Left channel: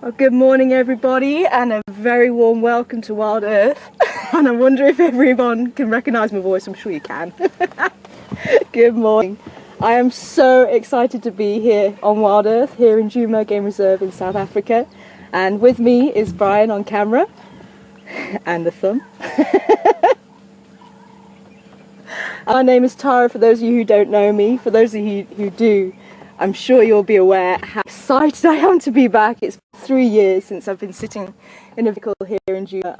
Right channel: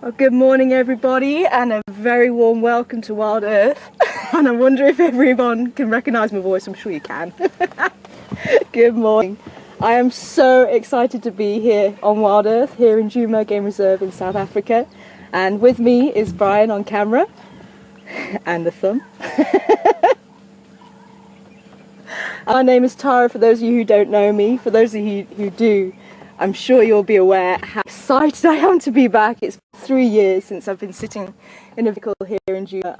Well, good morning everybody, and a very warm welcome to Wild Earth. And I wonder if everyone can recognise my voice. I'm sure you can. Good morning. I am so excited to be here on Wild Earth, here in Djuma Game Reserve in South Africa. And with me is Brian on camera, and the thumb. My name is Tara, for those of you who don't know me. For those of you who do, I'm sure you'll be aware how excited I am to be back. It's 3 years since I've been sitting in a vehicle here in Djuma.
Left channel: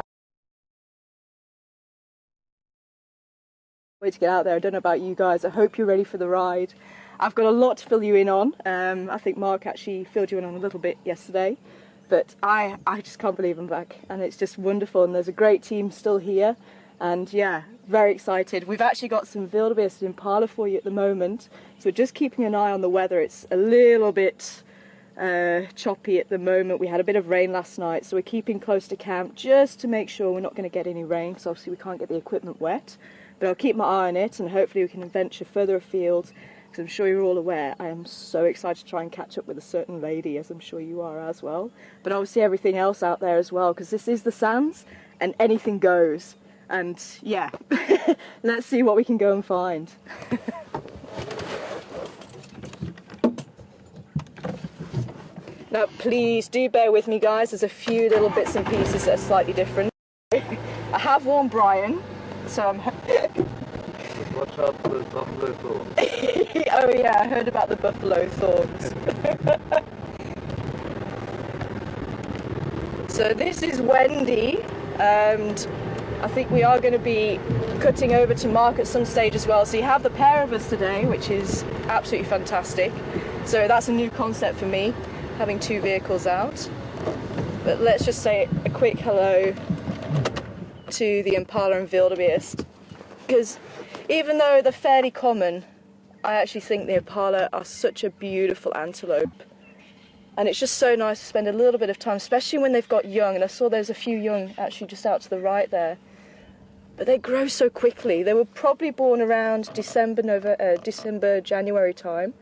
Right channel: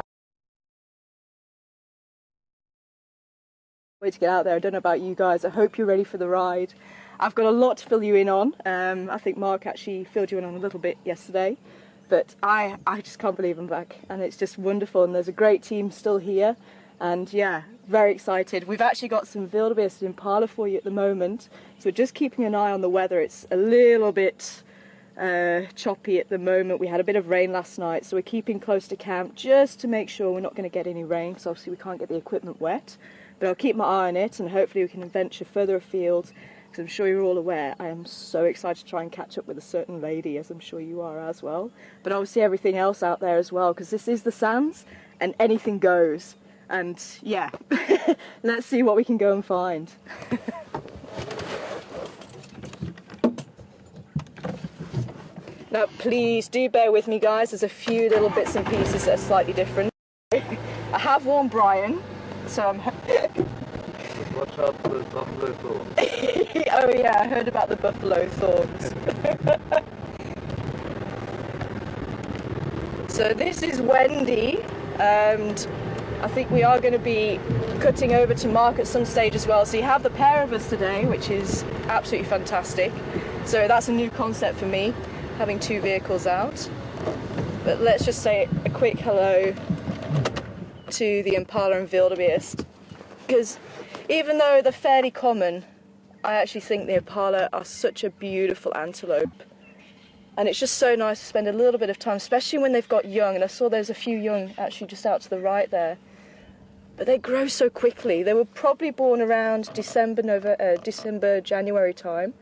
Way to get out there. I don't know about you guys. I hope you're ready for the ride. I've got a lot to fill you in on. I think Mark actually filled you in on a little bit yesterday, but I just can't believe I'm back, and it's just wonderful. And there's a great team still here, and yeah, very excited. We've actually got some wildebeest impala for you at the moment, so just keeping an eye on the weather. It's a little bit choppy at the moment. We had a bit of rain last night, so we're keeping close to camp just to make sure we're not going to get any rain, because obviously we can't get the equipment wet. But I'll keep my eye on it, and hopefully we can venture further afield, because I'm sure you're all aware I am so excited to try and catch up with a certain lady, as I'm sure you are as well. But obviously everything else out there as well, because this is the sands and anything goes. And yeah, let's see what we can go and find. Now please do bear with me guys, there's a few little bits and pieces that are slightly different. I have warned Brian, so I'm... Watch out for the buffalo thorns. Oh yeah, I heard about the buffalo thorns. So this is Wendy, and I think we are going to be cutting over to Mark at some stage as well. So you have the pair of us today, which is absolutely fantastic. So that's a new concept for me, having two vehicles out. But let's just say a quick hello to the impala and wildebeest, because even though they're fairly common, I actually think the impala are such a beautiful antelope, and it's just so nice to spend a little bit of time, especially when they've got young. And I saw there's a few young actually just out to the right there, but they grow so quickly. They were probably born around December, January time,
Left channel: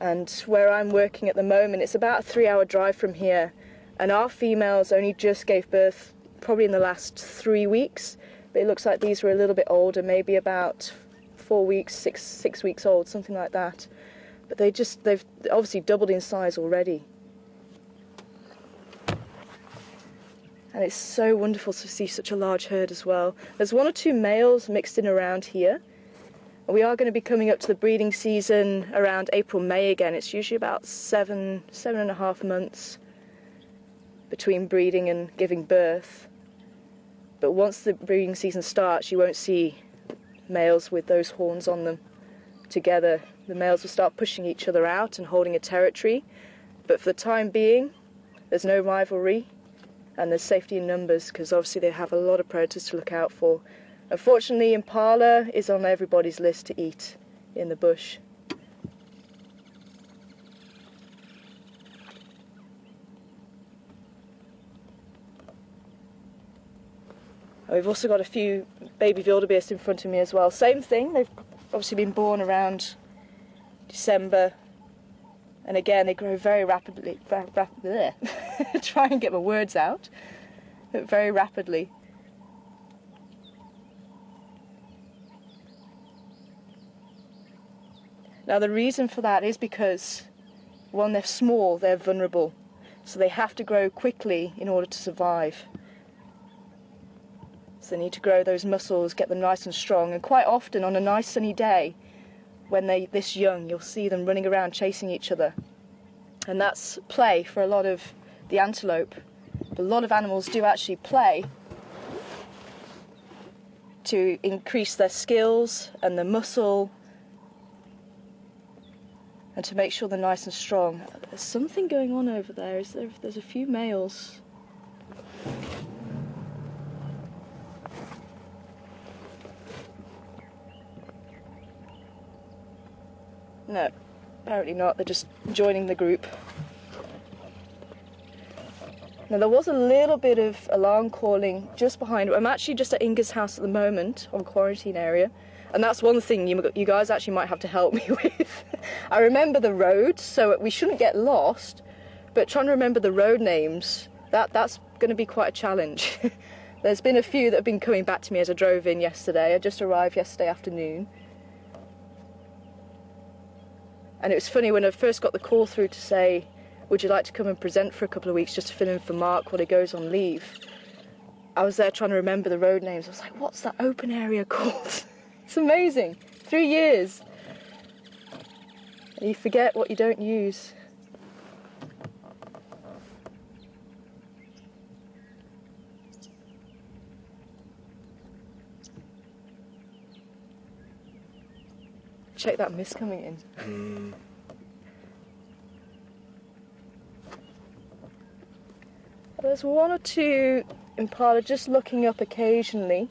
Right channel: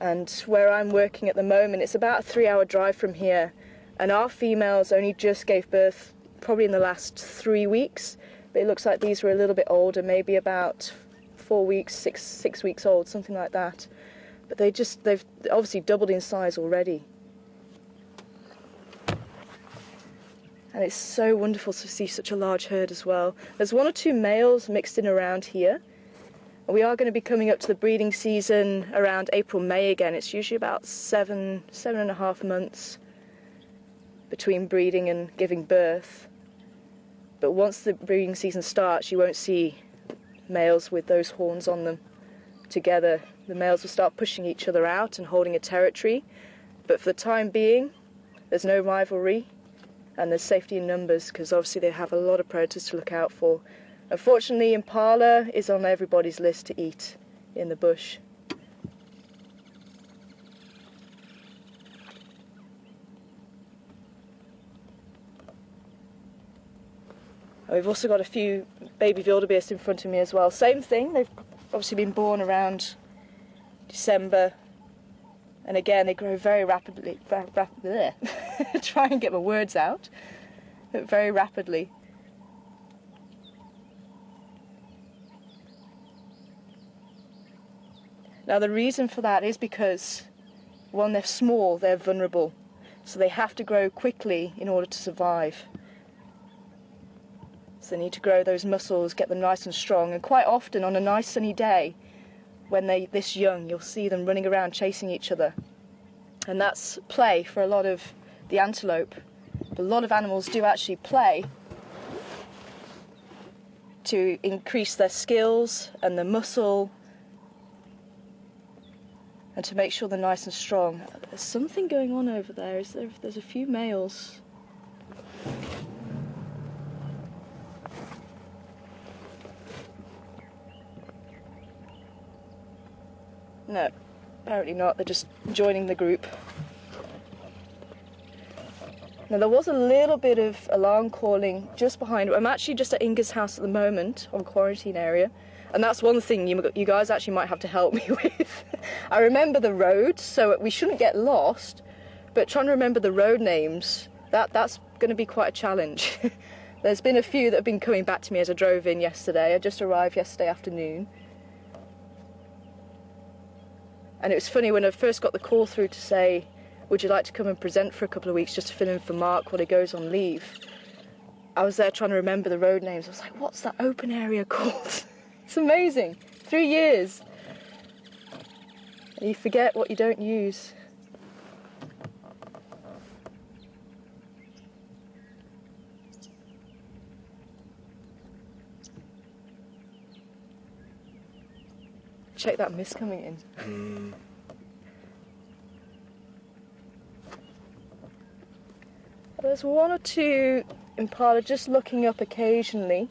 and where I'm working at the moment, it's about a 3-hour drive from here. And our females only just gave birth probably in the last 3 weeks, but it looks like these were a little bit older, maybe about 4 weeks, six weeks old, something like that. But they've obviously doubled in size already. And it's so wonderful to see such a large herd as well. There's 1 or 2 males mixed in around here. We are going to be coming up to the breeding season around April, May again. It's usually about 7.5 months between breeding and giving birth. But once the breeding season starts, you won't see males with those horns on them together. The males will start pushing each other out and holding a territory. But for the time being, there's no rivalry, and there's safety in numbers, because obviously they have a lot of predators to look out for. Unfortunately, impala is on everybody's list to eat in the bush. We've also got a few baby wildebeest in front of me as well. Same thing, they've obviously been born around December, and again they grow very rapidly. Try and get my words out. Very rapidly. Now the reason for that is because, one, they're small, they're vulnerable, so they have to grow quickly in order to survive. So they need to grow those muscles, get them nice and strong, and quite often on a nice sunny day, when they're this young, you'll see them running around chasing each other. And that's play for a lot of the antelope. A lot of animals do actually play to increase their skills and their muscle, and to make sure they're nice and strong. There's something going on over there. There's a few males. No, apparently not. They're just joining the group. Now there was a little bit of alarm calling just behind. I'm actually just at Inga's house at the moment, on quarantine area, and that's one thing you guys actually might have to help me with. I remember the road, so we shouldn't get lost, but trying to remember the road names, that's going to be quite a challenge. There's been a few that have been coming back to me as I drove in yesterday. I just arrived yesterday afternoon. And it was funny when I first got the call through to say, would you like to come and present for a couple of weeks just to fill in for Mark while he goes on leave? I was there trying to remember the road names. I was like, what's that open area called? It's amazing. 3 years. And you forget what you don't use. Check that mist coming in. There's one or two impala just looking up occasionally,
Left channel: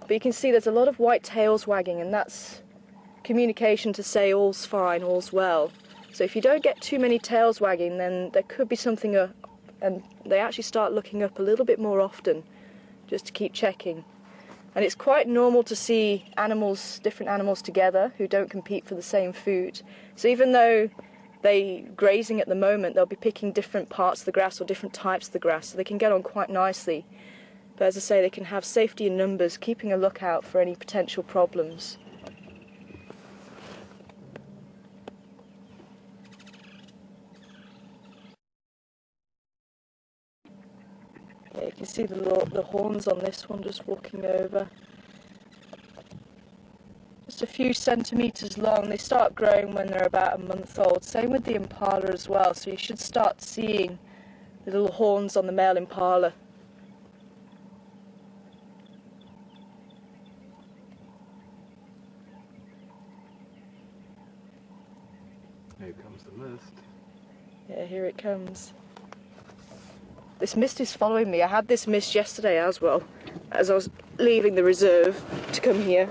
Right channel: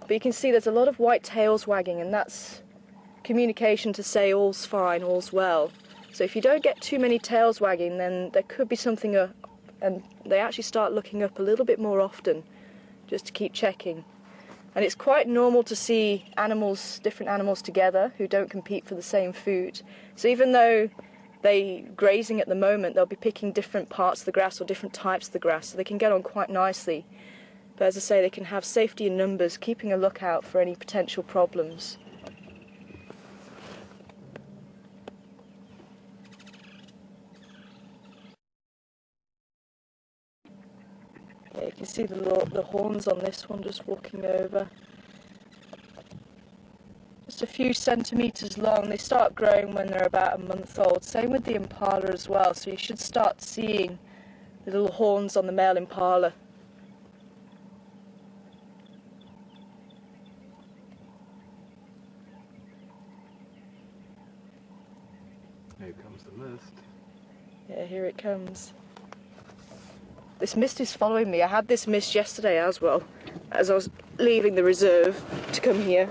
but you can see there's a lot of white tails wagging, and that's communication to say all's fine, all's well. So if you don't get too many tails wagging, then there could be something and they actually start looking up a little bit more often, just to keep checking. And it's quite normal to see animals, different animals together who don't compete for the same food. So even though they're grazing at the moment, they'll be picking different parts of the grass or different types of the grass, so they can get on quite nicely. But as I say, they can have safety in numbers, keeping a lookout for any potential problems. Yeah, you can see the horns on this one just walking over. Just a few centimetres long. They start growing when they're about a month old. Same with the impala as well, so you should start seeing the little horns on the male impala. Here comes the mist. Yeah, here it comes. This mist is following me. I had this mist yesterday as well, as I was leaving the reserve to come here.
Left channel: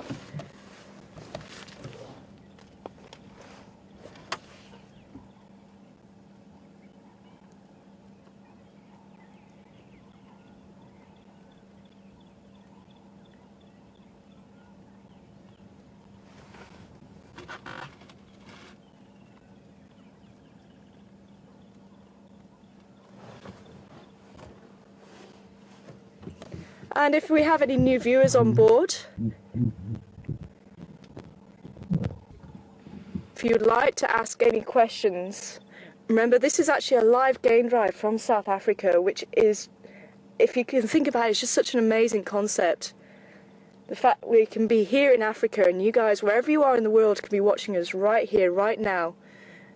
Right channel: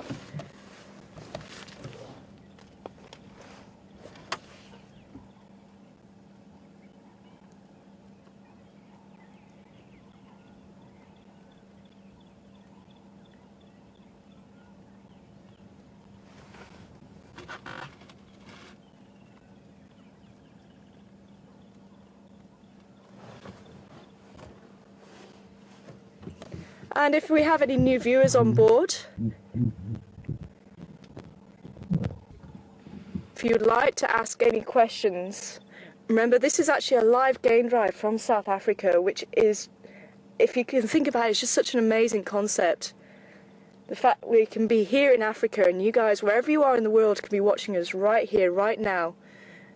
And if we have any new viewers on board, if you'd like to ask any questions, remember this is actually a live game drive from South Africa, which is, if you can think about it, it's just such an amazing concept. The fact we can be here in Africa and you guys, wherever you are in the world, can be watching us right here, right now.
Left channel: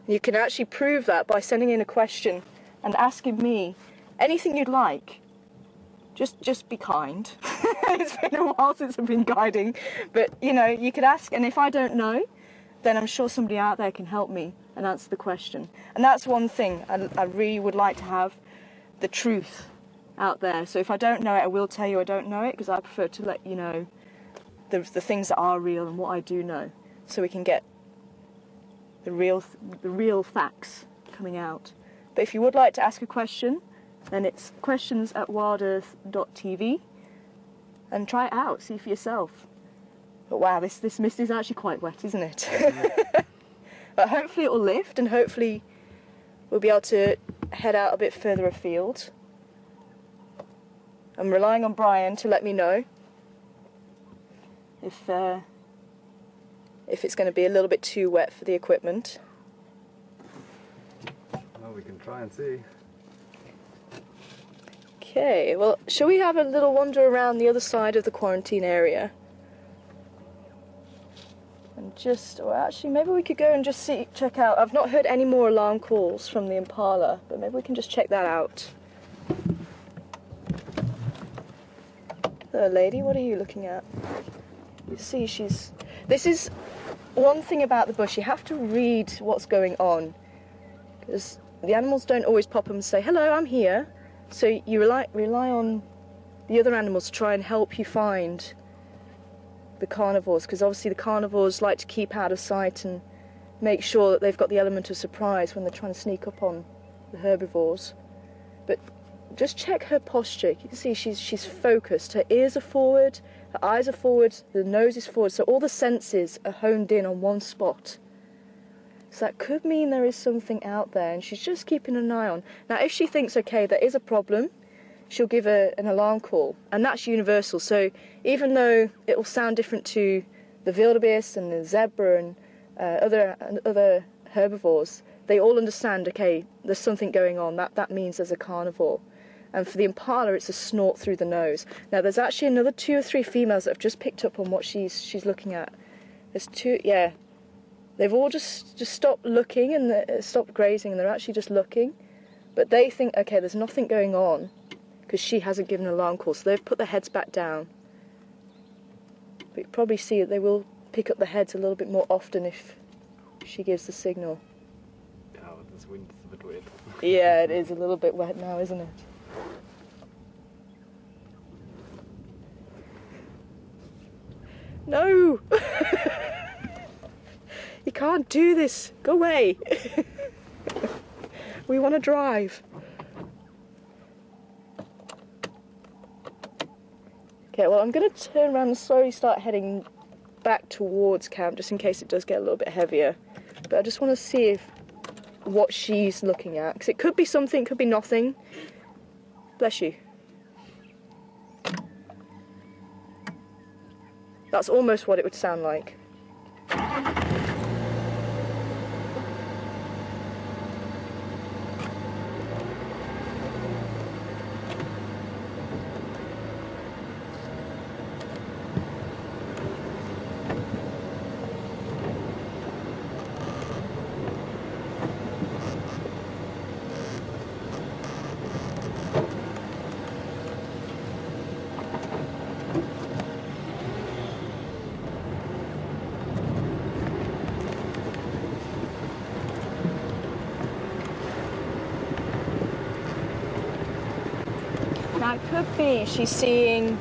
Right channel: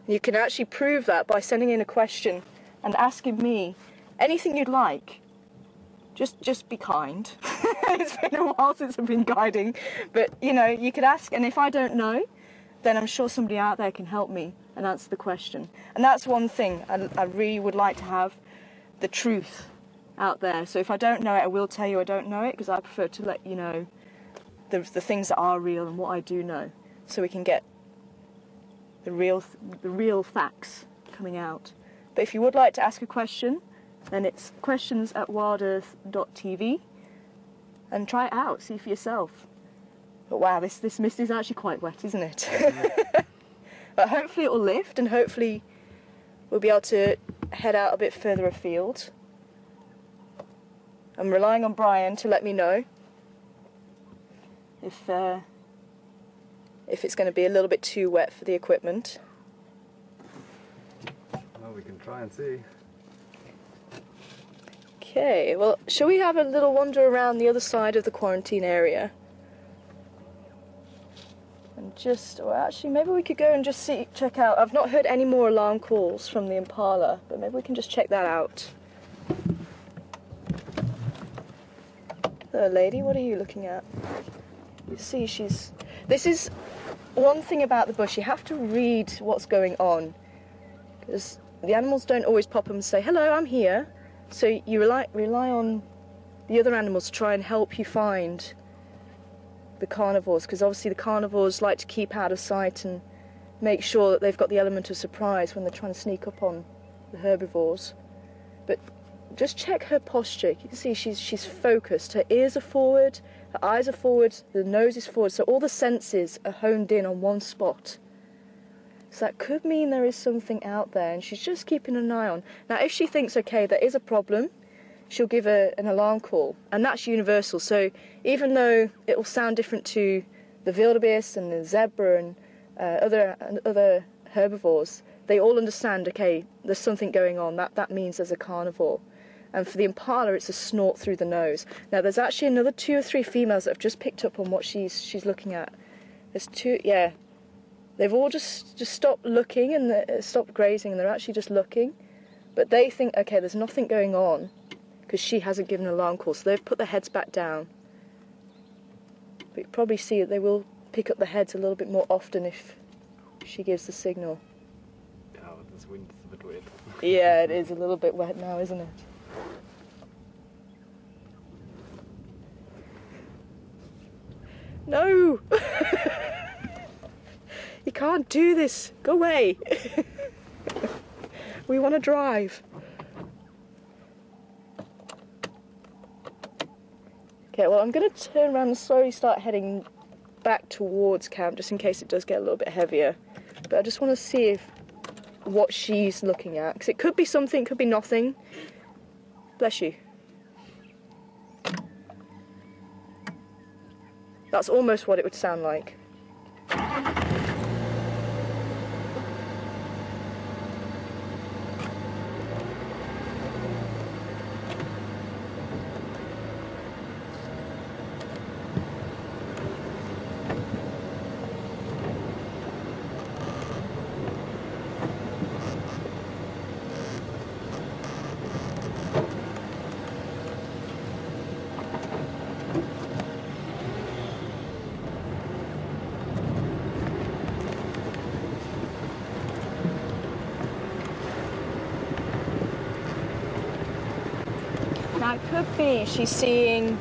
You can actually prove that by sending in a question and asking me anything you'd like. Just be kind. It's been a while since I've been guiding, but you know, you could ask, and if I don't know, then I'm sure somebody out there can help me and answer the question. And that's one thing I really would like to have, the truth out there. So if I don't know it, I will tell you I don't know it, because I prefer to let you know the things that are real and what I do know, so we can get the real facts coming out. But if you would like to ask a question, then it's questions@WildEarthTV, and try it out, see for yourself. But wow, this mist is actually quite wet, isn't it? But hopefully it will lift, and hopefully we'll be able to head out a bit further afield. I'm relying on Brian to let me know if it's going to be a little bit too wet for the equipment. Well, we can try and see. Okay, well, shall we have a little wander around the other side of the quarantine area? And just, or actually, maybe we could go and just check out. I've not heard any more alarm calls from the impala, but maybe we can just check that out. Hello, lady, what are you looking at? You see, this is one thing about the bush, you have to read what's going on, because the animals don't always pop up and say, hello, I'm here. So you rely on the other animals to try and help you find the carnivores, because obviously the carnivores like to keep out of sight and make sure that they've got the element of surprise when they're trying to sneak up on the herbivores. But just check her posture. You can see she's focused. Her ears are forward, her eyes are forward, the nose is forward, so all the senses are honed in on one spot. So that could mean there is something out there and she's just keeping an eye on. Now if she thinks, okay, there is a problem, she'll give an alarm call, and that's universal. So even though it will sound different to the wildebeest and the zebra and other herbivores, they all understand, okay, there's something going on. That means there's a carnivore. And for the impala, it's a snort through the nose. Now there's actually another 2 or 3 females that have just picked up on what she's looking at. There's 2, yeah. They've all just stopped looking and stopped grazing, and they're actually just looking. But they think, okay, there's nothing going on because she hasn't given an alarm call, so they've put their heads back down. But you can probably see that they will pick up the heads a little bit more often if she gives the signal. Yeah, but this wind is a bit wet. Yeah, it is a little bit wet now, isn't it? No! You can't do this. Go away. We want to drive. Okay, well, I'm going to turn around and slowly start heading back towards camp, just in case it does get a little bit heavier. But I just want to see what she's looking at, because it could be something, it could be nothing. Bless you. That's almost what it would sound like. Now it could be she's seeing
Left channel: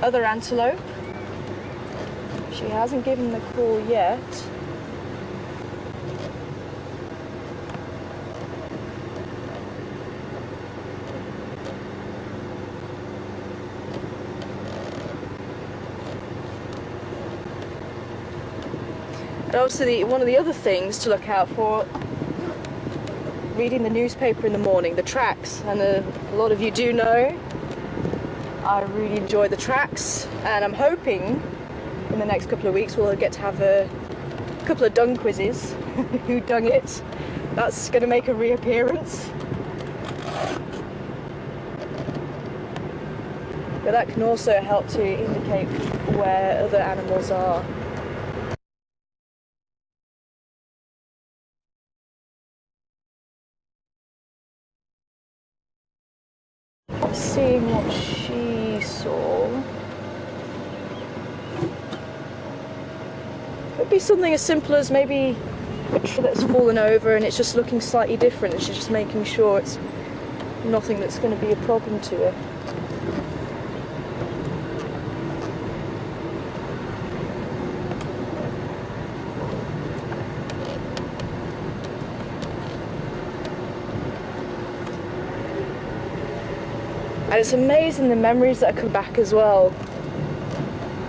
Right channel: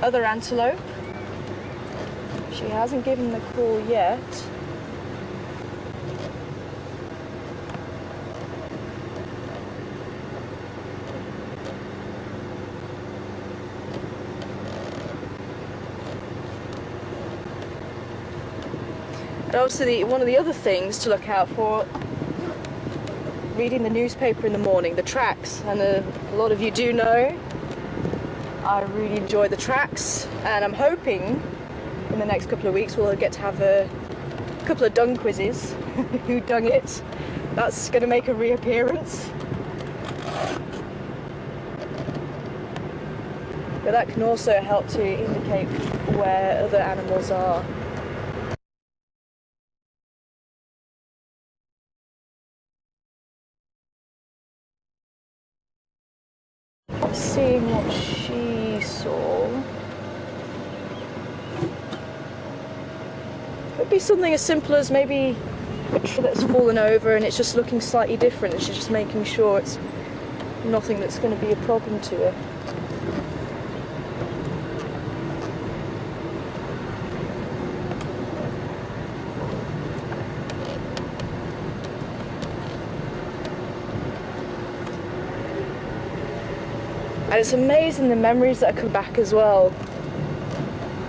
other antelope. She hasn't given the call yet. And also one of the other things to look out for, reading the newspaper in the morning, the tracks, and a lot of you do know I really enjoy the tracks, and I'm hoping in the next couple of weeks we'll get to have a couple of dung quizzes. Who dung it? That's going to make a reappearance. But that can also help to indicate where other animals are. Seeing what she saw. Could be something as simple as maybe a tree that's fallen over and it's just looking slightly different, and she's just making sure it's nothing that's going to be a problem to her. And it's amazing the memories that come back as well.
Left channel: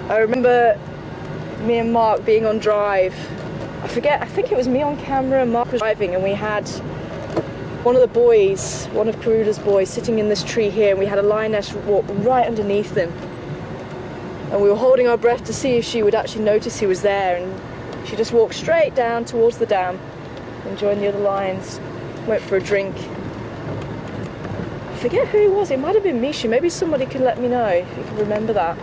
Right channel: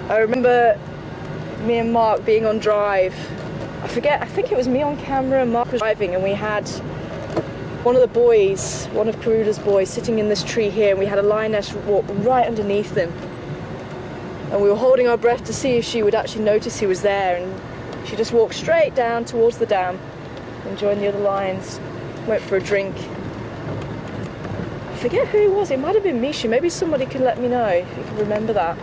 I remember me and Mark being on drive. I think it was me on camera and Mark was driving, and we had one of the boys, one of Karuda's boys, sitting in this tree here, and we had a lioness walk right underneath him. And we were holding our breath to see if she would actually notice he was there, and she just walked straight down towards the dam and joined the other lions, went for a drink. I forget who it was, it might have been Misha, maybe somebody could let me know if you can remember that.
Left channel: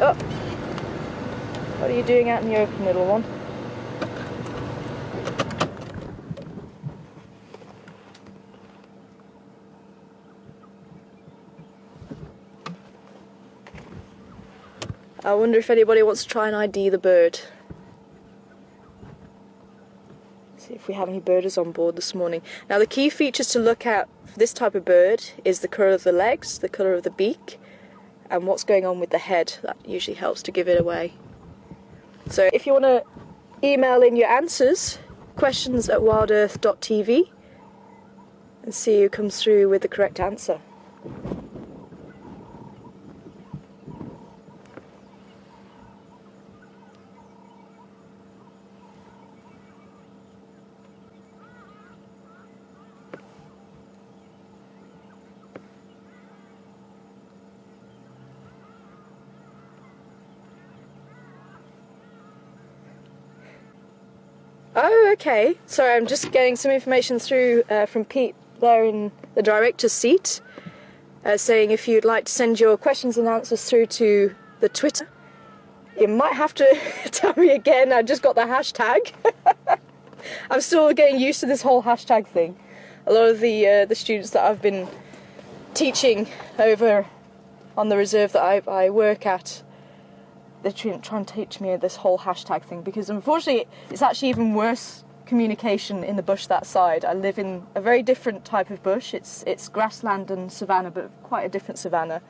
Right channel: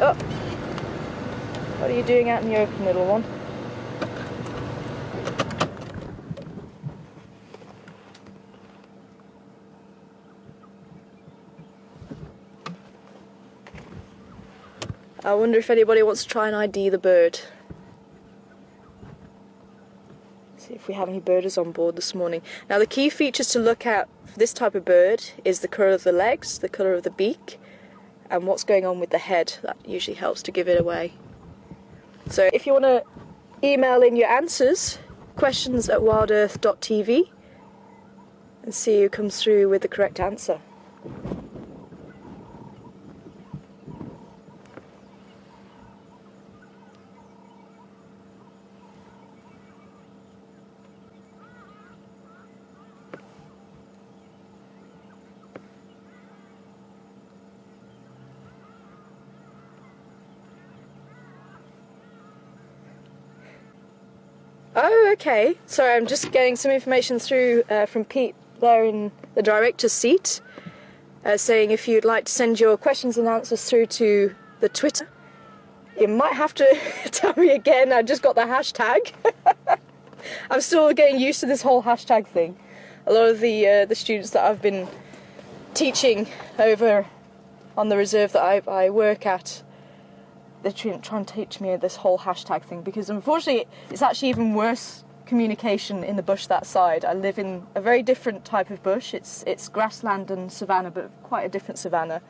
Oh, what are you doing out in the open, little one? I wonder if anybody wants to try and ID the bird. See if we have any birders on board this morning. Now the key features to look at for this type of bird is the colour of the legs, the colour of the beak, and what's going on with the head. That usually helps to give it away. So if you want to email in your answers, questions@wildearth.tv, and see who comes through with the correct answer. Oh, okay. Sorry, I'm just getting some information through from Pete there in the director's seat, saying if you'd like to send your questions and answers through to the Twitter. You might have to tell me again, I just got the hashtag. I'm still getting used to this whole hashtag thing. A lot of the students that I've been teaching over on the reserve that I work at, they're trying to teach me this whole hashtag thing, because unfortunately it's actually even worse communication in the bush that side. I live in a very different type of bush. It's grassland and savanna, but quite a different savanna,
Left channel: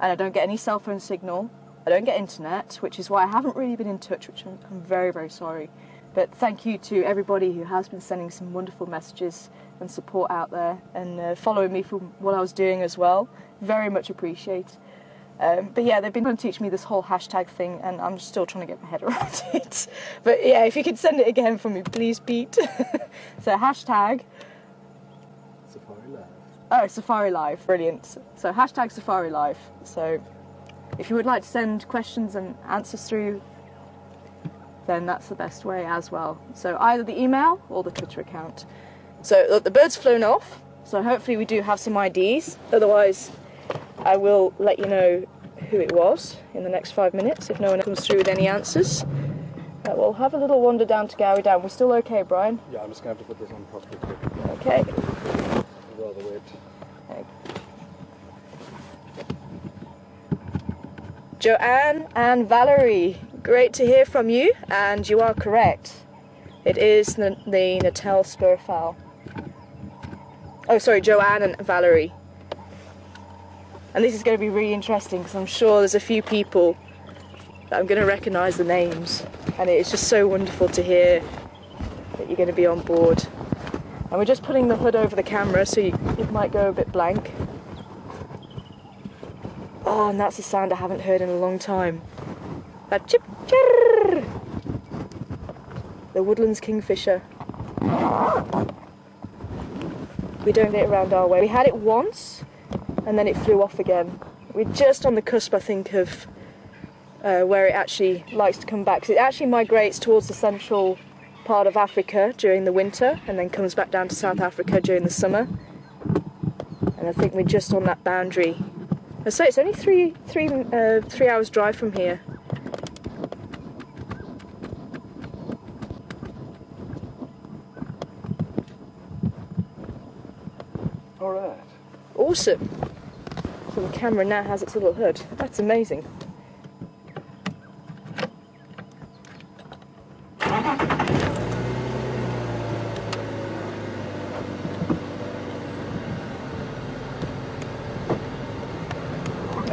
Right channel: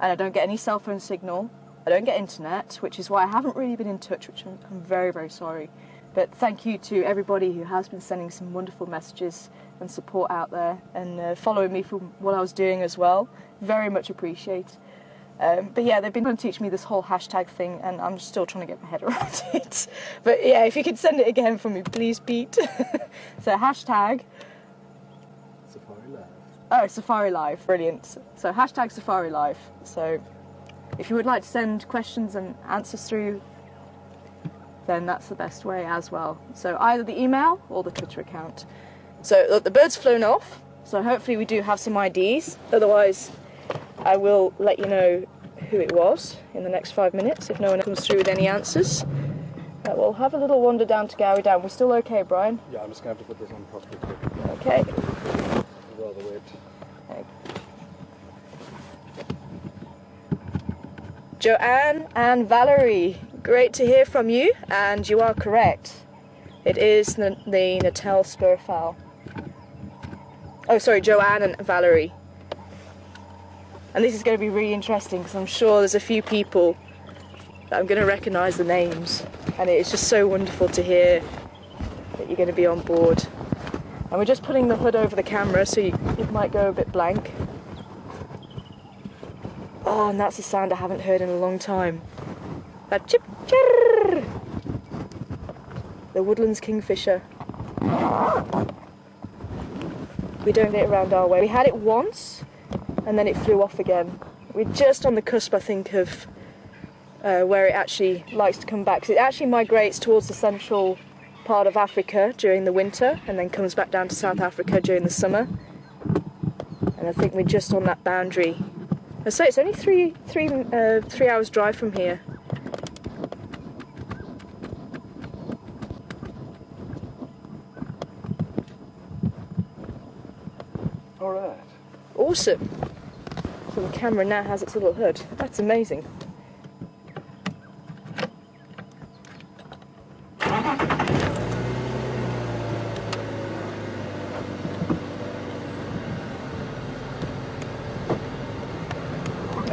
and I don't get any cell phone signal. I don't get internet, which is why I haven't really been in touch, which I'm very, very sorry. But thank you to everybody who has been sending some wonderful messages and support out there, and following me from what I was doing as well. Very much appreciate. But yeah, they've been trying to teach me this whole hashtag thing, and I'm still trying to get my head around it. But yeah, if you could send it again for me, please, Pete. So hashtag Safari Live. Oh, Safari Live, brilliant. So hashtag Safari Live. So if you would like to send questions and answers through, then that's the best way as well. So either the email or the Twitter account. So look, the bird's flown off, so hopefully we do have some IDs. Otherwise, I will let you know who it was in the next 5 minutes if no one comes through with any answers. We'll have a little wander down to Gowrie Dam. We're still okay, Brian? Yeah, I'm just going to have to put this on properly quick. Okay. Rather wet. Okay. Joanne and Valerie, great to hear from you, and you are correct. It is the Natal spurfowl. Oh, sorry, Joanne and Valerie. And this is going to be really interesting because I'm sure there's a few people that I'm going to recognise the names, and it's just so wonderful to hear that you're going to be on board. And we're just putting the hood over the camera so it might go a bit blank. Oh, and that's a sound I haven't heard in a long time. That chip chirr. The woodlands kingfisher. We don't get it around our way. We had it once, and then it flew off again. We're just on the cusp, I think, of where it actually likes to come back. 'Cause it actually migrates towards the central part of Africa during the winter, and then comes back down to South Africa during the summer. And I think we're just on that boundary. I say it's only three hours drive from here. All right. Awesome. So the camera now has its little hood. That's amazing.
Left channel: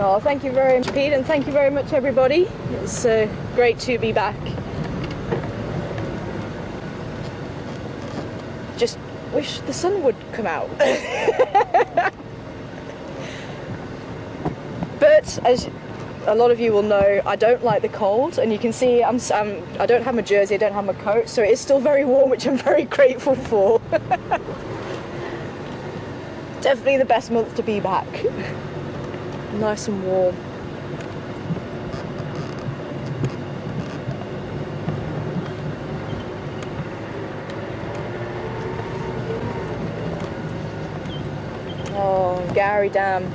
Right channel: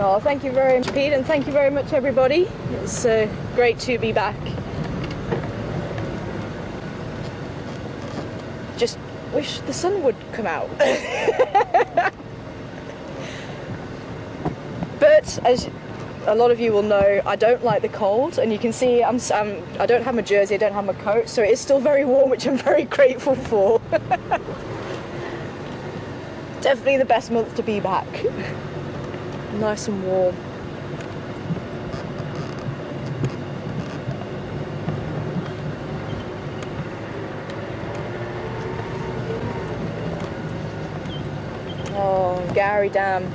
Oh, thank you very much, Pete, and thank you very much, everybody. It's great to be back. Just wish the sun would come out. But as a lot of you will know, I don't like the cold, and you can see I don't have my jersey, I don't have my coat, so it is still very warm, which I'm very grateful for. Definitely the best month to be back. Nice and warm. Oh, Gowrie Dam.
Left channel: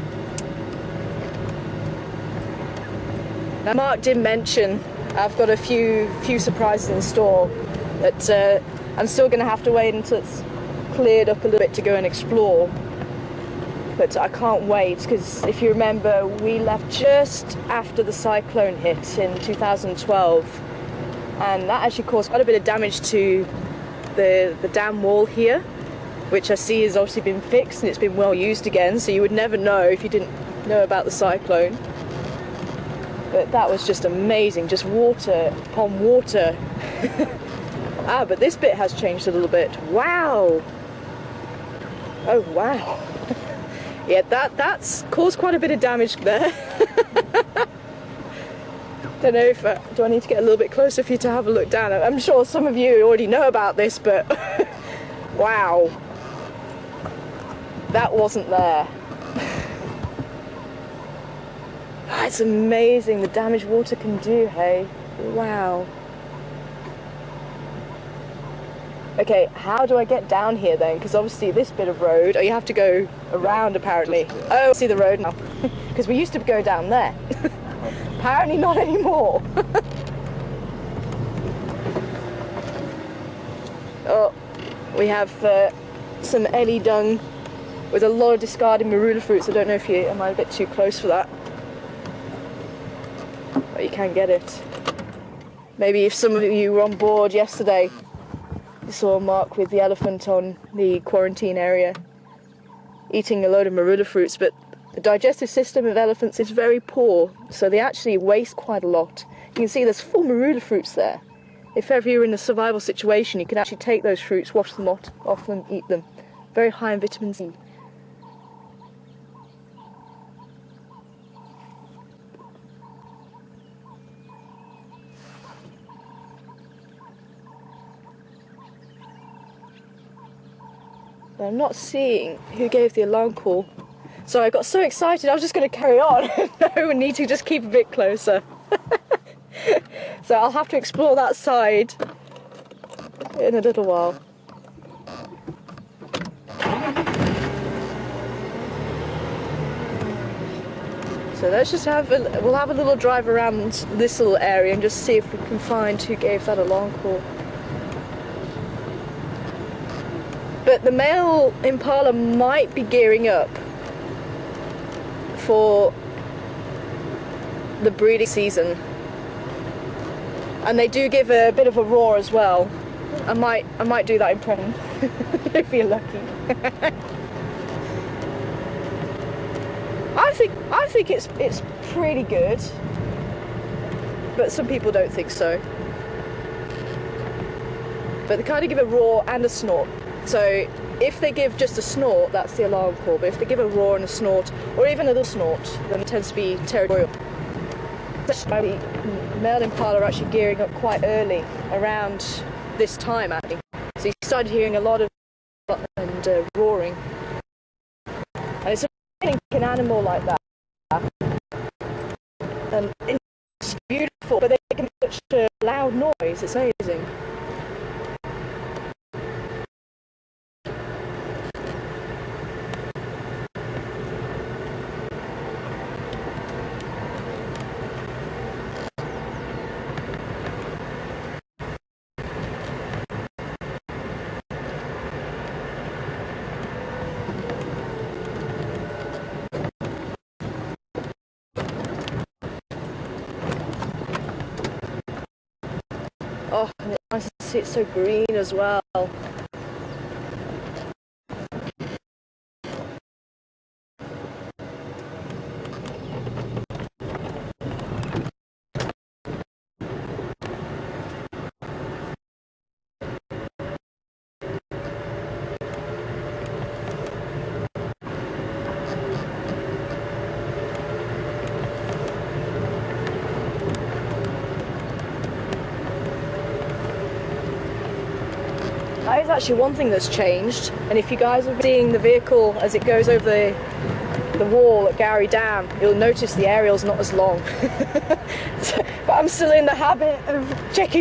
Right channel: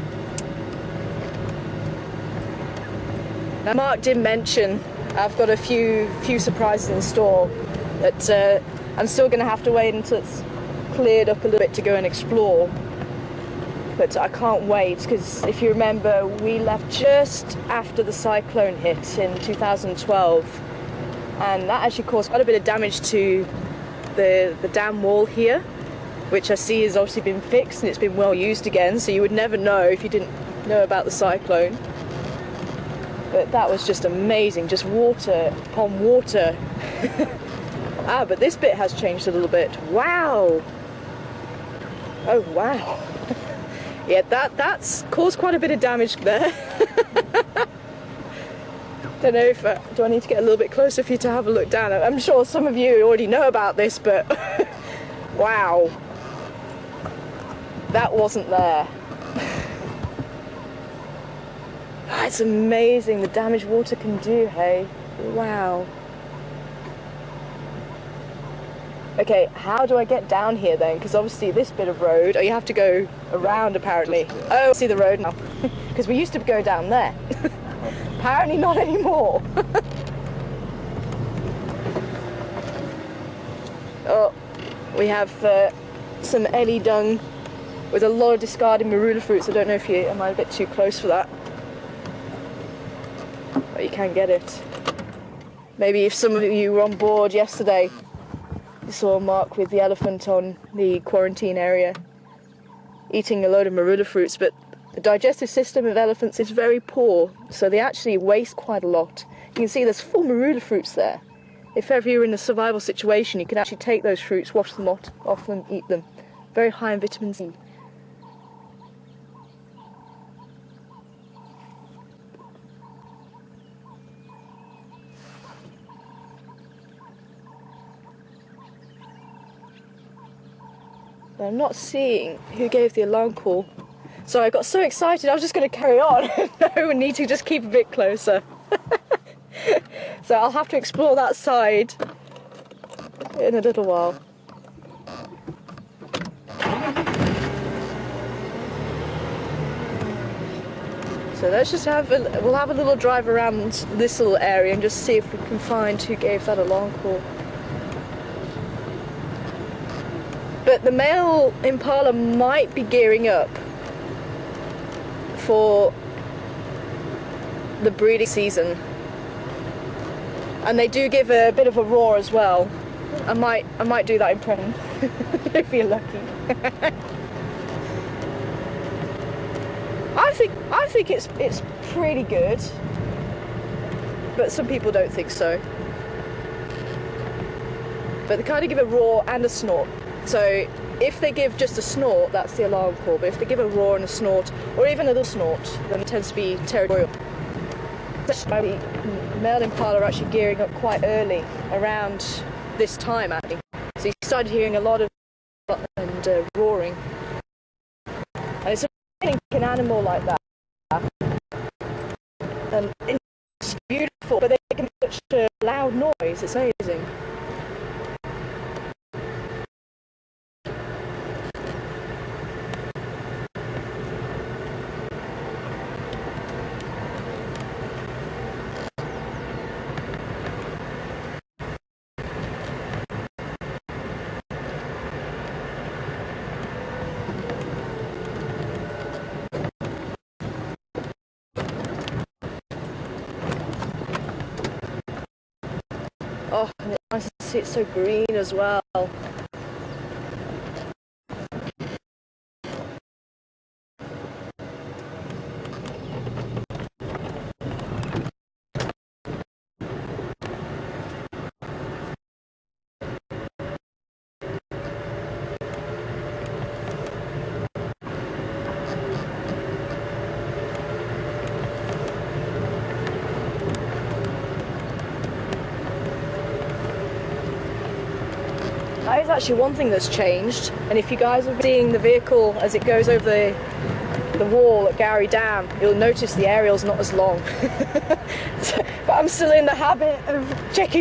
Now, Mark did mention I've got a few surprises in store that I'm still going to have to wait until it's cleared up a little bit to go and explore. But I can't wait, because if you remember, we left just after the cyclone hit in 2012, and that actually caused quite a bit of damage to the dam wall here, which I see has obviously been fixed and it's been well used again, so you would never know if you didn't know about the cyclone. But that was just amazing, just water upon water. But this bit has changed a little bit. Wow! Oh wow. Yeah, that's caused quite a bit of damage there. Don't know if do I need to get a little bit closer for you to have a look down? I'm sure some of you already know about this, but wow, that wasn't there. It's amazing the damage water can do, hey? Wow. Okay, how do I get down here then? Because obviously this bit of road, oh, you have to go around apparently. Oh, I see the road now. Because we used to go down there. Apparently not anymore. Oh, we have some ellie dung with a lot of discarded marula fruits. I don't know if you am I a bit too close for that, but you can get it. Maybe if some of you were on board yesterday, you saw Mark with the elephant on the quarantine area eating a load of marula fruits, but the digestive system of elephants is very poor, so they actually waste quite a lot. You can see there's 4 marula fruits there. If ever you're in a survival situation, you can actually take those fruits, wash them off them, eat them. Very high in vitamin C. I'm not seeing who gave the alarm call. So I got so excited I was just going to carry on. No, we need to just keep a bit closer. So I'll have to explore that side in a little while. So let's just we'll have a little drive around this little area and just see if we can find who gave that alarm call. But the male impala might be gearing up for the breeding season, and they do give a bit of a roar as well. I might do that impression if you're lucky. I think it's pretty good, but some people don't think so. But they kind of give a roar and a snort. So if they give just a snort, that's the alarm call. But if they give a roar and a snort, or even a little snort, then it tends to be territorial. The male impala are actually gearing up quite early, around this time actually. So you started hearing a lot of and roaring. And it's amazing an animal like that. And it's beautiful, but they can make such a loud noise. It's amazing. Oh, and it's nice to see it so green as well. That is actually one thing that's changed, and if you guys are seeing the vehicle as it goes over the wall at Gowrie Dam, you'll notice the aerial's not as long. But I'm still in the habit of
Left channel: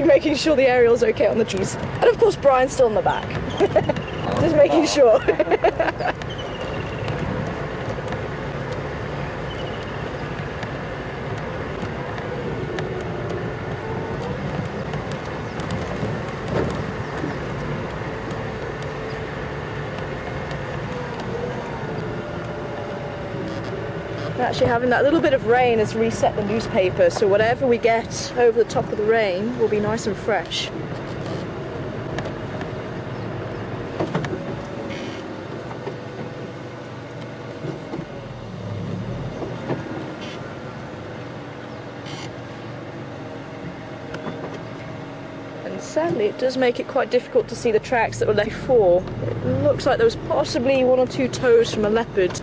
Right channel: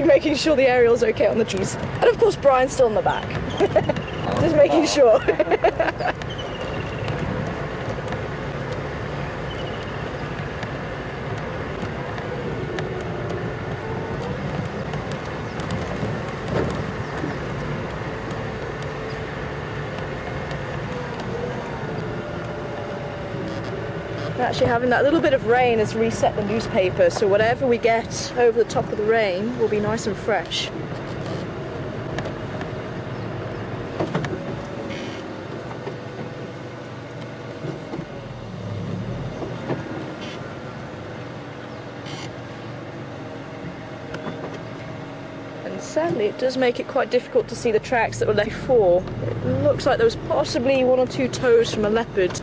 making sure the aerial's okay on the trees. And of course Brian's still in the back. Just making sure. Actually having that little bit of rain has reset the newspaper, so whatever we get over the top of the rain will be nice and fresh. And sadly it does make it quite difficult to see the tracks that were left before. It looks like there was possibly 1 or 2 toes from a leopard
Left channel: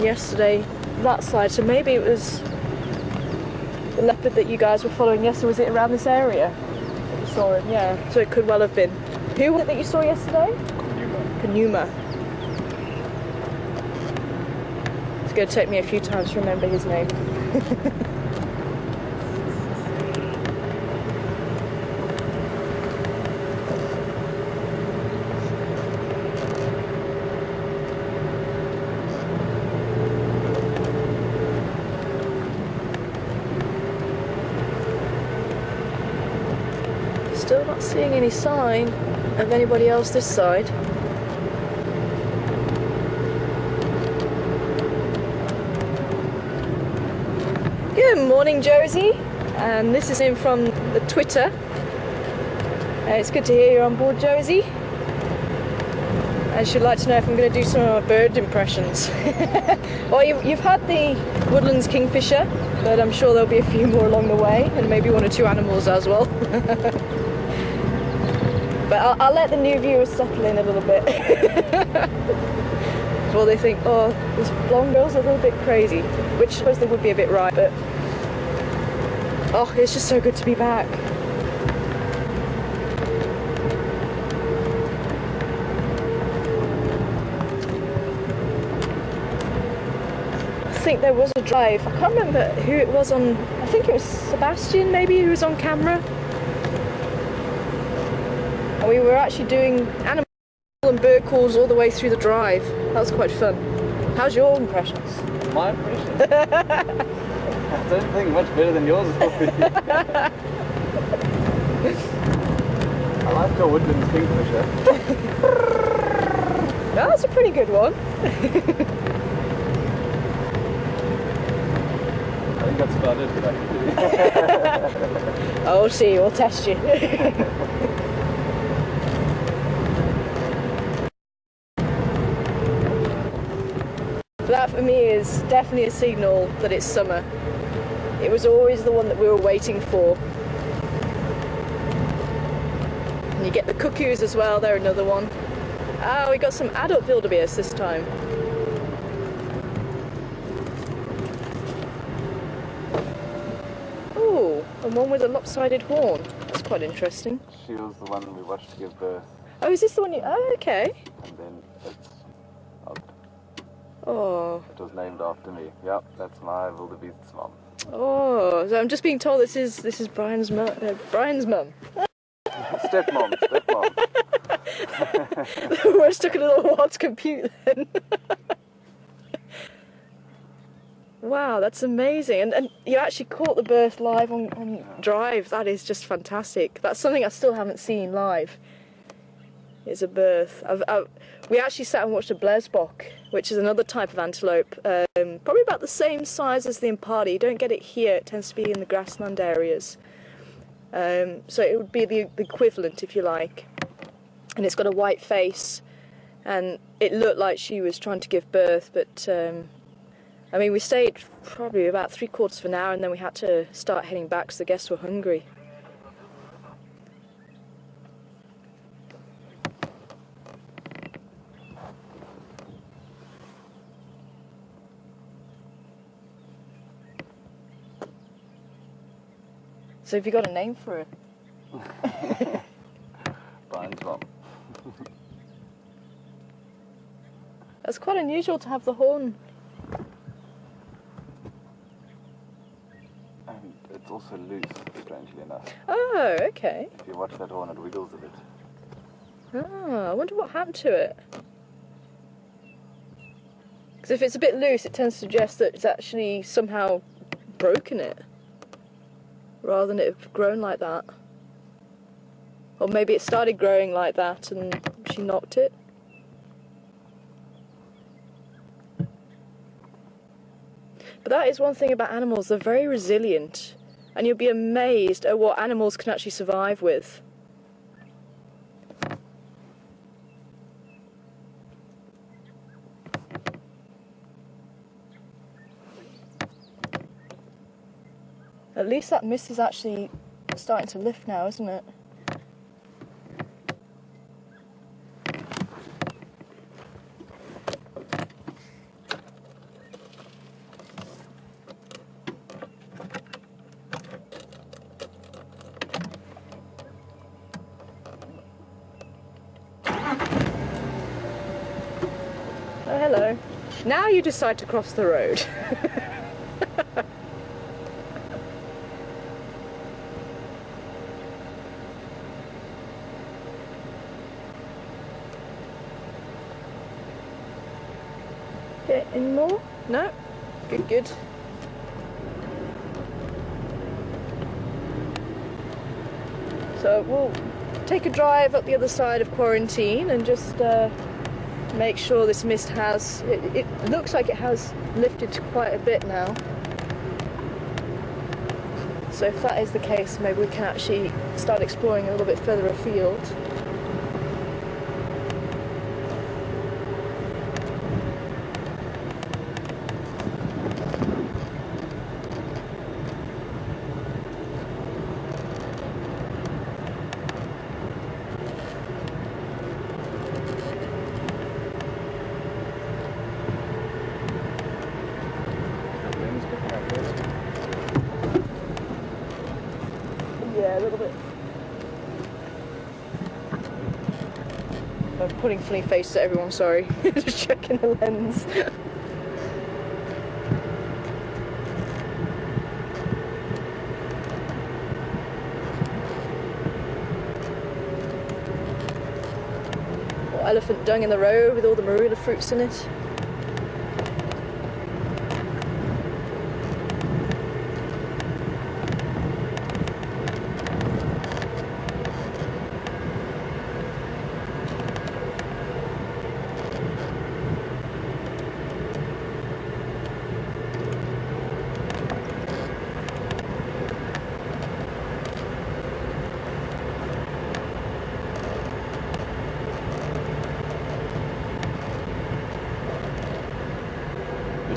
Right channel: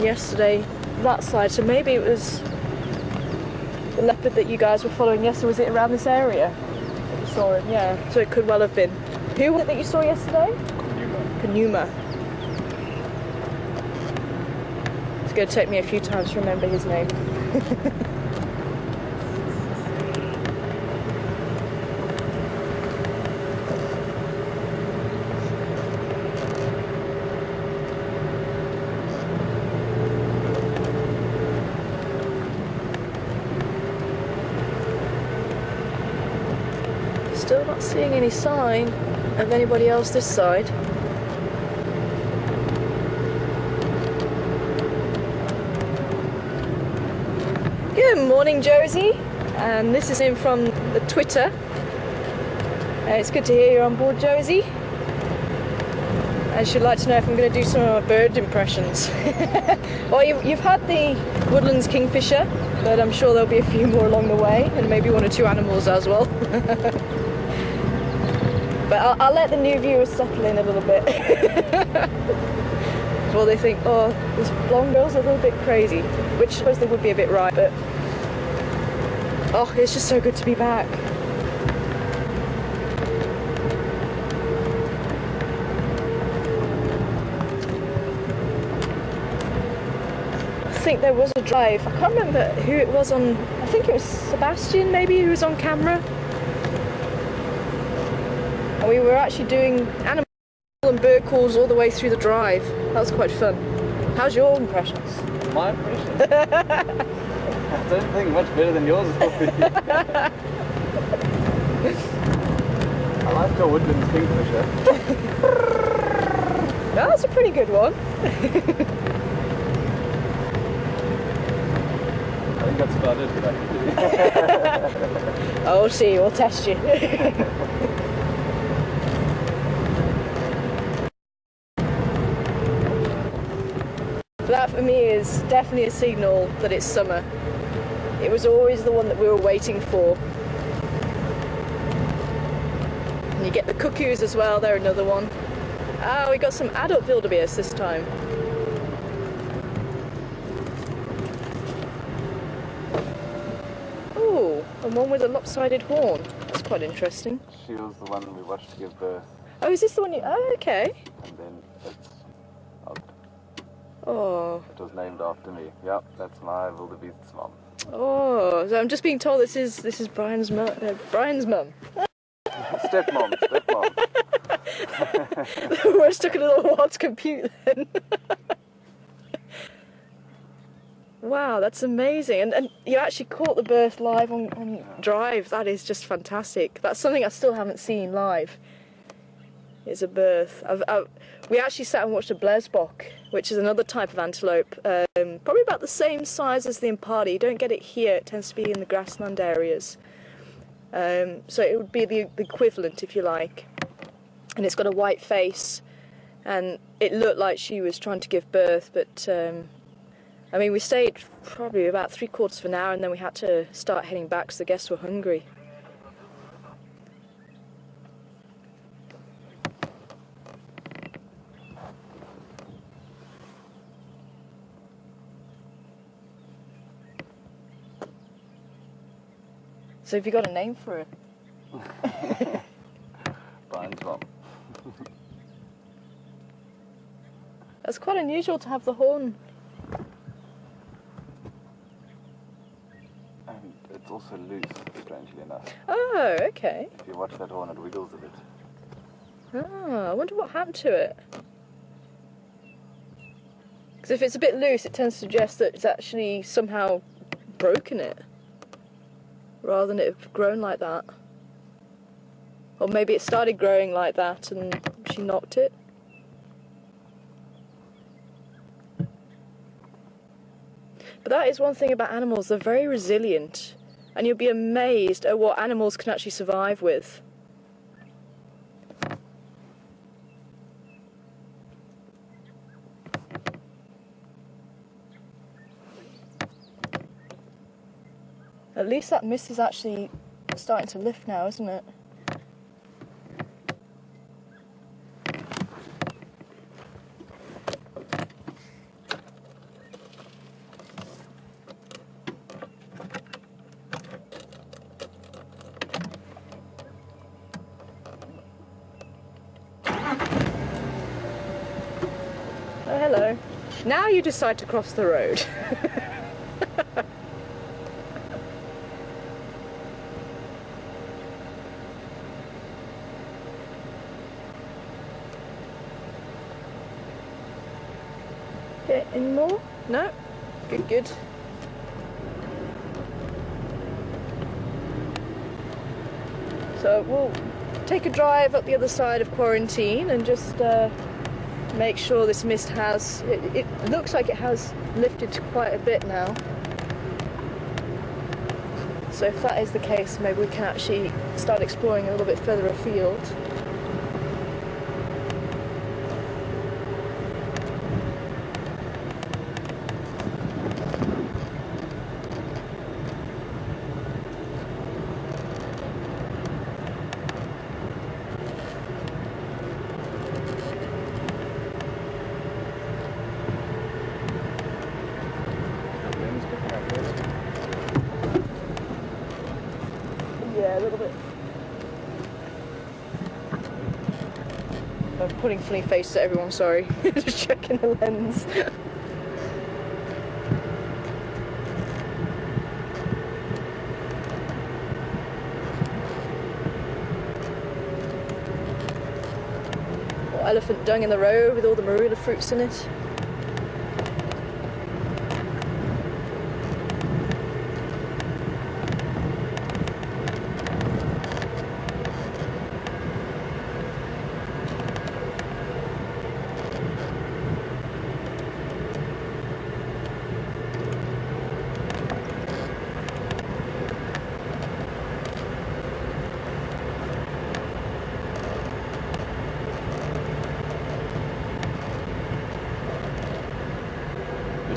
yesterday that side, so maybe it was the leopard that you guys were following yesterday. Was it around this area that you saw him? Yeah, so it could well have been. Who was it that you saw yesterday? Kunyuma. It's going to take me a few times to remember his name. Still not seeing any sign of anybody else this side. Good morning, Josie. This is in from the Twitter. It's good to hear you're on board, Josie. And she'd like to know if I'm going to do some bird impressions. Well, you've had the Woodlands kingfisher, but I'm sure there'll be a few more along the way, and maybe 1 or 2 animals as well. But I'll let the new viewers settle in a little bit. Before they think, oh, this blonde girl's a little bit crazy. Which I suppose they would be a bit right, but... oh, it's just so good to be back. I think there was a drive. I can't remember who it was on... I think it was Sebastian, maybe, who was on camera. And we were actually doing animal and bird calls all the way through the drive. That was quite fun. How's your impressions? My impressions? I don't think much better than yours will be. I like your Woodlands kingfisher. That's a pretty good one. I think that's about it that I can do. Oh, we'll see, we'll test you. That for me is definitely a signal that it's summer. It was always the one that we were waiting for. And you get the cuckoos as well, they're another one. Ah, we got some adult wildebeest this time. Oh, and one with a lopsided horn. That's quite interesting. She was the one we watched give birth. Oh, is this the one you... oh, okay. And then it's out. Oh. It was named after me. Yep, that's my wildebeest's mum. Oh, so I'm just being told this is Brian's mum. Brian's mum. Stepmom. We're stuck in a little while to compute then. Wow, that's amazing. And you actually caught the birth live on Drive. That is just fantastic. That's something I still haven't seen live. It's a birth. We actually sat and watched a blesbok, which is another type of antelope, probably about the same size as the impala. You don't get it here, it tends to be in the grassland areas. So it would be the equivalent, if you like. And it's got a white face, and it looked like she was trying to give birth, but I mean, we stayed probably about 3/4 of an hour, and then we had to start heading back because the guests were hungry. So have you got a name for it? Brian's mum. That's quite unusual to have the horn. And it's also loose, strangely enough. Oh, okay. If you watch that horn, it wiggles a bit. Ah, I wonder what happened to it. Because if it's a bit loose, it tends to suggest that it's actually somehow broken it, rather than it have grown like that. Or maybe it started growing like that and she knocked it. But that is one thing about animals, they're very resilient. And you'll be amazed at what animals can actually survive with. At least that mist is actually starting to lift now, isn't it? Now you decide to cross the road. Okay, any more? No? Good, good. So we'll take a drive up the other side of quarantine and just make sure this mist has, it looks like it has lifted quite a bit now. So if that is the case, maybe we can actually start exploring a little bit further afield. Yeah, a little bit. I'm putting funny faces at everyone, sorry. Just checking the lens. Or elephant dung in the road with all the marula fruits in it.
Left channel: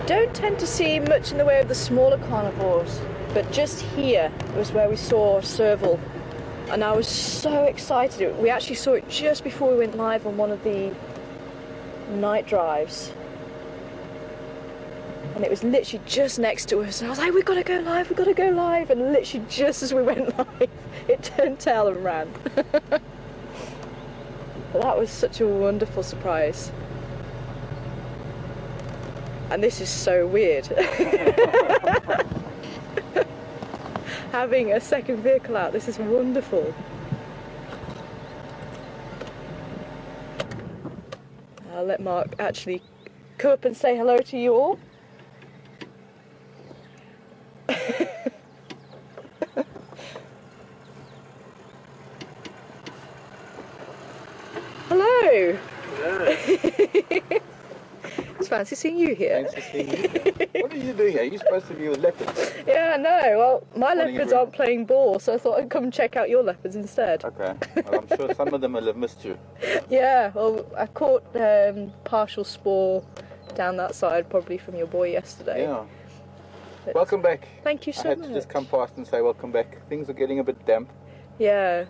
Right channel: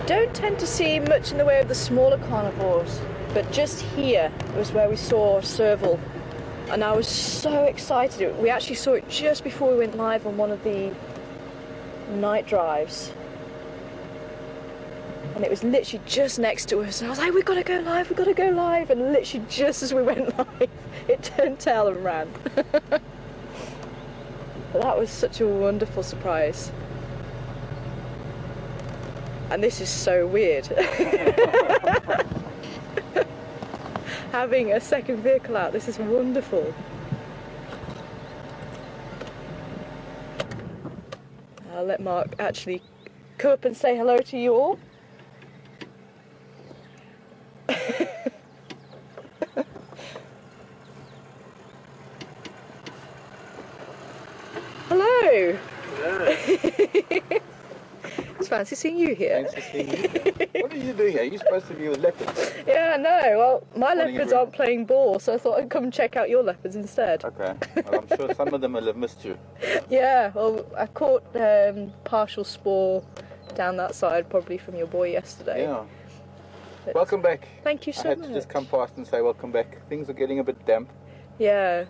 Don't tend to see much in the way of the smaller carnivores, but just here was where we saw serval, and I was so excited. We actually saw it just before we went live on one of the night drives, and it was literally just next to us. I was like, we've got to go live, we've got to go live, and literally just as we went live, it turned tail and ran. But that was such a wonderful surprise. And this is so weird. Having a second vehicle out, this is wonderful. I'll let Mark actually come up and say hello to you all. Hello. Yeah. It's fancy seeing you here. Thanks for seeing you here. What are you doing here? You're supposed to be with leopards. Yeah, no. Well, my What are you leopards doing? aren't playing ball, so I thought I'd come check out your leopards instead. Okay. Well, I'm sure some of them will have missed you. Yeah, well, I caught partial spore down that side, probably from your boy yesterday. Yeah. But Welcome back. thank you so I had much. to just come past and say welcome back. Things are getting a bit damp. Yeah.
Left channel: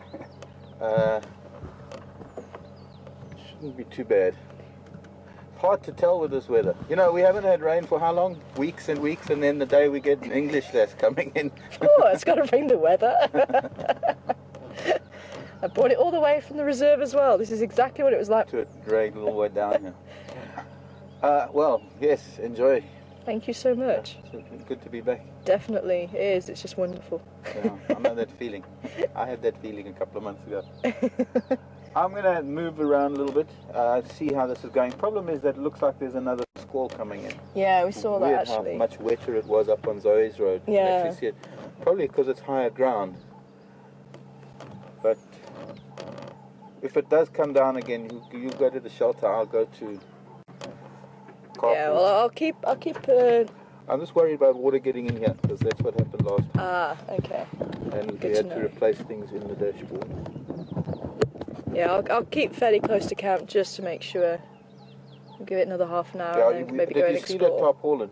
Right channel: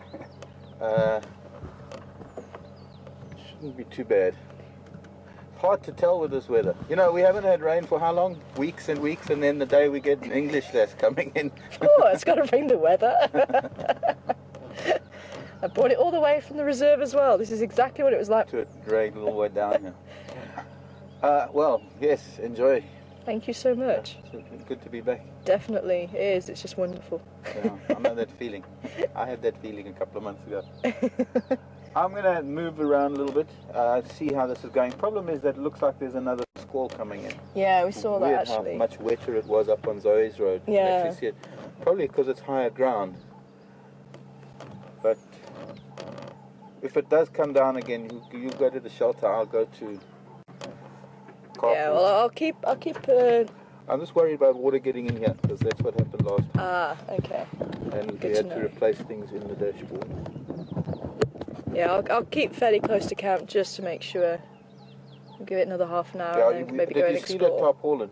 Shouldn't be too bad. Hard to tell with this weather. You know, we haven't had rain for how long? Weeks and weeks, and then the day we get an English that's coming in. Oh, it's got to bring the weather. I brought it all the way from the reserve as well. This is exactly what it was like. To rain all the way down here. Well, yes, enjoy. Thank you so much. It's good to be back. Definitely it is. It's just wonderful. Yeah, I know that feeling. I had that feeling a couple of months ago. I'm going to move around a little bit, see how this is going. Problem is that it looks like there's another squall coming in. Yeah, we saw Weird that actually. how much wetter it was up on Zoe's road. You can Yeah. actually see it. Probably because it's higher ground. But if it does come down again, you go to the shelter. I'll go to Carpool. Yeah, well, I'll keep. I'm just worried about water getting in here because that's what happened last time. Ah, okay. And Good we had to to know. replace things in the dashboard. Yeah, I'll keep fairly close to camp just to make sure. We'll give it another half an hour Yeah, and then maybe go did and you see that explore. tarpaulin?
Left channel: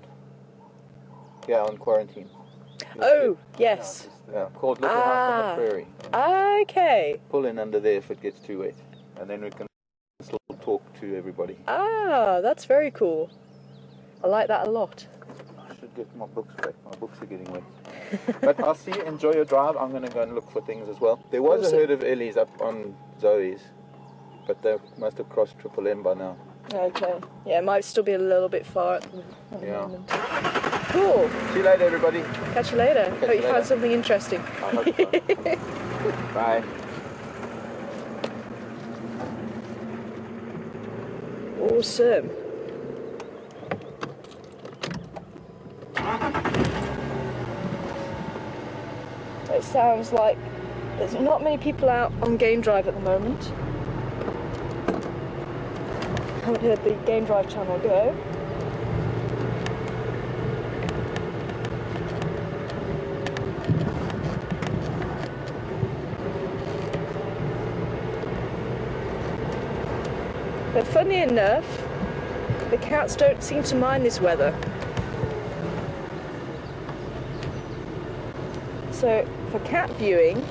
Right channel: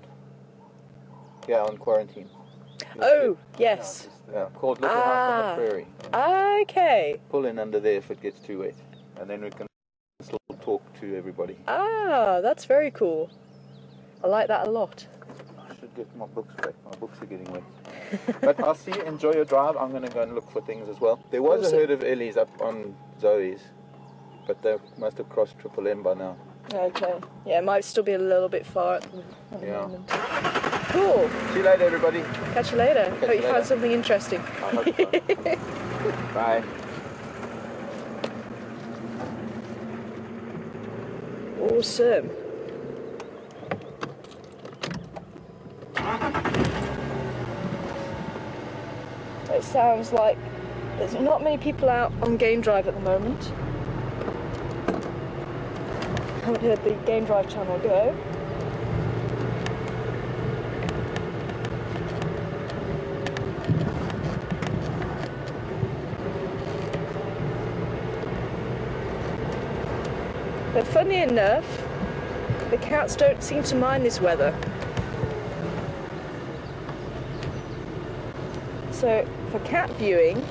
Yeah, on quarantine. Oh, yes. Yeah, called Little House on the Prairie. Okay. Pull in under there if it gets too wet, and then we can still talk to everybody. Ah, that's very cool. I like that a lot. I should get my books back. My books are getting wet. But I'll see you. Enjoy your drive. I'm going to go and look for things as well. There was Awesome. a herd of Ellies up on Zoe's, but they must have crossed Triple M by now. Okay. Yeah, it might still be a little bit far at the moment. Cool. See you later, everybody. Catch you later. Catch Hope you you later. found something interesting. I hope so. Bye. Awesome. It sounds like there's not many people out on game drive at the moment. Haven't heard the game drive channel go. But funny enough, the cats don't seem to mind this weather. So for cat viewing,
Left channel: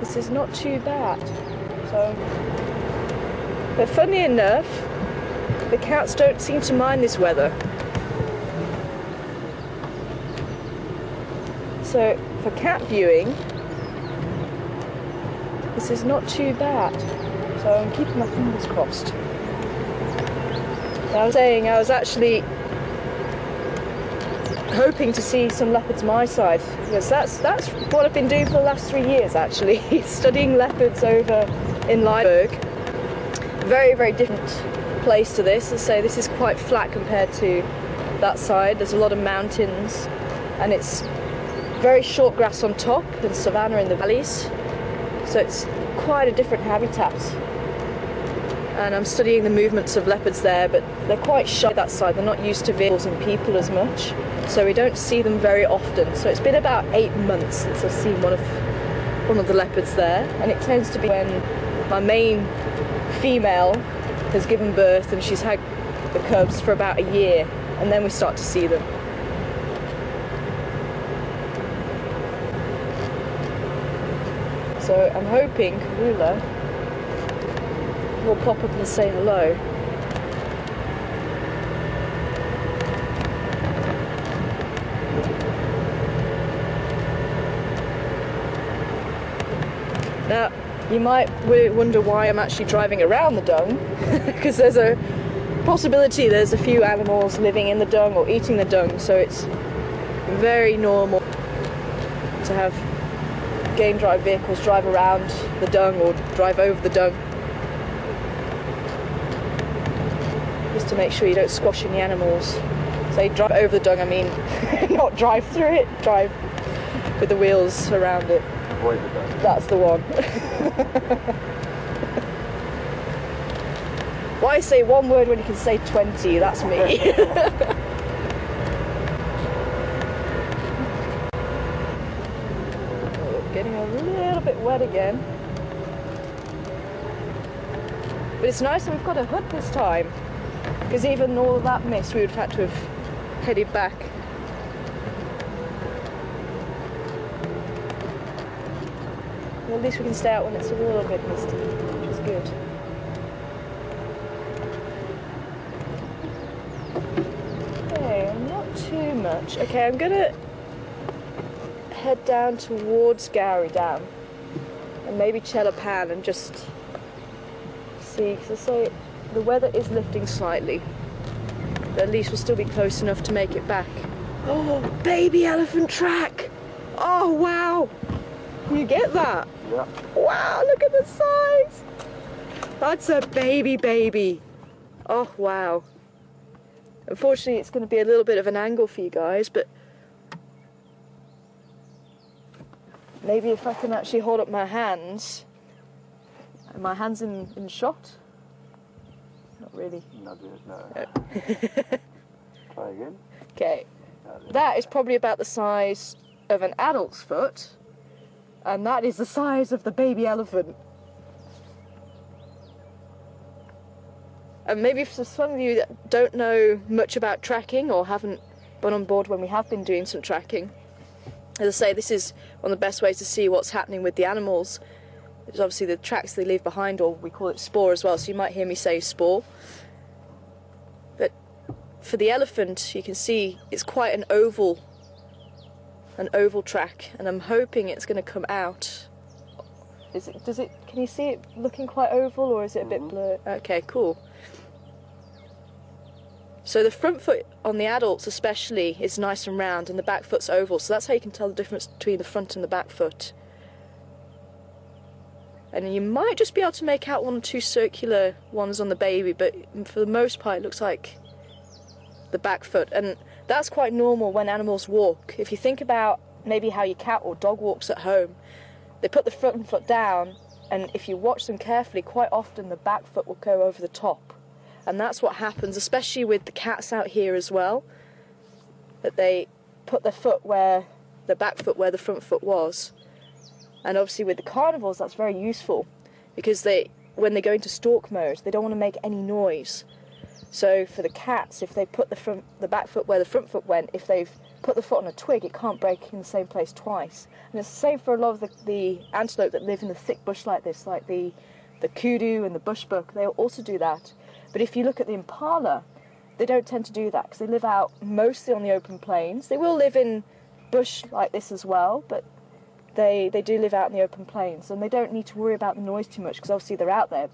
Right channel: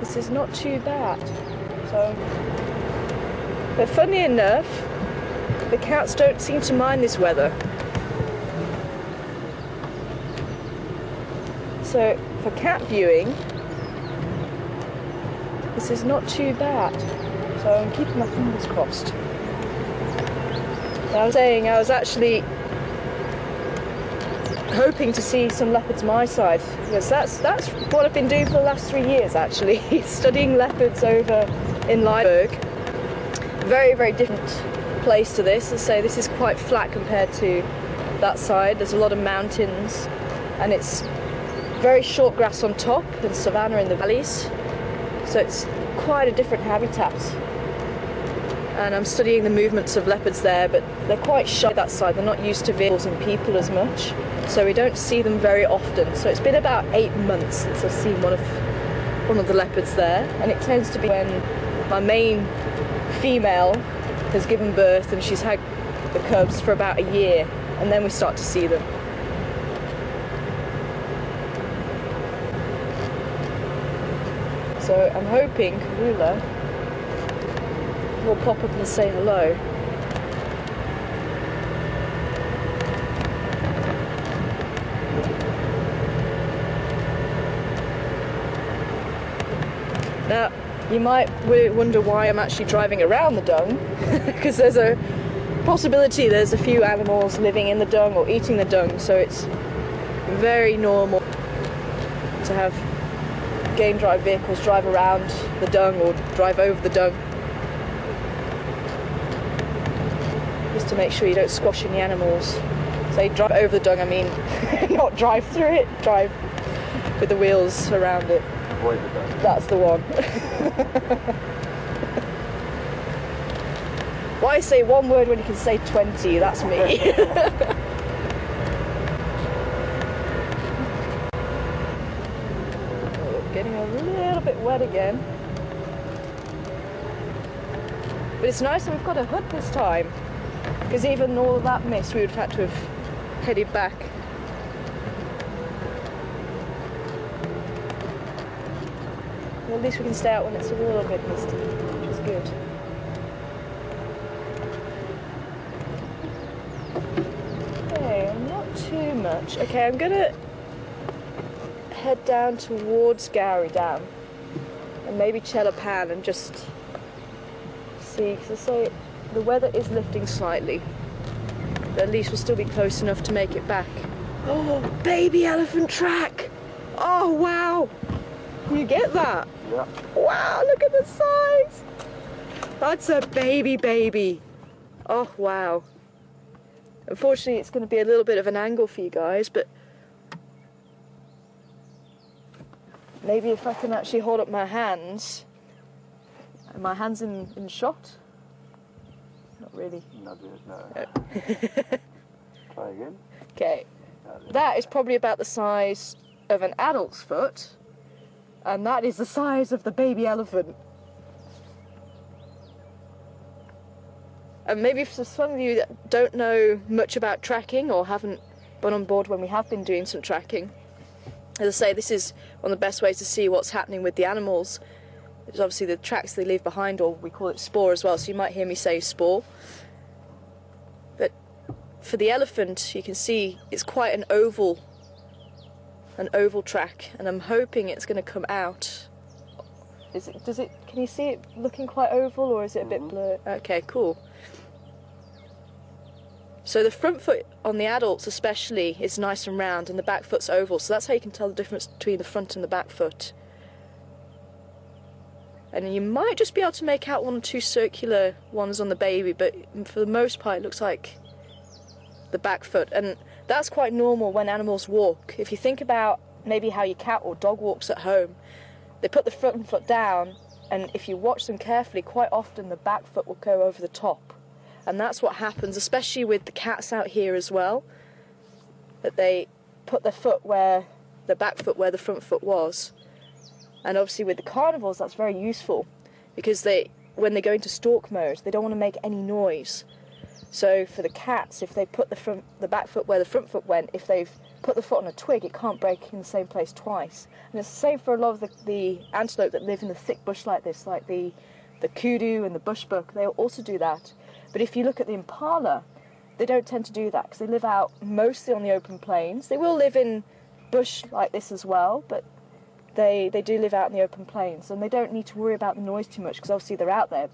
this is not too bad. But funny enough, the cats don't seem to mind this weather. So for cat viewing, this is not too bad. So I'm keeping my fingers crossed. I was saying I was actually hoping to see some leopards my side, because that's what I've been doing for the last 3 years actually, studying leopards over in Liburg. Very, very different place to this. So this is quite flat compared to that side. There's a lot of mountains and it's very short grass on top and savanna in the valleys. So it's quite a different habitat. And I'm studying the movements of leopards there, but they're quite shy that side. They're not used to vehicles and people as much, so we don't see them very often. So it's been about 8 months since I've seen one of the leopards there, and it tends to be when my main female has given birth and she's had the cubs for about a year, and then we start to see them. So I'm hoping Kunyuma will pop up and say hello. Now, you might wonder why I'm actually driving around the dung, because there's a possibility there's a few animals living in the dung or eating the dung, so it's very normal to have game drive vehicles drive around the dung or drive over the dung, just to make sure you don't squash any animals. Say drive over the dung, I mean not drive through it, drive with the wheels around it. Avoid the dung. That's the one. Why say one word when you can say 20? That's me. Getting a little bit wet again. But it's nice that we've got a hood this time, because even all of that mist we would have had to have headed back. Well, at least we can stay out when it's a little bit misty, which is good. Okay, not too much. Okay, I'm gonna head down towards Gowrie Dam and maybe Chelapan and just see, because I say the weather is lifting slightly, but at least we'll still be close enough to make it back. Oh, baby elephant track! Oh wow! Can you get that? Yeah. Wow, look at the size! That's a baby. Oh wow. Unfortunately it's going to be a little bit of an angle for you guys, but maybe if I can actually hold up my hands. Are my hands in shot? Not really. No. Try again. Okay. That is probably about the size of an adult's foot, and that is the size of the baby elephant. And maybe for some of you that don't know much about tracking or haven't been on board when we have been doing some tracking, as I say, this is one of the best ways to see what's happening with the animals. There's obviously the tracks they leave behind, or we call it spoor as well, so you might hear me say spoor. But for the elephant, you can see it's quite an oval track, and I'm hoping it's going to come out Is it? Does it? Can you see it looking quite oval, or is it a bit blurred? Okay, cool. So the front foot on the adults especially is nice and round, and the back foot's oval. So that's how you can tell the difference between the front and the back foot. And you might just be able to make out one or two circular ones on the baby, but for the most part it looks like the back foot. And that's quite normal when animals walk. If you think about maybe how your cat or dog walks at home, they put the front foot down, and if you watch them carefully, quite often the back foot will go over the top. And that's what happens, especially with the cats out here as well, that they put their foot where the back foot where the front foot was. And obviously with the carnivores that's very useful, because when they go into stalk mode, they don't want to make any noise. So for the cats, if they put the back foot where the front foot went, if they've put the foot on a twig, it can't break in the same place twice. And it's the same for a lot of the antelope that live in the thick bush like this, like the kudu and the bushbuck. They'll also do that. But if you look at the impala, they don't tend to do that because they live out mostly on the open plains. They will live in bush like this as well, but they do live out in the open plains, and they don't need to worry about the noise too much because obviously they're out there.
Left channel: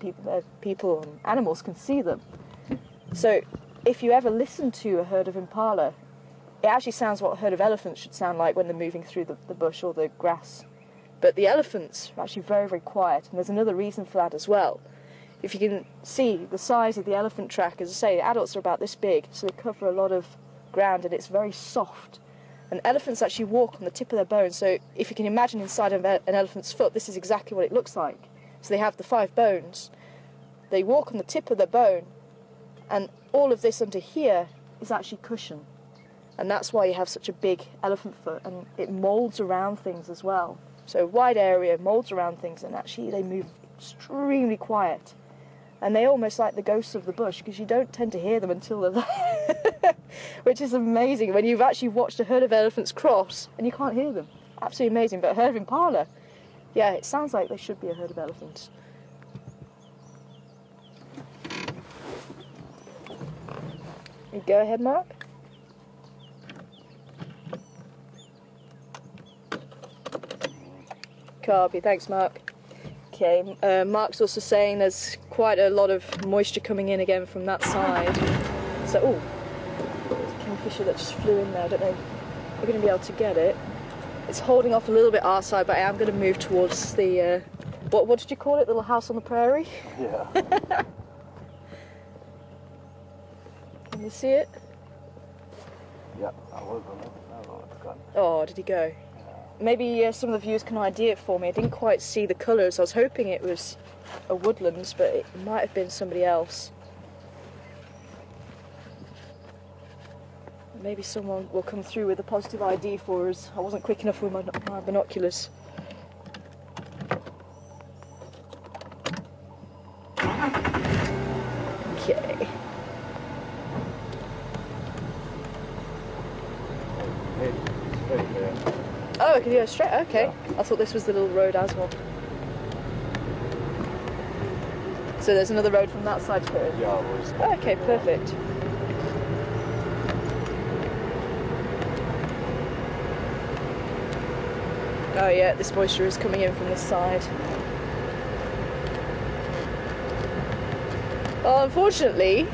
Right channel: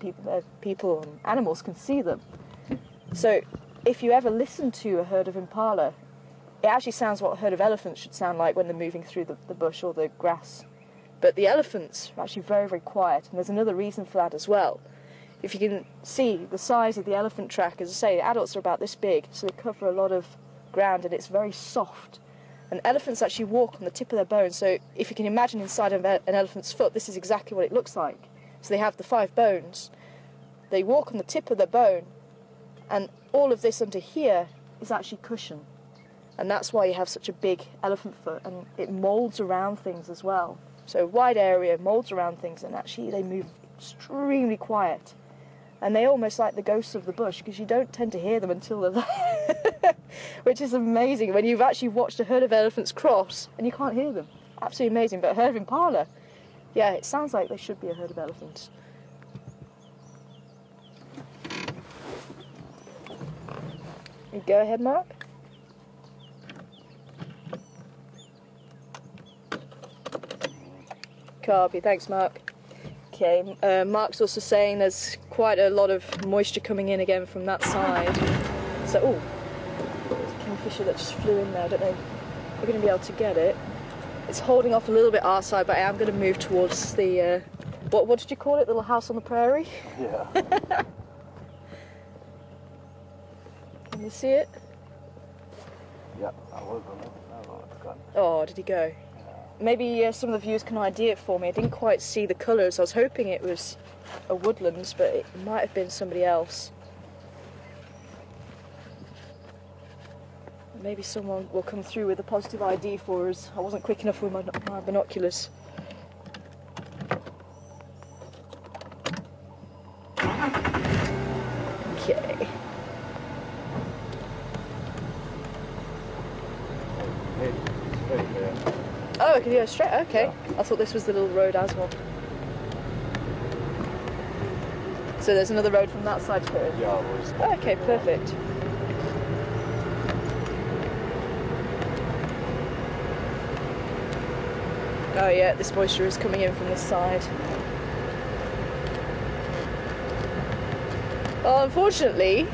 People and animals can see them. So if you ever listen to a herd of impala, it actually sounds what a herd of elephants should sound like when they're moving through the bush or the grass. But the elephants are actually very, very quiet, and there's another reason for that as well. If you can see the size of the elephant track, as I say, adults are about this big, so they cover a lot of ground, and it's very soft. And elephants actually walk on the tip of their bones, so if you can imagine inside of an elephant's foot, this is exactly what it looks like. So they have the 5 bones. They walk on the tip of their bone, and all of this under here is actually cushion. And that's why you have such a big elephant foot, and it moulds around things as well. So wide area, moulds around things, and actually they move extremely quiet. And they almost like the ghosts of the bush, because you don't tend to hear them until they're there. Which is amazing when you've actually watched a herd of elephants cross and you can't hear them. Absolutely amazing. But a herd of impala, yeah, it sounds like they should be a herd of elephants. You go ahead, Mark. Copy, thanks, Mark. Okay, Mark's also saying there's quite a lot of moisture coming in again from that side. So, oh, there's a kingfisher that just flew in there. I don't know if we're going to be able to get it. It's holding off a little bit our side, but I am going to move towards the, what did you call it, little house on the prairie? Yeah. Can you see it? Yeah, I was on it. Oh, it's gone. Oh, did he go? Maybe some of the viewers can ID it for me. I didn't quite see the colours. I was hoping it was a woodlands, but it might have been somebody else. Maybe someone will come through with a positive ID for us. I wasn't quick enough with my binoculars. Okay. Straight there. Oh, I can go straight. Okay. Yeah. I thought this was the little road as well. So there's another road from that side to it? Yeah, it was. Oh, okay, perfect. Oh yeah, this moisture is coming in from this side. Well, unfortunately,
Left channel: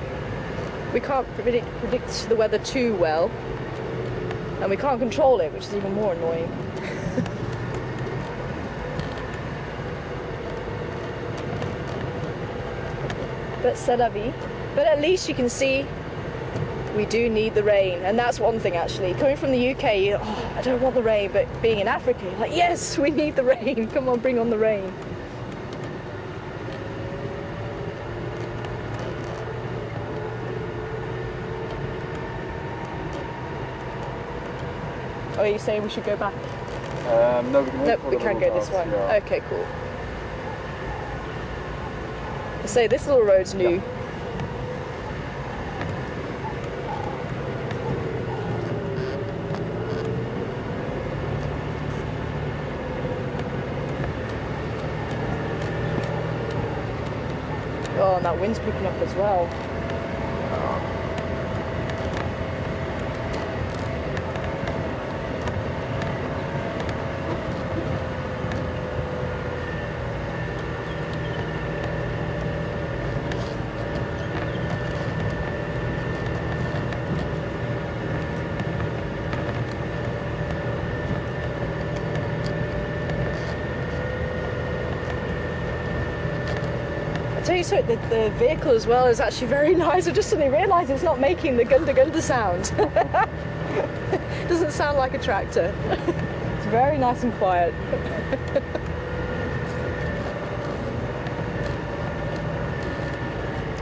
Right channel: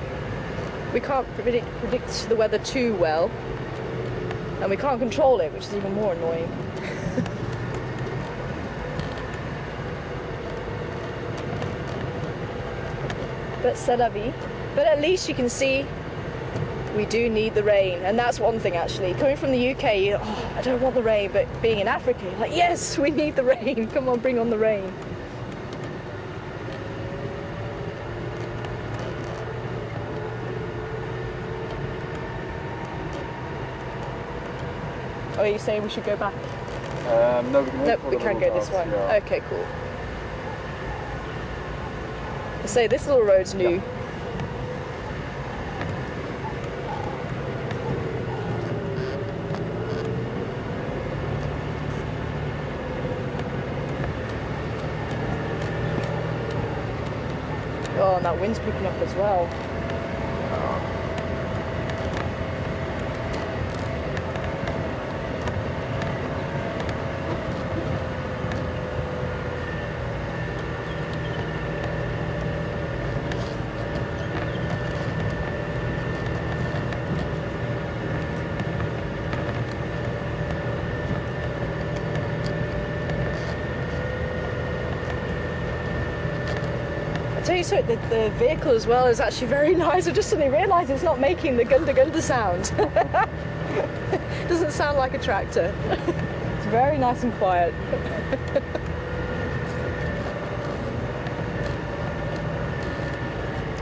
we can't predict the weather too well. And we can't control it, which is even more annoying. But c'est la vie. But at least you can see we do need the rain, and that's one thing actually. Coming from the UK, I don't want the rain, but being in Africa, you're like, yes, we need the rain. Come on, bring on the rain. Oh, are you saying we should go back? No, we can, we can go this way. Yeah. Okay, cool. I say this little road's new. Yeah. Oh, and that wind's picking up as well. tell you something, the vehicle as well is actually very nice. I just suddenly realised it's not making the gunda sound. Doesn't sound like a tractor. It's very nice and quiet.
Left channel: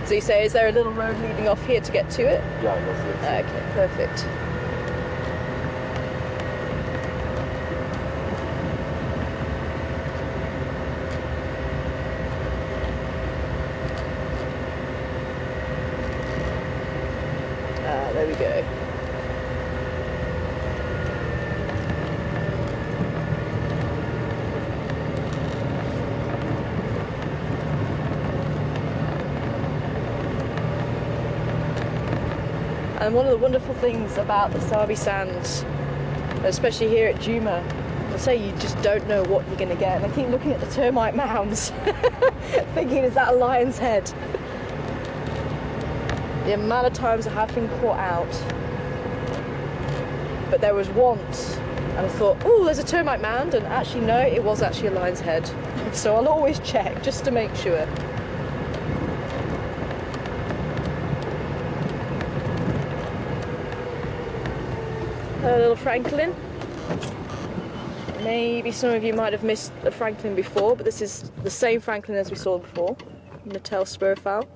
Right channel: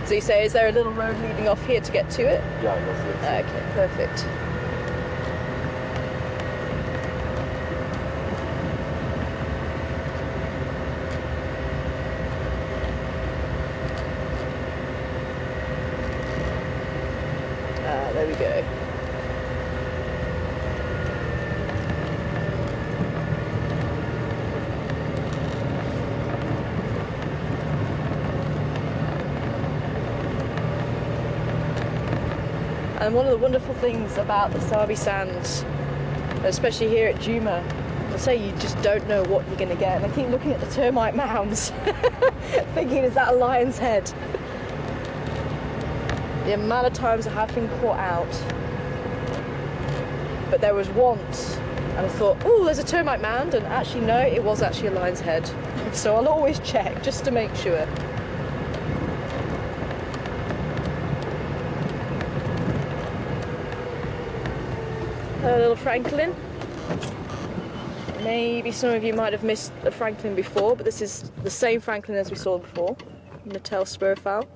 So you say, is there a little road leading off here to get to it? Yeah, that's it. Okay, perfect. There we go. And one of the wonderful things about the Sabi Sands, especially here at Djuma, I say you just don't know what you're going to get. And I keep looking at the termite mounds, thinking, is that a lion's head? The amount of times I have been caught out. But there was once, and I thought, oh, there's a termite mound, and actually no, it was actually a lion's head. So I'll always check, just to make sure. A little francolin. Maybe some of you might have missed a francolin before, but this is the same francolin as we saw before, Natal spurfowl.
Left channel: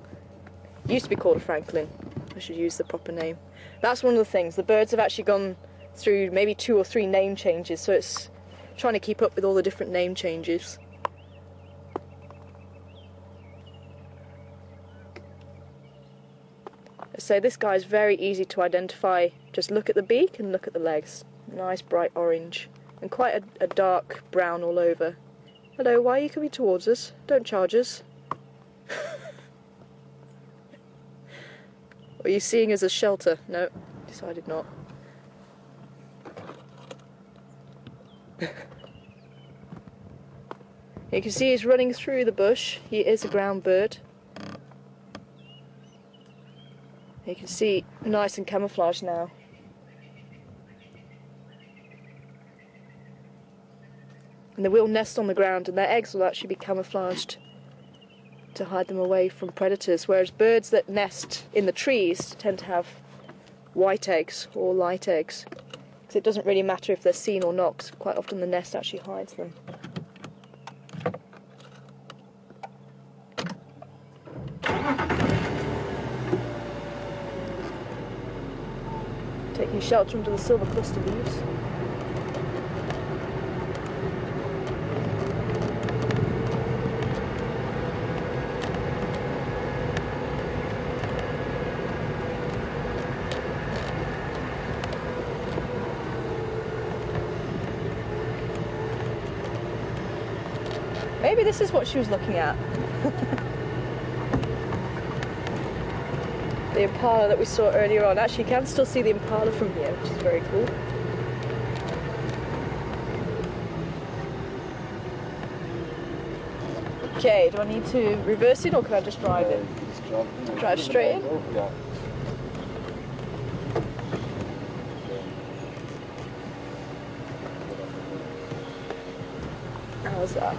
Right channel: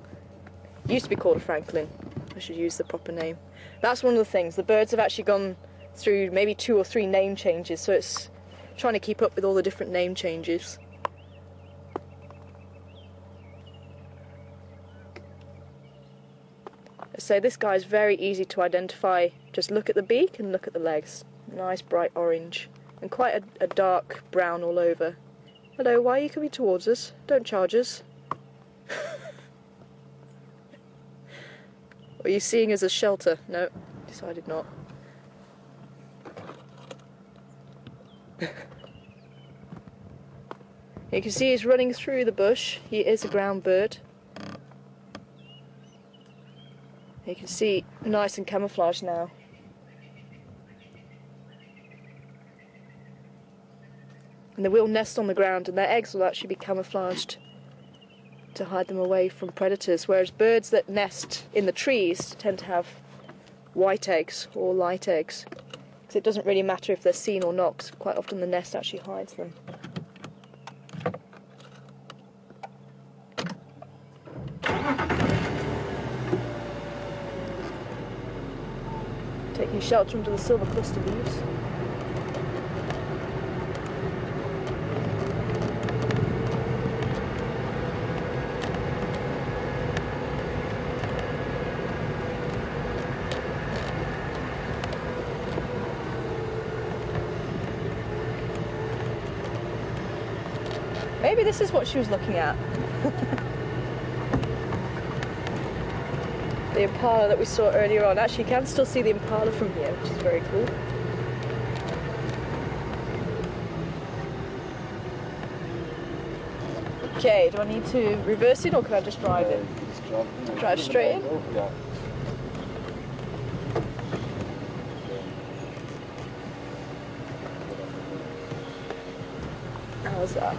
It used to be called a francolin. I should use the proper name. That's one of the things. The birds have actually gone through maybe 2 or 3 name changes, so it's trying to keep up with all the different name changes. So this guy is very easy to identify. Just look at the beak and look at the legs. Nice bright orange and quite a dark brown all over. Hello, why are you coming towards us? Don't charge us. Are you seeing us as shelter? No, decided not. You can see he's running through the bush. He is a ground bird. You can see nice and camouflaged now. And they will nest on the ground, and their eggs will actually be camouflaged to hide them away from predators, whereas birds that nest in the trees tend to have white eggs or light eggs, because it doesn't really matter if they're seen or not, 'cause quite often the nest actually hides them. Taking shelter under the silver cluster leaves. Maybe this is what she was looking at. The impala that we saw earlier on. Actually, you can still see the impala from here, which is very cool. Okay, do I need to reverse it or can I just drive it? Drive straight in? Yeah. How's that?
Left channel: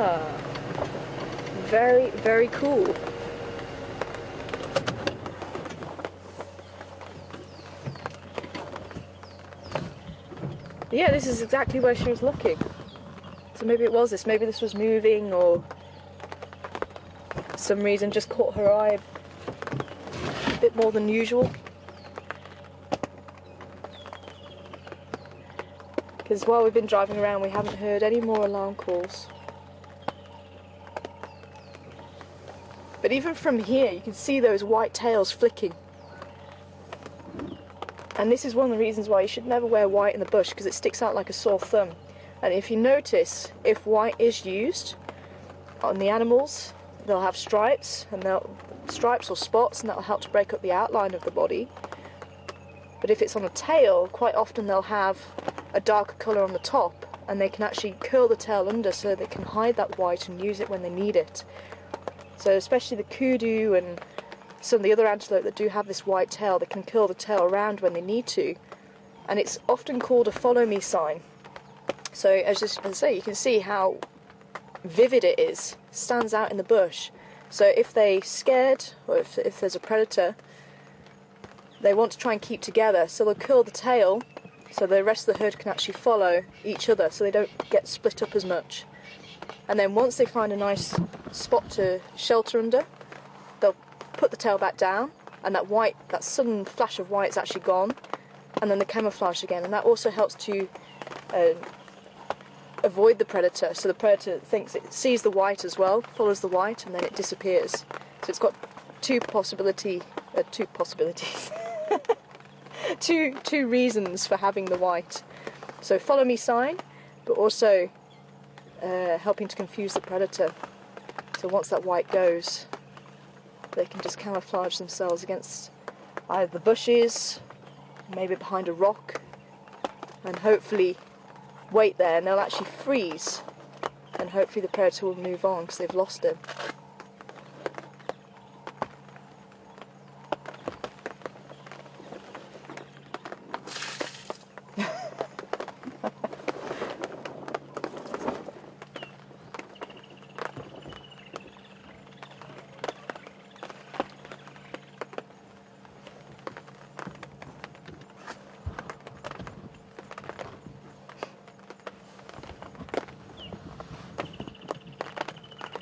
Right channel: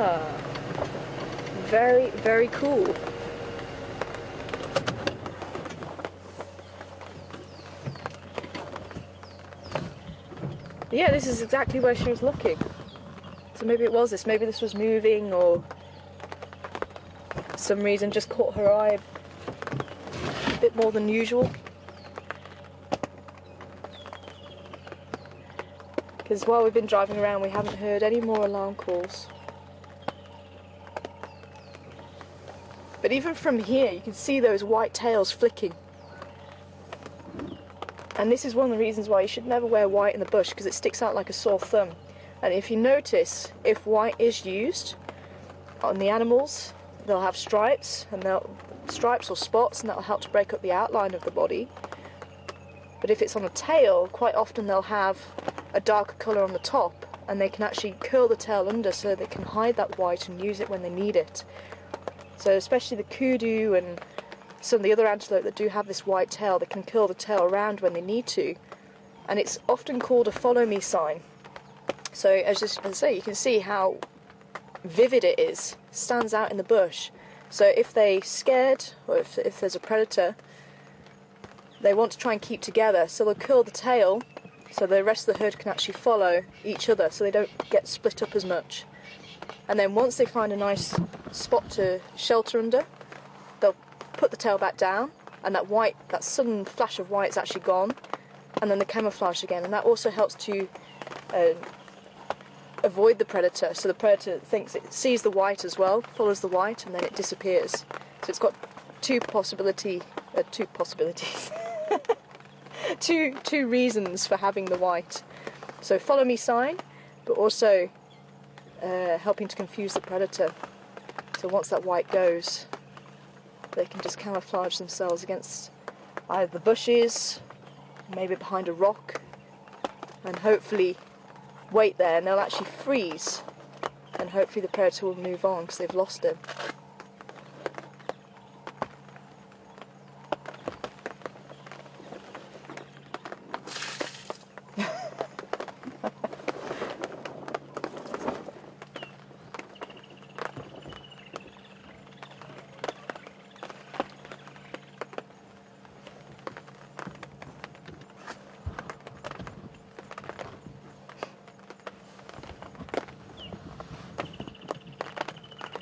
Ah, very, very cool. Yeah, this is exactly where she was looking. So maybe it was this, maybe this was moving or for some reason just caught her eye a bit more than usual. Because while we've been driving around we haven't heard any more alarm calls. But even from here you can see those white tails flicking. And this is one of the reasons why you should never wear white in the bush, because it sticks out like a sore thumb. And if you notice, if white is used on the animals, they'll have stripes, and stripes or spots, and that'll help to break up the outline of the body. But if it's on a tail, quite often they'll have a darker colour on the top, and they can actually curl the tail under so they can hide that white and use it when they need it. So especially the kudu and some of the other antelope that do have this white tail, they can curl the tail around when they need to. and it's often called a follow me sign. So as I say, you can see how vivid it is, stands out in the bush. So if they're scared, or if there's a predator, they want to try and keep together, so they'll curl the tail so the rest of the herd can actually follow each other, so they don't get split up as much. And then once they find a nice spot to shelter under, they'll put the tail back down, and that sudden flash of white is actually gone, and then the camouflage again, and that also helps to avoid the predator. So the predator thinks it sees the white as well, follows the white, and then it disappears. So it's got two possibilities, two reasons for having the white. So follow me sign, but also helping to confuse the predator. So once that white goes, they can just camouflage themselves against either the bushes, maybe behind a rock, and hopefully wait there, and they'll actually freeze, and hopefully the predator will move on because they've lost him.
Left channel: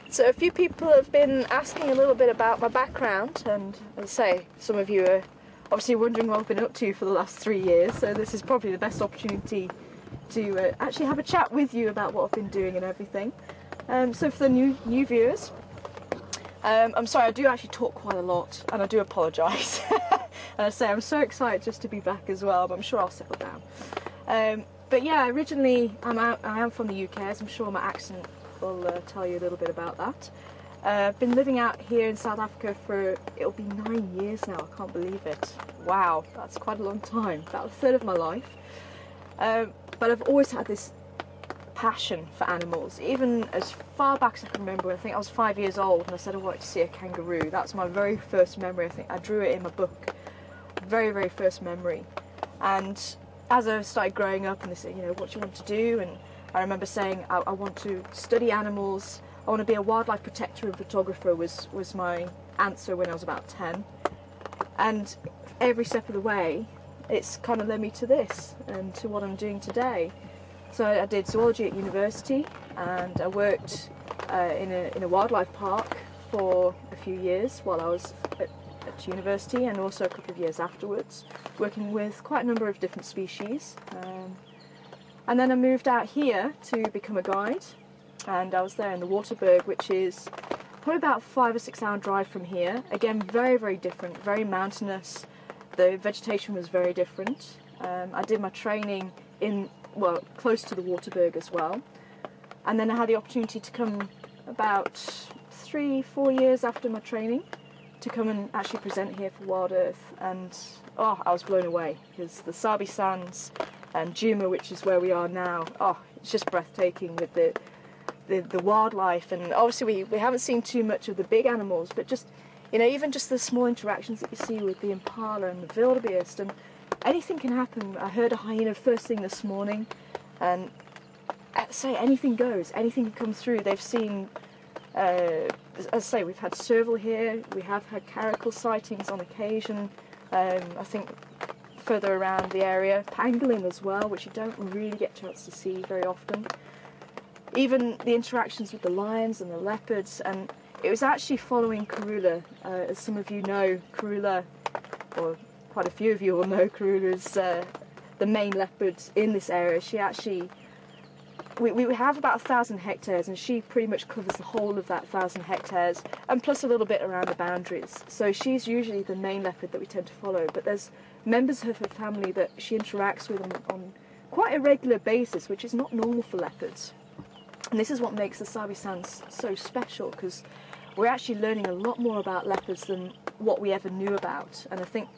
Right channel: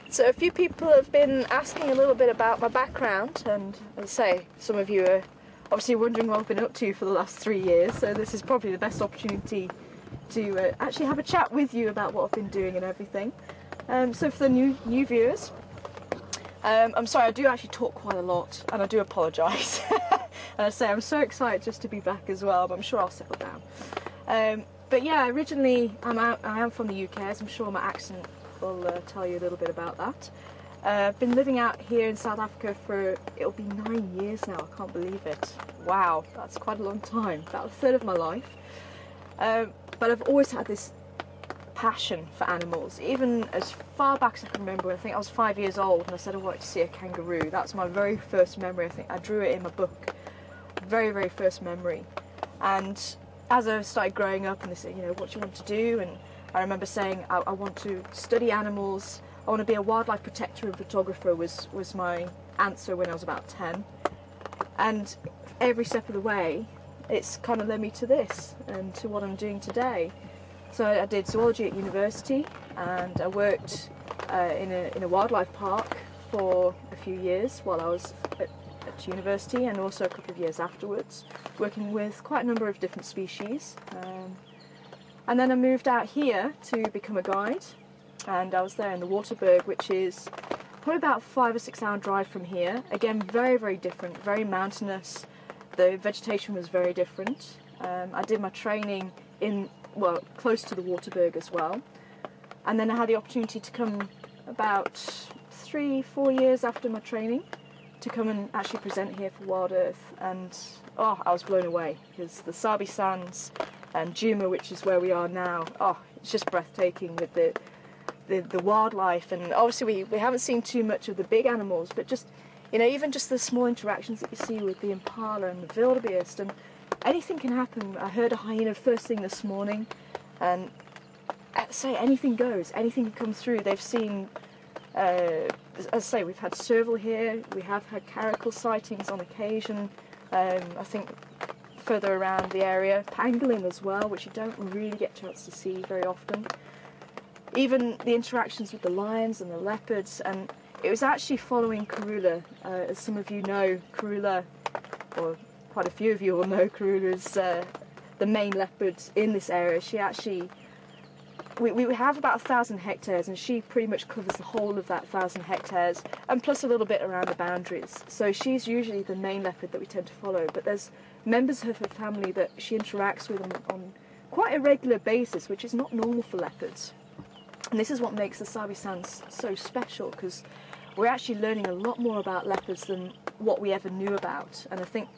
So a few people have been asking a little bit about my background, and as I say, some of you are obviously wondering what I've been up to for the last 3 years, so this is probably the best opportunity to actually have a chat with you about what I've been doing and everything. So for the new viewers, I'm sorry, I do actually talk quite a lot, and I do apologise. And I say I'm so excited just to be back as well, but I'm sure I'll settle down. But yeah, originally I am from the UK, as I'm sure my accent will tell you a little bit about that. I've been living out here in South Africa for, it'll be 9 years now, I can't believe it. Wow, that's quite a long time, about a third of my life. But I've always had this passion for animals, even as far back as I can remember. I think I was 5 years old and I said I wanted to see a kangaroo. That's my very first memory. I think I drew it in my book. Very, very first memory. And as I started growing up and they said, you know, what do you want to do? And I remember saying I want to study animals, I want to be a wildlife protector and photographer was my answer when I was about 10. And every step of the way it's kind of led me to this and to what I'm doing today. So I did zoology at university, and I worked in a wildlife park for a few years while I was at university, and also a couple of years afterwards, working with quite a number of different species. And then I moved out here to become a guide, and I was there in the Waterberg, which is probably about 5 or 6 hour drive from here. Again, very, very different, very mountainous. The vegetation was very different. I did my training close to the Waterberg as well. And then I had the opportunity to come about 3-4 years after my training to come and actually present here for Wild Earth. And I was blown away, because the Sabi Sands and Djuma, which is where we are now, it's just breathtaking with the wildlife. And obviously we haven't seen too much of the big animals, but just, you know, even just the small interactions that you see with the impala and the wildebeest, and anything can happen. I heard a hyena first thing this morning, and say anything goes, anything can come through. They've seen, as I say, we've had serval here, we have had caracal sightings on occasion, I think further around the area, pangolin as well, which you don't really get a chance to see very often. Even the interactions with the lions and the leopards, and it was actually following Karula. As some of you know, Karula, or quite a few of you will know, Karula is the main leopard in this area. She actually, we have about 1,000 hectares, and she pretty much covers the whole of that 1,000 hectares, and plus a little bit around the boundaries. So she's usually the main leopard that we tend to follow, but there's members of her family that she interacts with on quite a regular basis, which is not normal for leopards. And this is what makes the Sabi Sands so special, because we're actually learning a lot more about leopards than what we ever knew about. And I think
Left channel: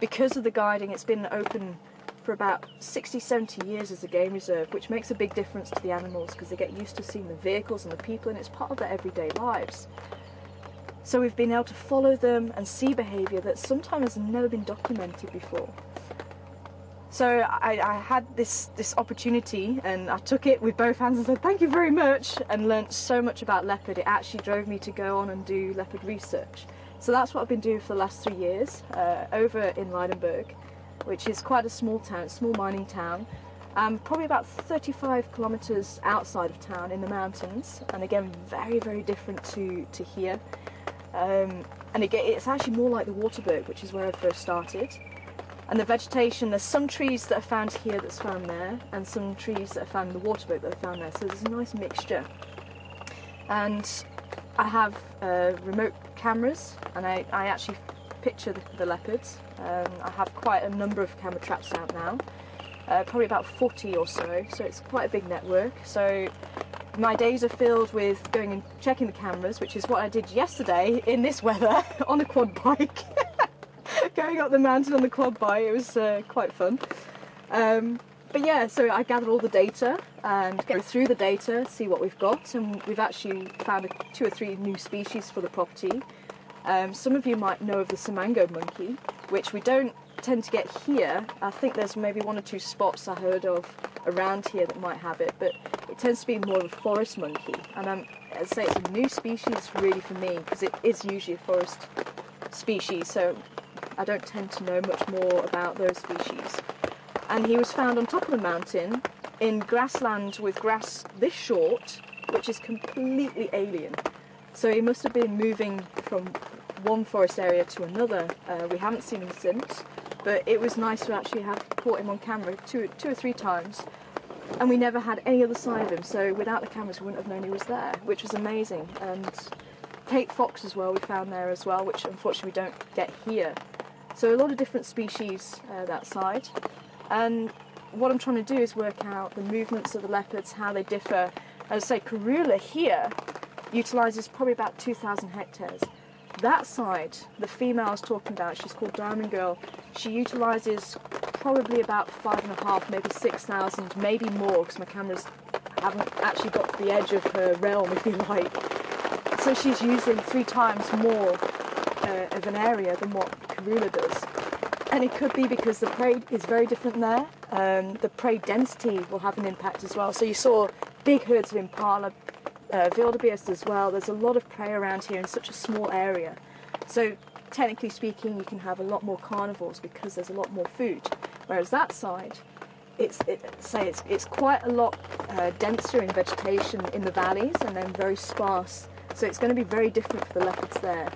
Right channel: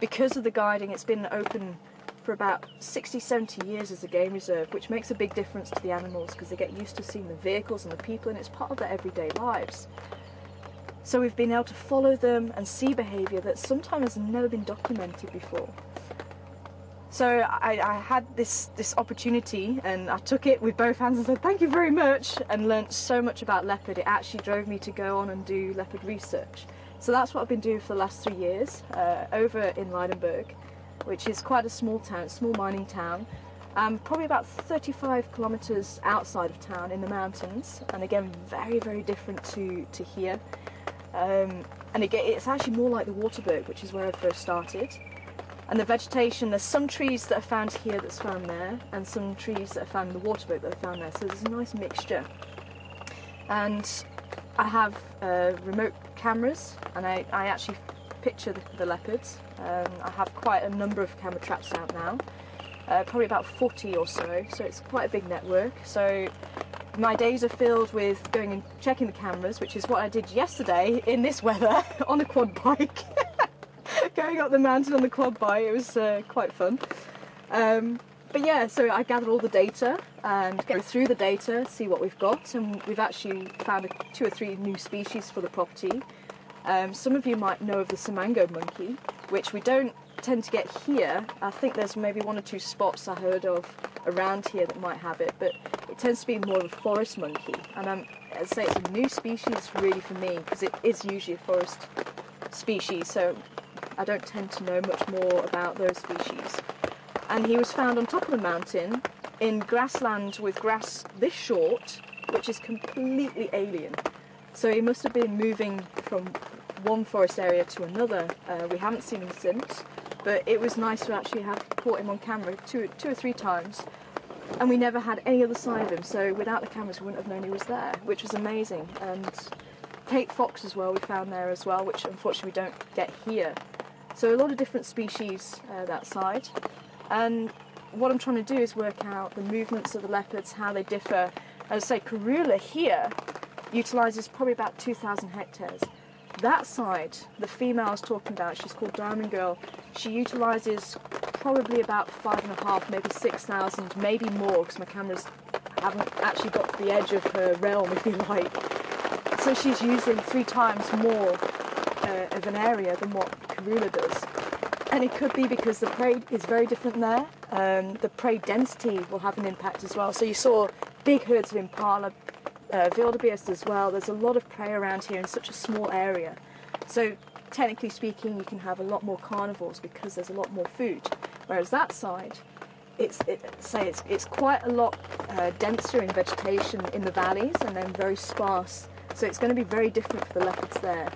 because of the guiding, it's been open for about 60-70 years as a game reserve, which makes a big difference to the animals, because they get used to seeing the vehicles and the people, and it's part of their everyday lives. So we've been able to follow them and see behaviour that sometimes has never been documented before. So I had this opportunity and I took it with both hands and said thank you very much, and learnt so much about leopard. It actually drove me to go on and do leopard research. So that's what I've been doing for the last 3 years over in Leidenburg, which is quite a small town, small mining town. Probably about 35 kilometers outside of town in the mountains, and again very, very different to here. And again, it's actually more like the Waterberg, which is where I first started. And the vegetation, there's some trees that are found here that's found there, and some trees that are found in the Waterberg that are found there, so there's a nice mixture. And I have remote cameras, and I actually picture the leopards. I have quite a number of camera traps out now. Probably about 40 or so it's quite a big network. So my days are filled with going and checking the cameras, which is what I did yesterday in this weather on a quad bike. Going up the mountain on the quad bike, it was quite fun. But yeah, so I gathered all the data and go through the data, see what we've got, and we've actually found 2 or 3 new species for the property. Some of you might know of the Simango monkey, which we don't tend to get here. I think there's maybe 1 or 2 spots I heard of around here that might have it, but it tends to be more of a forest monkey. And as I say, it's a new species really for me, because it is usually a forest species, so I don't tend to know much more about those species. And he was found on top of the mountain in grassland with grass this short, which is completely alien. So he must have been moving from one forest area to another. We haven't seen him since, but it was nice to actually have caught him on camera two or three times, and we never had any other sign of him, so without the cameras we wouldn't have known he was there, which was amazing. And Cape fox as well we found there as well, which unfortunately we don't get here. So a lot of different species that side. And what I'm trying to do is work out the movements of the leopards, how they differ. As I say, Karula here utilises probably about 2,000 hectares. That side, the female I was talking about, she's called Diamond Girl, she utilises probably about 5,500, maybe 6,000, maybe more, because my cameras haven't actually got to the edge of her realm, if you like. So she's using 3 times more of an area than what Karula does. And it could be because the prey is very different there. The prey density will have an impact as well. So you saw big herds of impala, wildebeest as well. There's a lot of prey around here in such a small area. So technically speaking, you can have a lot more carnivores because there's a lot more food. Whereas that side, it's quite a lot denser in vegetation in the valleys and then very sparse. So it's going to be very different for the leopards there.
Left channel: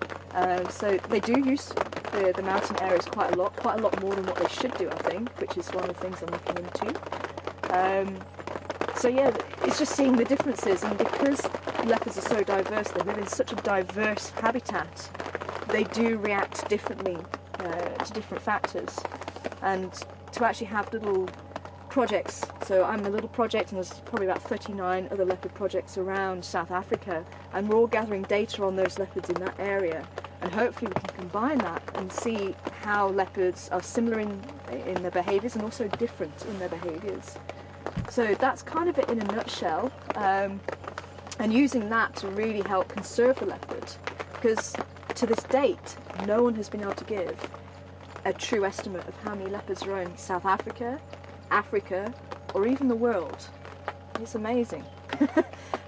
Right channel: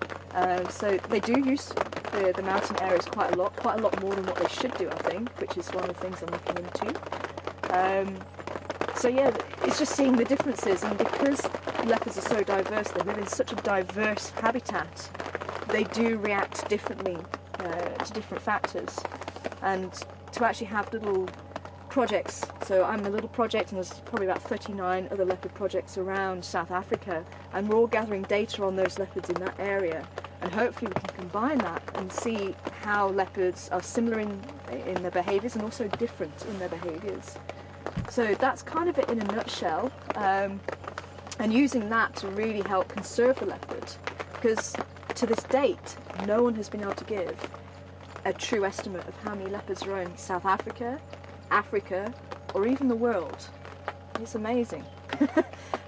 So they do use the mountain areas quite a lot more than what they should do, I think, which is one of the things I'm looking into. So yeah, it's just seeing the differences, and because leopards are so diverse, they live in such a diverse habitat, they do react differently to different factors. And to actually have little projects, so I'm a little project and there's probably about 39 other leopard projects around South Africa, and we're all gathering data on those leopards in that area, and hopefully we can combine that and see how leopards are similar in their behaviours and also different in their behaviours. So that's kind of it in a nutshell, and using that to really help conserve the leopard, because to this date no one has been able to give a true estimate of how many leopards are in South Africa, Africa, or even the world. It's amazing.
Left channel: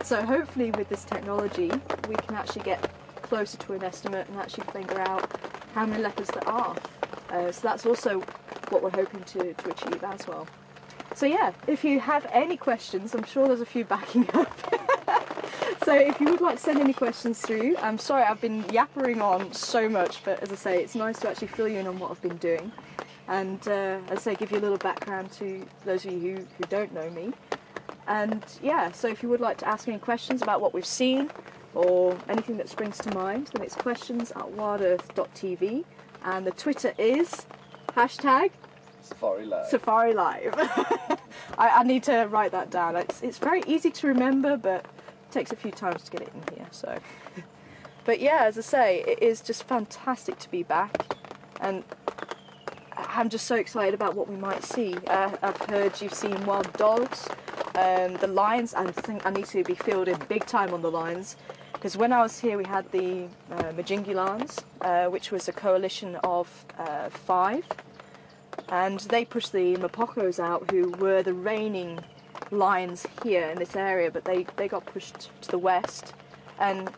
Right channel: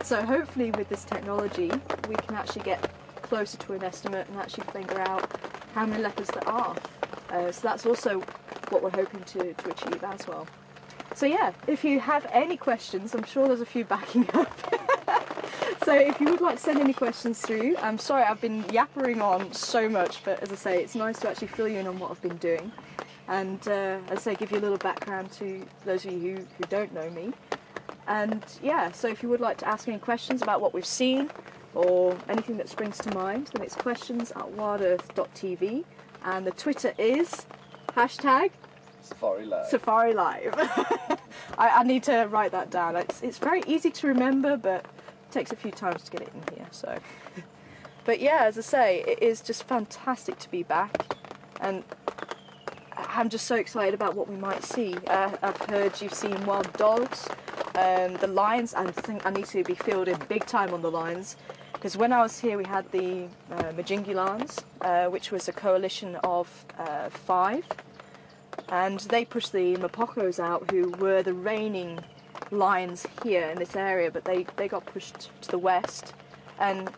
So hopefully with this technology we can actually get closer to an estimate and actually figure out how many leopards there are. So that's also what we're hoping to achieve as well. So yeah, if you have any questions, I'm sure there's a few backing up. So if you would like to send any questions through, I'm sorry I've been yappering on so much, but as I say, it's nice to actually fill you in on what I've been doing. And as I say, give you a little background to those of you who don't know me. And yeah, so if you would like to ask any questions about what we've seen, or anything that springs to mind, then it's questions@WildEarthTV, and the Twitter is #SafariLive. Safari Live. I need to write that down. It's very easy to remember, but it takes a few times to get it in here. So, but yeah, as I say, it is just fantastic to be back, and I'm just so excited about what we might see. I've heard you've seen wild dogs, the lions. I think I need to be filled in big time on the lions, because when I was here we had the Majingilans, which was a coalition of 5. and they pushed the Mapocos out, who were the reigning lions here in this area, but they got pushed to the west. And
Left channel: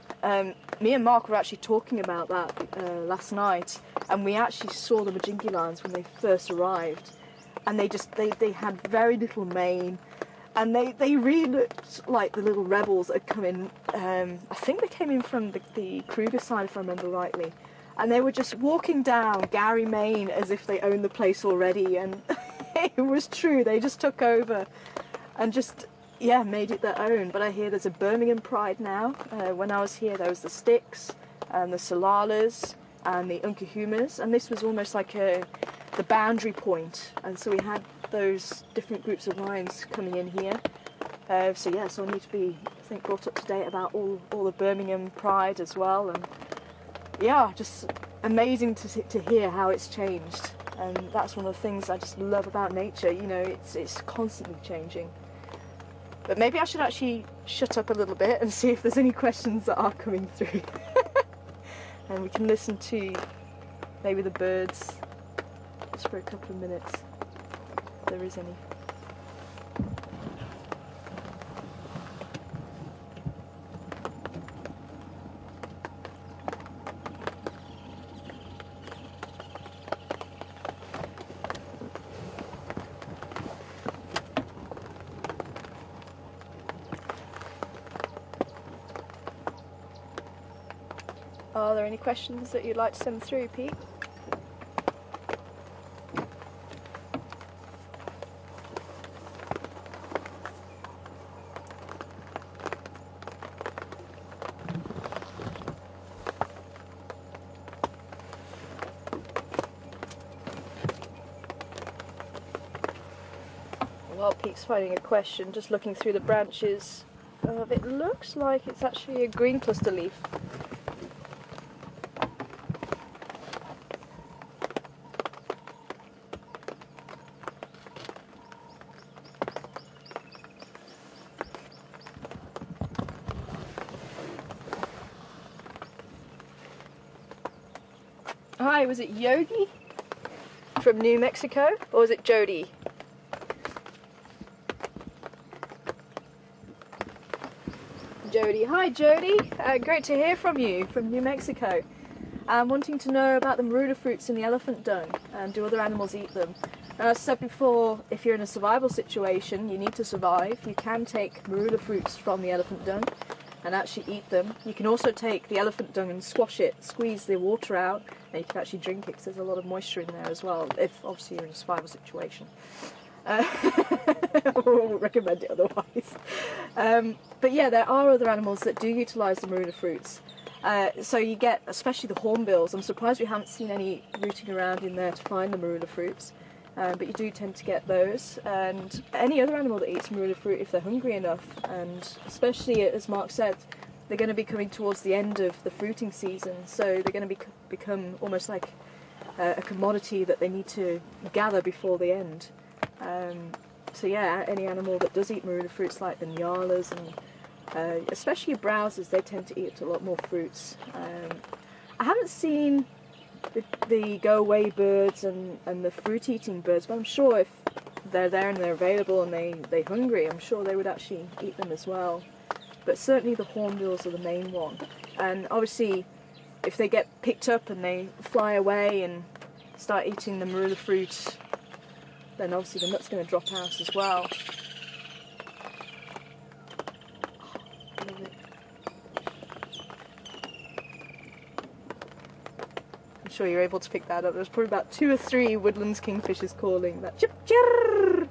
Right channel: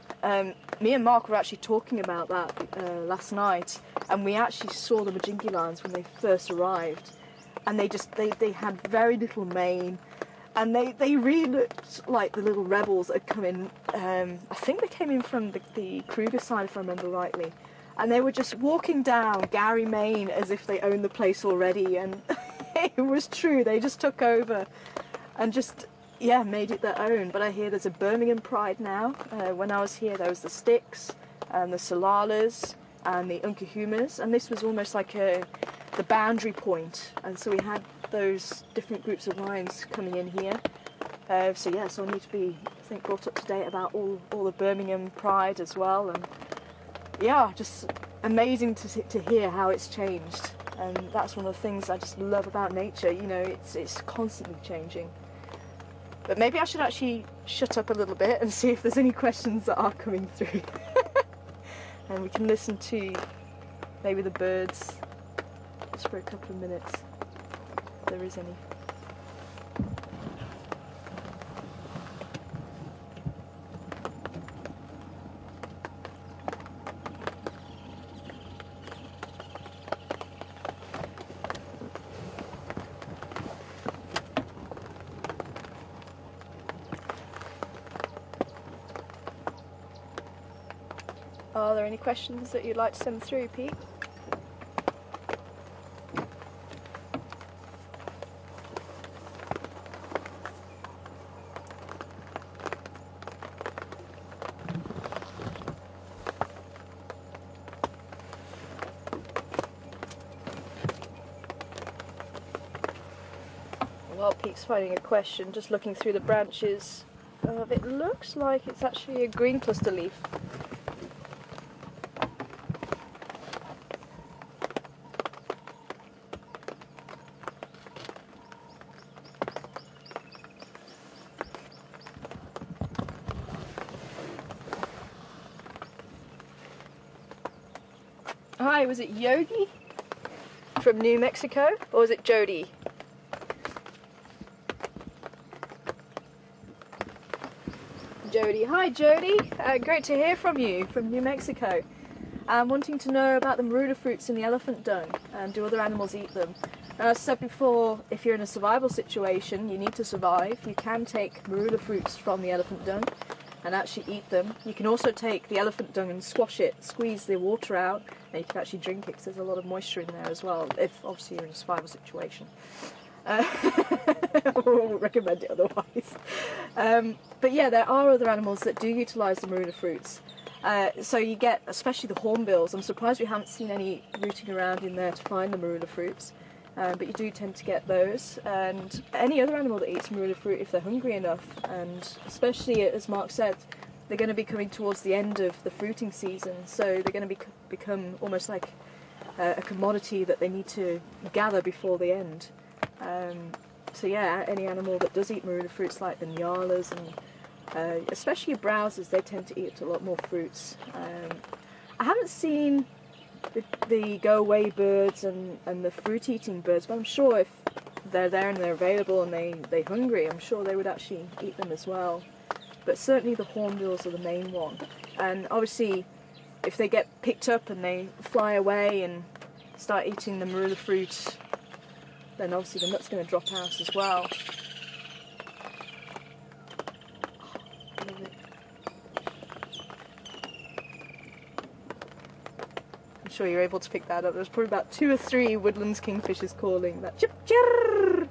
me and Mark were actually talking about that last night, and we actually saw the Majinki lions when they first arrived, and they had very little mane, and they really looked like the little rebels that had come in. I think they came in from the Kruger side, if I remember rightly, and they were just walking down Gary, Maine, as if they owned the place already, and it was true, they just took over and just, yeah, made it their own. But I hear there's a Birmingham pride now. When I was here, there was the Sticks and the Salalas and the Unkahumas, and this was almost like the boundary point, and so we had those different groups of lions coming in here. So I need to be, I think, brought up to date about all the Birmingham pride as well. And yeah, just amazing to hear how it's changed. And that's one of the things I just love about nature. You know, it's constantly changing. But maybe I should actually shut up a little bit and see if there's any questions that are coming through. And we can listen to maybe the birds just for a couple of minutes, if there is any. Are there any questions that you'd like to send through, Pete? While Pete's finding a question, just looking through the branches, it looks like it's actually a green cluster leaf. Hi, was it Yogi from New Mexico, or was it Jody? Jody. Hi Jody, great to hear from you from New Mexico. I'm wanting to know about the marula fruits in the elephant dung, and do other animals eat them? As I said before, if you're in a survival situation, you need to survive, you can take marula fruits from the elephant dung and actually eat them. You can also take the elephant dung and squash it, squeeze the water out, and you can actually drink it because there's a lot of moisture in there as well, if obviously you're in a survival situation. I won't recommend it otherwise. But yeah, there are other animals that do utilise the marula fruits. So you get, especially the hornbills. I'm surprised we haven't seen any rooting around in there to find the marula fruits. But you do tend to get those, and any other animal that eats marula fruit if they're hungry enough, and especially, as Mark said, they're going to be coming towards the end of the fruiting season, so they're going to become almost like a commodity that they need to gather before the end. So yeah, any animal that does eat marula fruits, like the nyalas and especially browsers, they tend to eat a lot more fruits. I haven't seen the go-away birds and the fruit-eating birds, but I'm sure if they're there and they're available and they're hungry, I'm sure they would actually eat them as well. But certainly the hornbills are the main one. And obviously, if they get picked up and they fly away and start eating the marula fruit, then obviously the nut's going to drop out as well. Love it. I'm sure you're able to pick that up. There's probably about 2 or 3 woodlands kingfishers calling that chip chirr.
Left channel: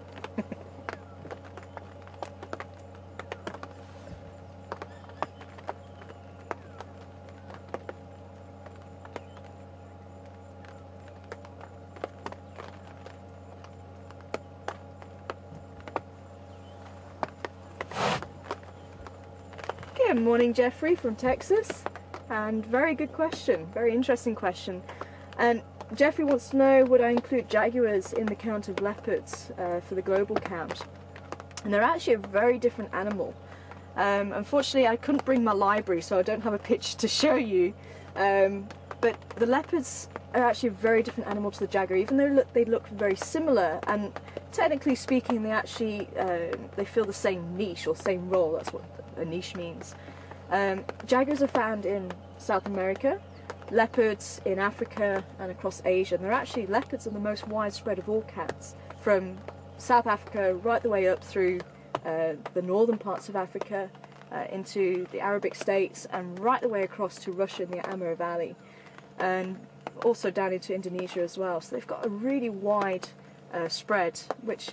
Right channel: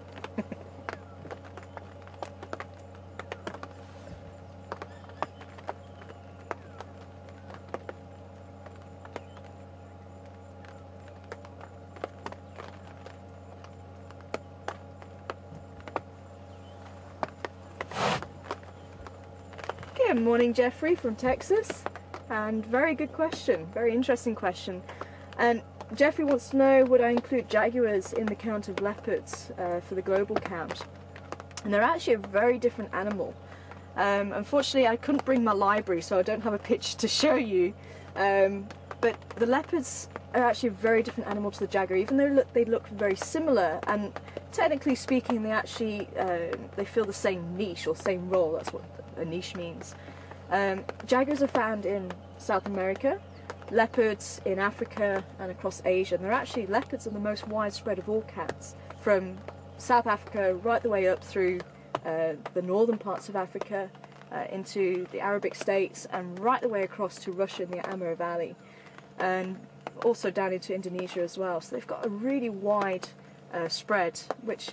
Good morning, Jeffrey from Texas, and very good question, very interesting question. And Jeffrey wants to know, would I include jaguars in the count of leopards for the global count? And they're actually a very different animal. Unfortunately, I couldn't bring my library, so I don't have a picture to show you. But the leopards are actually a very different animal to the jaguar, even though they look very similar, and technically speaking they actually they fill the same niche or same role. That's what a niche means. Jaguars are found in South America, leopards in Africa and across Asia, and leopards are the most widespread of all cats, from South Africa right the way up through the northern parts of Africa, into the Arabic states, and right the way across to Russia in the Amur Valley, and also down into Indonesia as well. So they've got a really wide spread, which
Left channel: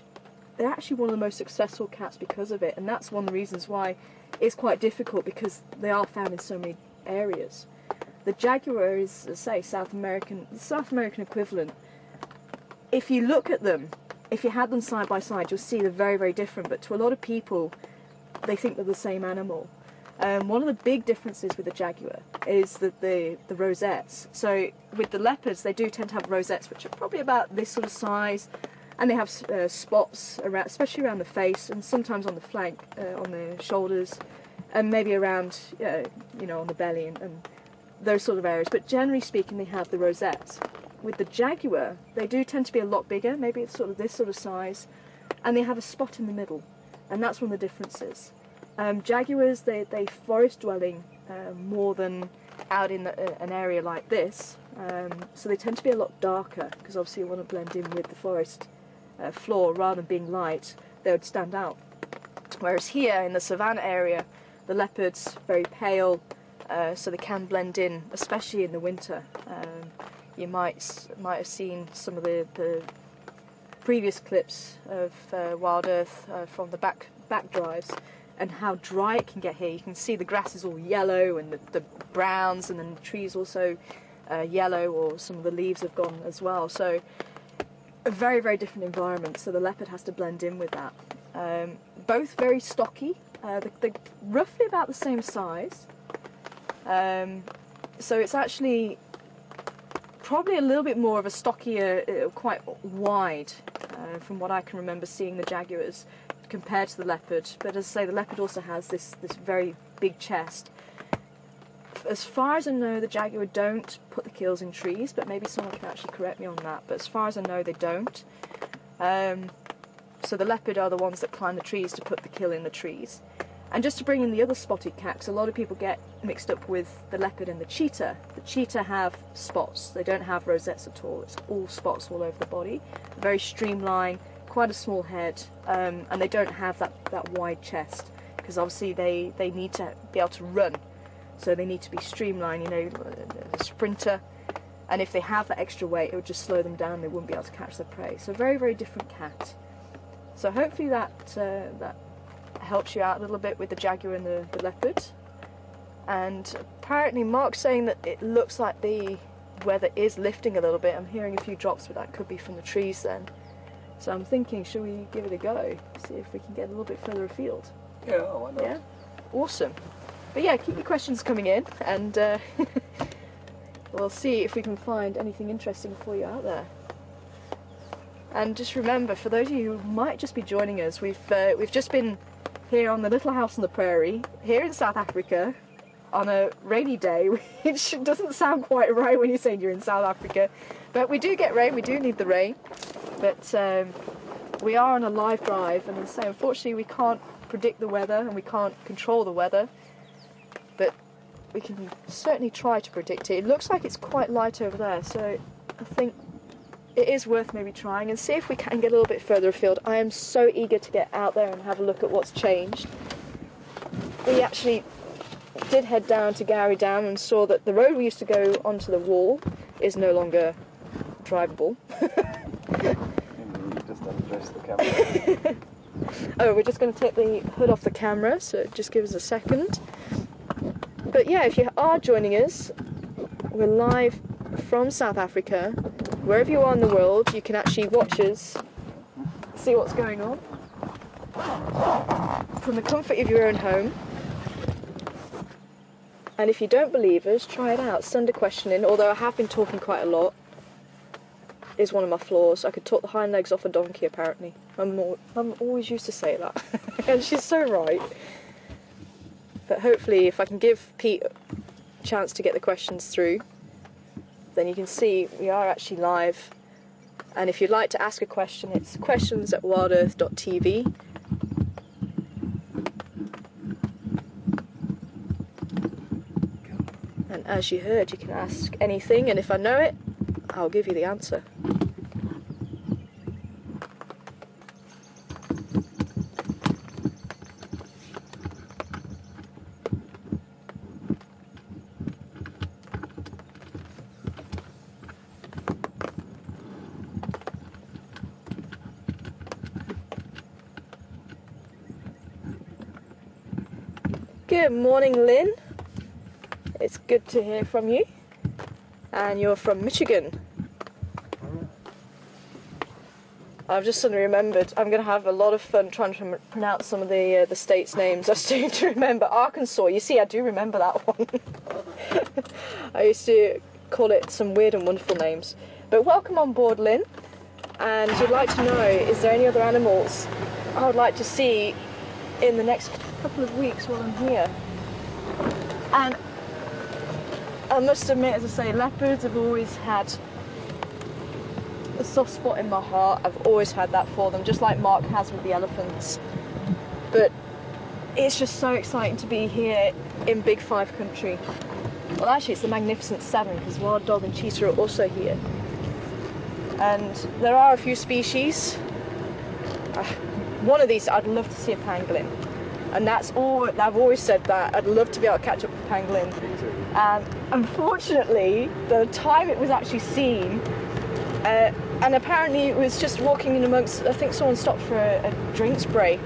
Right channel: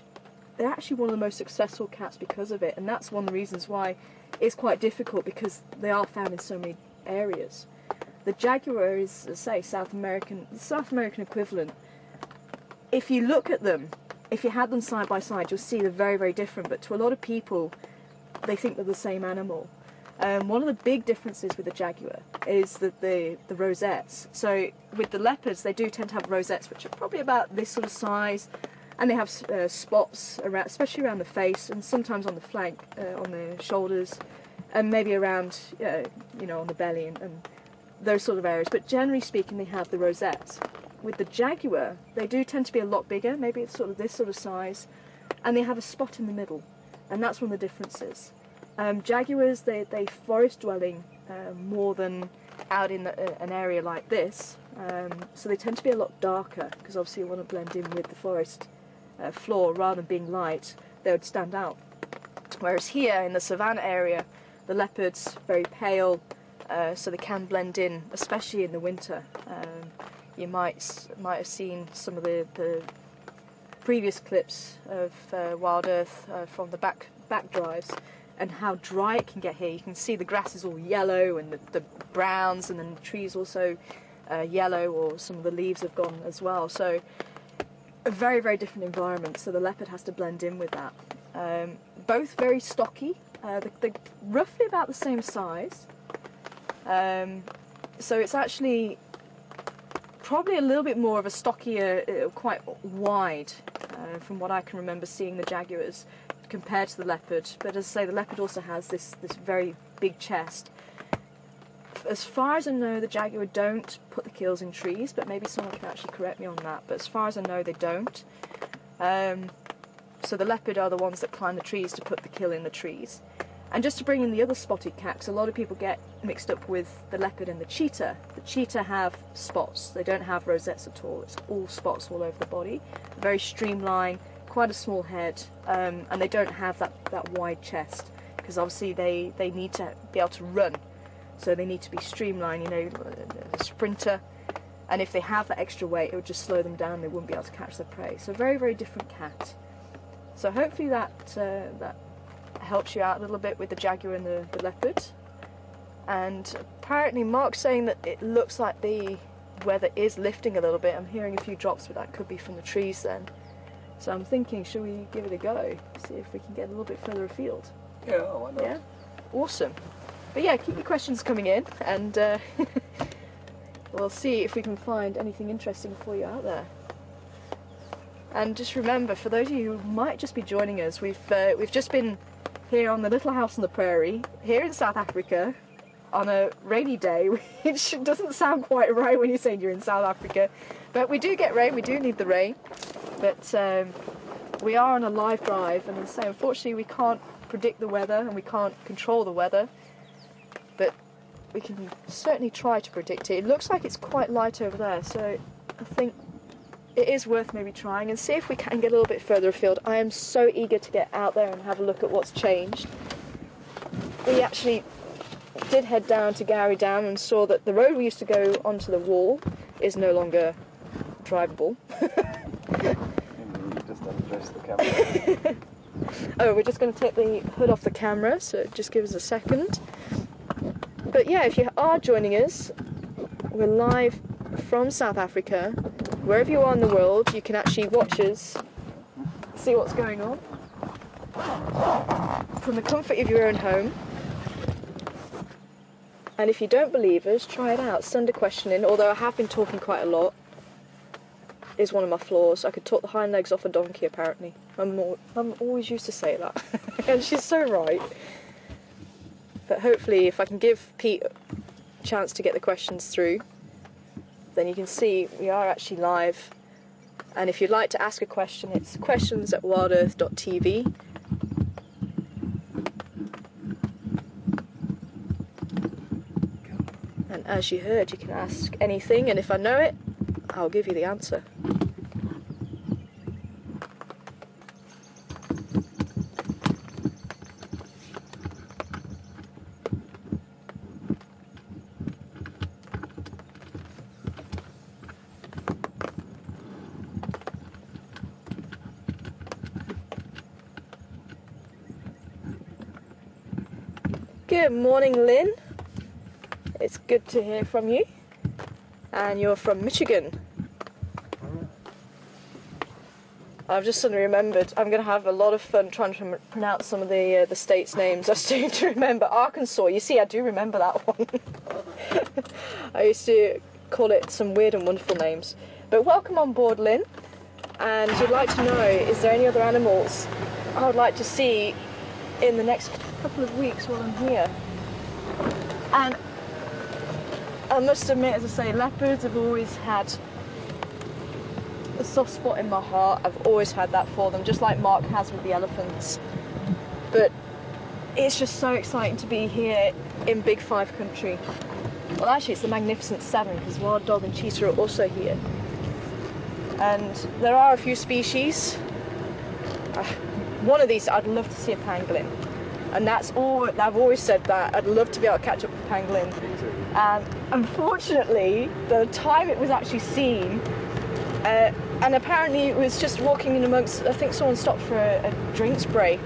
they're actually one of the most successful cats because of it, and that's one of the reasons why it's quite difficult, because they are found in so many areas. The jaguar is, as I say, the South American equivalent. If you look at them, if you had them side by side, you'll see they're very, very different, but to a lot of people, they think they're the same animal. One of the big differences with the jaguar is that the rosettes. So with the leopards, they do tend to have rosettes, which are probably about this sort of size, and they have spots around, especially around the face, and sometimes on the flank, on the shoulders, and maybe around, on the belly and those sort of areas. But generally speaking, they have the rosettes. With the jaguar, they do tend to be a lot bigger, maybe it's sort of this sort of size, and they have a spot in the middle, and that's one of the differences. Jaguars, they forest dwelling more than out in an area like this, so they tend to be a lot darker, because obviously you want to blend in with the forest floor. Rather than being light, they would stand out. Whereas here in the savannah area, the leopards very pale, so they can blend in, especially in the winter. You might have seen some of the previous clips of Wild Earth from the back drives, and how dry it can get here. You can see the grass is all yellow, and the browns, and then the trees also yellow, or some of the leaves have gone as well. So a very, very different environment, so the leopard has to blend in with that. Both very stocky, they're roughly about the same size, so it's actually probably a little bit more of a stockier, quite wide, from what I can remember seeing the jaguars compared to the leopard. But as I say, the leopard also has this very big chest. As far as I know, the jaguar don't put the kills in trees, but maybe someone can actually correct me on that. But as far as I know, they don't. So the leopard are the ones that climb the trees to put the kill in the trees. And just to bring in the other spotted cat, because a lot of people get mixed up with the leopard and the cheetah. The cheetah have spots. They don't have rosettes at all. It's all spots all over the body. Very streamlined, quite a small head, and they don't have that wide chest, because obviously they need to be able to run. So they need to be streamlined, a sprinter. And if they have that extra weight, it would just slow them down. They wouldn't be able to catch their prey. So very, very different cat. So hopefully that helps you out a little bit with the jaguar and the leopard. And apparently Mark's saying that it looks like the weather is lifting a little bit. I'm hearing a few drops, but that could be from the trees then. So I'm thinking, should we give it a go? See if we can get a little bit further afield. Yeah, why not? Yeah? Awesome. But yeah, keep your questions coming in, and we'll see if we can find anything interesting for you out there. And just remember, for those of you who might just be joining us, we've just been here on the little house on the prairie, here in South Africa, on a rainy day, which doesn't sound quite right when you're saying you're in South Africa. But we do get rain, we do need the rain. But we are on a live drive, and as I say, unfortunately we can't predict the weather, and we can't control the weather. But we can certainly try to predict it. It looks like it's quite light over there, so I think it is worth maybe trying and see if we can get a little bit further afield. I am so eager to get out there and have a look at what's changed. We actually did head down to Gowrie Dam and saw that the road we used to go onto the wall is no longer drivable. Just undress the camera. Oh, we're just going to take the hood off the camera, so just give us a second. But yeah, if you are joining us, we're live from South Africa. Wherever you are in the world, you can actually watch us, see what's going on, from the comfort of your own home. And if you don't believe us, try it out. Send a question in, although I have been talking quite a lot. Is one of my flaws. I could talk the hind legs off a donkey, apparently. Mum always used to say that, and she's so right. But hopefully, if I can give Pete a chance to get the questions through, then you can see we are actually live. And if you'd like to ask a question, it's questions@WildEarthTV. And as you heard, you can ask anything, and if I know it, I'll give you the answer. Good morning, Lynn. It's good to hear from you. And you're from Michigan. I've just suddenly remembered I'm going to have a lot of fun trying to pronounce some of the states' names. I still need to remember Arkansas. You see, I do remember that one. I used to call it some weird and wonderful names. But welcome on board, Lynn. And you'd like to know, is there any other animals I would like to see in the next couple of weeks while I'm here? And I must admit, as I say, leopards have always had a soft spot in my heart. I've always had that for them, just like Mark has with the elephants. But it's just so exciting to be here in Big Five country. Well, actually, it's the Magnificent Seven, because wild dog and cheetah are also here. And there are a few species. One of these, I'd love to see a pangolin. And that's all, I've always said that. I'd love to be able to catch up with a pangolin. And unfortunately, the time it was actually seen, and apparently it was just walking in amongst, I think someone stopped for a drinks break,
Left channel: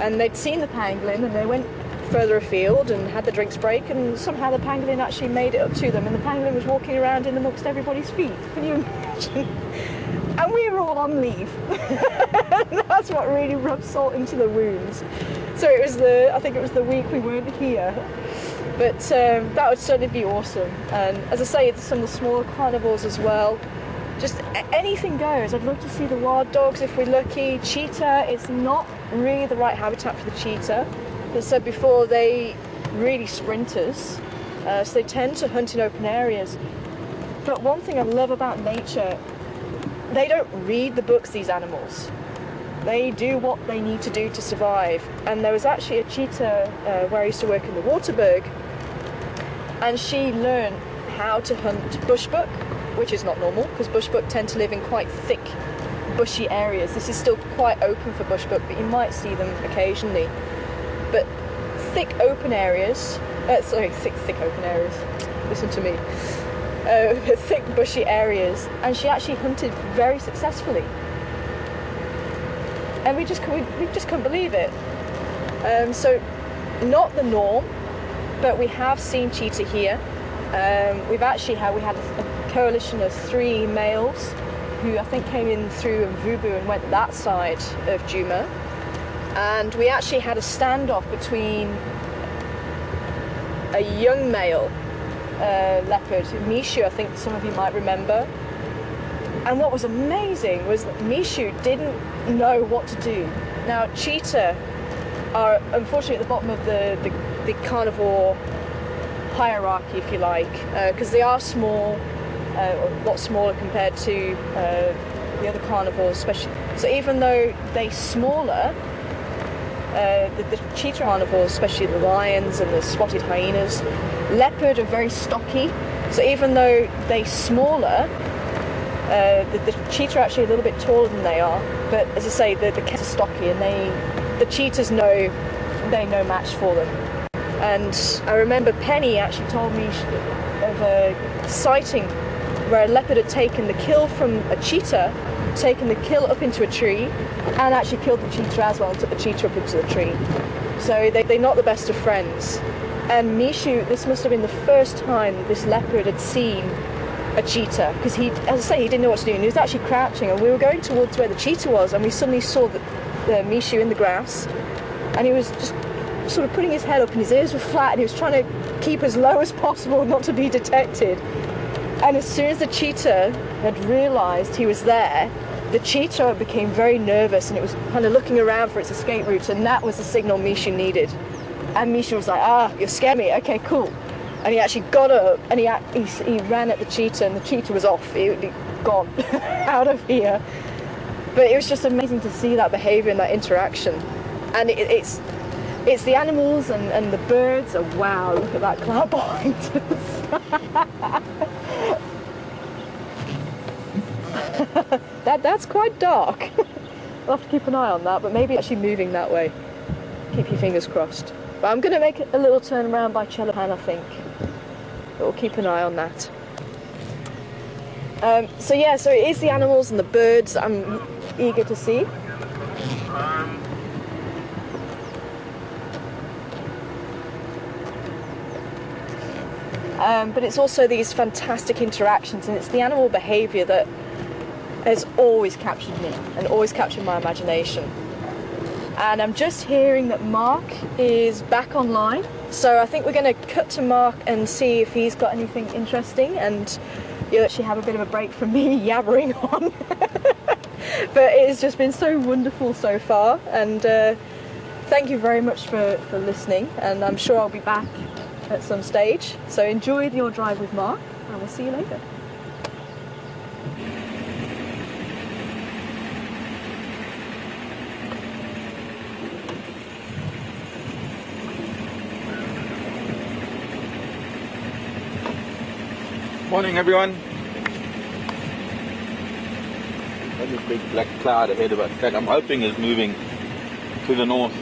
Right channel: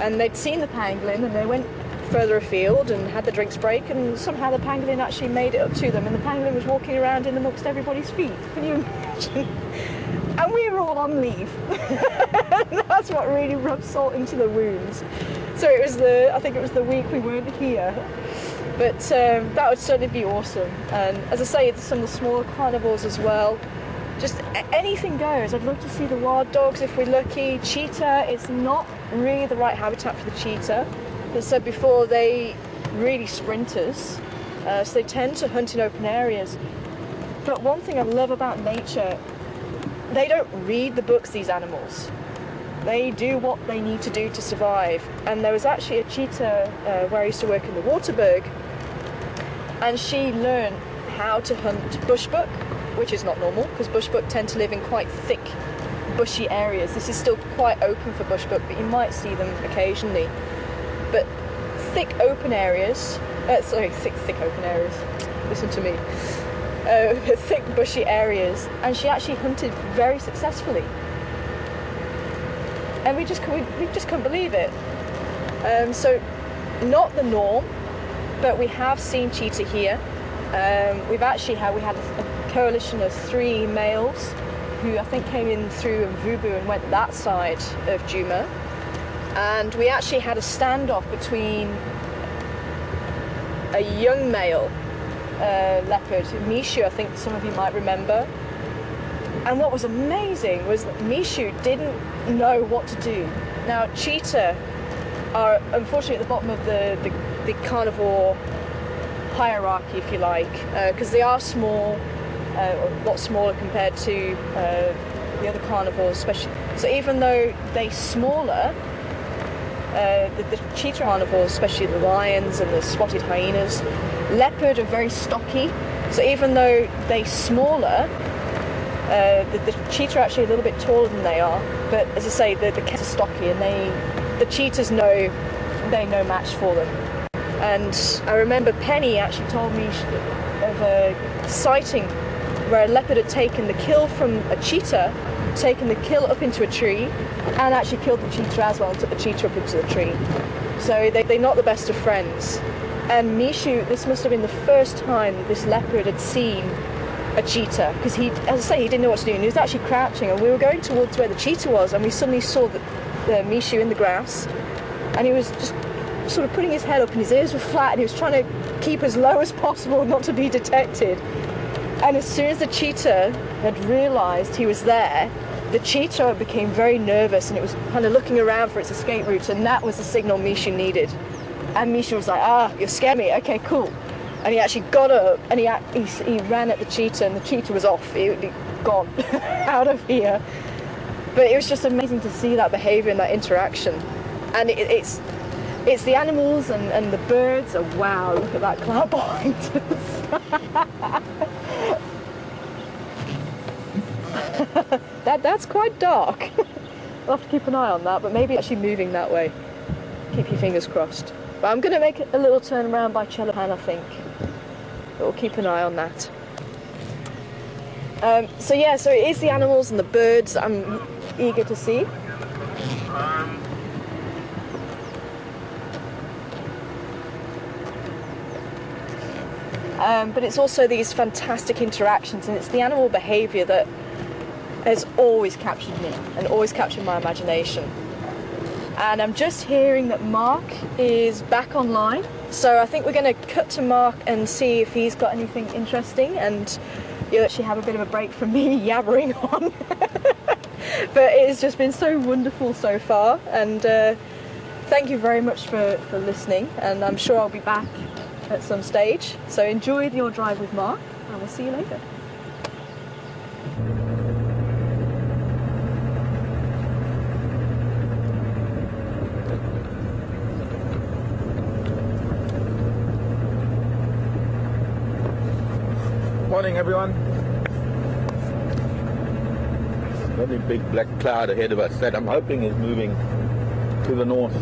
and they'd seen the pangolin, and they went further afield and had the drinks break, and somehow the pangolin actually made it up to them, and the pangolin was walking around in amongst everybody's feet. Can you imagine? And we were all on leave. That's what really rubbed salt into the wounds. So it was I think it was the week we weren't here. But that would certainly be awesome. And as I say, some of the smaller carnivores as well. Just anything goes. I'd love to see the wild dogs if we're lucky. Cheetah, it's not really the right habitat for the cheetah. As I said before, they really sprinters. So they tend to hunt in open areas. But one thing I love about nature, they don't read the books, these animals. They do what they need to do to survive. And there was actually a cheetah where I used to work in the Waterberg, and she learned how to hunt bushbuck, which is not normal, because bushbuck tend to live in quite thick, bushy areas. This is still quite open for bushbuck, but you might see them occasionally. But thick open areas, thick open areas, listen to me. Thick bushy areas, and she actually hunted very successfully. And we just couldn't believe it. So, not the norm, but we have seen cheetah here. We had a coalition of 3 males who I think came in through Mvubu and went that side of Djuma. And we actually had a standoff between a young male leopard, Mishu, I think some of you might remember. And what was amazing was that Mishu didn't know what to do. Now, cheetah are unfortunately at the bottom of the carnivore hierarchy, if you like, because they are small, a lot smaller compared to the other carnivores, especially. So even though they're smaller, the cheetah carnivores, especially the lions and the spotted hyenas, leopard are very stocky. So even though they're smaller, the cheetah are actually a little bit taller than they are. But as I say, the cats are stocky, and the cheetahs know they're no match for them. And I remember Penny actually told me of a sighting where a leopard had taken the kill from a cheetah, taken the kill up into a tree, and actually killed the cheetah as well and took the cheetah up into the tree. So they're not the best of friends. And Mishu, this must have been the first time this leopard had seen a cheetah, because he, as I say, he didn't know what to do, and he was actually crouching, and we were going towards where the cheetah was, and we suddenly saw the Mishu in the grass, and he was just sort of putting his head up, and his ears were flat, and he was trying to keep as low as possible not to be detected. And as soon as the cheetah had realised he was there, the cheetah became very nervous, and it was kind of looking around for its escape route, and that was the signal Mishu needed. And Mishu was like, "Ah, you scared me, okay, cool." and he actually got up and he ran at the cheetah, and the cheetah was off. He'd gone out of here. But it was just amazing to see that behaviour and that interaction. And it's the animals and the birds. Oh wow, look at that cloud behind us. That's quite dark. We'll have to keep an eye on that, but maybe actually moving that way. Keep your fingers crossed. But I'm going to make a little turn around by Chellapan, I think. But we'll keep an eye on that. So yeah, so it is the animals and the birds that I'm eager to see. But it's also these fantastic interactions, and it's the animal behaviour that has always captured me and always captured my imagination. And I'm just hearing that Mark is back online, so I think we're going to cut to Mark and see if he's got anything interesting, and you'll actually have a bit of a break from me yabbering on. But it has just been so wonderful so far, and thank you very much for listening, and I'm sure I'll be back at some stage. So enjoy your drive with Mark, and we'll see you later. Morning everyone. Very big black cloud ahead of us that I'm hoping is moving to the northwest.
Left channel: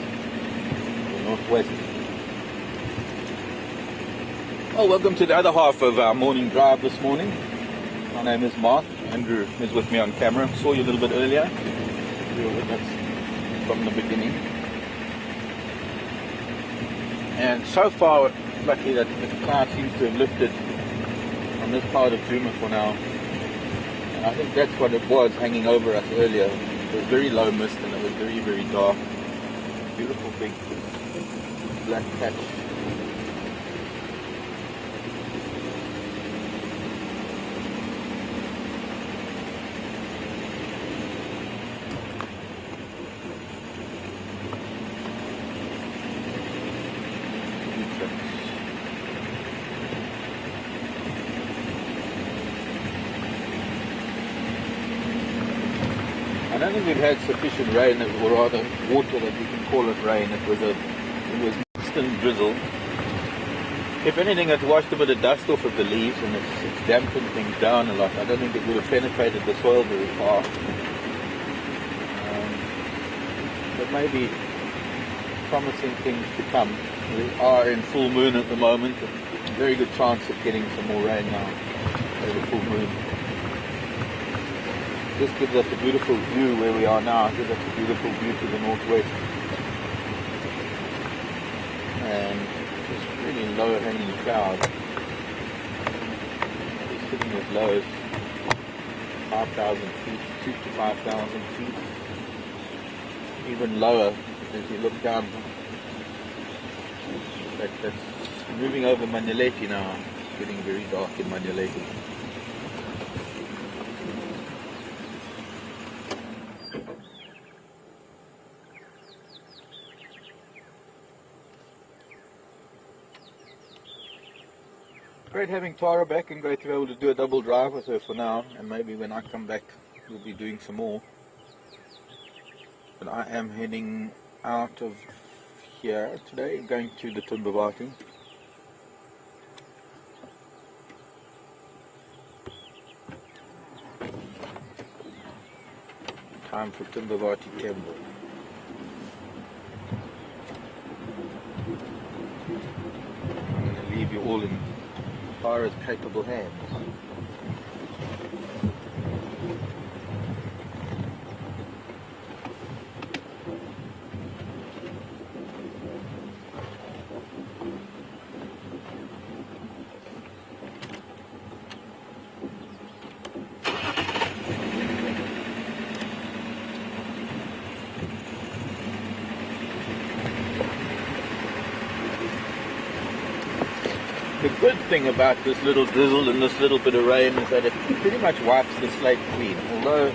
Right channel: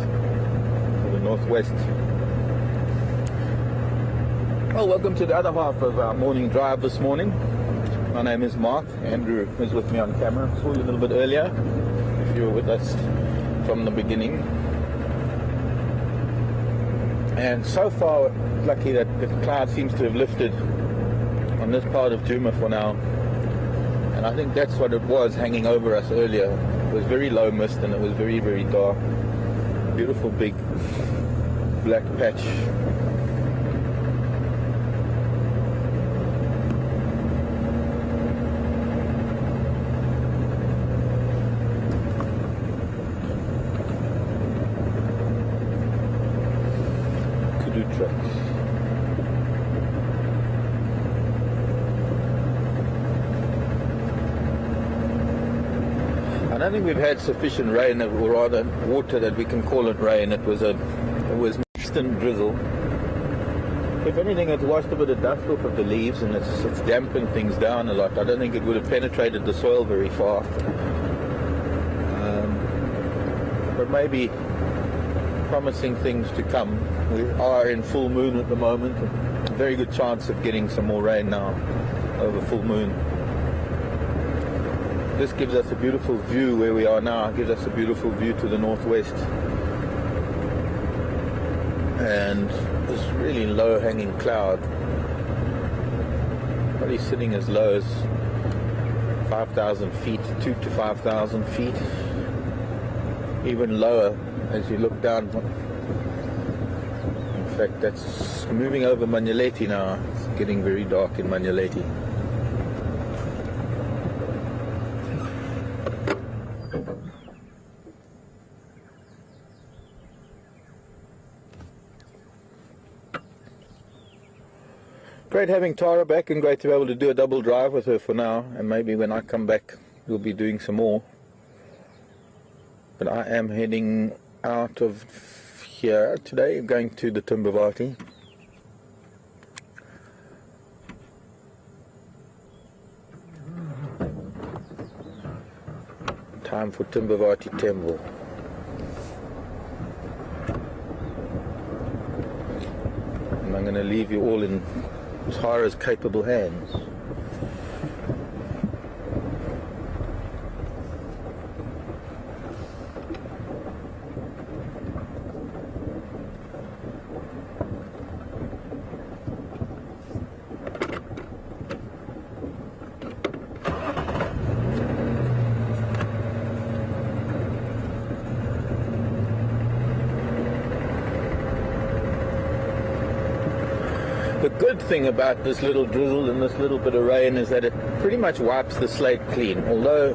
Well, welcome to the other half of our morning drive this morning. My name is Mark. Andrew is with me on camera. Saw you a little bit earlier. You were with us from the beginning. And so far, lucky that the cloud seems to have lifted on this part of Djuma for now. And I think that's what it was hanging over us earlier. It was very low mist and it was very, very dark. Beautiful big black patch. I don't think we've had sufficient rain, or rather water that we can call it rain. It was mist and drizzle. If anything, it's washed a bit of dust off of the leaves and it's dampened things down a lot. I don't think it would have penetrated the soil very far. But maybe promising things to come. We are in full moon at the moment. A very good chance of getting some more rain now over the full moon. This gives us a beautiful view where we are now. It gives us a beautiful view to the northwest. And this really low hanging cloud, probably sitting as low as 5,000 feet, 2,000 to 5,000 feet. Even lower as you look down. In fact, that's moving over Manyeleti now. It's getting very dark in Manyeleti. Great having Tara back, and great to be able to do a double drive with her for now, and maybe when I come back we'll be doing some more. But I am heading out of here today, going to the Timbavati. Time for Timbavati Temple. And I'm going to leave you all in Tara's capable hands. The good thing about this little drizzle and this little bit of rain is that it pretty much wipes the slate clean. Although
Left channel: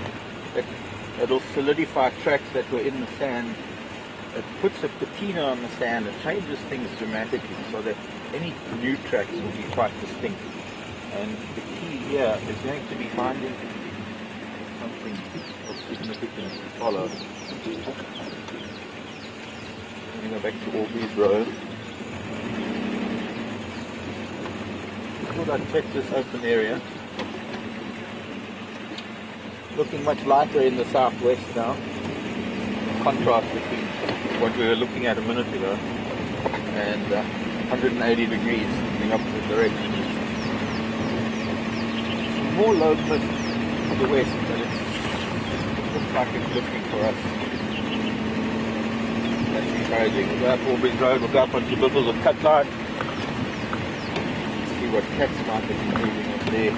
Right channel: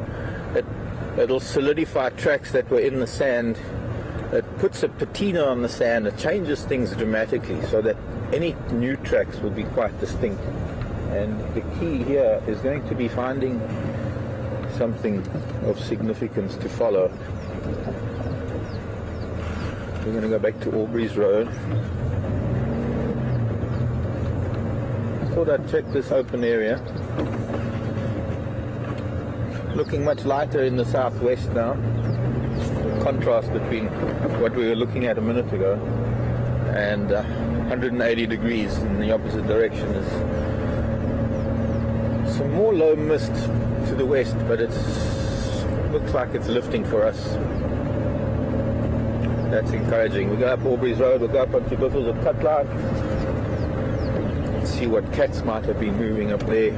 it'll solidify tracks that were in the sand it puts a patina on the sand, it changes things dramatically so that any new tracks will be quite distinct. And the key here is going to be finding something of significance to follow. We're going to go back to Aubrey's Road. I thought I'd check this open area. Looking much lighter in the southwest now. Contrast between what we were looking at a minute ago and 180 degrees in the opposite direction. Some more low mist to the west, but it looks like it's lifting for us. That's encouraging. We'll go up Aubrey's Road, we'll go up onto Biffles of Cut Line, see what cats might have been moving up there.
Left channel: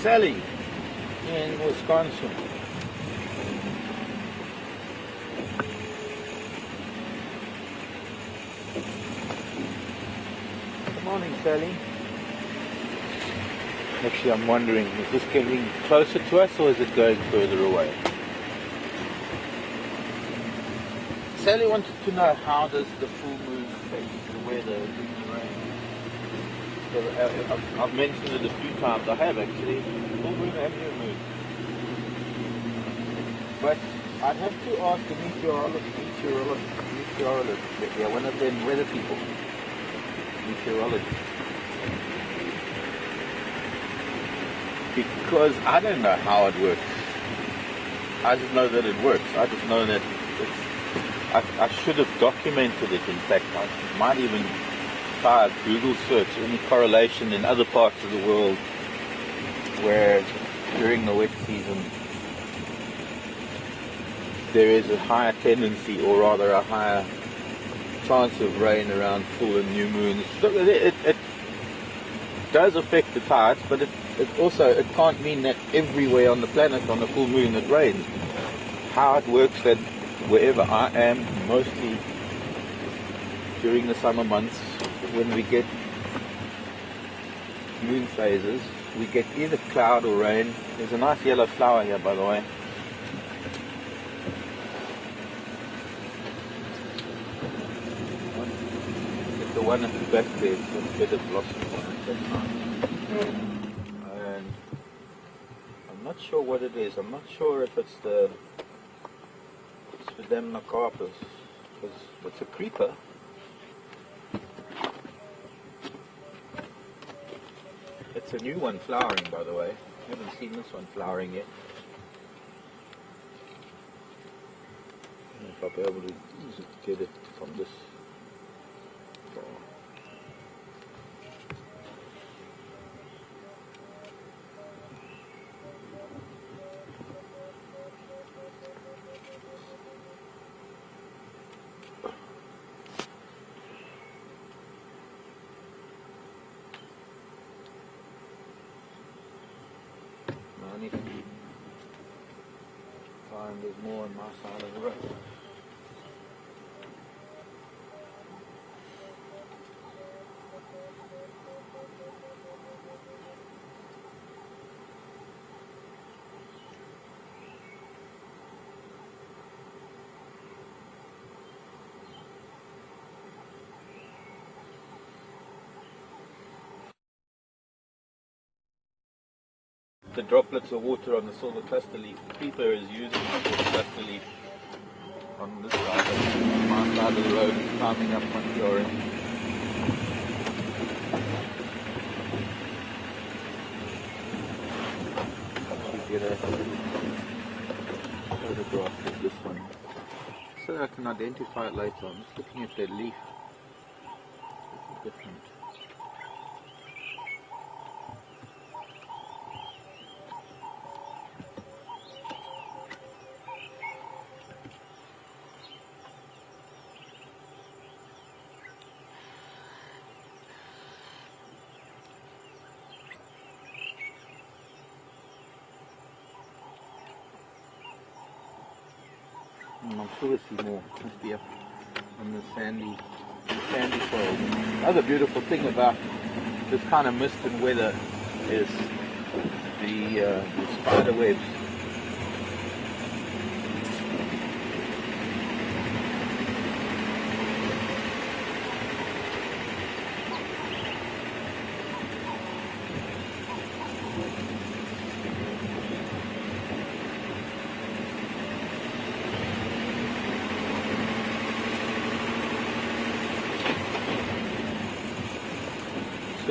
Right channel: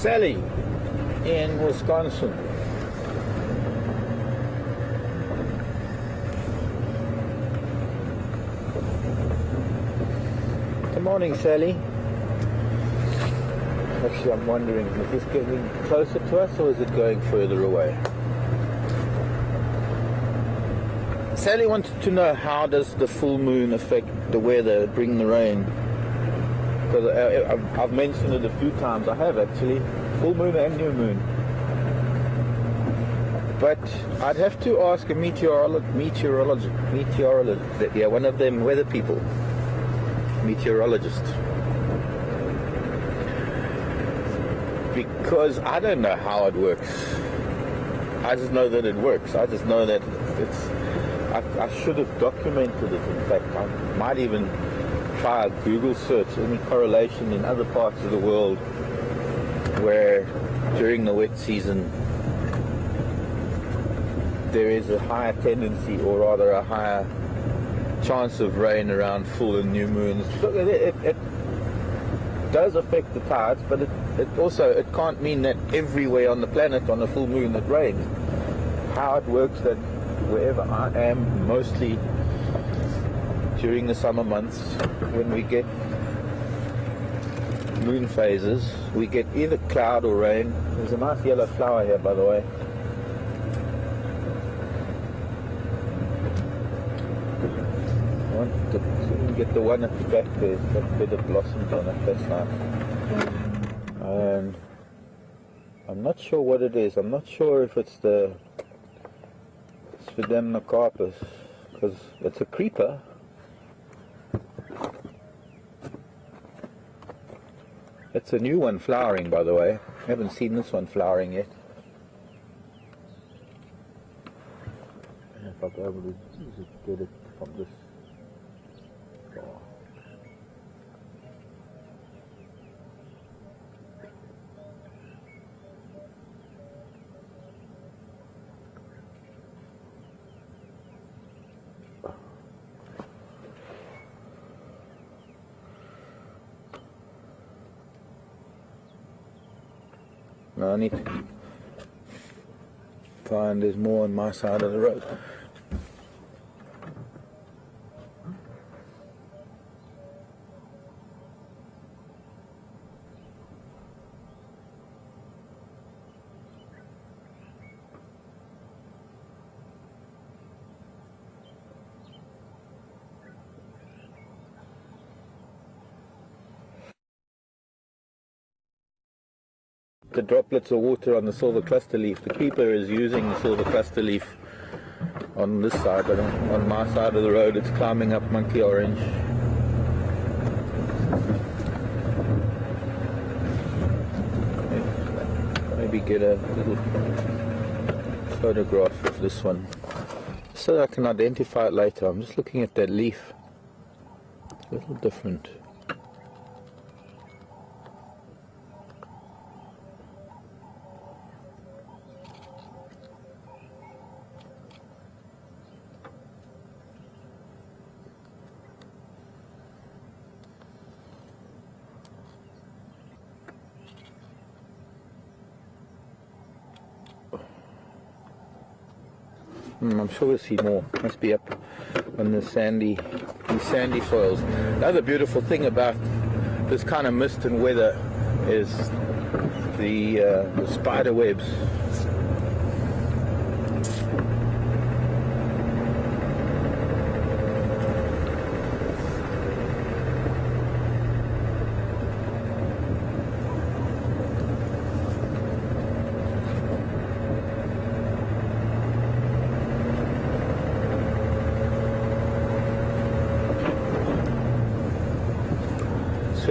Sally in Wisconsin. Good morning, Sally. Actually, I'm wondering, is this getting closer to us or is it going further away? Sally wanted to know, how does the full moon affect the weather, bring the rain? Because I've mentioned it a few times. I have actually, full moon and new moon. But I'd have to ask a meteorologist, yeah, one of them weather people, meteorologist. Because I don't know how it works. I just know that it works. I just know that I should have documented it. In fact, I might even try a Google search, any correlation in other parts of the world where during the wet season there is a higher tendency, or rather a higher chance of rain around full and new moons. It does affect the tides, but it can't mean that everywhere on the planet on a full moon it rains. How it works, that wherever I am, mostly during the summer months, when we get moon phases, we get either cloud or rain. There's a nice yellow flower here, by the way. I want to get the one at the back there, that bit of blossoms on it, that's nice. And I'm not sure what it is. I'm not sure if it's the Sphagnum, because it's a creeper. It's a new one flowering, by the way. I haven't seen this one flowering yet. If I'll be able to get it from this. Now I need to find there's more on my side of the road. The droplets of water on the silver cluster leaf. The creeper is using the silver cluster leaf on this side, but on my side of the road it's climbing up monkey orange. Maybe get a photograph of this one so that I can identify it later. I'm just looking at that leaf. A little different. I'm sure we'll see more. Must be up on the sandy soils. Another beautiful thing about this kind of mist and weather is the spider webs.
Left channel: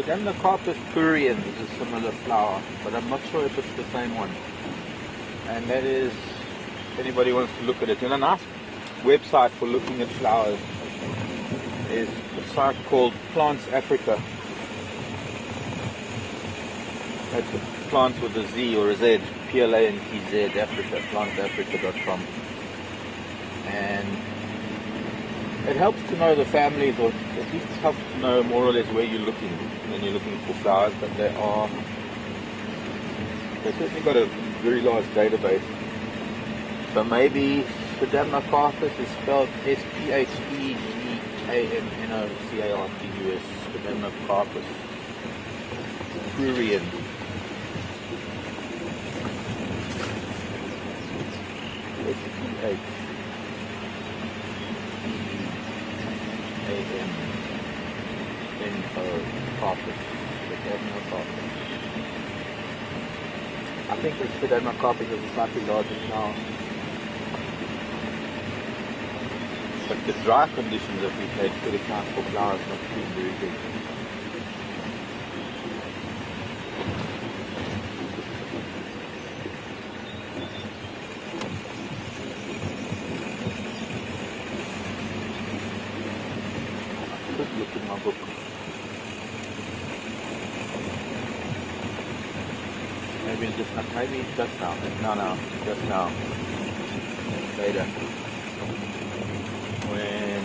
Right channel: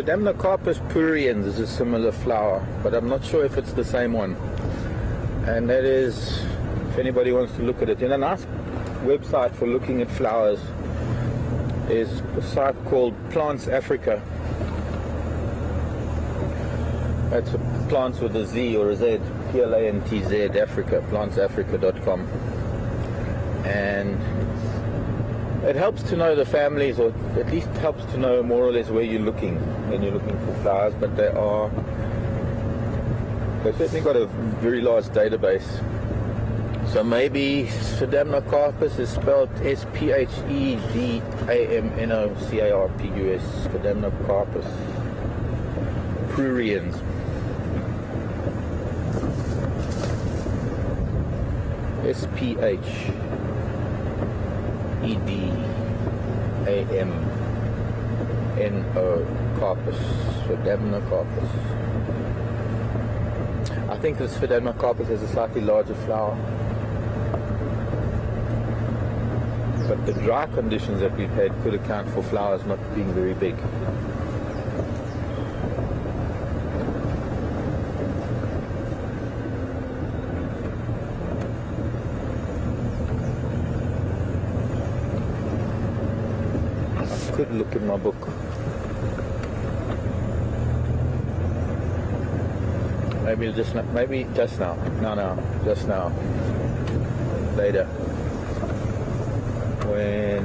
Demnocarpus pruriens is a similar flower, but I'm not sure if it's the same one. And that is, if anybody wants to look at it, in a nice website for looking at flowers is a site called Plants Africa. That's plants with a Z or a Z, Plantz, Africa, plantsafrica.com. And it helps to know the families, or at least helps to know more or less where you're looking when you're looking for flowers, but they've certainly got a very large database. So maybe Demnocarpus is spelled Sphegamnocarpus, Demnocarpus pruriens. Carpus, Demnocarpus. I think this Demnocarpus is a slightly larger flower. But the dry conditions that we've had could account for flowers not being very big. I could look in my book. Maybe just not, maybe just now. No, just now. Later. When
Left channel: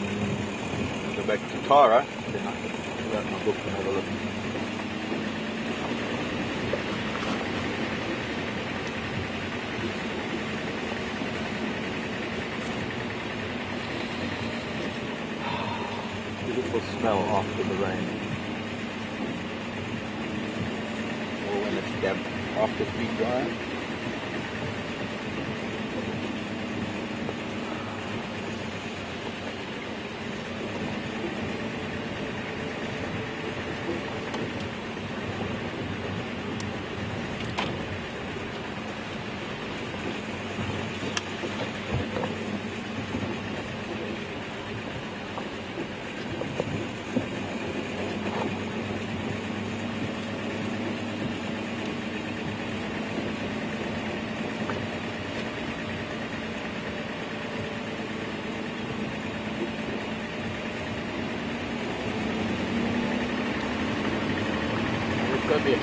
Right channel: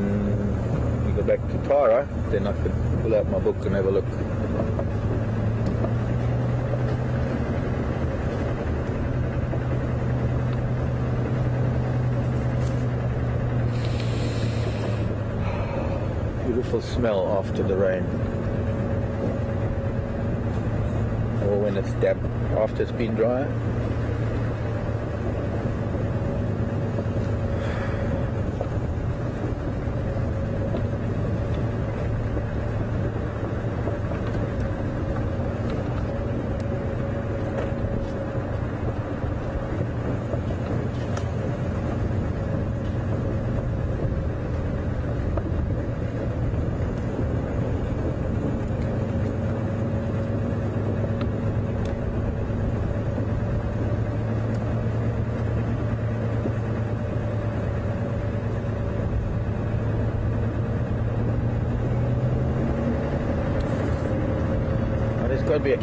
we go back to Tara, then I can pull out my book and have a look. Beautiful smell after the rain. Or when it's damp. After it's been dry.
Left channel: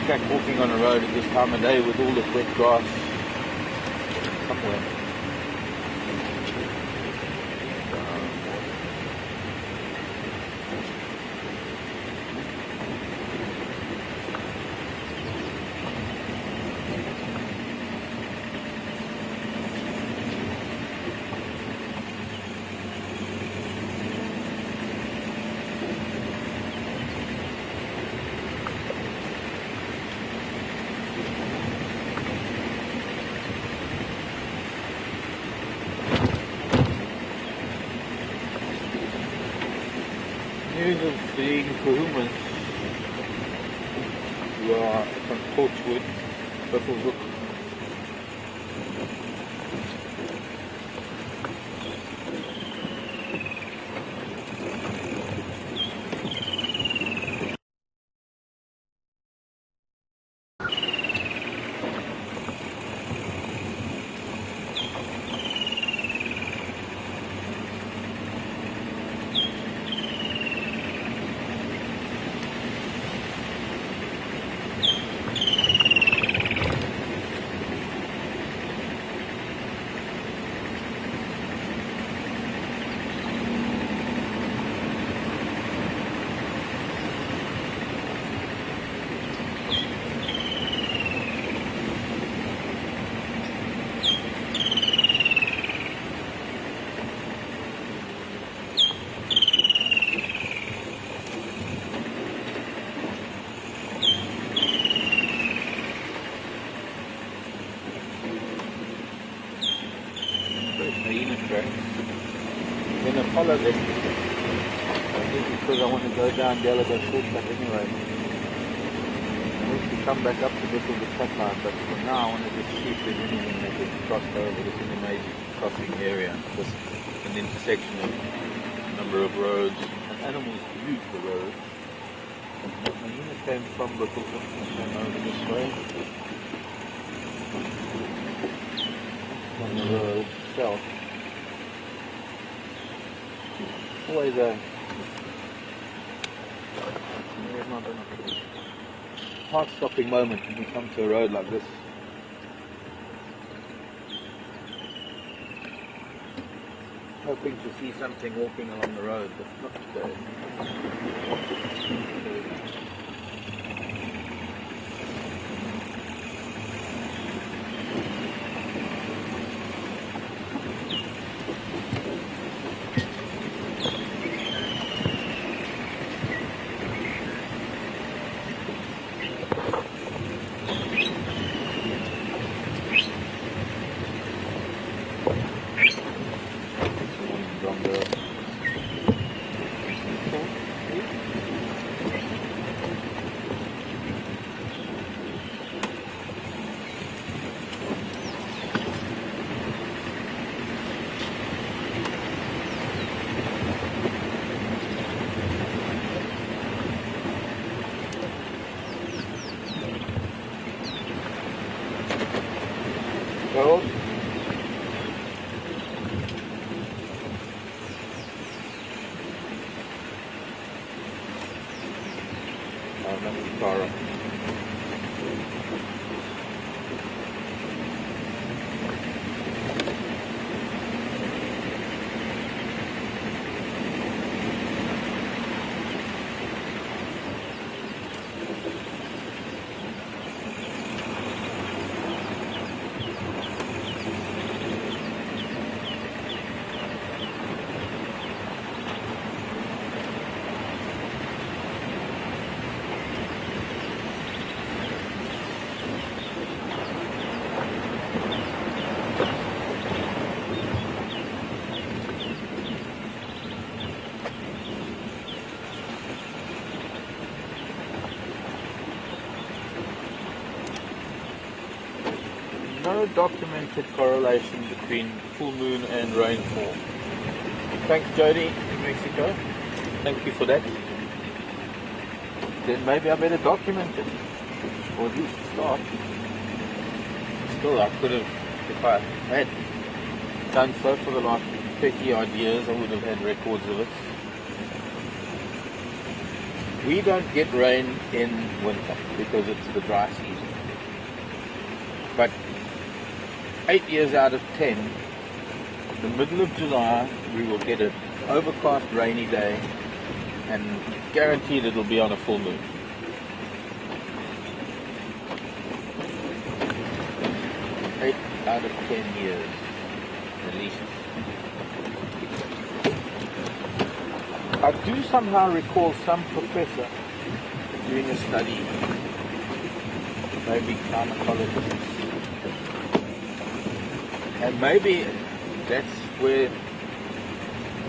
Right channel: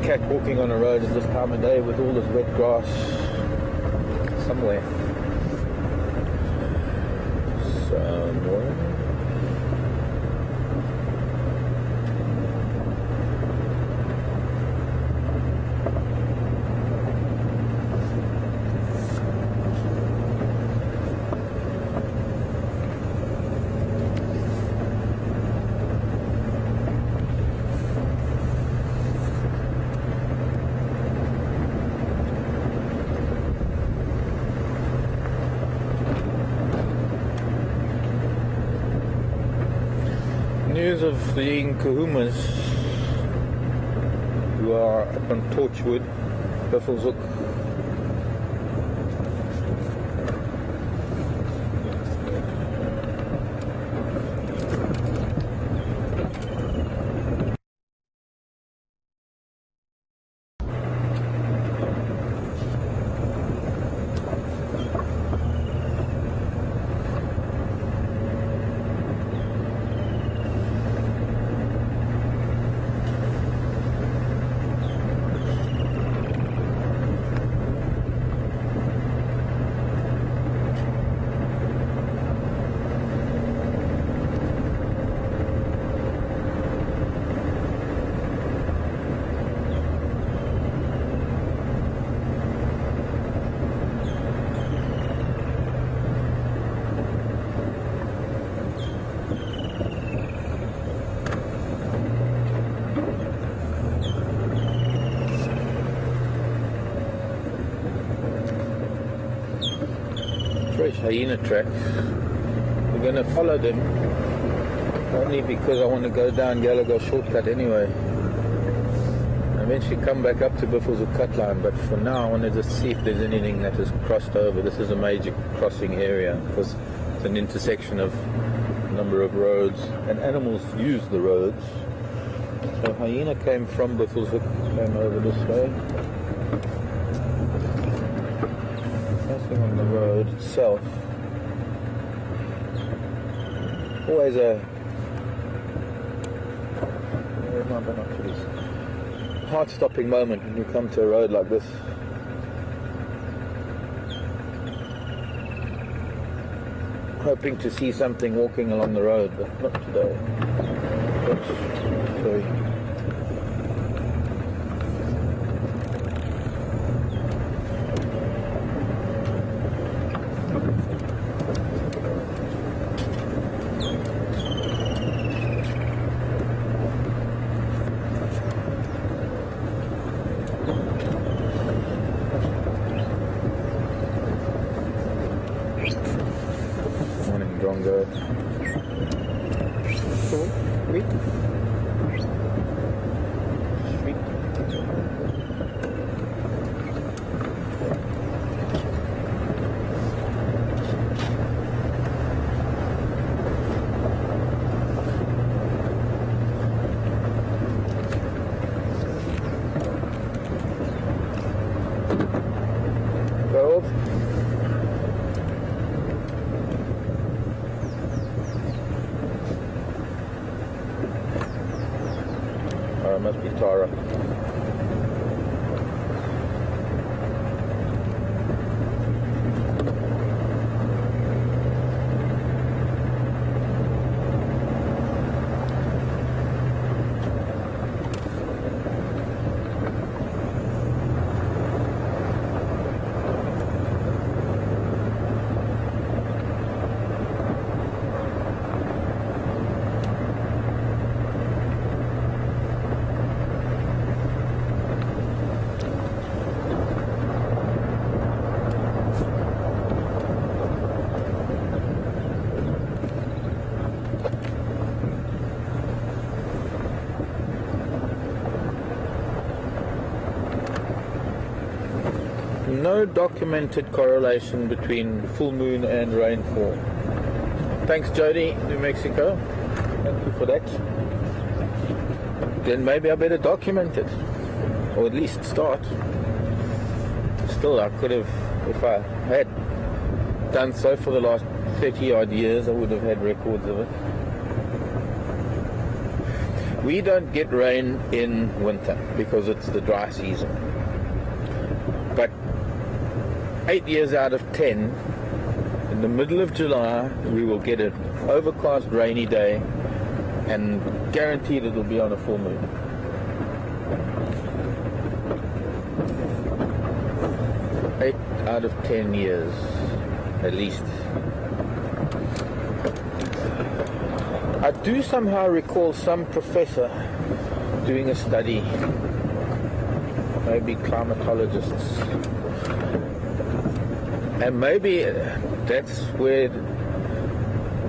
Cat walking on a road at this time of day with all this wet grass somewhere. Of fleeing Kunyumas who are up on Torchwood, Buffalo's Hook. those hyena tracks. I'm going to follow them, only because I want to go down Yellowgo shortcut anyway. Eventually come back up to Buffalo cut line, but for now I want to just see if there's anything that is crossed over. This is a major crossing area because it's an intersection of a number of roads, and animals use the roads. So hyena came from Buffalo, came over this way. Nothing on the road itself. Always a heart-stopping moment when we come to a road like this. Hoping to see something walking along the road, but not today. Okay. No documented correlation between full moon and rainfall. Thanks, Jody, New Mexico. Thank you for that. Then maybe I better document it, or at least start. Still, I could have, if I had done so for the last 30 odd years, I would have had records of it. We don't get rain in winter because it's the dry season. But 8 years out of 10, in the middle of July, we will get an overcast rainy day, and guaranteed it will be on a full moon. Eight out of 10 years, at least. I do somehow recall some professor doing a study, maybe climatologists, and maybe that's where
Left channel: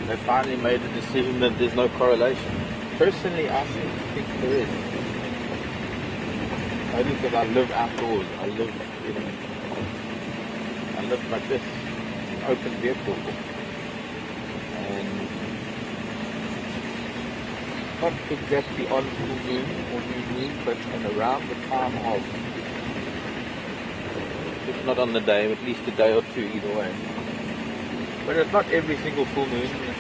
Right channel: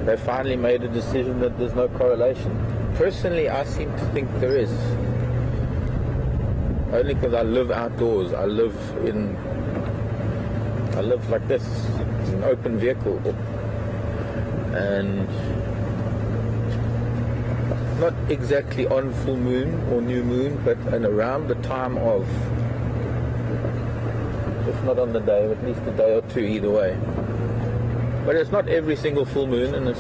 they finally made a decision that there's no correlation. Personally, I think there is. Only because I live outdoors. I live like this. It's an open vehicle. And not exactly on full moon or new moon, but around the time of. If not on the day, at least a day or two either way. But it's not every single full moon, and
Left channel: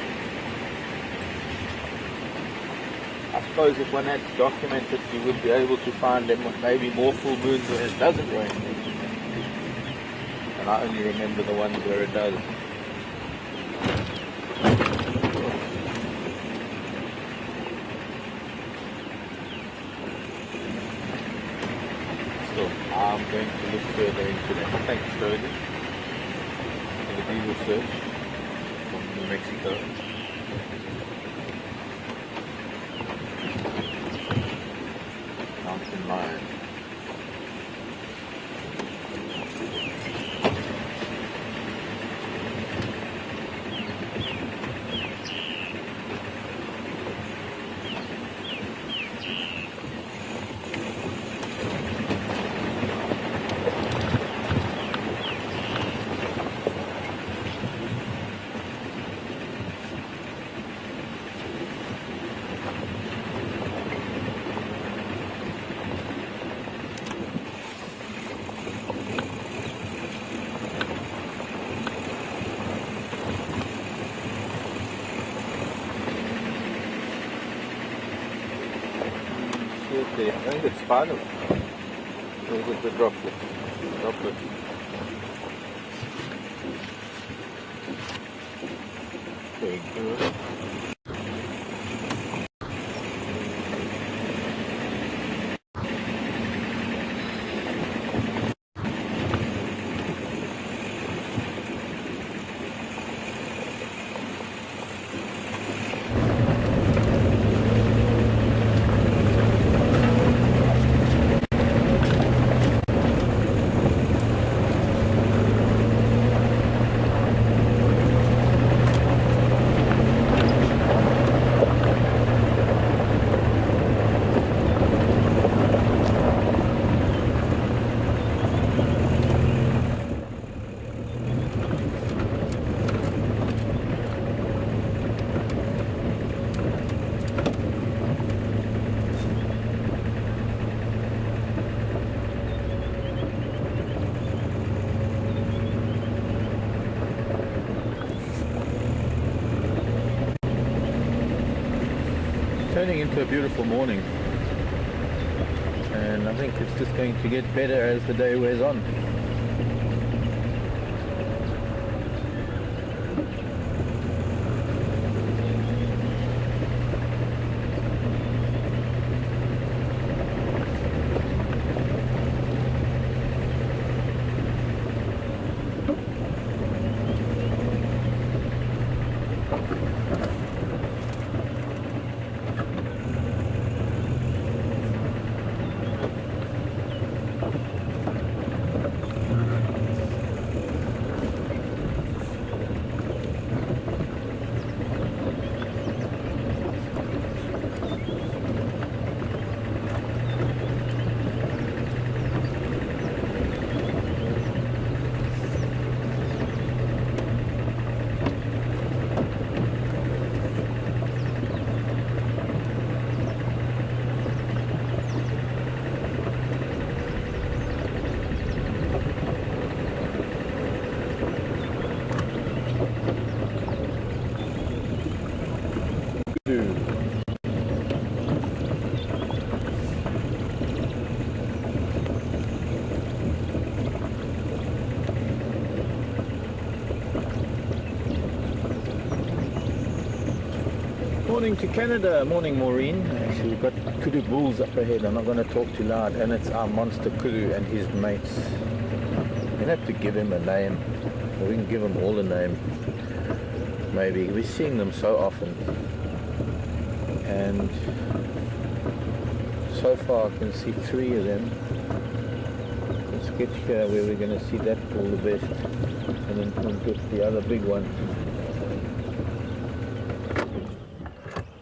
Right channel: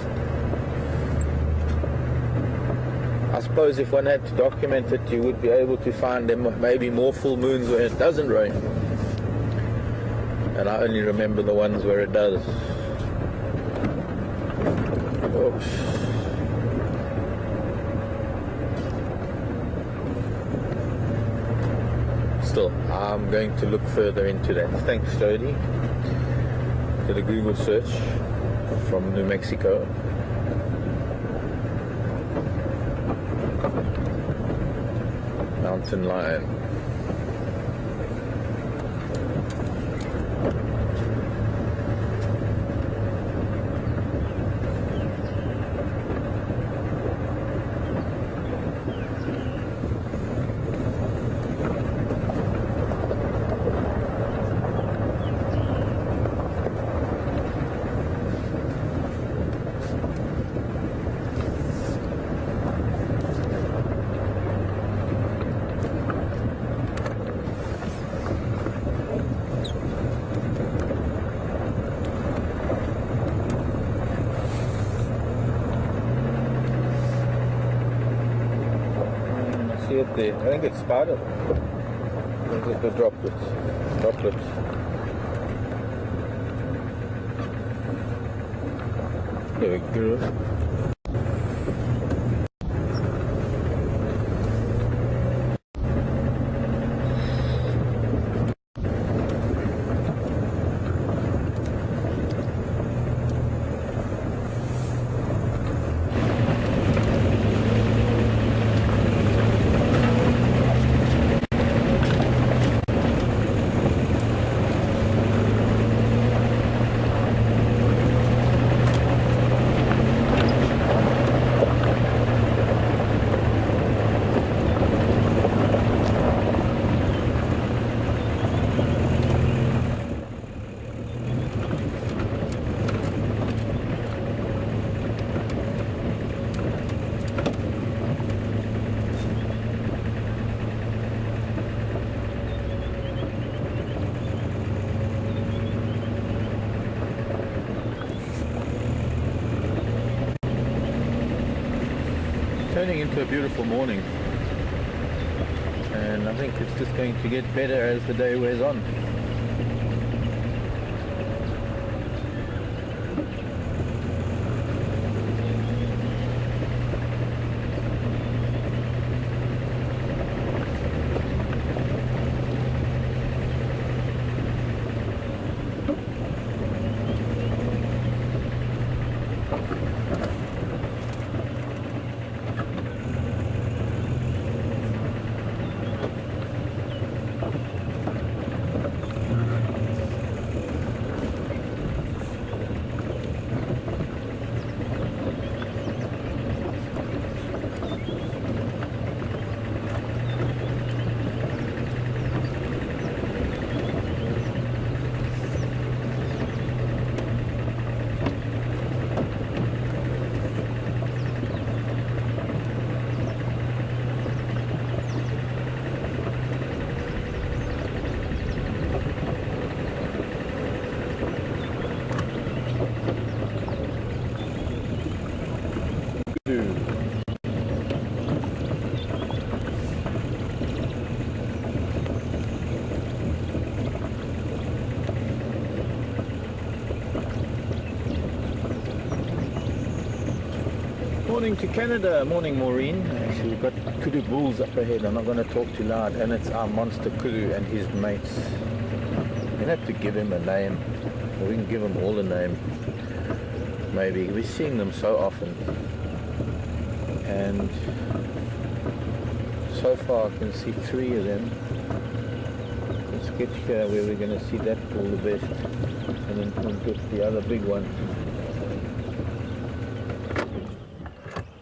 I suppose if one had to document it, you would be able to find them with maybe more full moons where it doesn't rain. And I only remember the ones where it does. Oops. Still, I'm going to look further into that. Thanks, Tony, for the Google search from New Mexico. Mountain lion. it there? I think it's spider. Or is it the droplet? Droplet. There we go. Turning into a beautiful morning, and I think it's just going to get better as the day wears on. Morning to Canada, morning Maureen. Actually, we've got kudu bulls up ahead. I'm not going to talk too loud, and it's our monster kudu and his mates. We'll have to give him a name, or we can give him all a name. Maybe we're seeing them so often, and so far I can see 3 of them. Let's get here where we're going to see that bull the best, and then we'll get the other big one.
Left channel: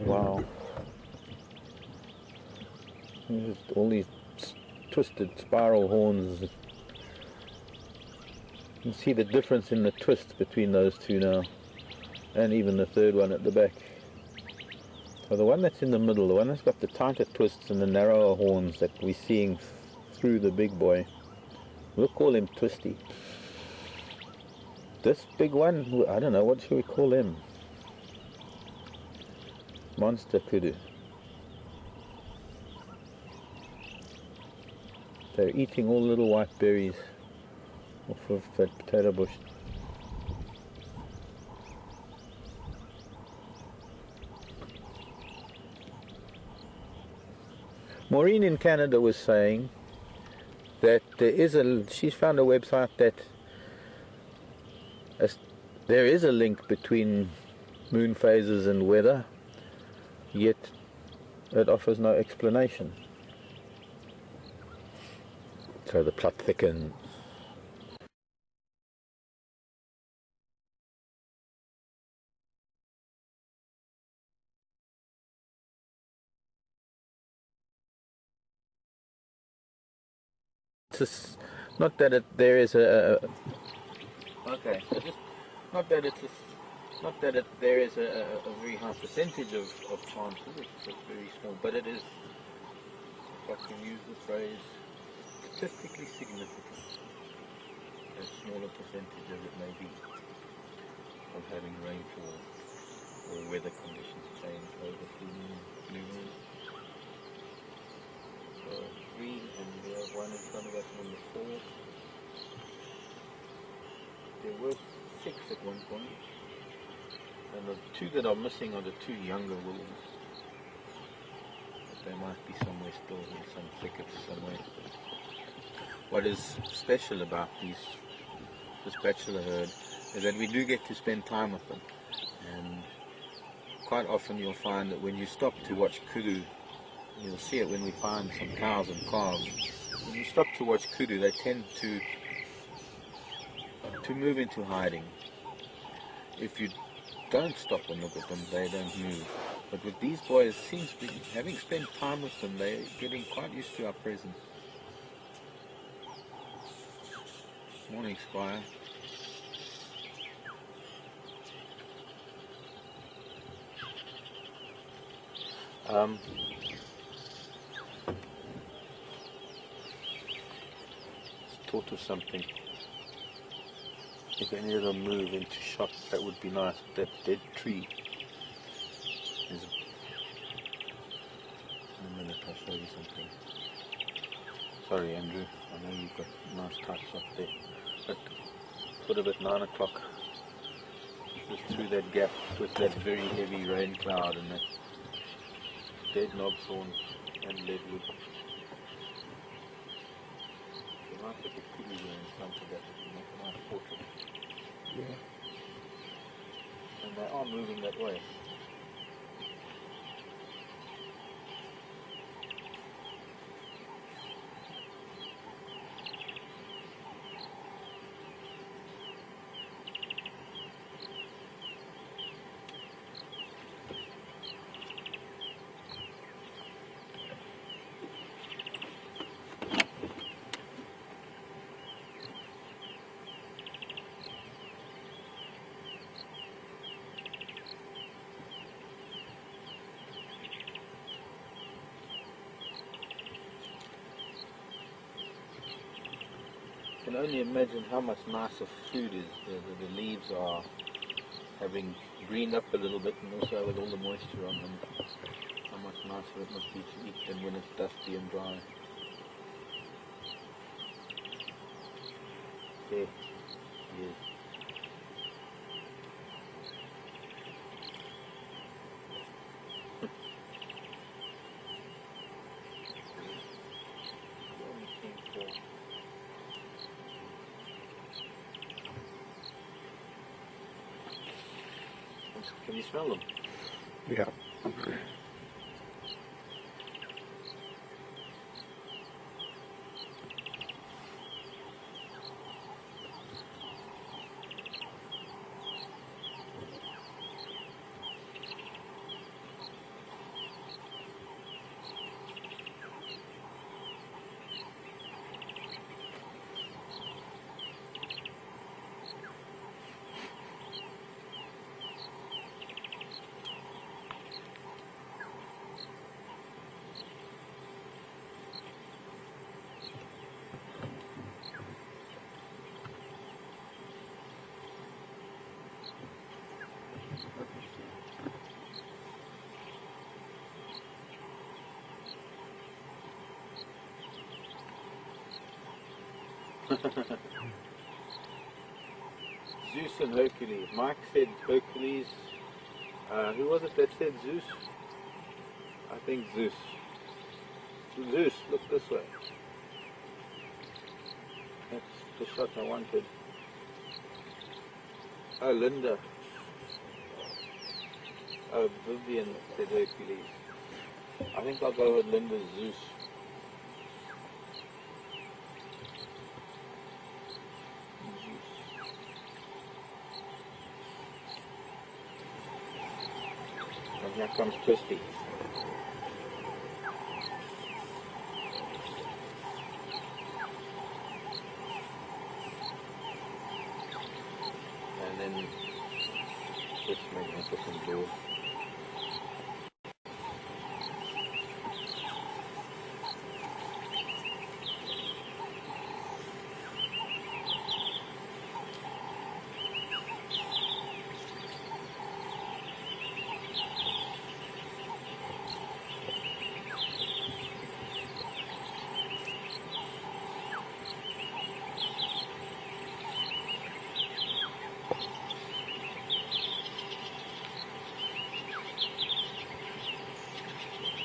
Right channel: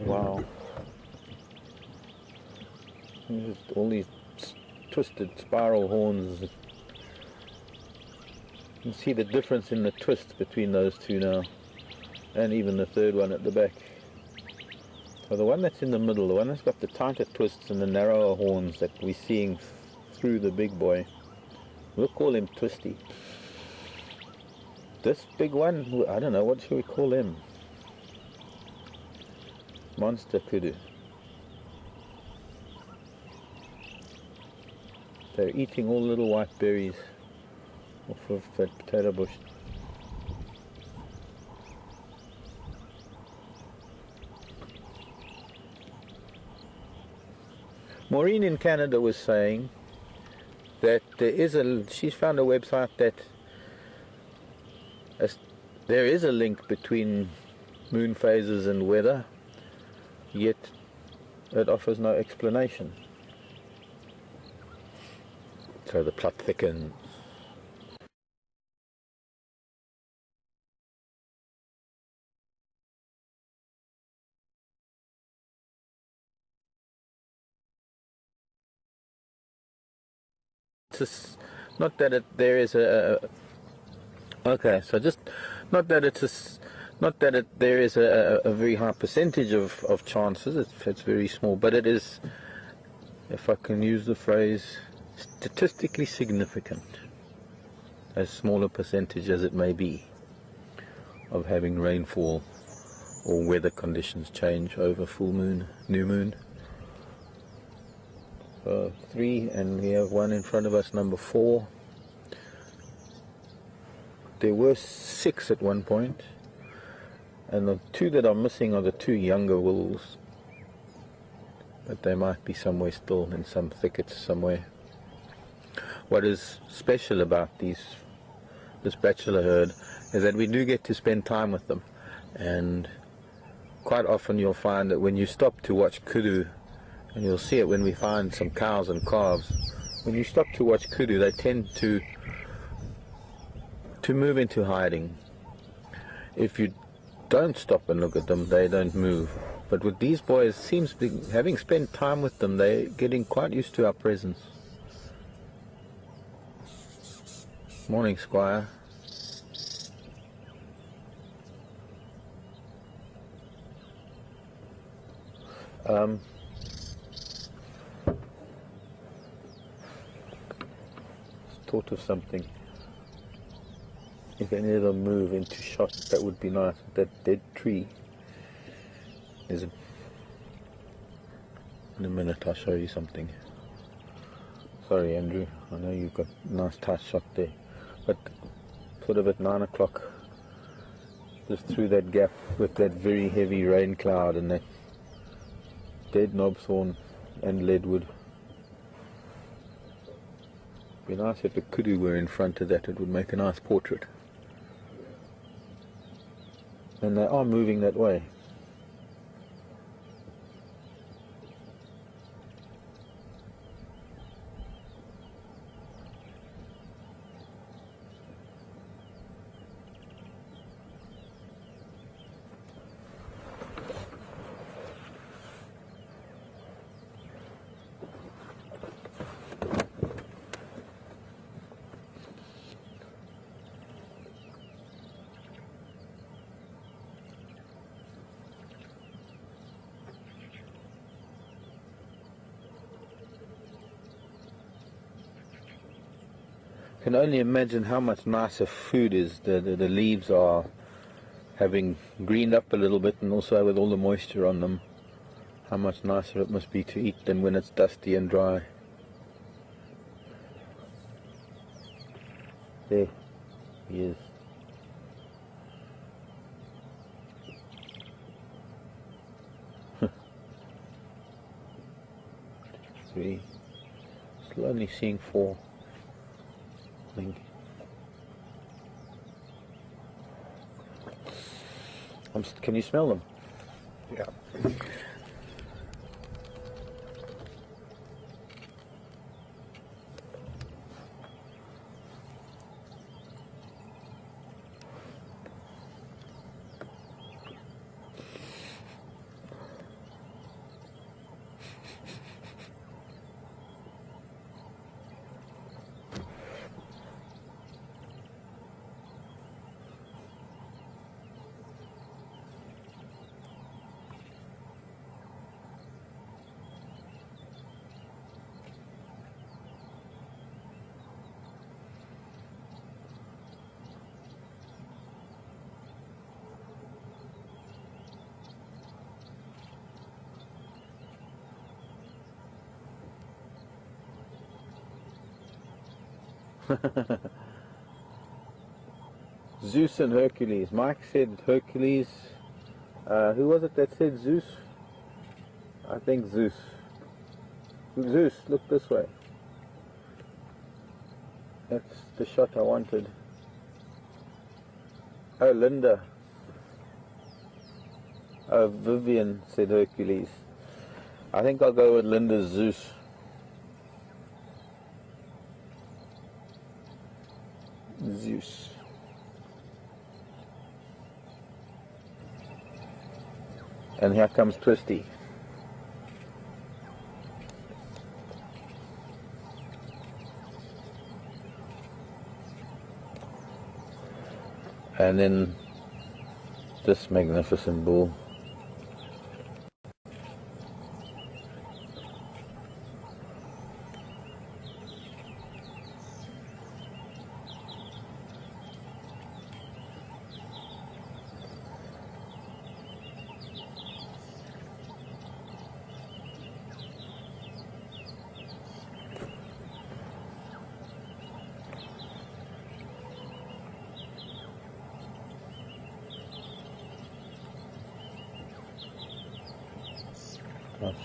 Wow. Just all these twisted spiral horns. You can see the difference in the twist between those two now, and even the third one at the back. So the one that's in the middle, the one that's got the tighter twists and the narrower horns that we're seeing through the big boy, we'll call him Twisty. This big one, I don't know, what should we call him? Monster kudu. They're eating all the little white berries off of that potato bush. Maureen in Canada was saying that she's found a website that there is a link between moon phases and weather, yet it offers no explanation. So the plot thickens. It's just not that there is okay, so just not that there is a very high percentage of chances. It's very small, but it is, if I can use the phrase, statistically significant, as small a percentage as it may be, of having rainfall or weather conditions change over full moon, new moon. 3, and we have one in front of us, number 4. There were 6 at one point, and the 2 that are missing are the 2 younger wolves, but they might be somewhere still in some thickets somewhere. What is special about this bachelor herd is that we do get to spend time with them, and quite often you'll find that when you stop to watch kudu, and you'll see it when we find some cows and calves, when you stop to watch kudu, they tend to move into hiding. If you don't stop and look at them, they don't move. But with these boys, seems to be, having spent time with them, they're getting quite used to our presence. Morning, Squire. Thought of something. If any of them move into shot, that would be nice. That dead tree is... In a minute I'll show you something. Sorry, Andrew, I know you've got a nice tight shot there, but sort of at 9 o'clock, just through that gap with that very heavy rain cloud and that dead knobthorn and leadwood. It'd be nice if a kudu were in front of that, it would make a nice portrait. And they are moving that way. Can only imagine how much nicer food is. The leaves are having greened up a little bit, and also with all the moisture on them, how much nicer it must be to eat than when it's dusty and dry. There he is. We're only seeing 4. Can you smell them? Yeah. Zeus and Hercules. Mike said Hercules. Who was it that said Zeus? I think Zeus. Zeus, look this way. That's the shot I wanted. Oh, Linda. Oh, Vivian said Hercules. I think I'll go with Linda's Zeus. Zeus. And here comes Twisty. And then this magnificent bull.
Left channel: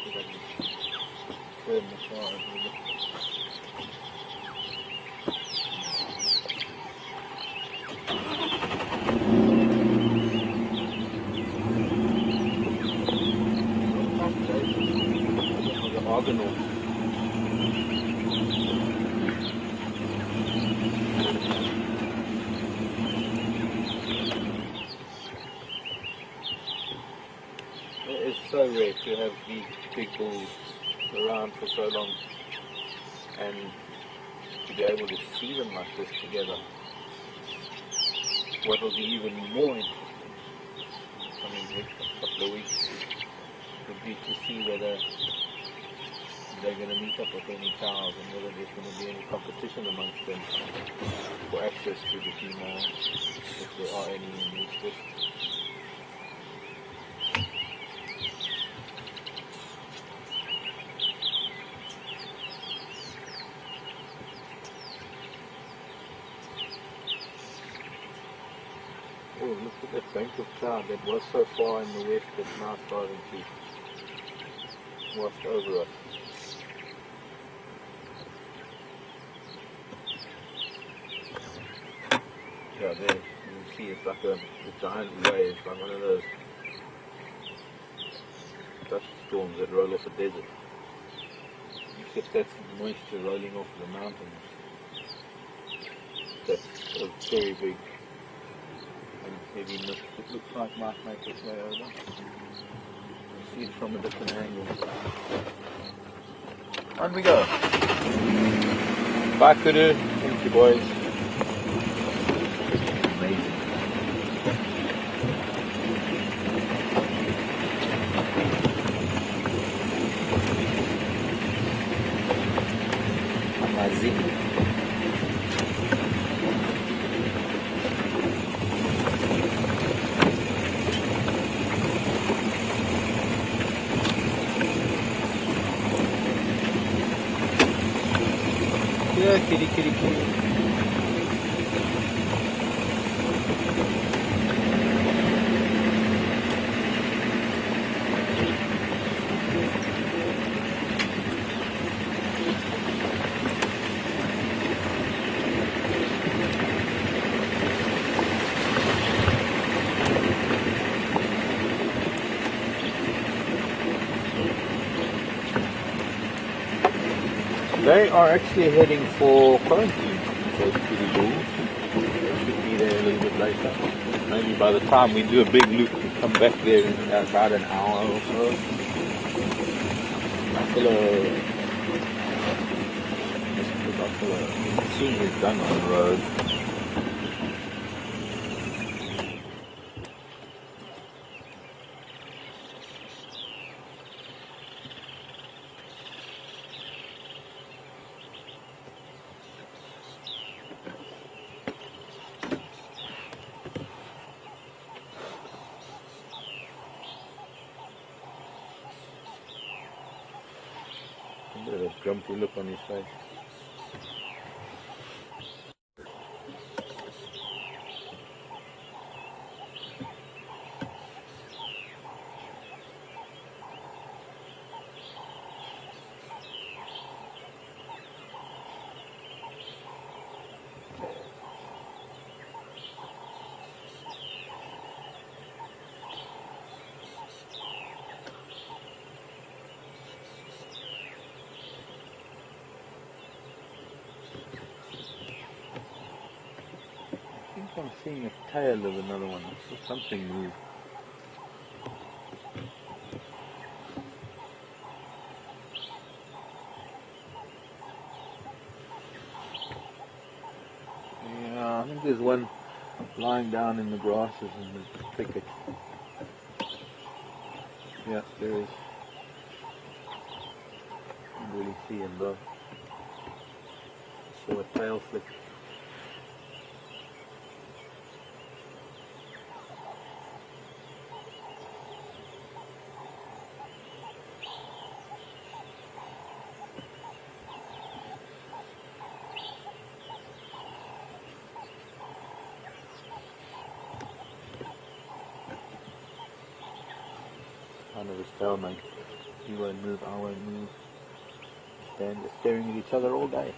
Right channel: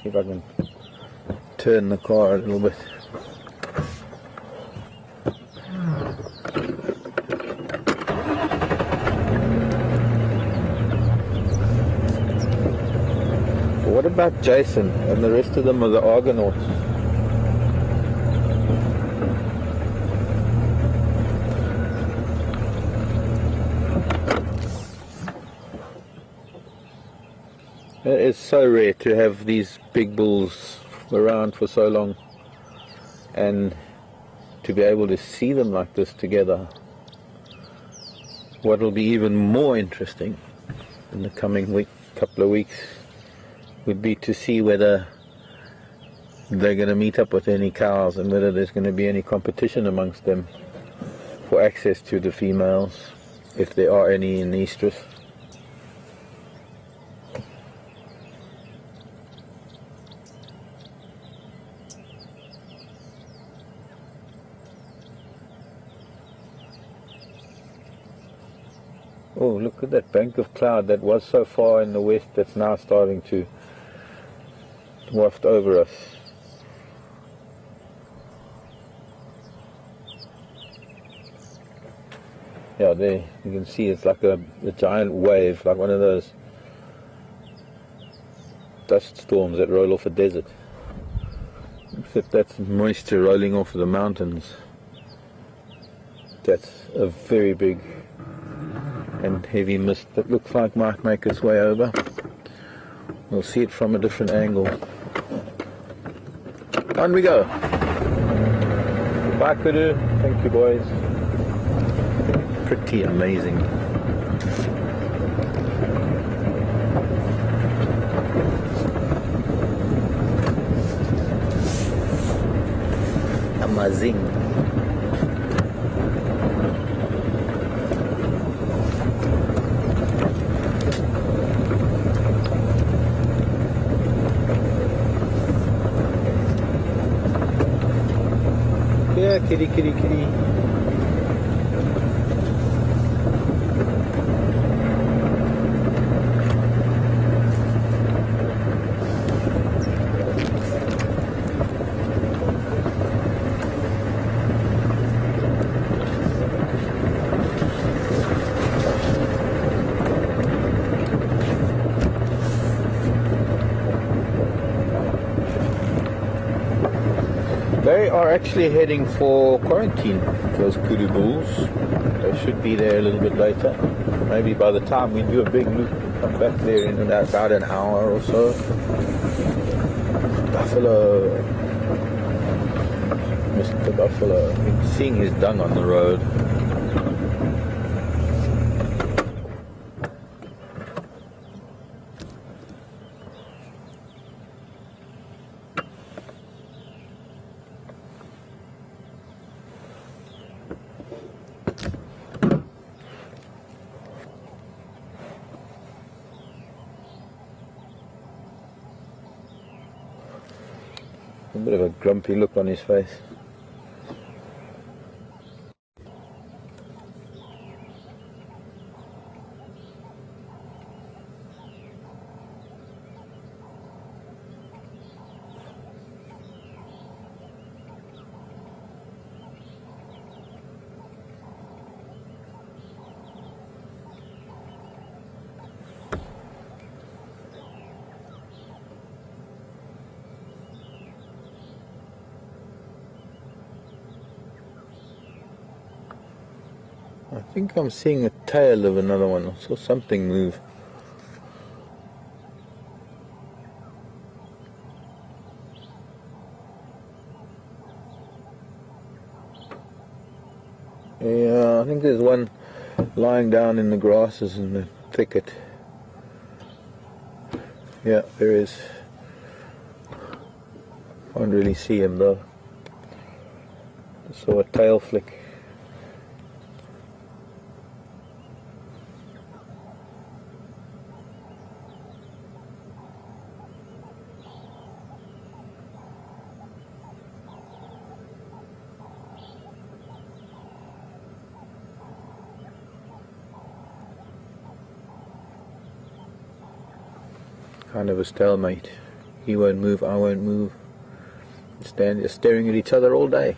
See if I can turn the car a little bit. What about Jason and the rest of them are the Argonauts? It is so rare to have these big bulls around for so long and to be able to see them like this together. What will be even more interesting in the coming couple of weeks would be to see whether they're going to meet up with any cows and whether there's going to be any competition amongst them for access to the females, if there are any in the estrus. Oh, look at that bank of cloud that was so far in the west that's now starting to waft over us. Yeah, there you can see it's like a giant wave, like one of those dust storms that roll off a desert. Except that's moisture rolling off the mountains. That's a very big and heavy mist that looks like might make its way over. We'll see it from a different angle. On we go. Bye, Kudu. Thank you, boys. Pretty amazing. Amazing. Yeah, kitty, kitty, kitty. They are actually heading for quarantine, those kitty bulls. They should be there a little bit later. Maybe by the time we do a big loop, we'll come back there in about an hour or so. Buffalo. Mr. Buffalo. Seeing is done on the road. A bit of a grumpy look on his face. I think I'm seeing a tail of another one. I saw something move. Yeah, I think there's one lying down in the grasses in the thicket. Yeah, there is. Can't really see him though. I saw a tail flick. Kind of a stalemate. He won't move, I won't move. Stand just staring at each other all day.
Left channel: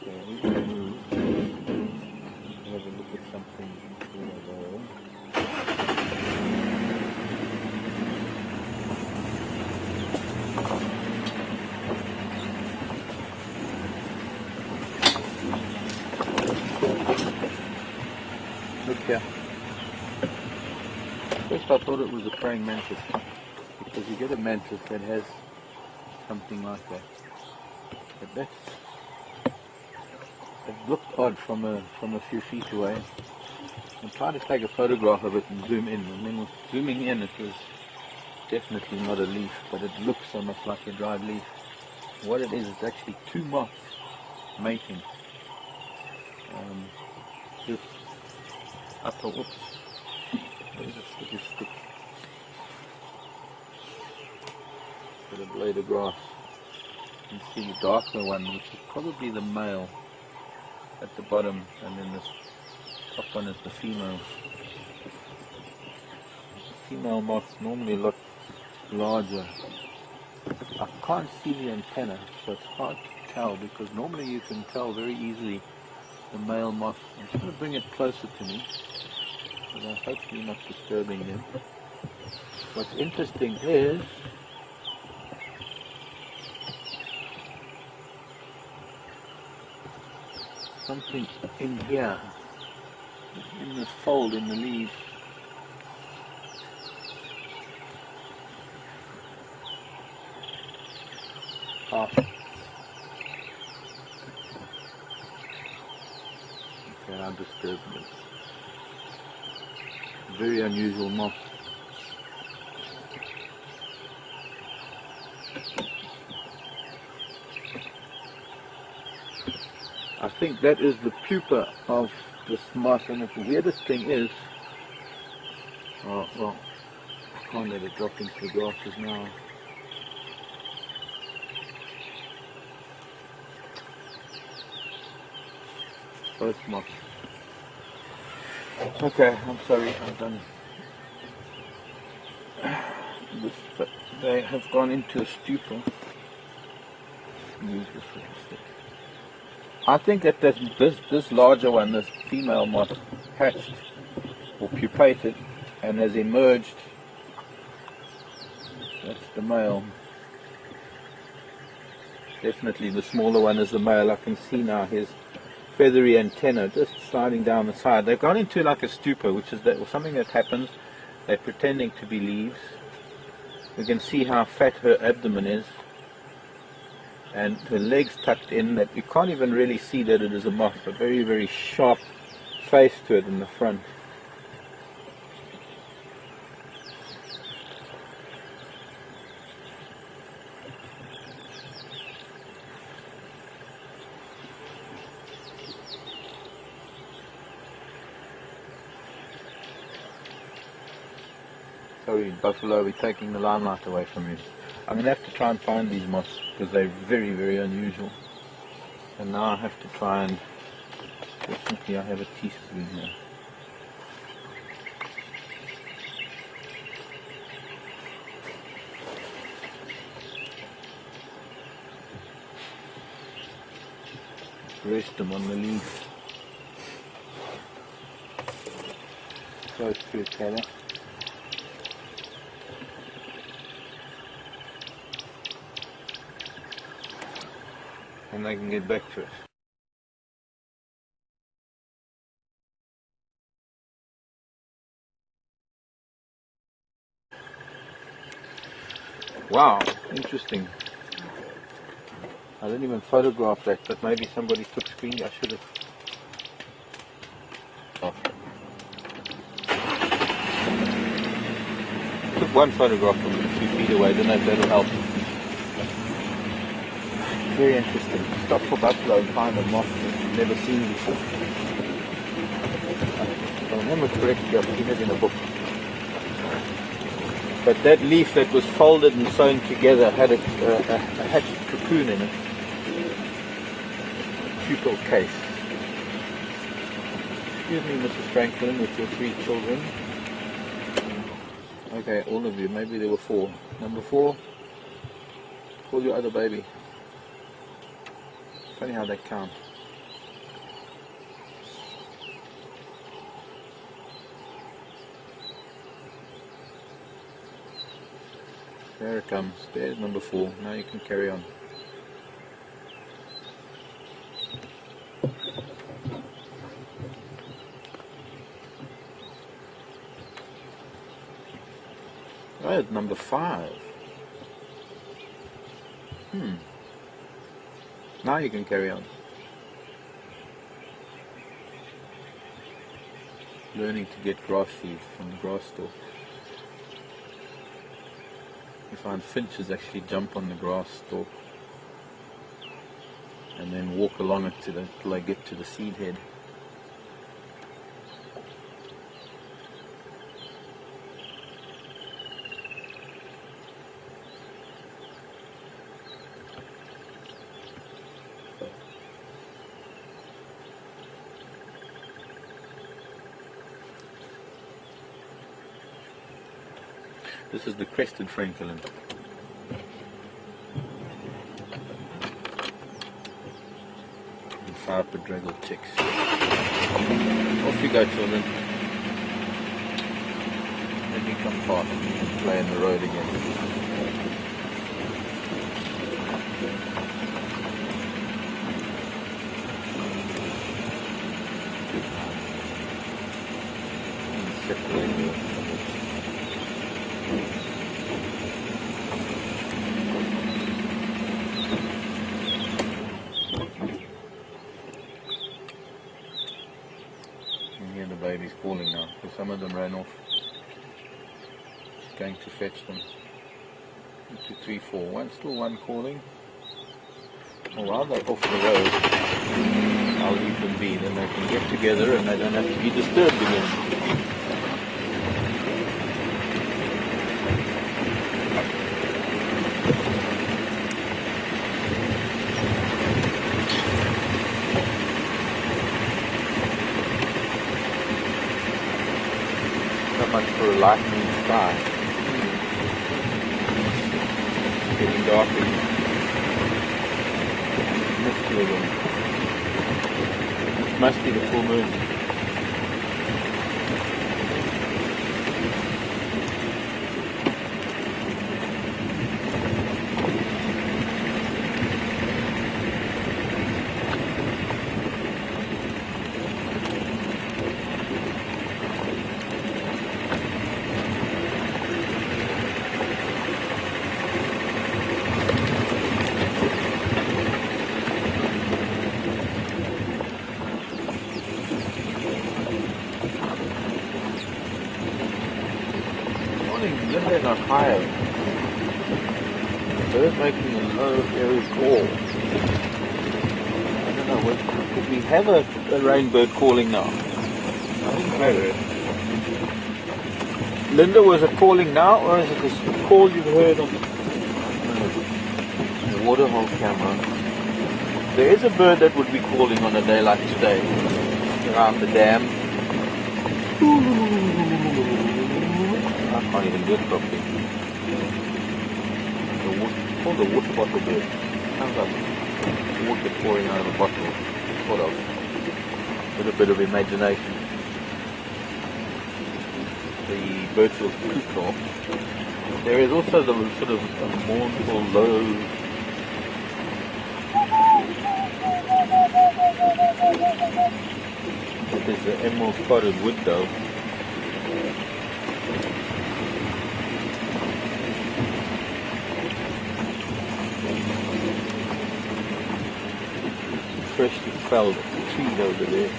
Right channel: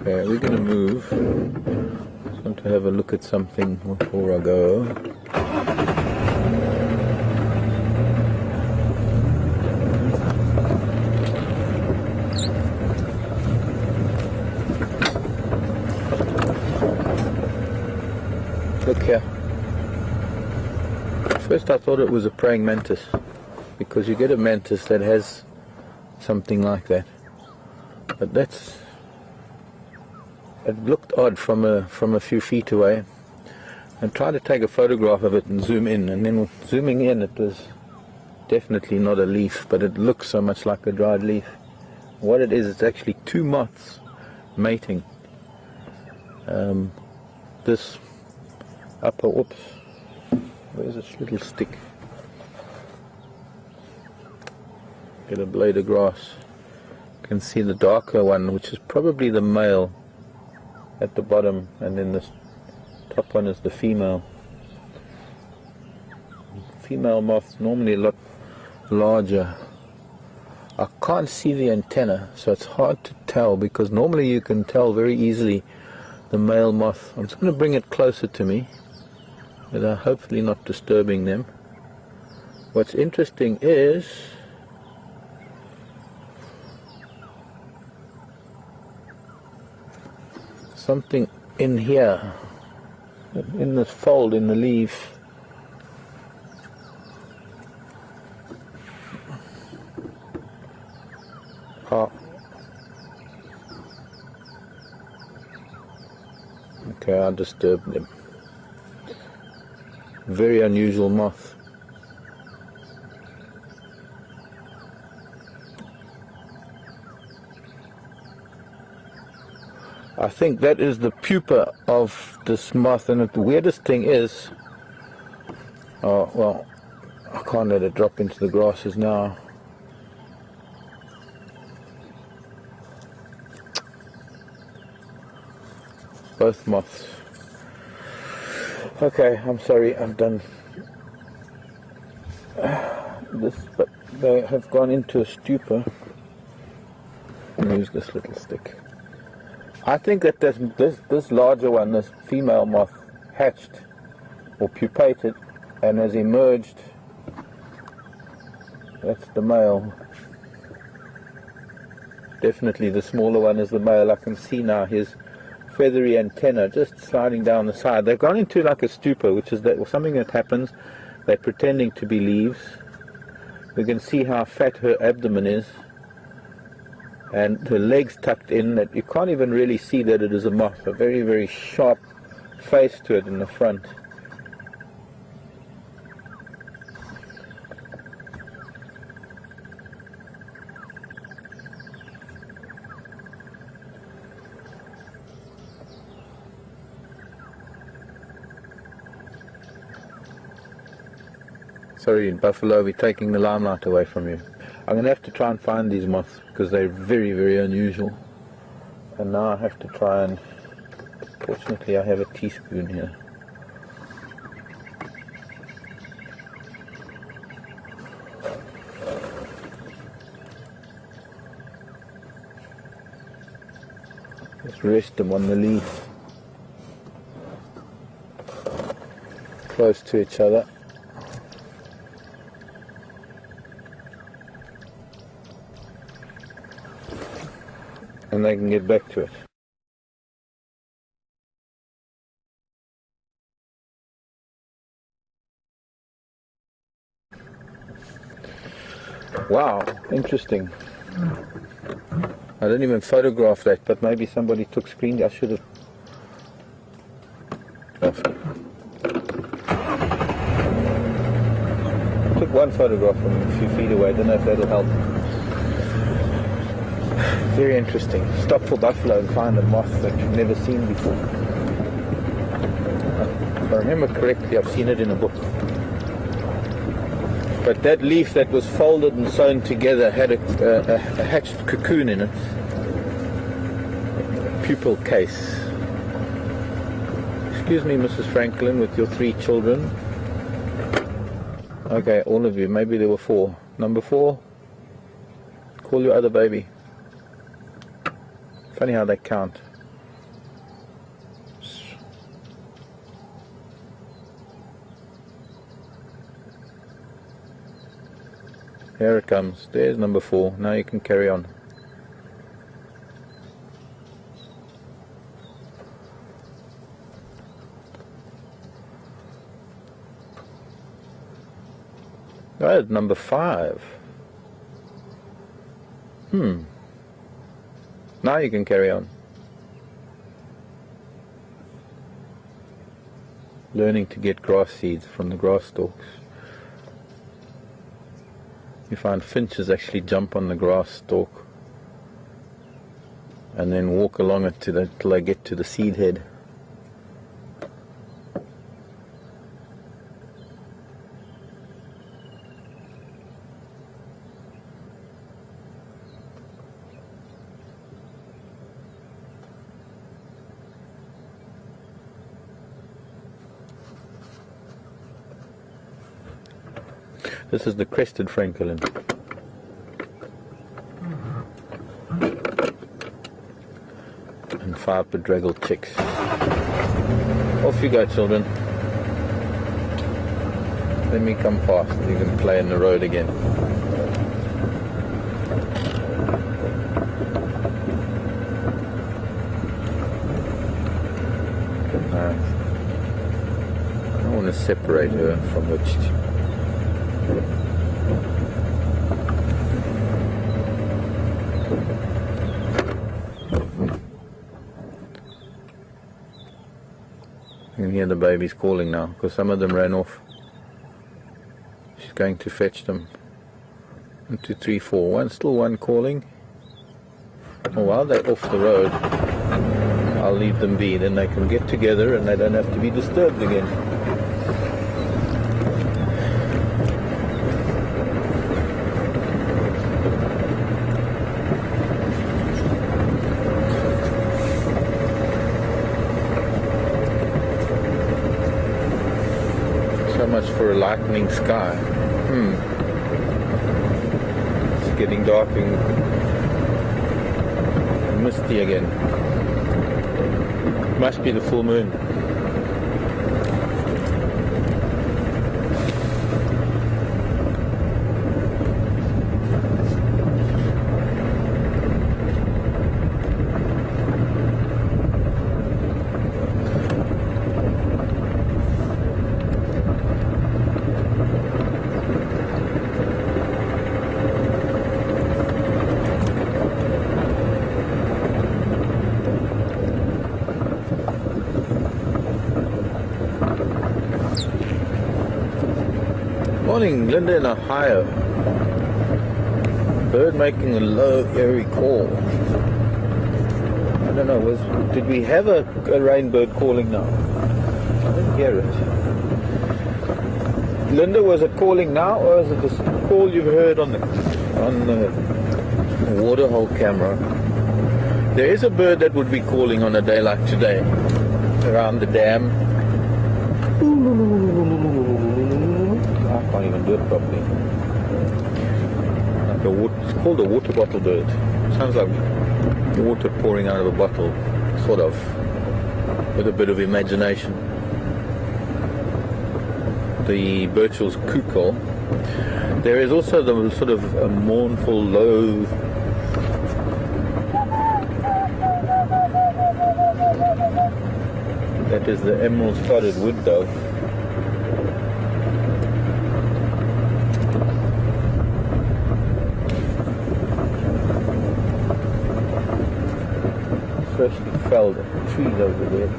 Okay, we're going to move. I want to have a look at something before I go. Look here. First I thought it was a praying mantis, because you get a mantis that has something like that. But it looked odd from a few feet away. And tried to take a photograph of it and zoom in, and then zooming in it was definitely not a leaf, but it looks so much like a dried leaf. What it is, it's actually two moths mating. This upper, oops, there's this little stick. Get a blade of grass. You can see the darker one, which is probably the male at the bottom, and then this top one is the female. Female moths normally look larger. I can't see the antenna, so it's hard to tell, because normally you can tell very easily the male moth. I'm just going to bring it closer to me, but hopefully not disturbing them. What's interesting is something in here, in this fold in the leaf. Okay, I disturbed them. Very unusual moth. I think that is the pupa of this moth, and the weirdest thing is, oh well, I can't let it drop into the grasses now. Both moths. Okay, I'm sorry, I'm done. This, but they have gone into a stupor. Use this little stick. I think that this larger one, this female moth, hatched or pupated and has emerged. That's the male. Definitely the smaller one is the male. I can see now his feathery antenna just sliding down the side. They've gone into like a stupor, which is something that happens. They're pretending to be leaves. We can see how fat her abdomen is, and her legs tucked in, that you can't even really see that it is a moth. A very, very sharp face to it in the front. Sorry, Buffalo, we're taking the limelight away from you. I'm going to have to try and find these moths, because they're very, very unusual. And now I have to try and... Fortunately I have a teaspoon here. Just rest them on the leaf, close to each other. And they can get back to us. Wow, interesting. I didn't even photograph that, but maybe somebody took screen. I should have. Took one photograph from him a few feet away. I don't know if that'll help. Very interesting. Stop for buffalo and find a moth that you've never seen before. If I remember correctly, I've seen it in a book. But that leaf that was folded and sewn together had a hatched cocoon in it. Pupil case. Excuse me, Mrs. Franklin, with your 3 children. Okay, all of you. Maybe there were 4. Number 4, call your other baby. Funny how they count. Here it comes. There's number 4. Now you can carry on. Right, number 5. Now you can carry on. Learning to get grass seeds from the grass stalks. You find finches actually jump on the grass stalk and then walk along it till they get to the seed head. This is the crested francolin. And 5 bedraggled chicks. Off you go, children. Let me come fast and you can play in the road again. I want to separate her from the You can hear the babies calling now, because some of them ran off. She's going to fetch them. 1, 2, 3, 4. One, still one calling. And while they're off the road, I'll leave them be. Then they can get together and they don't have to be disturbed again. Lightening sky. It's getting dark and misty again. It must be the full moon. Morning, Linda in Ohio. Bird making a low, airy call. I don't know, did we have a rain bird calling now? I think very. Linda, was it calling now, or is it the call you've heard on the waterhole camera? There is a bird that would be calling on a day like today, around the dam. I can't even do it properly. Like it's called a water bottle bird. Sounds like water pouring out of a bottle, sort of. With a bit of imagination. The Birchall's cuckoo. There is also the sort of a mournful, low. That is the emerald spotted wood dove. freshly felled trees over there.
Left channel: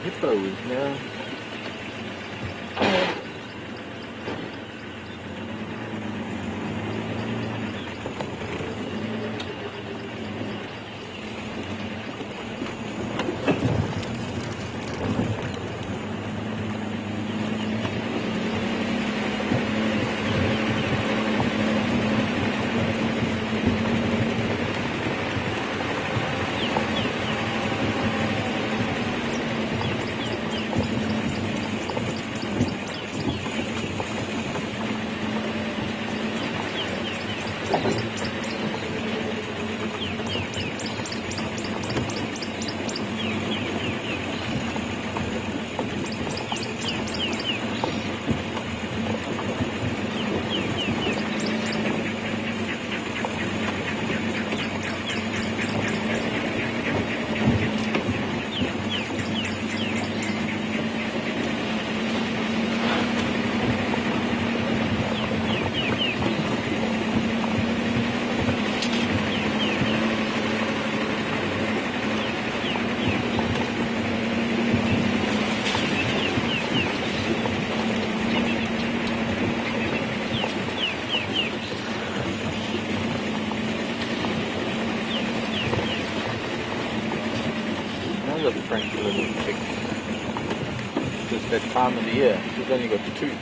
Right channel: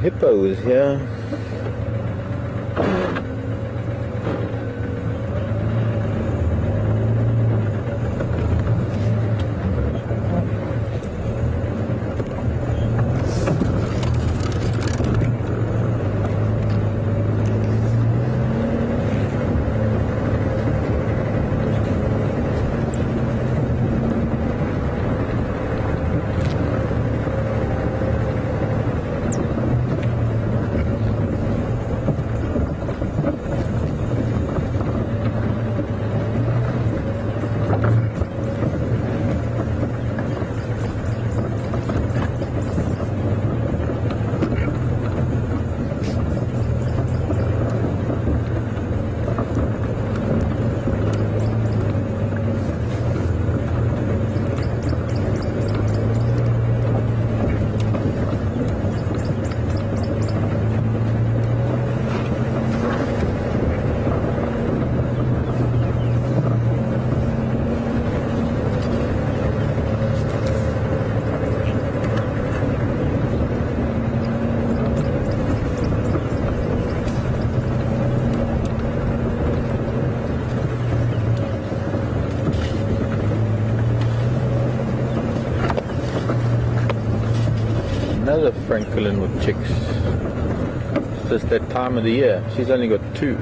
Hippo was here. Another francolin with chicks. Just that time of the year. She's only got 2.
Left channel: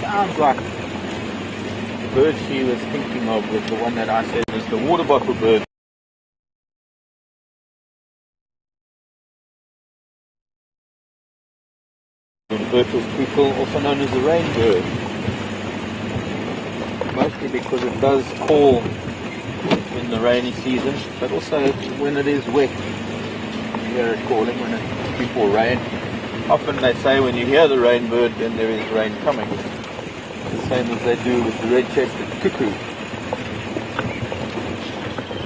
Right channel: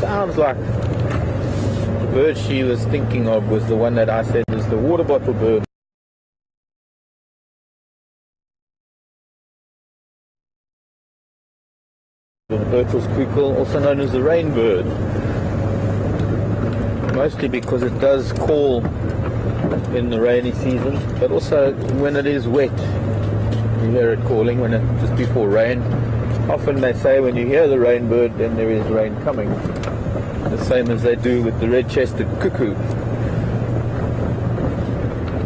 Sounds like the bird she was thinking of was the one that I said was the water bottle bird. The Berthel's tweakle, also known as the rain bird. Mostly because it does call in the rainy season, but also when it is wet. You hear it calling when it's before rain. Often they say when you hear the rain bird, then there is rain coming. The same as they do with the red-chested cuckoo.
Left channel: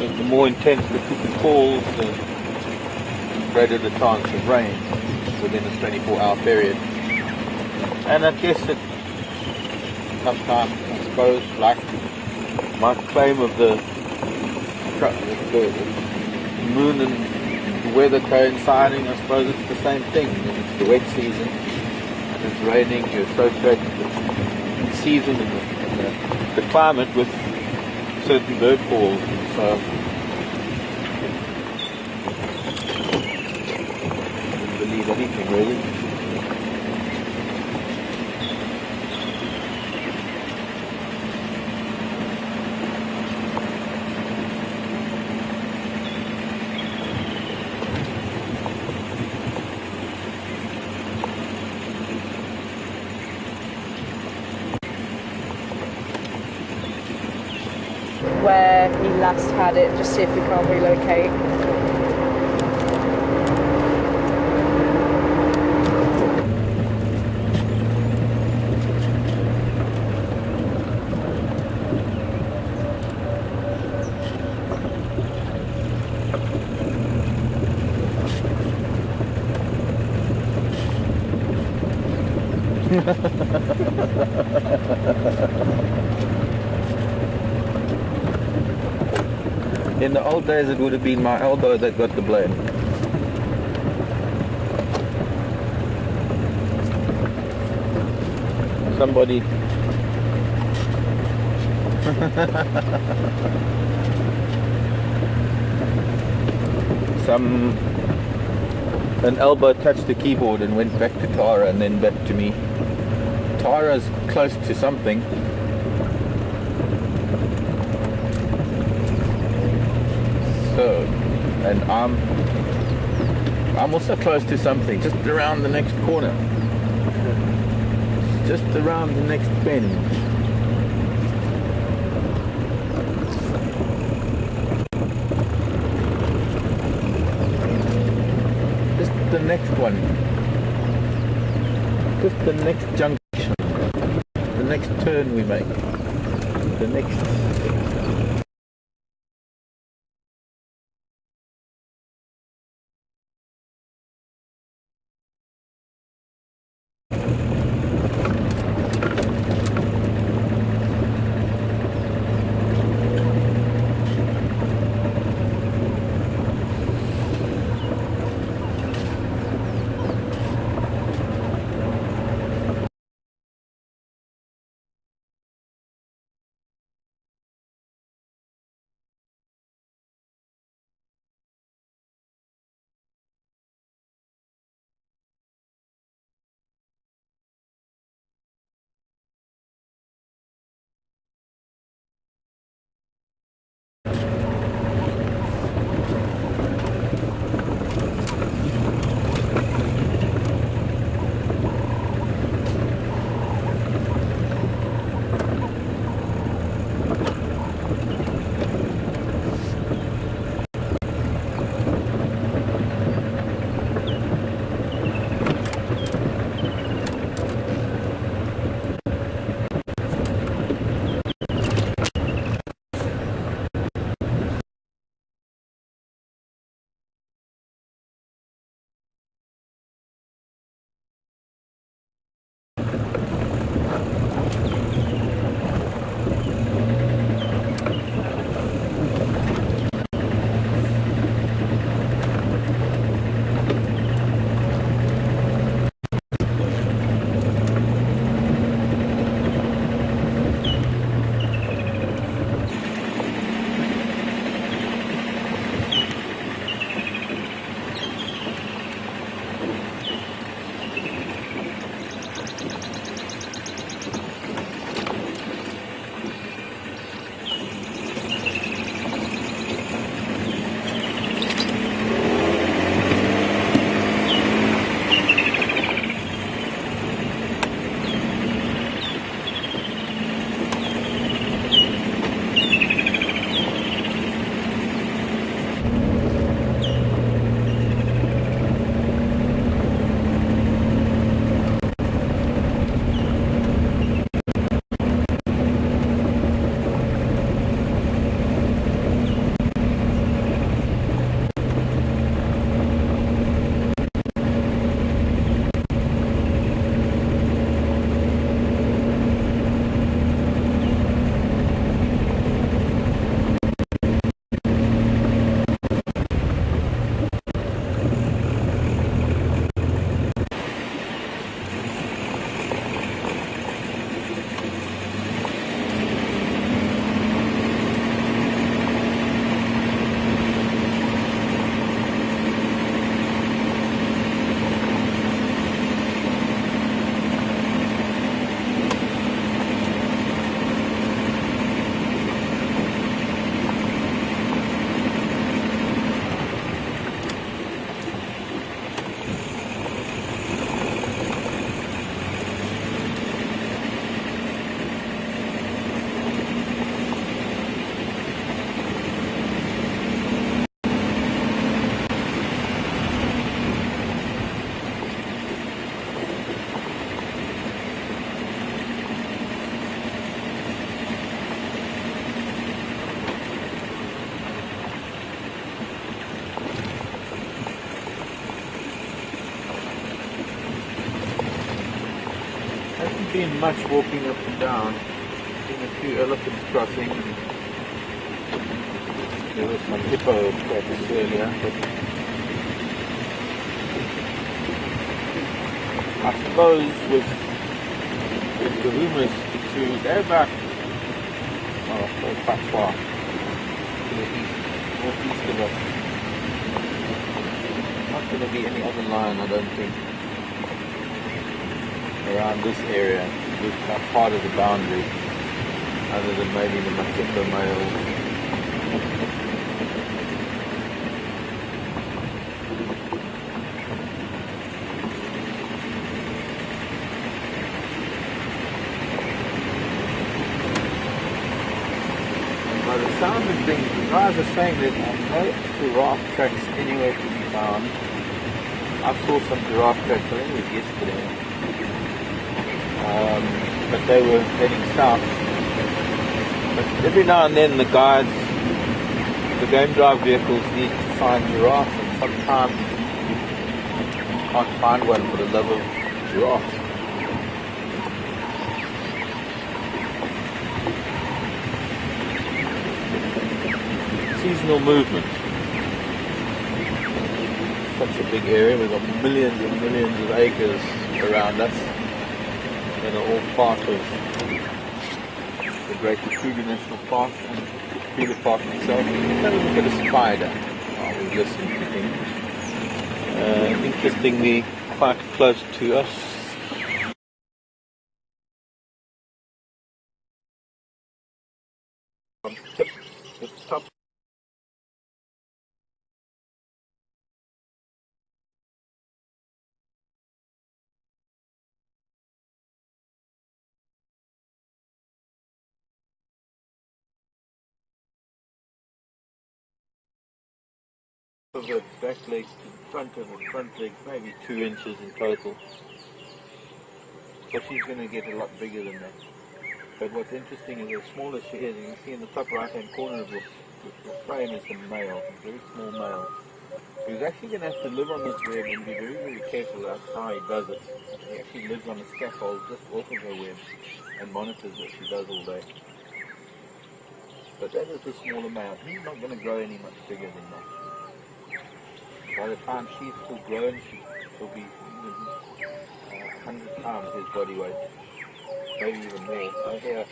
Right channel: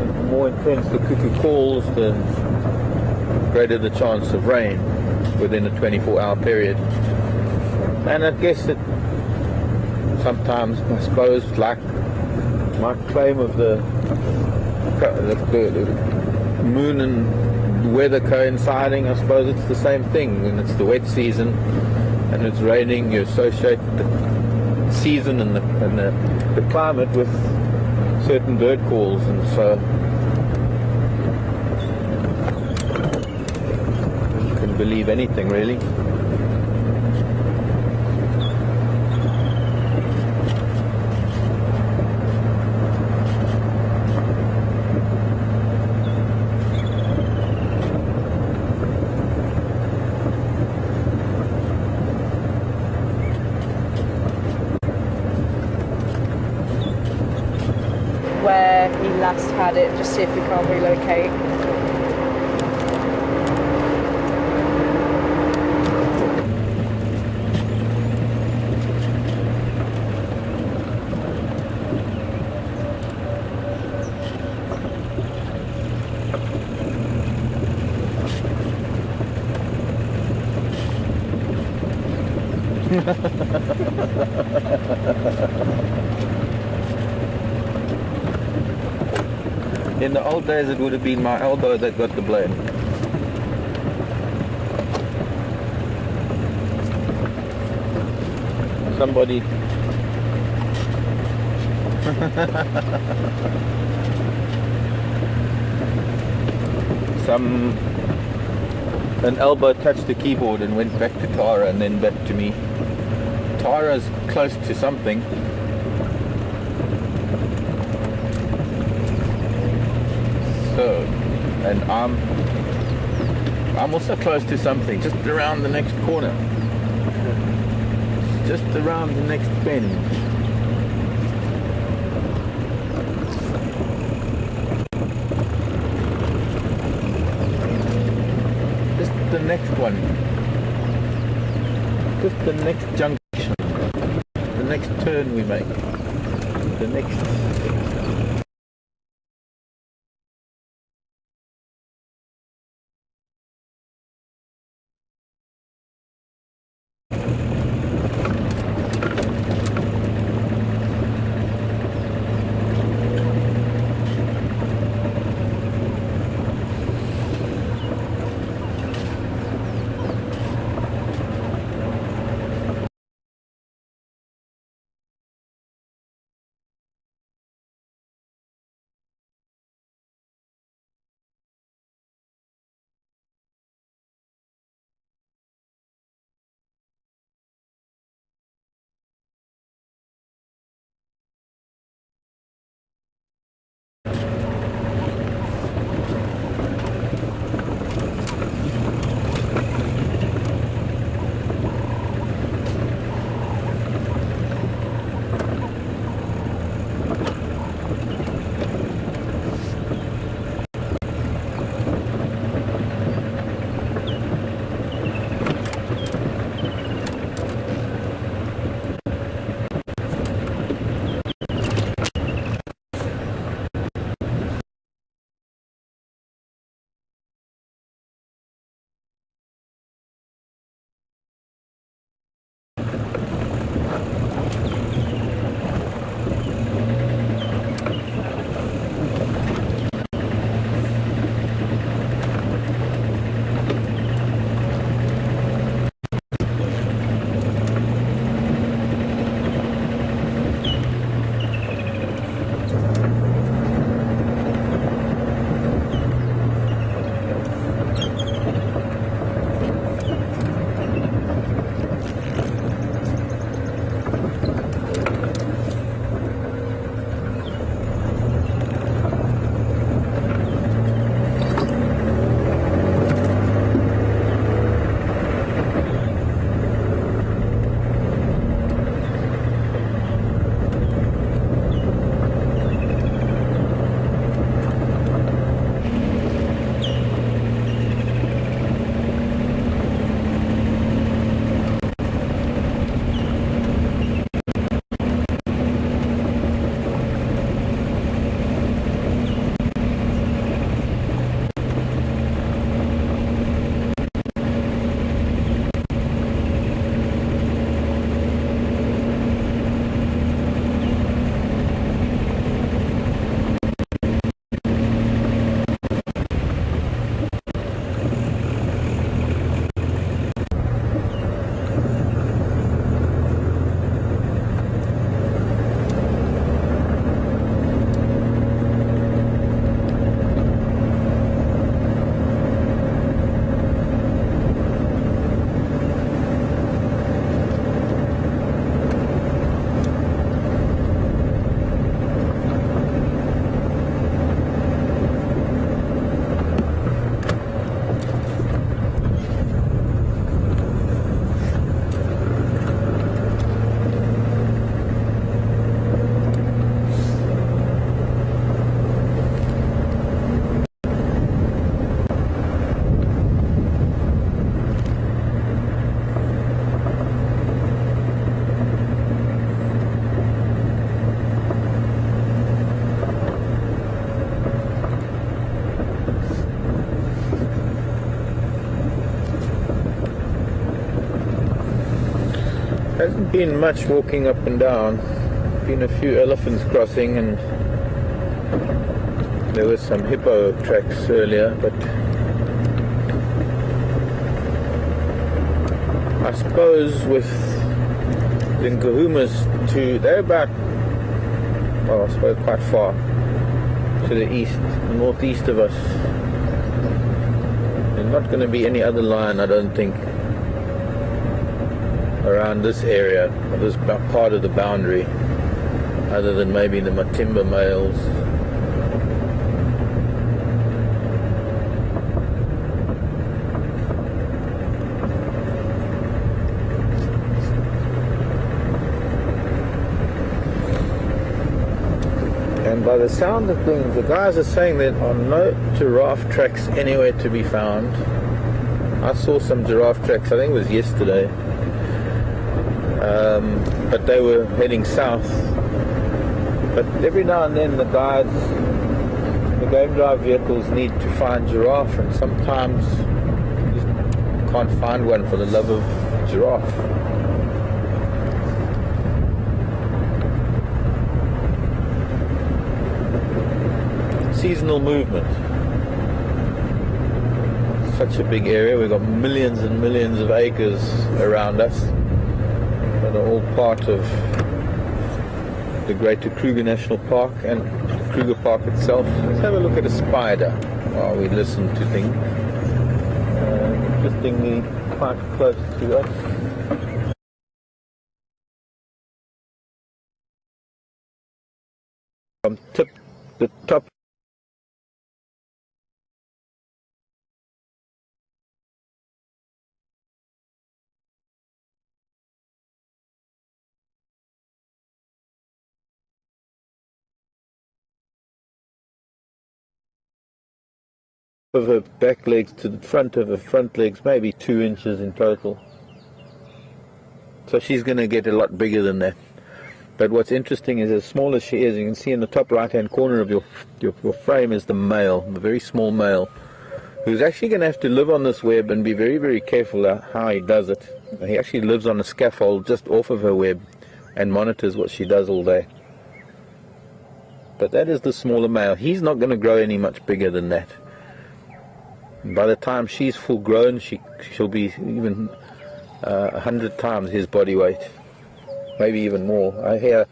The more intense the cuckoo calls, the greater the chance of rain within a 24-hour period. And I guess that sometimes, I suppose, like my claim of the moon and weather coinciding, I suppose it's the same thing. When it's the wet season and it's raining, you associate the season and the climate with certain bird calls, and so achieve anything really. Where he last had it, just see if we can't relocate. In the old days it would have been my elbow that got the blame. Somebody an elbow touched the keyboard and went back to Tara and then back to me. Tara's close to something. So, and I'm also close to something, just around the next corner. Just around the next bend. Just the next one. Just the next junction. The next turn we make. The next been much walking up and down. Been a few elephants crossing, and there were some hippo tracks earlier, but I suppose with the Kunyumas, they're about, I suppose quite far to the east, northeast of us. There's not going to be any other lion, I don't think, around this area, this part of the boundary, other than maybe the Matimba males. And by the sound of things, the guys are saying there are no giraffe tracks anywhere to be found. I saw some giraffe tracks, I think it was yesterday, but they were heading south. But every now and then the guides, the game drive vehicles need to find giraffe, and sometimes you can't find one for the love of giraffe. Seasonal movement. Such a big area, we've got millions and millions of acres around us that are all part of the Greater Kruger National Park and Kruger Park itself. Let's have a look at a spider while we listen to things. Interestingly, quite close to us. The top of her back legs to the front of her front legs, maybe 2 inches in total. So she's going to get a lot bigger than that. But what's interesting is, as small as she is, you can see in the top right hand corner of your frame is the male, the very small male, who's actually going to have to live on this web and be very, very careful how he does it. He actually lives on a scaffold just off of her web and monitors what she does all day. But that is the smaller male. He's not going to grow any much bigger than that. By the time she's full grown, she'll be even 100 times his body weight, maybe even more. I hear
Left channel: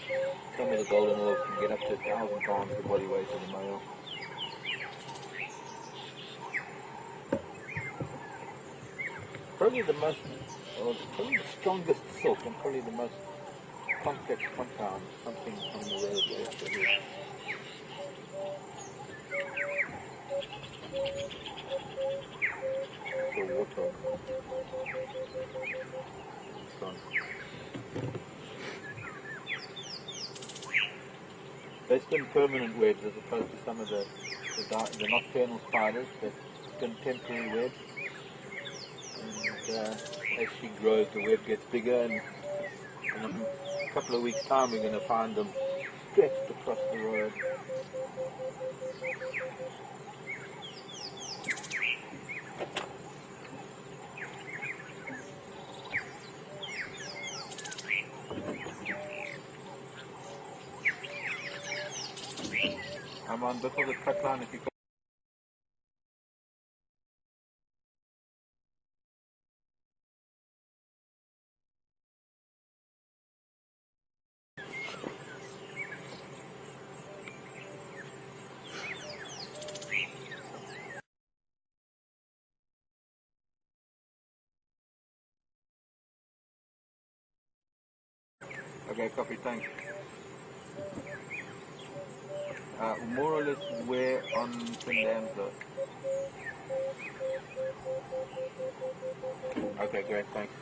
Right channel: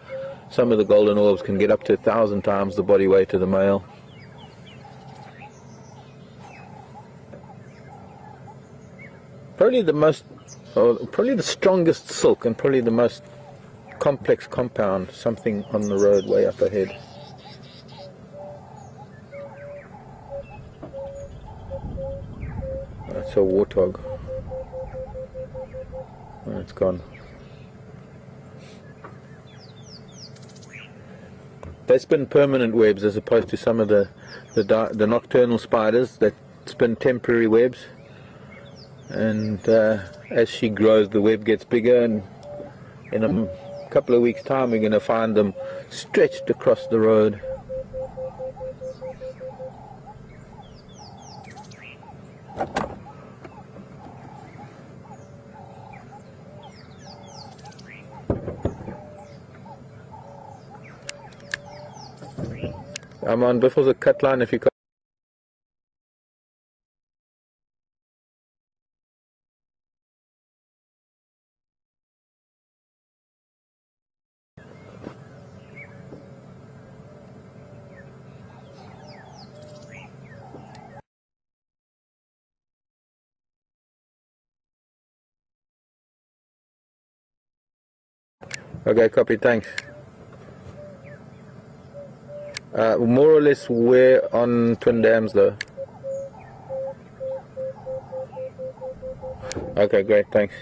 some of the golden orbs can get up to 1,000 times the body weight of the male. Probably the strongest silk and probably the most complex compound, something on the road way up ahead. That's a warthog. Oh, it's gone. They spin permanent webs as opposed to some of the nocturnal spiders that spin temporary webs. And as she grows, the web gets bigger, and in a couple of weeks' time we're going to find them stretched across the road. I'm on before the cut line if you can. Okay, copy, thanks. More or less where on Twin Dams though? Okay, great, thanks.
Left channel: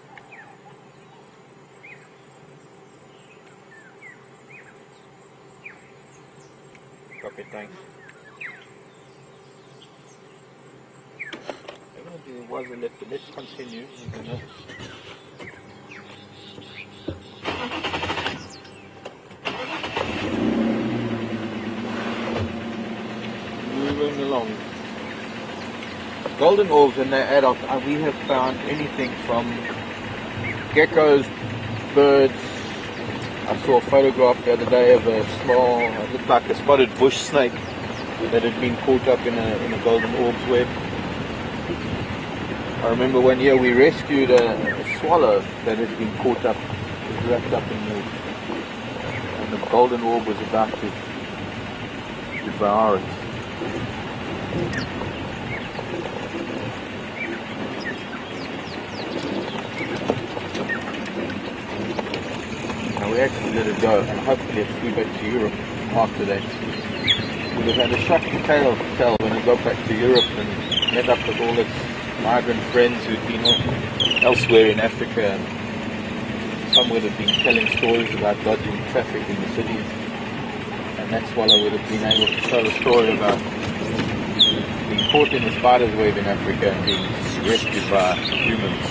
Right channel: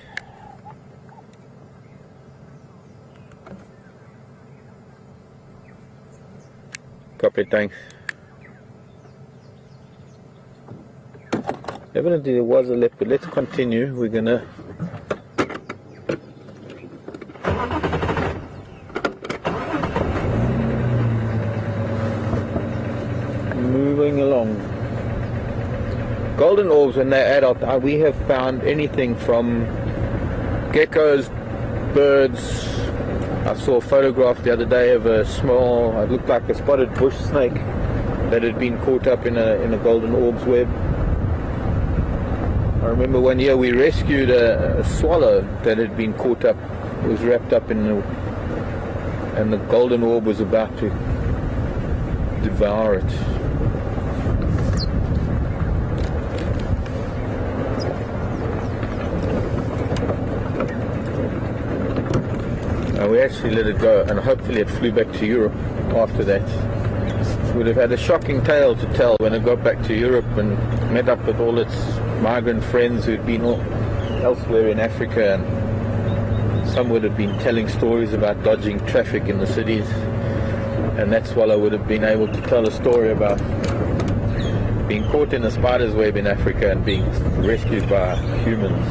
Copy, thanks. Evidently there was a left, but let's continue. We're gonna golden orbs, when they're adult, we have found anything from geckos birds. I saw a photograph the other day of a small, it looked like a spotted bush snake that had been caught up in a golden orb's web. I remember one year we rescued a swallow that had been caught up, it was wrapped up in milk, and the golden orb was about to devour it. We actually let it go, and hopefully it flew back to Europe after that. Would have had a shocking tale to tell when it got back to Europe and met up with all its migrant friends who'd been elsewhere in Africa, and some would have been telling stories about dodging traffic in the cities, and that's what I would have been able to tell a story about being caught in a spider's web in Africa and being rescued by humans.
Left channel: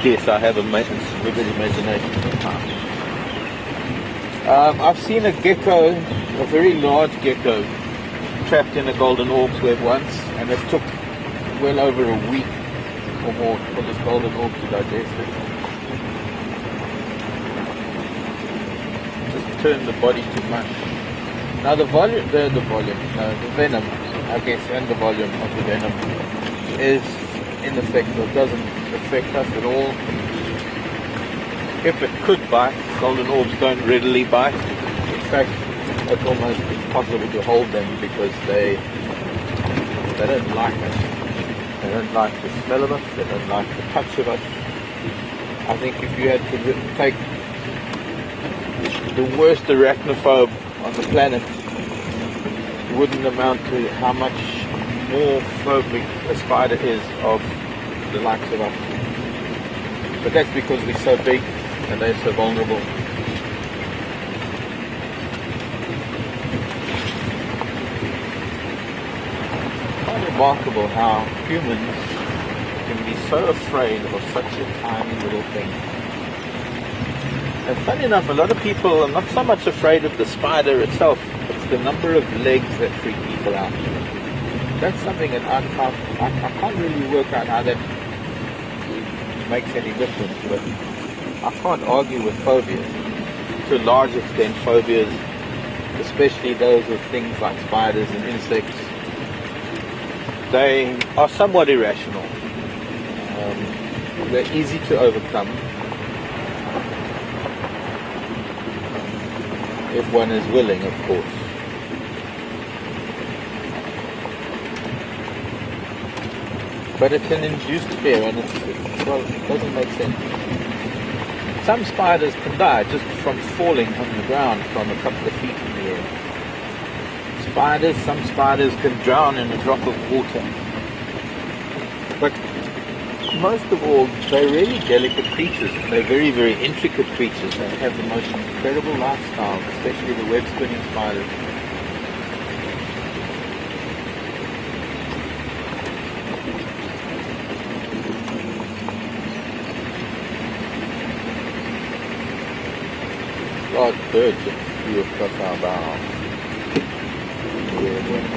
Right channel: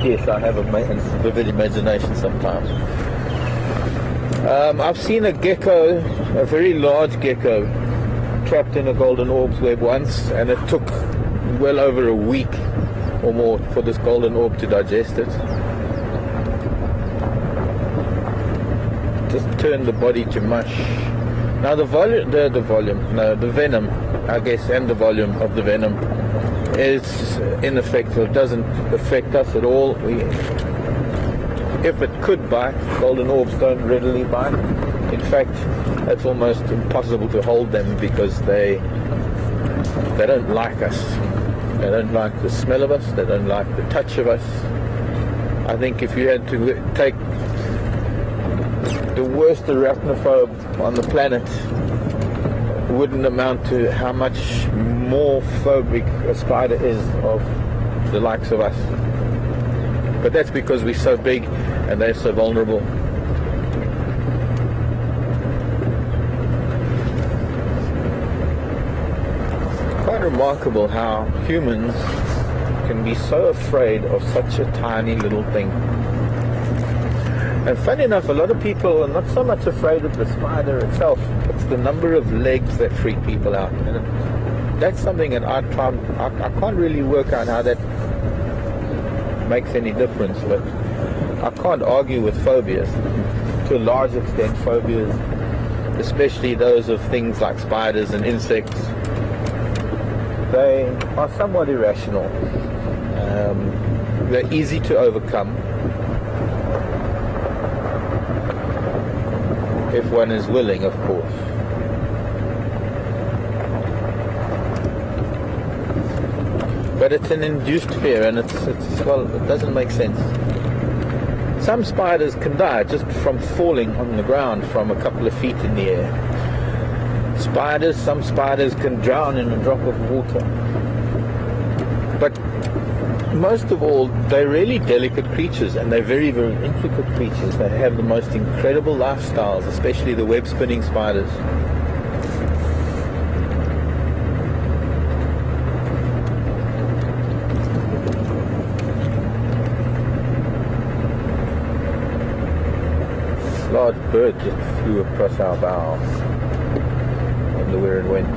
Yes, I have a vivid imagination sometimes. I've seen a gecko, a very large gecko, trapped in a golden orb's web once, and it took well over a week or more for this golden orb to digest it. Just turned the body to mush. Now the venom, I guess, and the volume of the venom is ineffective. It doesn't affect us at all. If it could bite, golden orbs don't readily bite. In fact, it's almost impossible to hold them because they don't like us. They don't like the smell of us. They don't like the touch of us. I think if you had to take the worst arachnophobe on the planet, it wouldn't amount to how much more phobic a spider is of the likes of us. But that's because we're so big and they're so vulnerable. It's quite remarkable how humans can be so afraid of such a tiny little thing. And funny enough, a lot of people are not so much afraid of the spider itself, it's the number of legs that freak people out. That's something that I can't really work out how that makes any difference, but I can't argue with phobias. To a large extent, phobias, especially those of things like spiders and insects, they are somewhat irrational. They're easy to overcome if one is willing, of course. But it's an induced fear, and well, it doesn't make sense. Some spiders can die just from falling on the ground from a couple of feet in the air. Some spiders can drown in a drop of water. But most of all, they're really delicate creatures, and they're very, very intricate creatures. They have the most incredible lifestyles, especially the web-spinning spiders. Large birds that flew across our bows when we were in wind.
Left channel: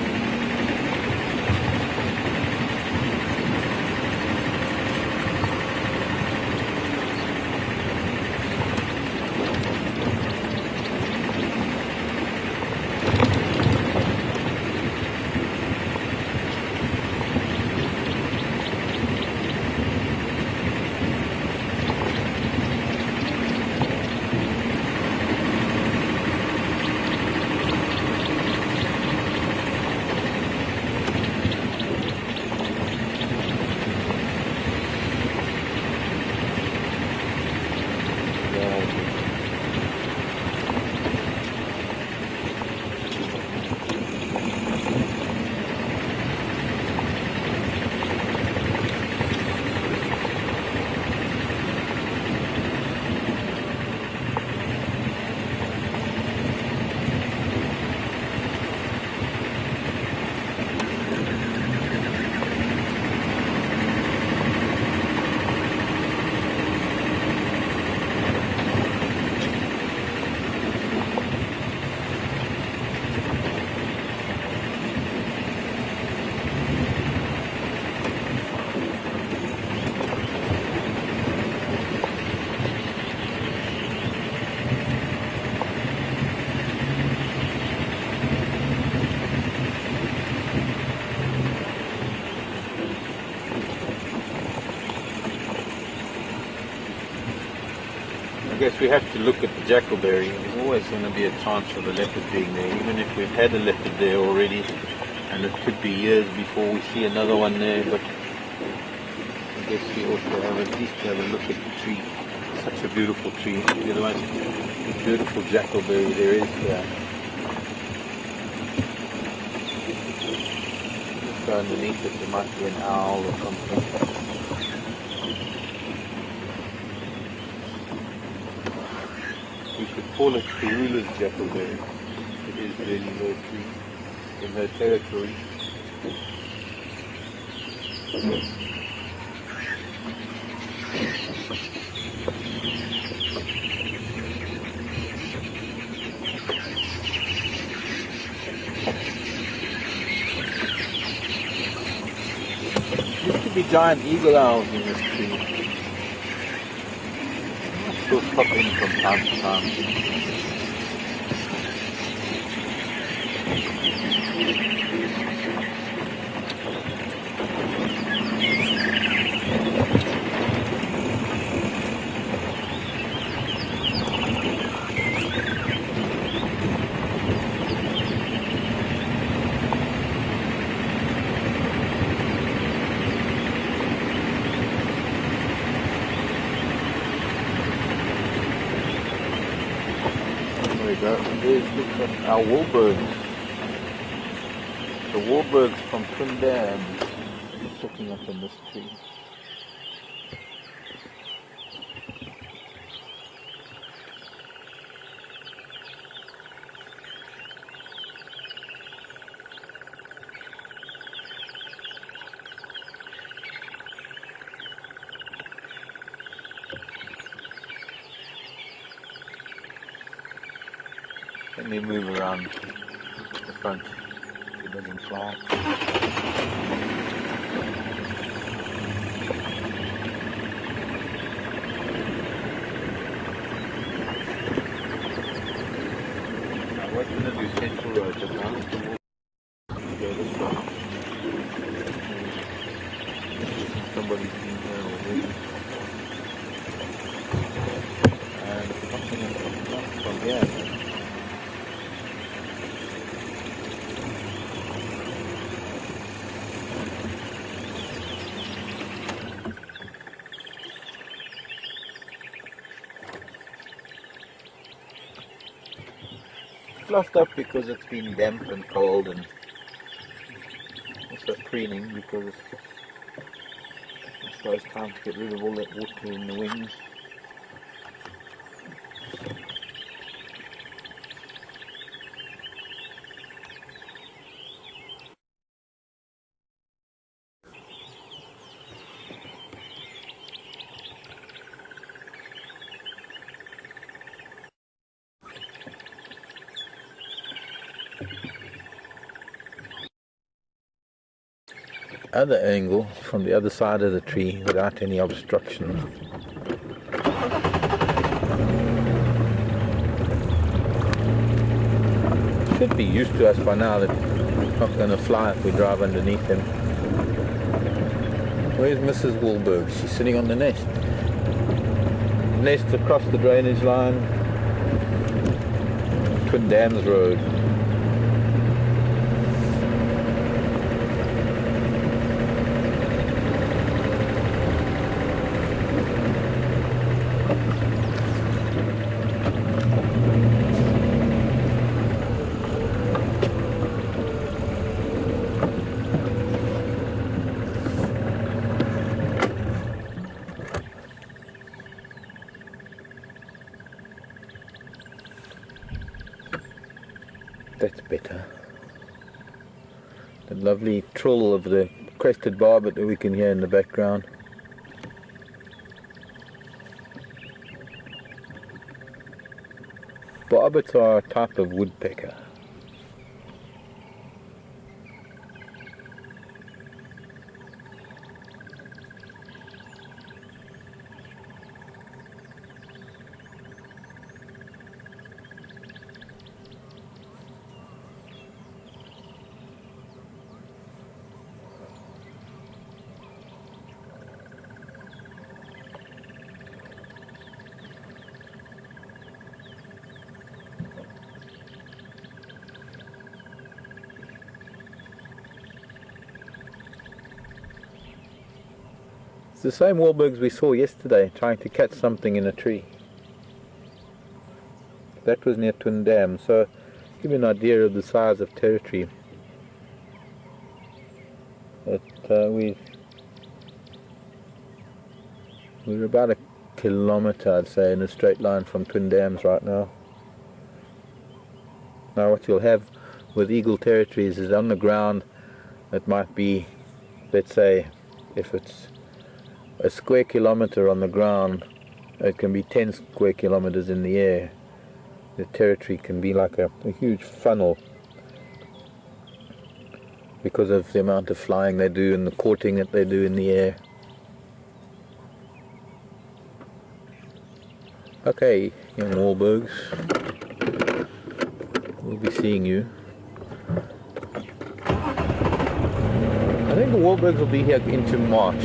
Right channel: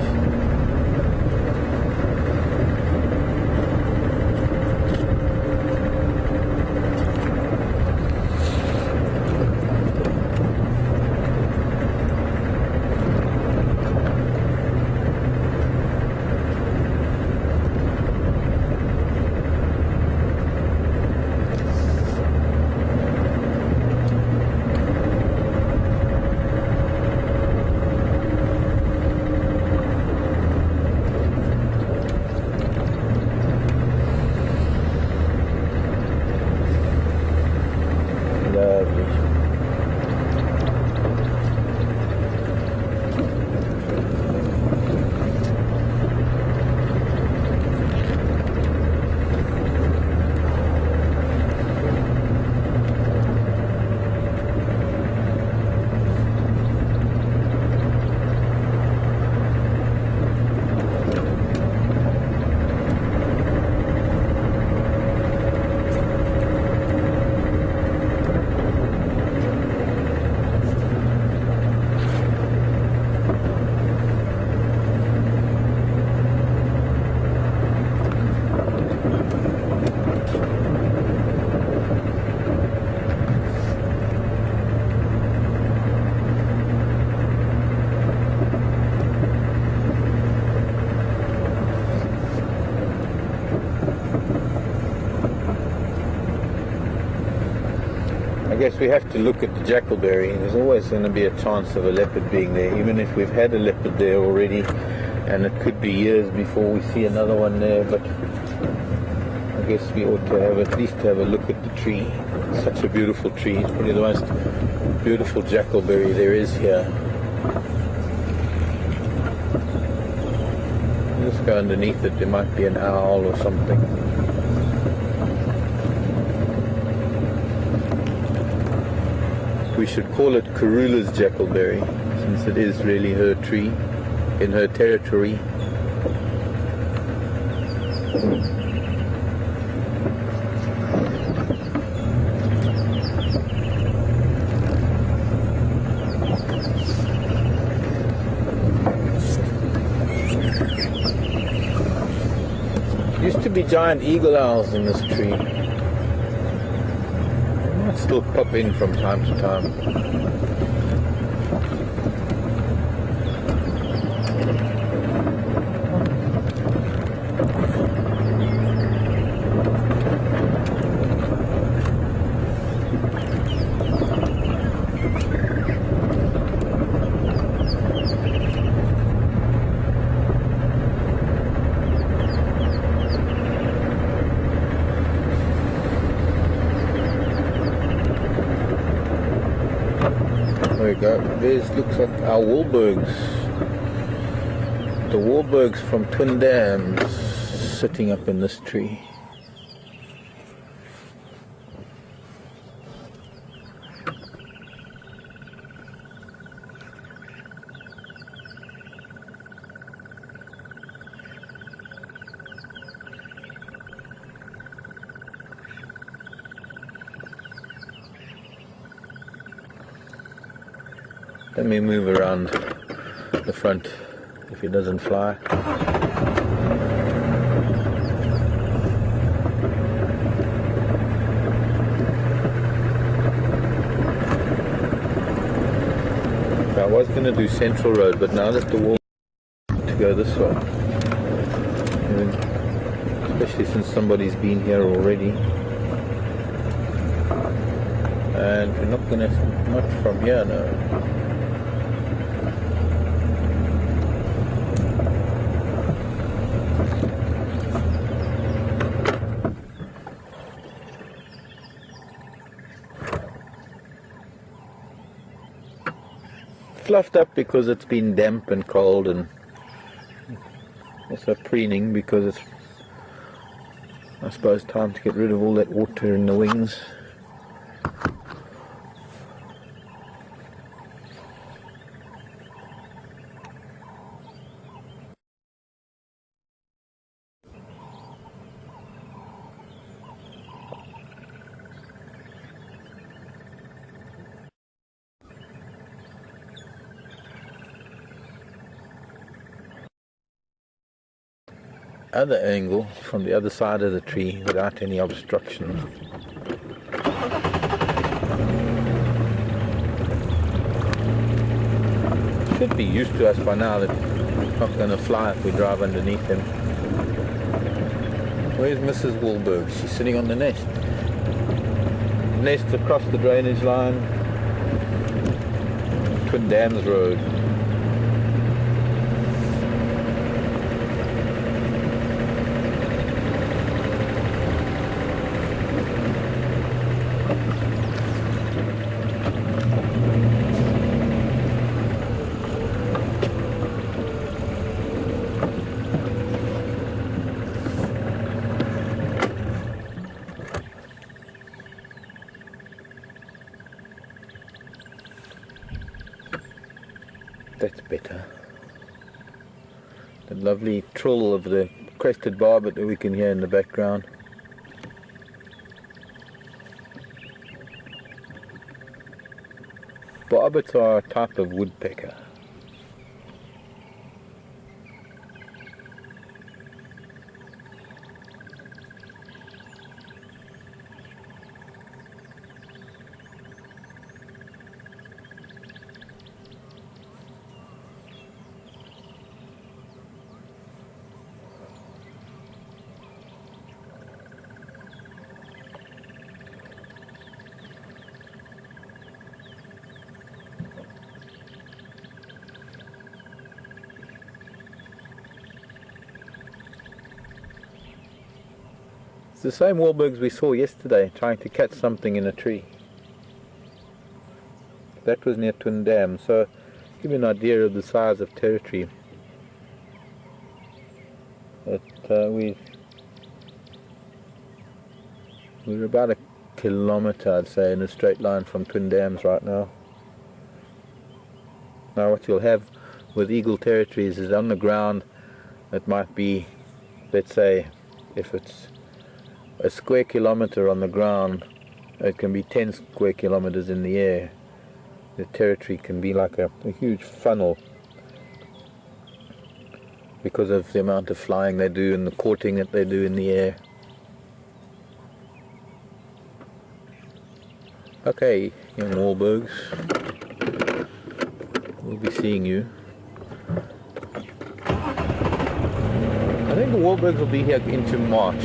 guess we have to look at the jackalberry. There's always going to be a chance of a leopard being there, even if we've had a leopard there already, and it could be years before we see another one there, but I guess we ought to at least have a look at the tree. It's such a beautiful tree. It's the most beautiful jackalberry there is here. Let's go underneath it. There might be an owl or something. We should call it Karula's jackalberry, since it is really her tree, in her territory. Used to be giant eagle owls in this tree. They'll pop in from time to time. There's looks like our Wahlbergs. The Wahlbergs from Twin Dams sitting up in this tree. Let me move around the front if it doesn't fly. So I was going to do Central Road, but now that the wall to go this way, and especially since somebody's been here already, and we're not going to, not from here now. Fluffed up because it's been damp and cold, and also preening because it's, I suppose, time to get rid of all that water in the wings. Other angle from the other side of the tree without any obstruction. Should be used to us by now that it's not going to fly if we drive underneath them. Where's Mrs. Wahlberg? She's sitting on the nest. Nest across the drainage line. Twin Dams Road. That's better. The lovely trill of the crested barbet that we can hear in the background. Barbets are a type of woodpecker. It's the same warburgs we saw yesterday, trying to catch something in a tree. That was near Twin Dam, so give you an idea of the size of territory. We're about a kilometre, I'd say, in a straight line from Twin Dams right now. Now what you'll have with eagle territories is on the ground, it might be, let's say, if it's a square kilometre on the ground, it can be 10 square kilometres in the air. The territory can be like a huge funnel because of the amount of flying they do and the courting that they do in the air. Okay, young warburgs, we'll be seeing you. I think the warburgs will be here into March.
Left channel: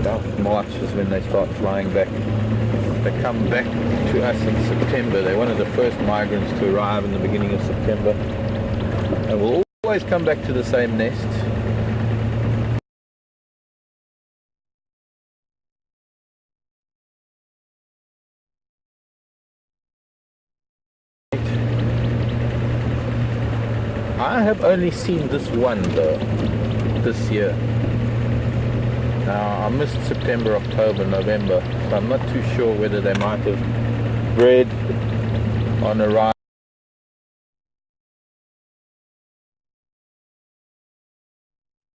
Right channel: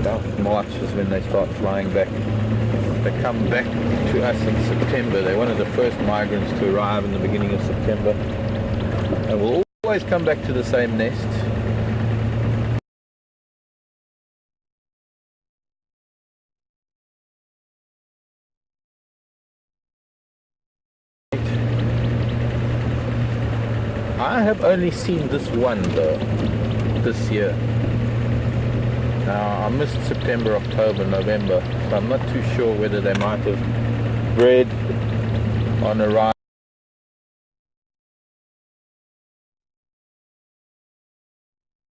About March is when they start flying back. They come back to us in September. They're one of the first migrants to arrive in the beginning of September. And will always come back to the same nest. I have only seen this one though, this year. Now I missed September, October, November, so I'm not too sure whether they might have bred on arrival,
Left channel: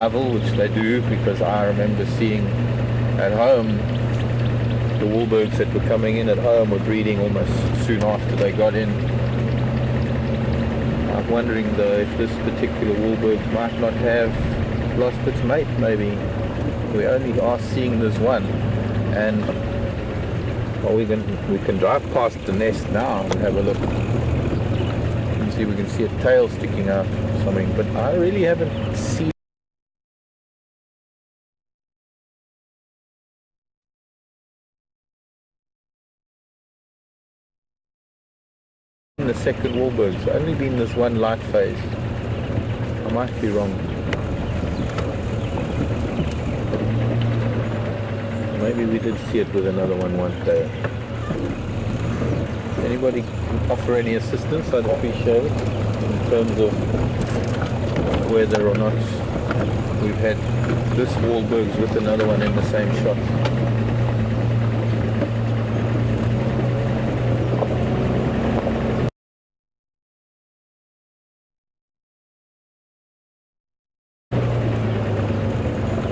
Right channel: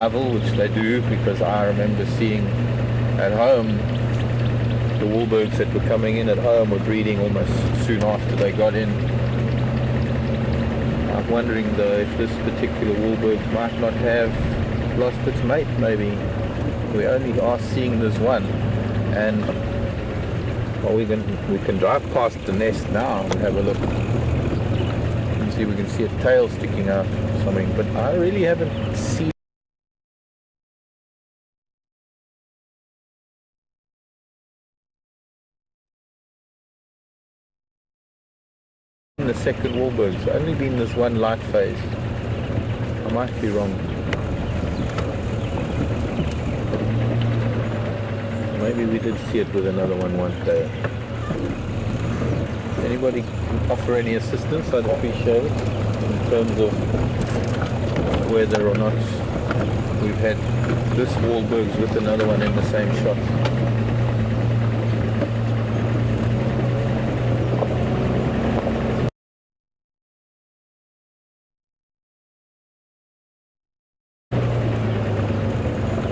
which they do, because I remember seeing at home the warburgs that were coming in at home were breeding almost soon after they got in. I'm wondering though if this particular warburg might not have lost its mate. Maybe we only are seeing this one, and well, we can drive past the nest now and have a look and see if we can see a tail sticking out or something, but I really haven't seen the second warburg. It's only been this one light phase. I might be wrong. Maybe we did see it with another one day. Anybody can offer any assistance, I'd appreciate it, in terms of whether or not we've had this warburgs with another one in the same shot.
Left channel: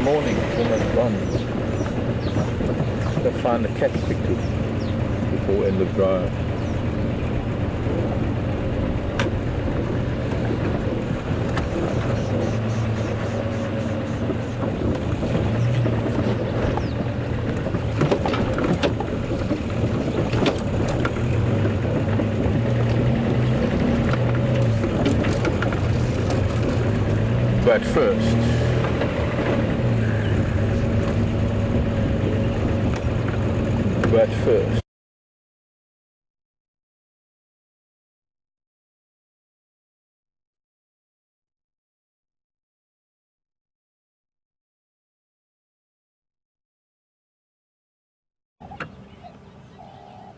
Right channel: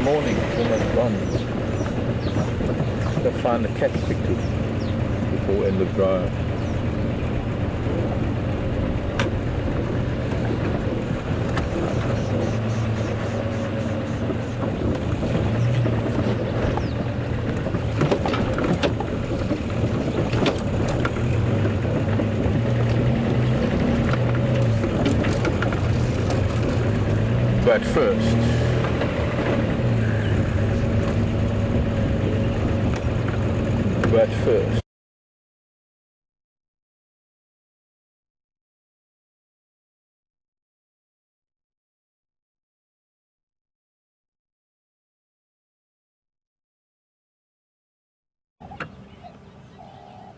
Morning, it's almost gone. To find the cat stick to before end of drive. But first,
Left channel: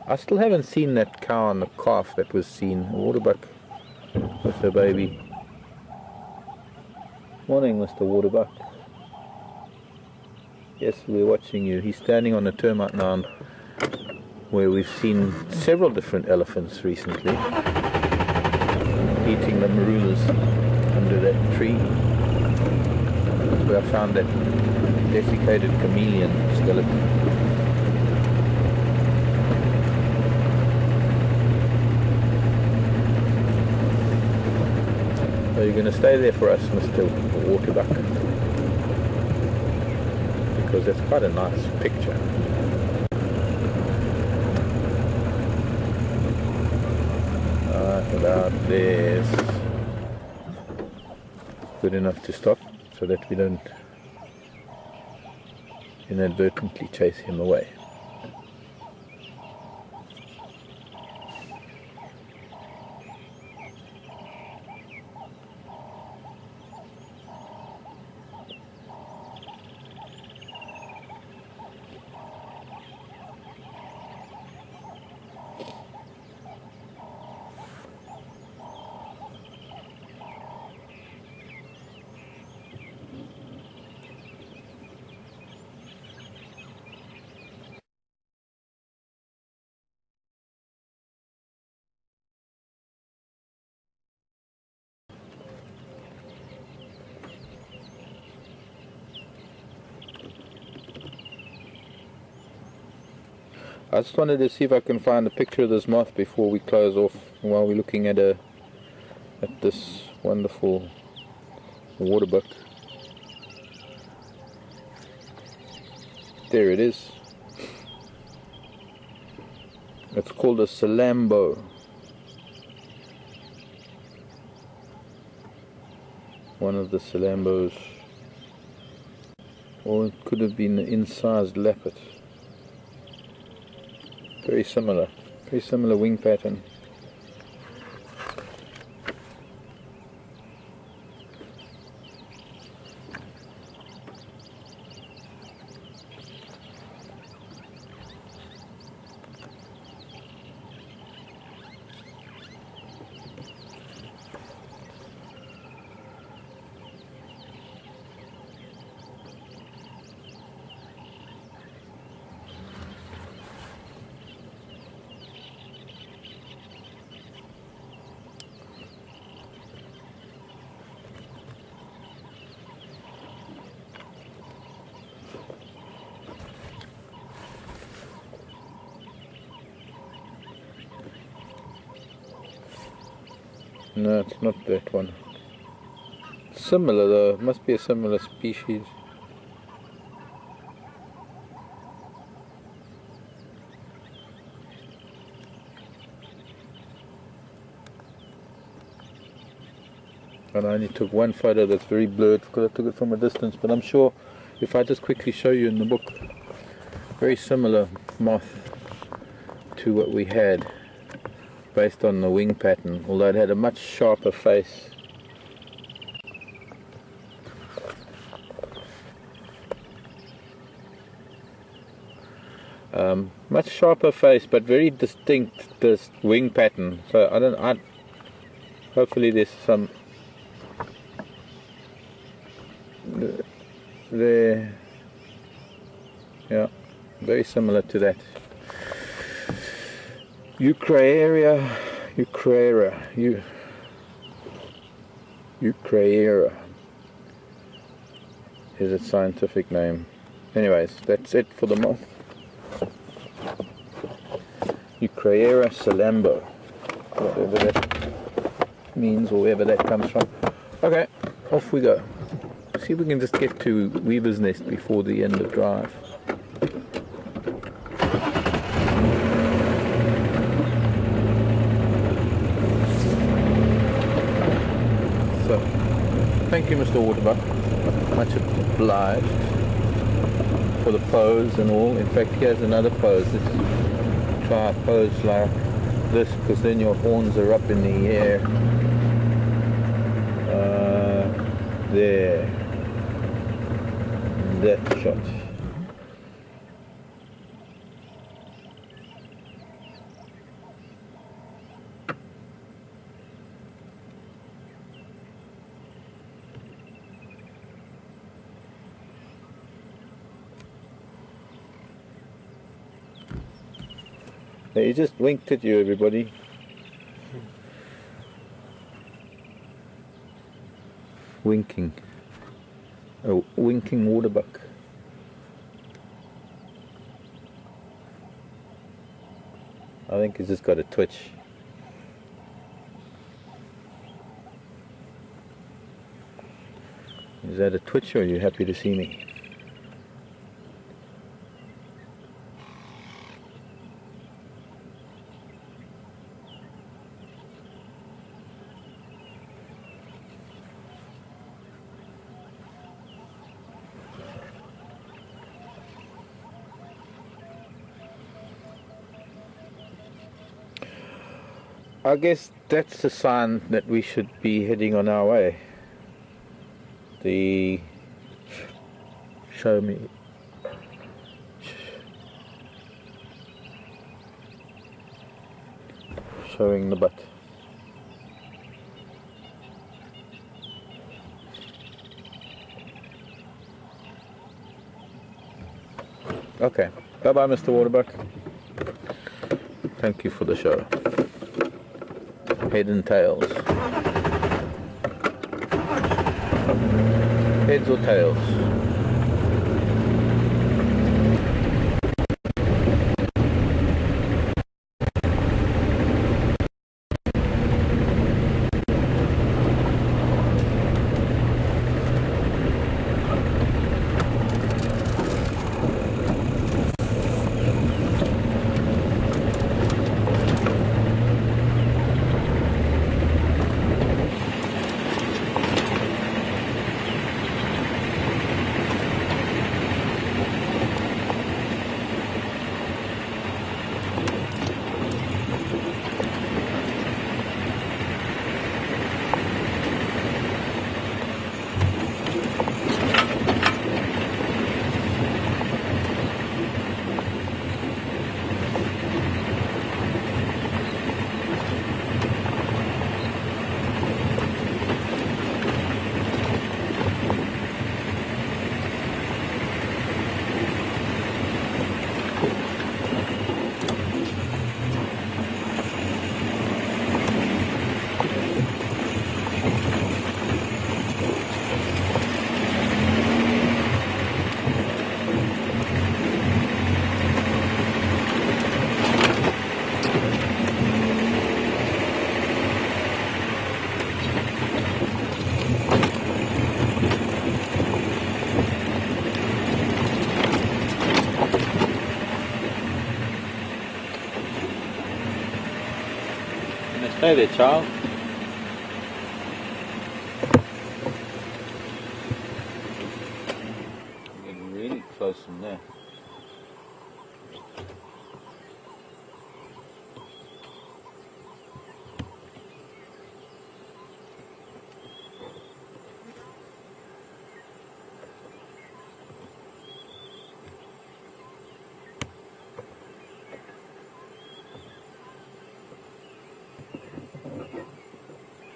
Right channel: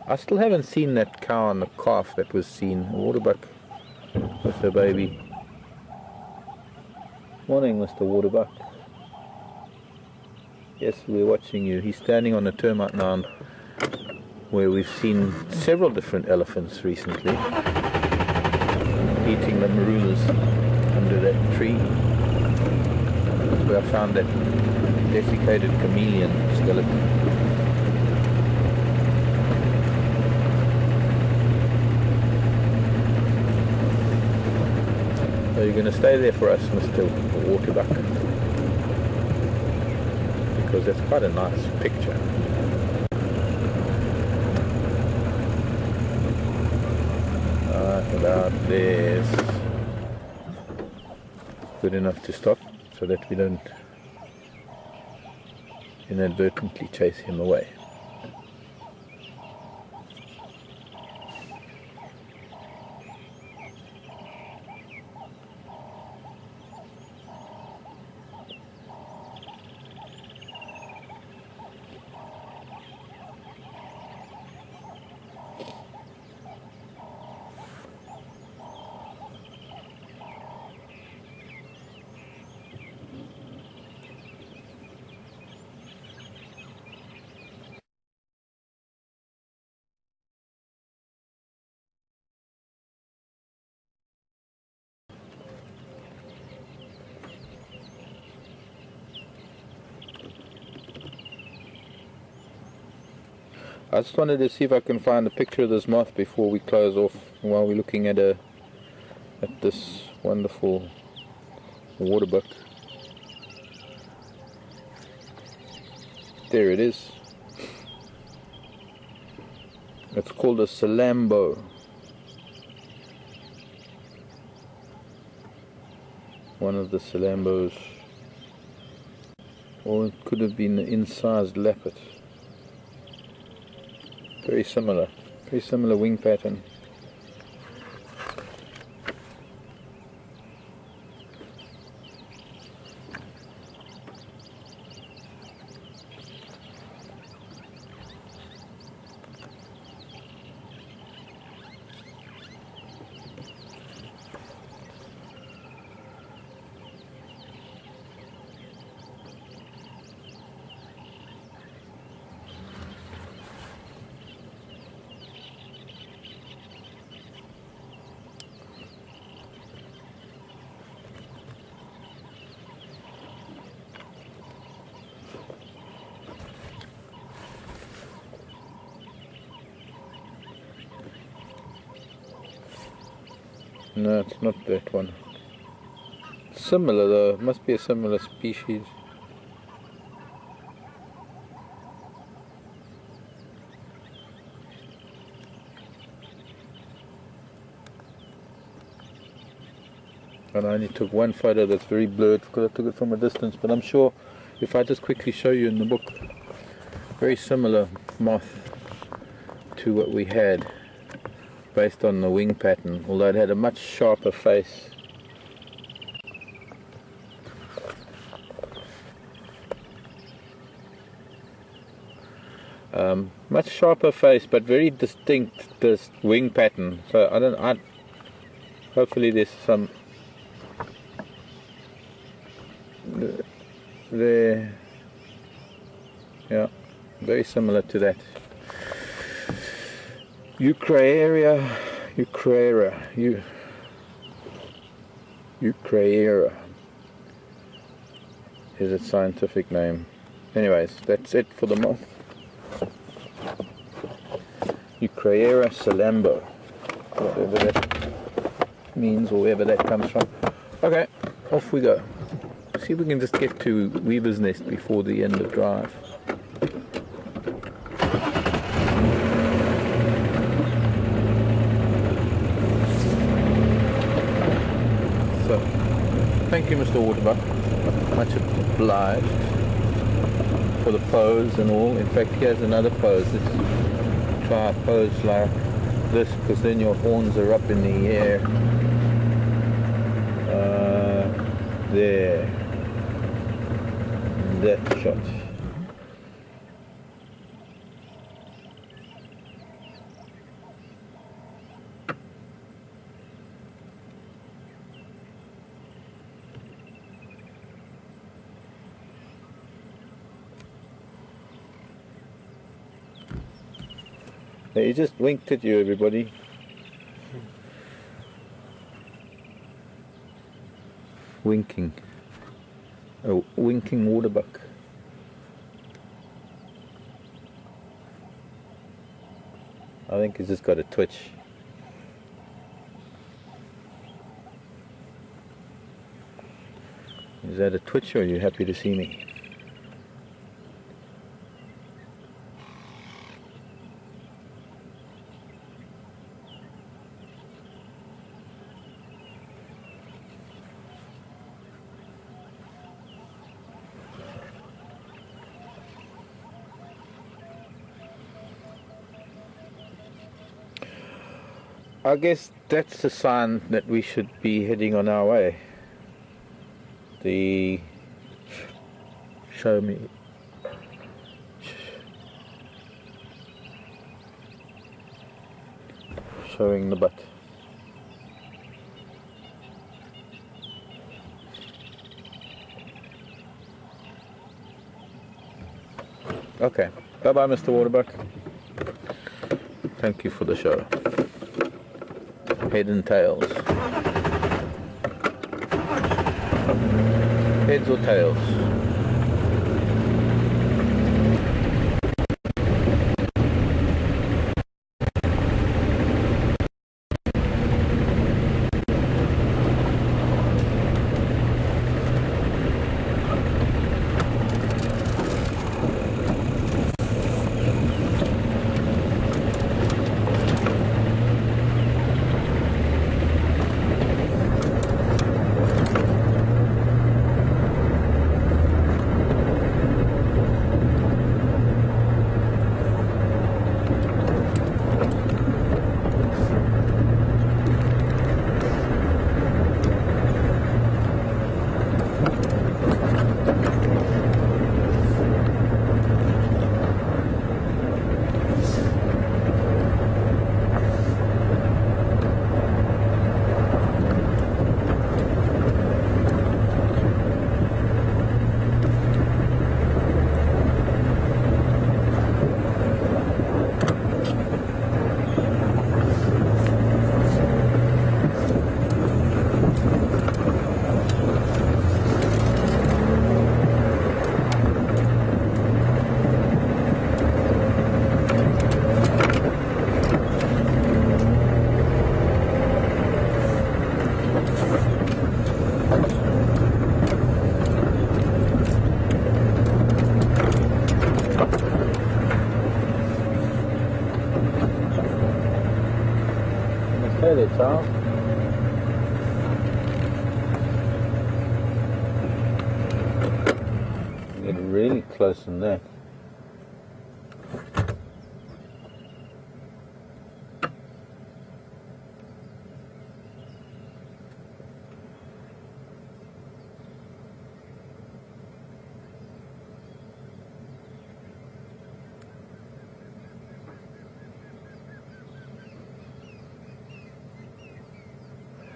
I still haven't seen that cow and the calf that was seen, a waterbuck with her baby. Morning, Mr. Waterbuck. Yes, we're watching you. He's standing on a termite mound where we've seen several different elephants recently eating the marulas under that tree. That's where I found that desiccated chameleon skeleton. So you're going to stay there for us, Mr. Waterbuck, because that's quite a nice picture. About this. Good enough to stop so that we don't inadvertently chase him away. I just wanted to see if I can find a picture of this moth before we close off, while we're looking at this wonderful waterbuck. There it is. It's called a salambo. One of the salambos. Or it could have been the incised lappet. Very similar wing pattern. No, it's not that one. Similar though, it must be a similar species. And I only took one photo that's very blurred because I took it from a distance, but I'm sure if I just quickly show you in the book, very similar moth to what we had, based on the wing pattern, although it had a much sharper face. Much sharper face, but very distinct this wing pattern. So hopefully there's some there. Yeah, very similar to that. Eucraera is its scientific name. Anyways, that's it for the moth. Eucraera salambo, whatever that means or wherever that comes from. Okay, off we go. See if we can just get to Weaver's Nest before the end of drive. So, thank you, Mr. Waterbuck. Much obliged for the pose and all. In fact, here's another pose. Try a pose like this, because then your horns are up in the air. There. That shot. He just winked at you, everybody. Winking. A winking waterbuck. I think he's just got a twitch. Is that a twitch, or are you happy to see me? I guess that's the sign that we should be heading on our way. Show me. Showing the butt. Okay. Bye-bye, Mr. Waterbuck. Thank you for the show. Head and tails. Heads or tails? Stay there, child. Get really close in there.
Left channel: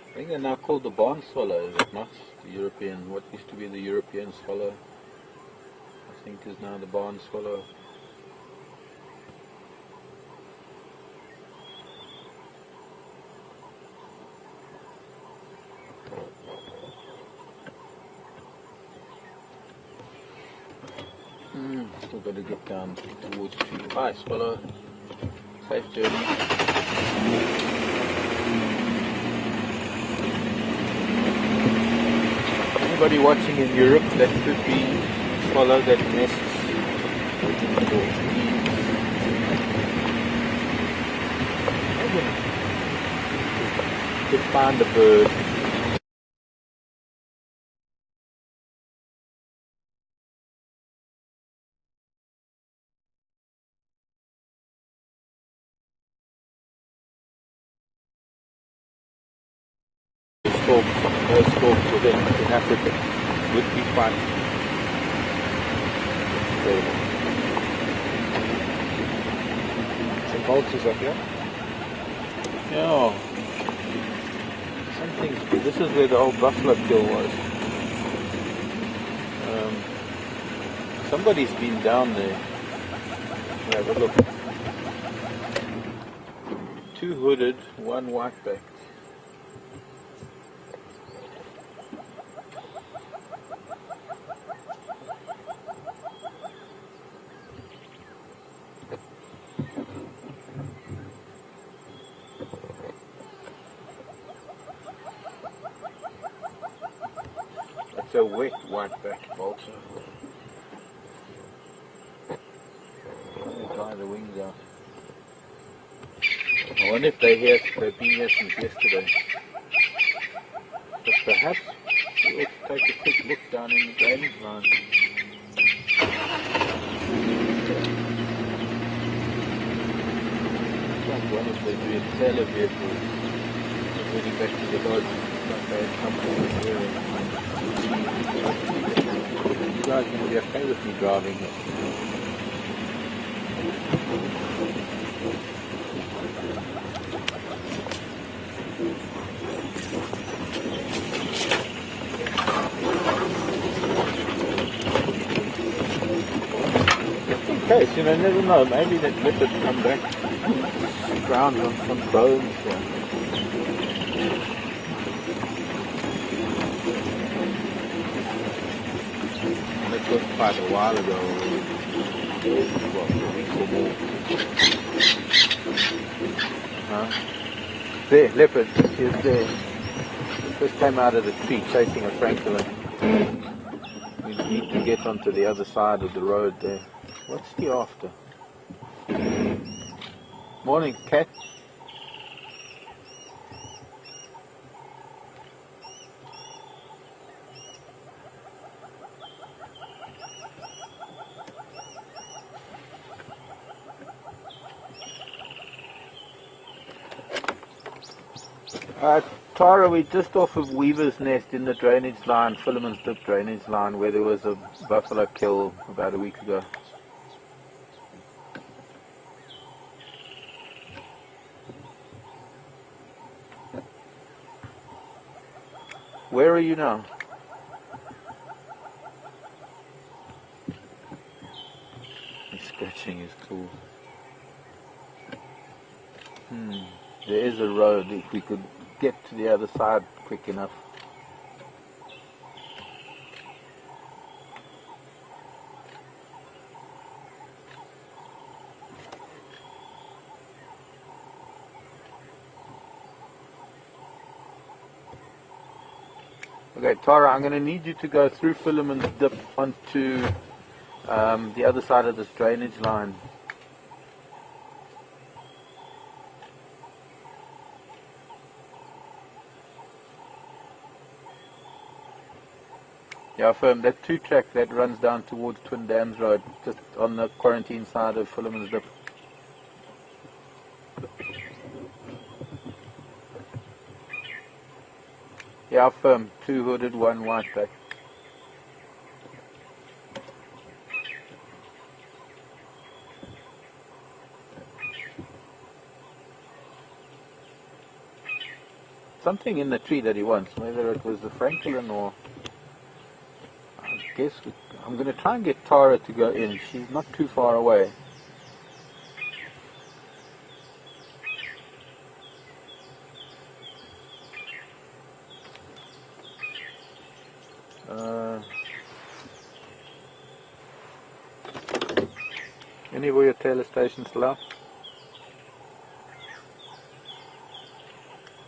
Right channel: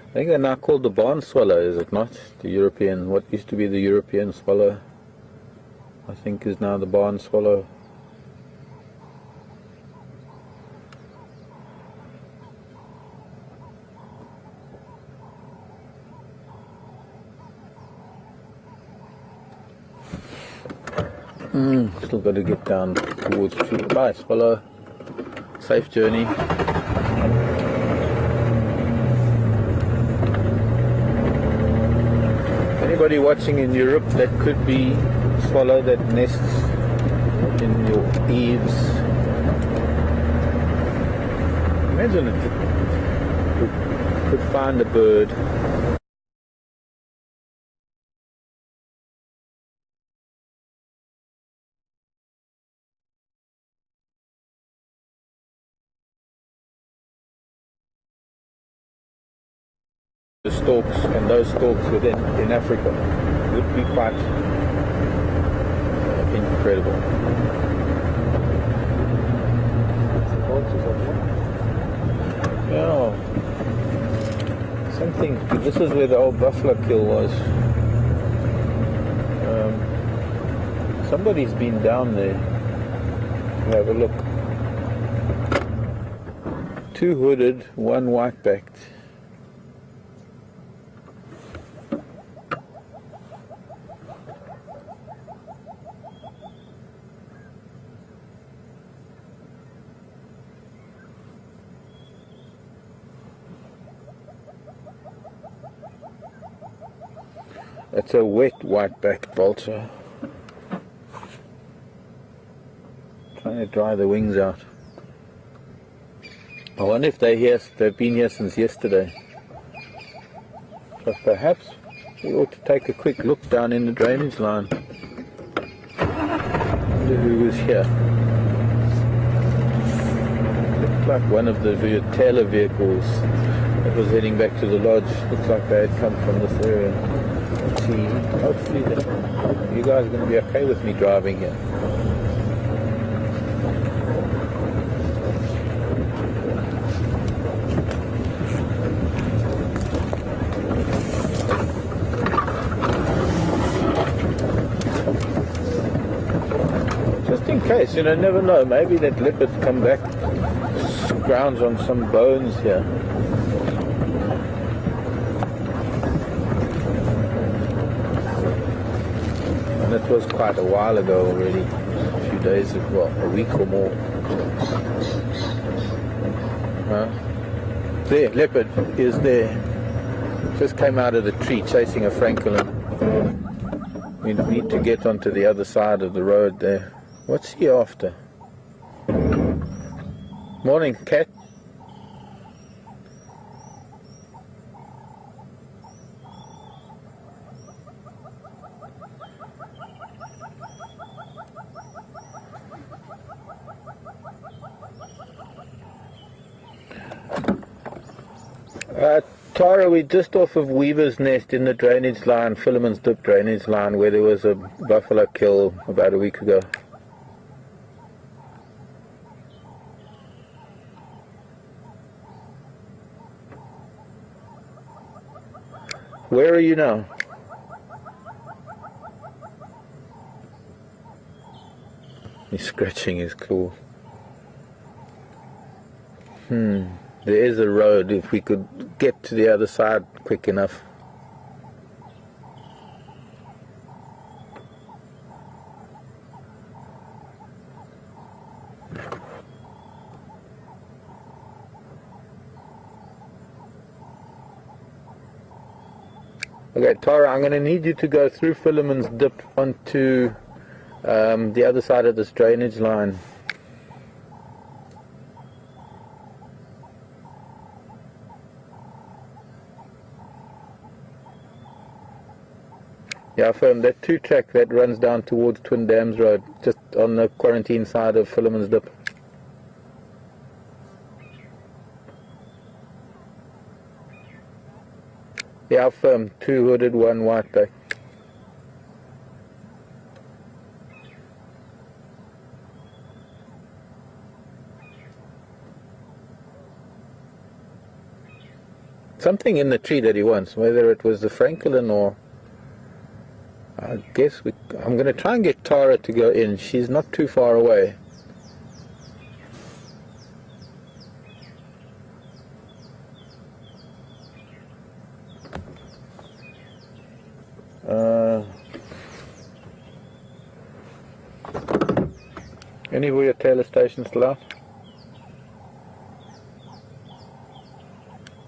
I think they're now called the barn swallow, is it not? The European, what used to be the European swallow, I think is now the barn swallow. Still got to get down towards the tree. Bye, swallow. Safe journey. Anybody watching in Europe, that could be a swallow that nests in the eaves. Imagine if you find a bird. And those stalks within in Africa would be quite incredible. Vultures up here? Yeah. Something, this is where the old buffalo kill was. Somebody's been down there. We'll have a look. 2 hooded, 1 white-backed. That's a wet white-backed vulture. Trying to dry the wings out. I wonder if they've been here since yesterday. But perhaps we ought to take a quick look down in the drainage line. Who is here? Looks like one of the trailer vehicles that was heading back to the lodge. Looks like they had come from this area. Hopefully you guys are going to be okay with me driving here. Just in case, you know, never know, maybe that leopard come back, scrounge on some bones here. It was quite a while ago already, 2 days as well, a week or more. There, leopard, he is there. Just came out of the tree chasing a francolin. We need to get onto the other side of the road there. What's he after? Morning, cat. Tara, we're just off of Weaver's Nest in the drainage line, Philemon's Dip drainage line, where there was a buffalo kill about a week ago. Where are you now? He's scratching his claw. There is a road, if we could get to the other side quick enough. Okay, Tara, I'm going to need you to go through Philemon's Dip onto the other side of this drainage line. Yeah, firm. That 2-track that runs down towards Twin Dams Road, just on the quarantine side of Philemon's Dip. Yeah, firm. 2 hooded, 1 whiteback. Something in the tree that he wants, whether it was the francolin or... I guess I'm going to try and get Tara to go in. She's not too far away. Anywhere at Taylor Station still out?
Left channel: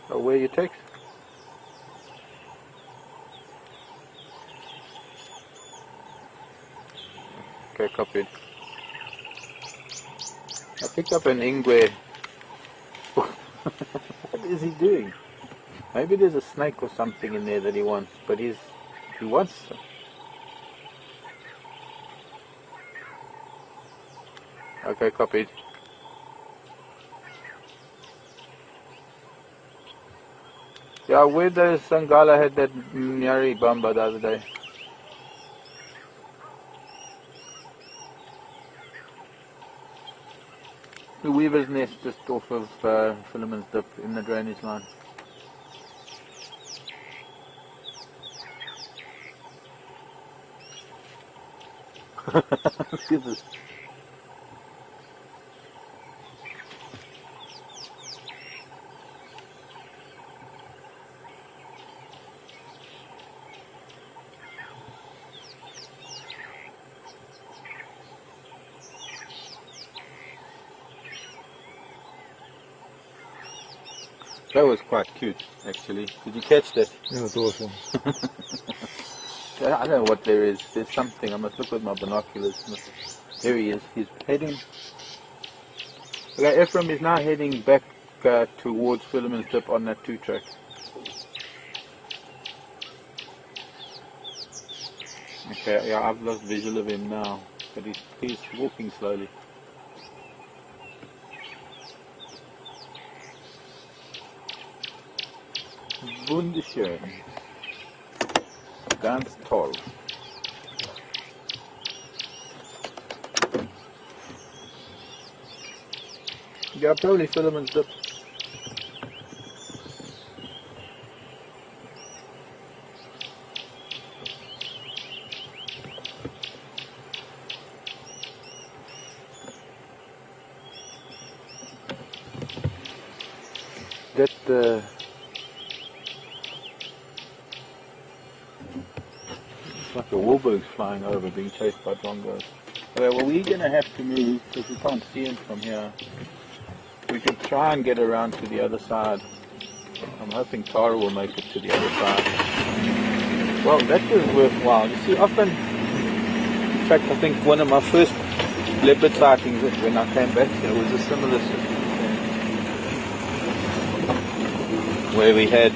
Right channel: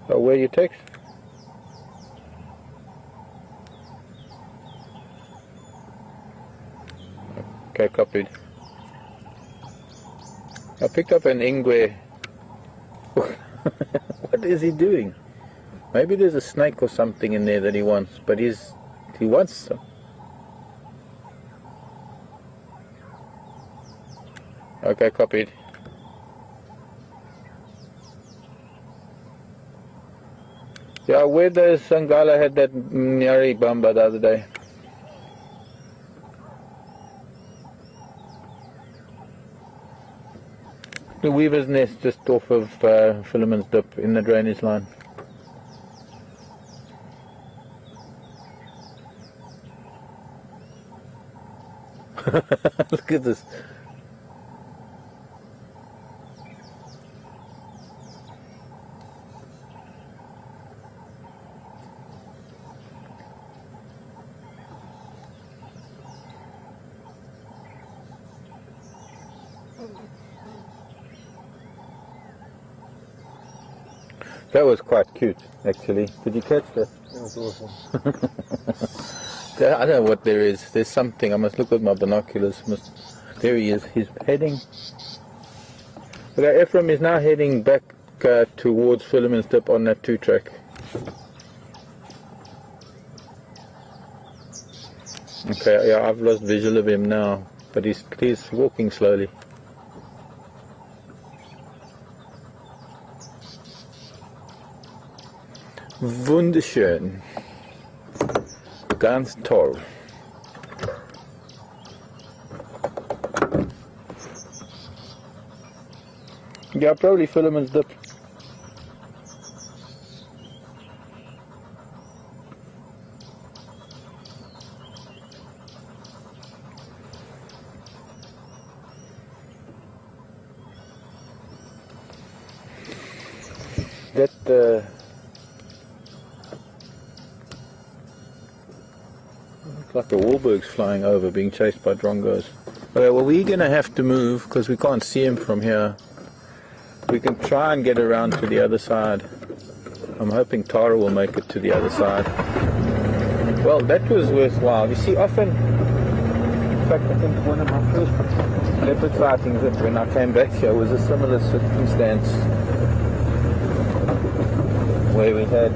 Oh, where you text? Okay, copied. I picked up an ingwe. What is he doing? Maybe there's a snake or something in there that he wants, but he wants some. Okay, copied. Yeah, where the Sangala had that Nyari Bamba the other day. The Weaver's Nest just off of Philemon's Dip in the drainage line. Look at this. That was quite cute, actually. Did you catch that? That was awesome. I don't know what there is. There's something. I must look with my binoculars. There he is. He's heading. Okay, Ephraim is now heading back towards Philemon's Dip on that 2-track. Okay, yeah, I've lost visual of him now, but he's walking slowly. Wunderschön. Ganz toll. Yeah, probably Philemon's Dip. That it's like a Wahlberg's flying over, being chased by drongos. Okay, well, we're gonna have to move because we can't see him from here. We can try and get around to the other side. I'm hoping Tara will make it to the other side. Well, that was worthwhile. You see, often, in fact, I think one of my first leopard sightings when I came back here was a similar circumstance where we had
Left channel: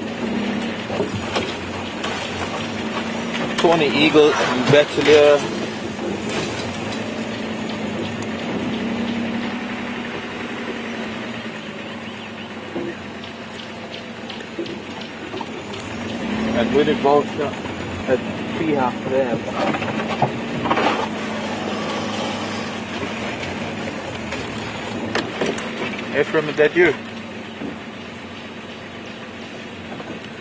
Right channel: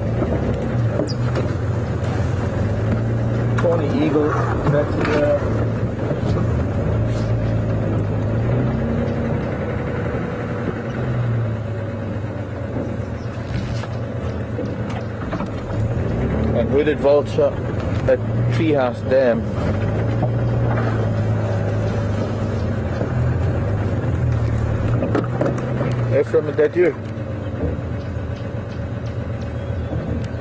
tawny eagle, bachelor, and hooded vulture at Treehouse Dam. Ephraim, is that you?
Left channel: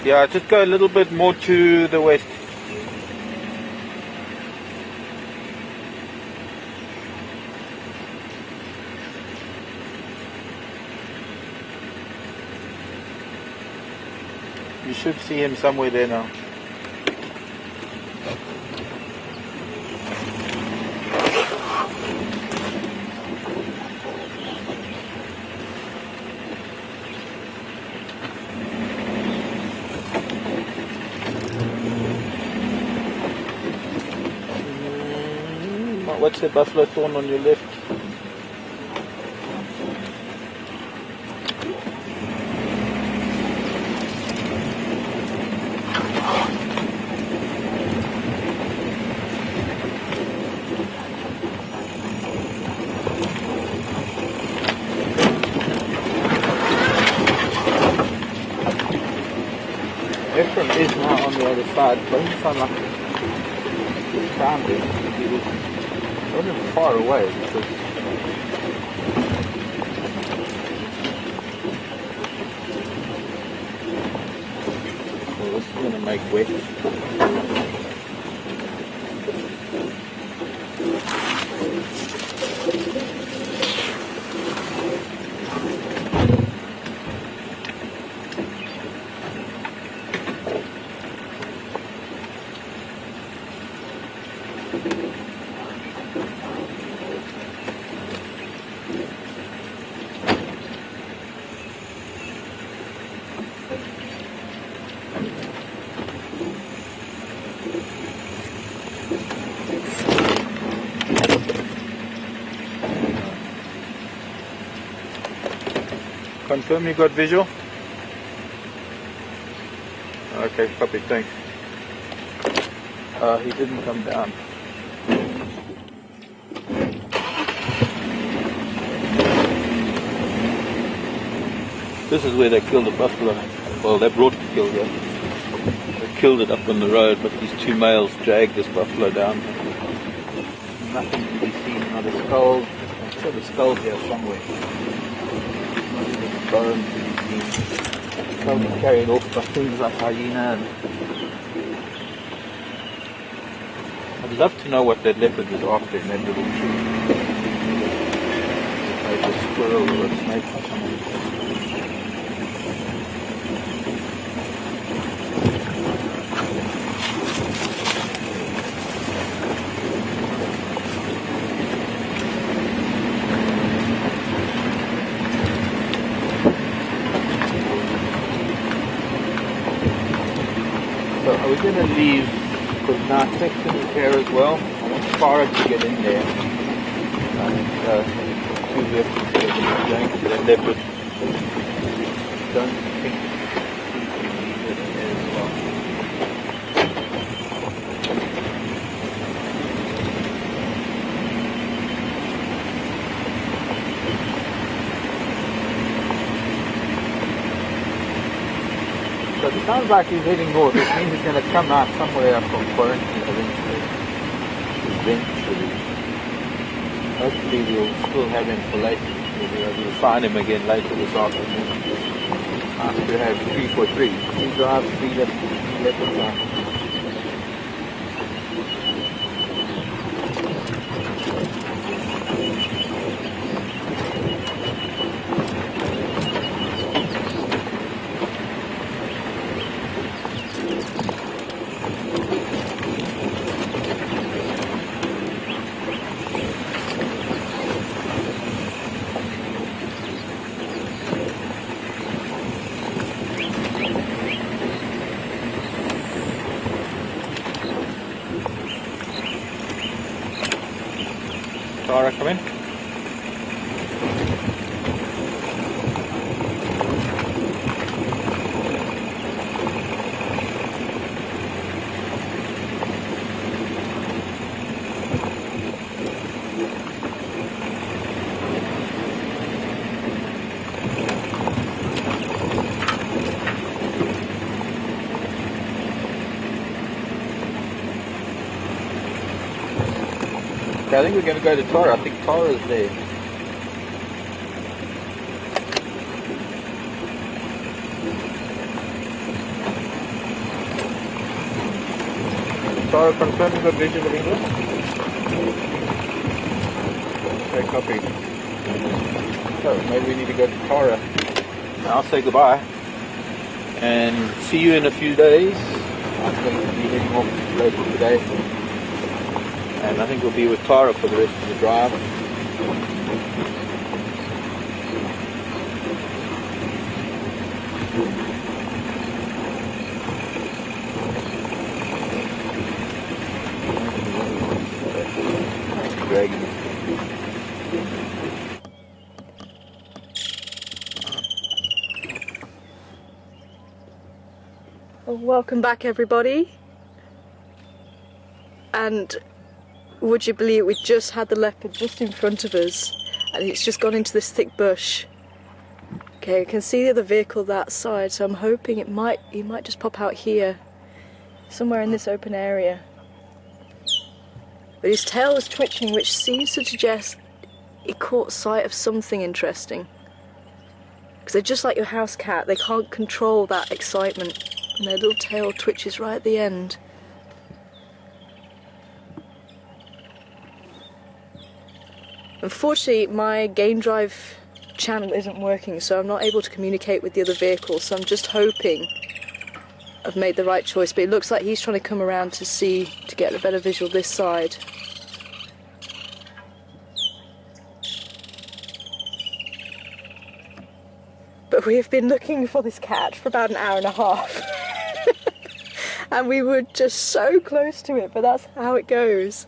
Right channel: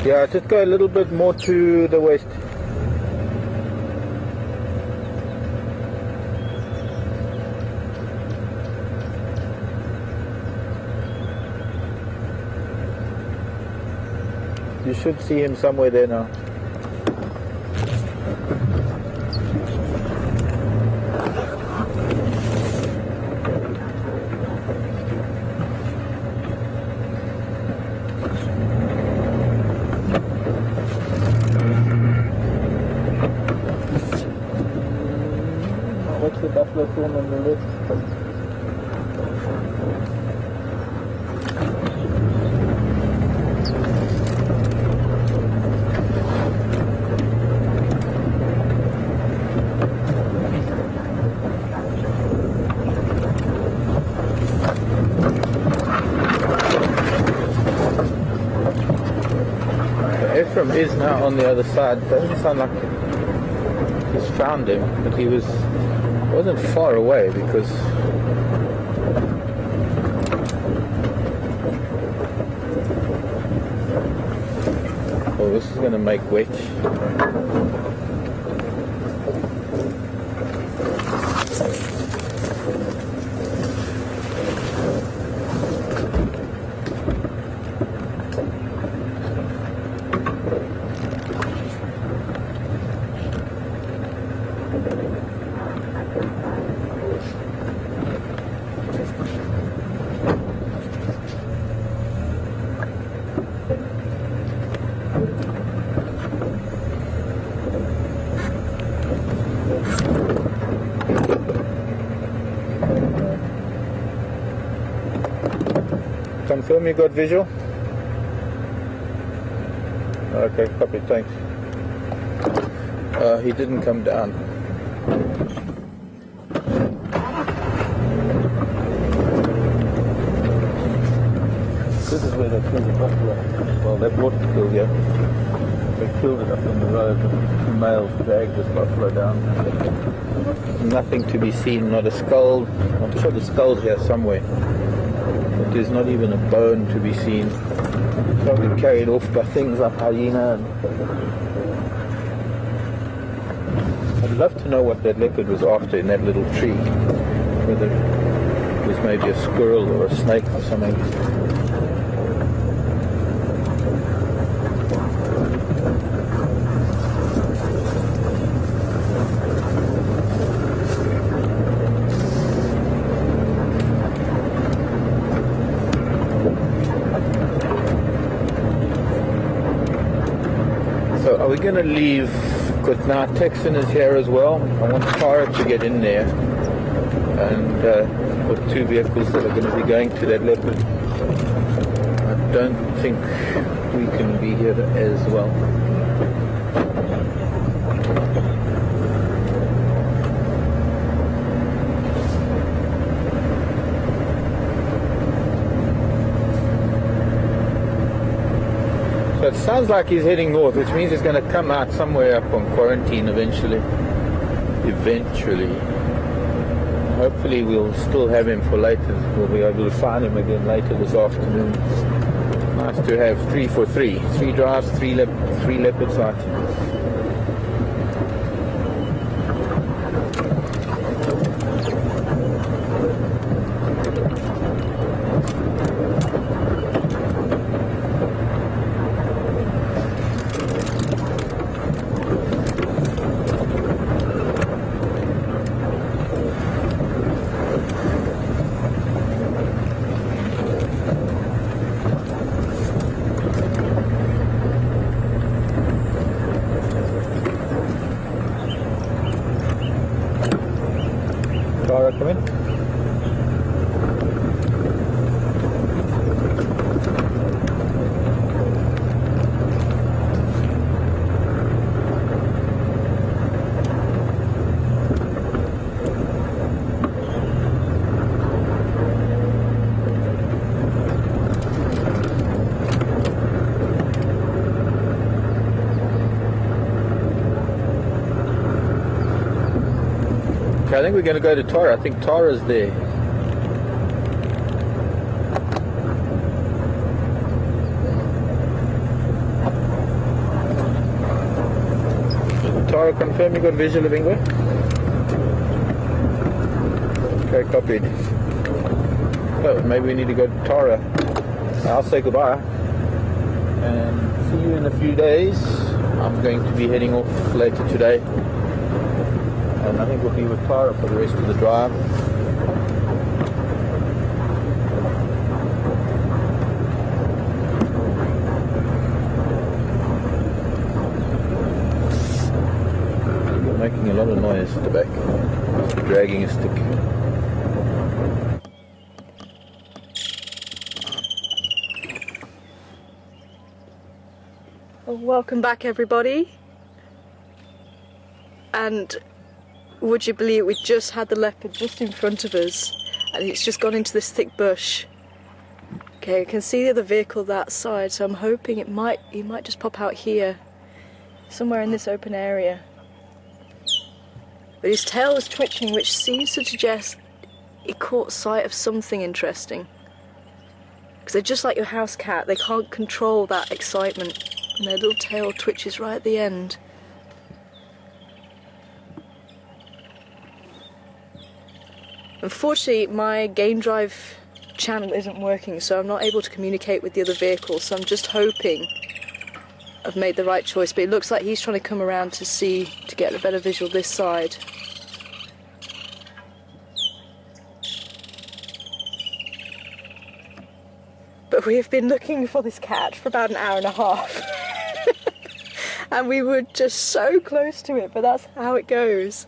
Yeah, just go a little bit more to the west. You should see him somewhere there now. What's the buffalo thorn on your left? on the other side. It doesn't sound like he's found him, but he wasn't far away because well, this is going to make wet. Confirm you got visual? Okay, copy, thanks. He didn't come down. This is where they killed the buffalo. Well, they brought the kill here. They killed it up on the road, but these two males dragged this buffalo down. Nothing to be seen, not a skull. I'm sure the skull's here somewhere. But there's not even a bone to be seen. Probably carried off by things like hyena. I'd love to know what that leopard was after in that little tree. Whether it was maybe a squirrel or a snake or something. Now Texan is here as well. I want Tara to get in there and put two vehicles that are going to that leopard. I don't think he can be with it as well. It sounds like he's heading north, which means he's going to come out somewhere from quarantine eventually. Hopefully we'll still have him for later. We'll find him again later this afternoon. Nice to have 3 for 3. 3 drives, 3 leopards on. Tara, come in. I think we're going to go to Tara. I think Tara's there. Tara, confirm you got vision of England? Okay, copy. So maybe we need to go to Tara. I'll say goodbye and see you in a few days. I'm going to be heading off later today. And I think we'll be with Tara for the rest of the drive. We're making a lot of noise today. Dragging a stick. Well, welcome back everybody. And would you believe we just had the leopard just in front of us and it's just gone into this thick bush. Okay, you can see the other vehicle that side, so I'm hoping he might just pop out here somewhere in this open area. But his tail was twitching, which seems to suggest he caught sight of something interesting. Because they're just like your house cat, they can't control that excitement, and their little tail twitches right at the end. Unfortunately, my game drive channel isn't working, so I'm not able to communicate with the other vehicles, so I'm just hoping I've made the right choice, but it looks like he's trying to come around to get a better visual this side. But we have been looking for this cat for about an hour and a half. And we were just so close to it, but that's how it goes.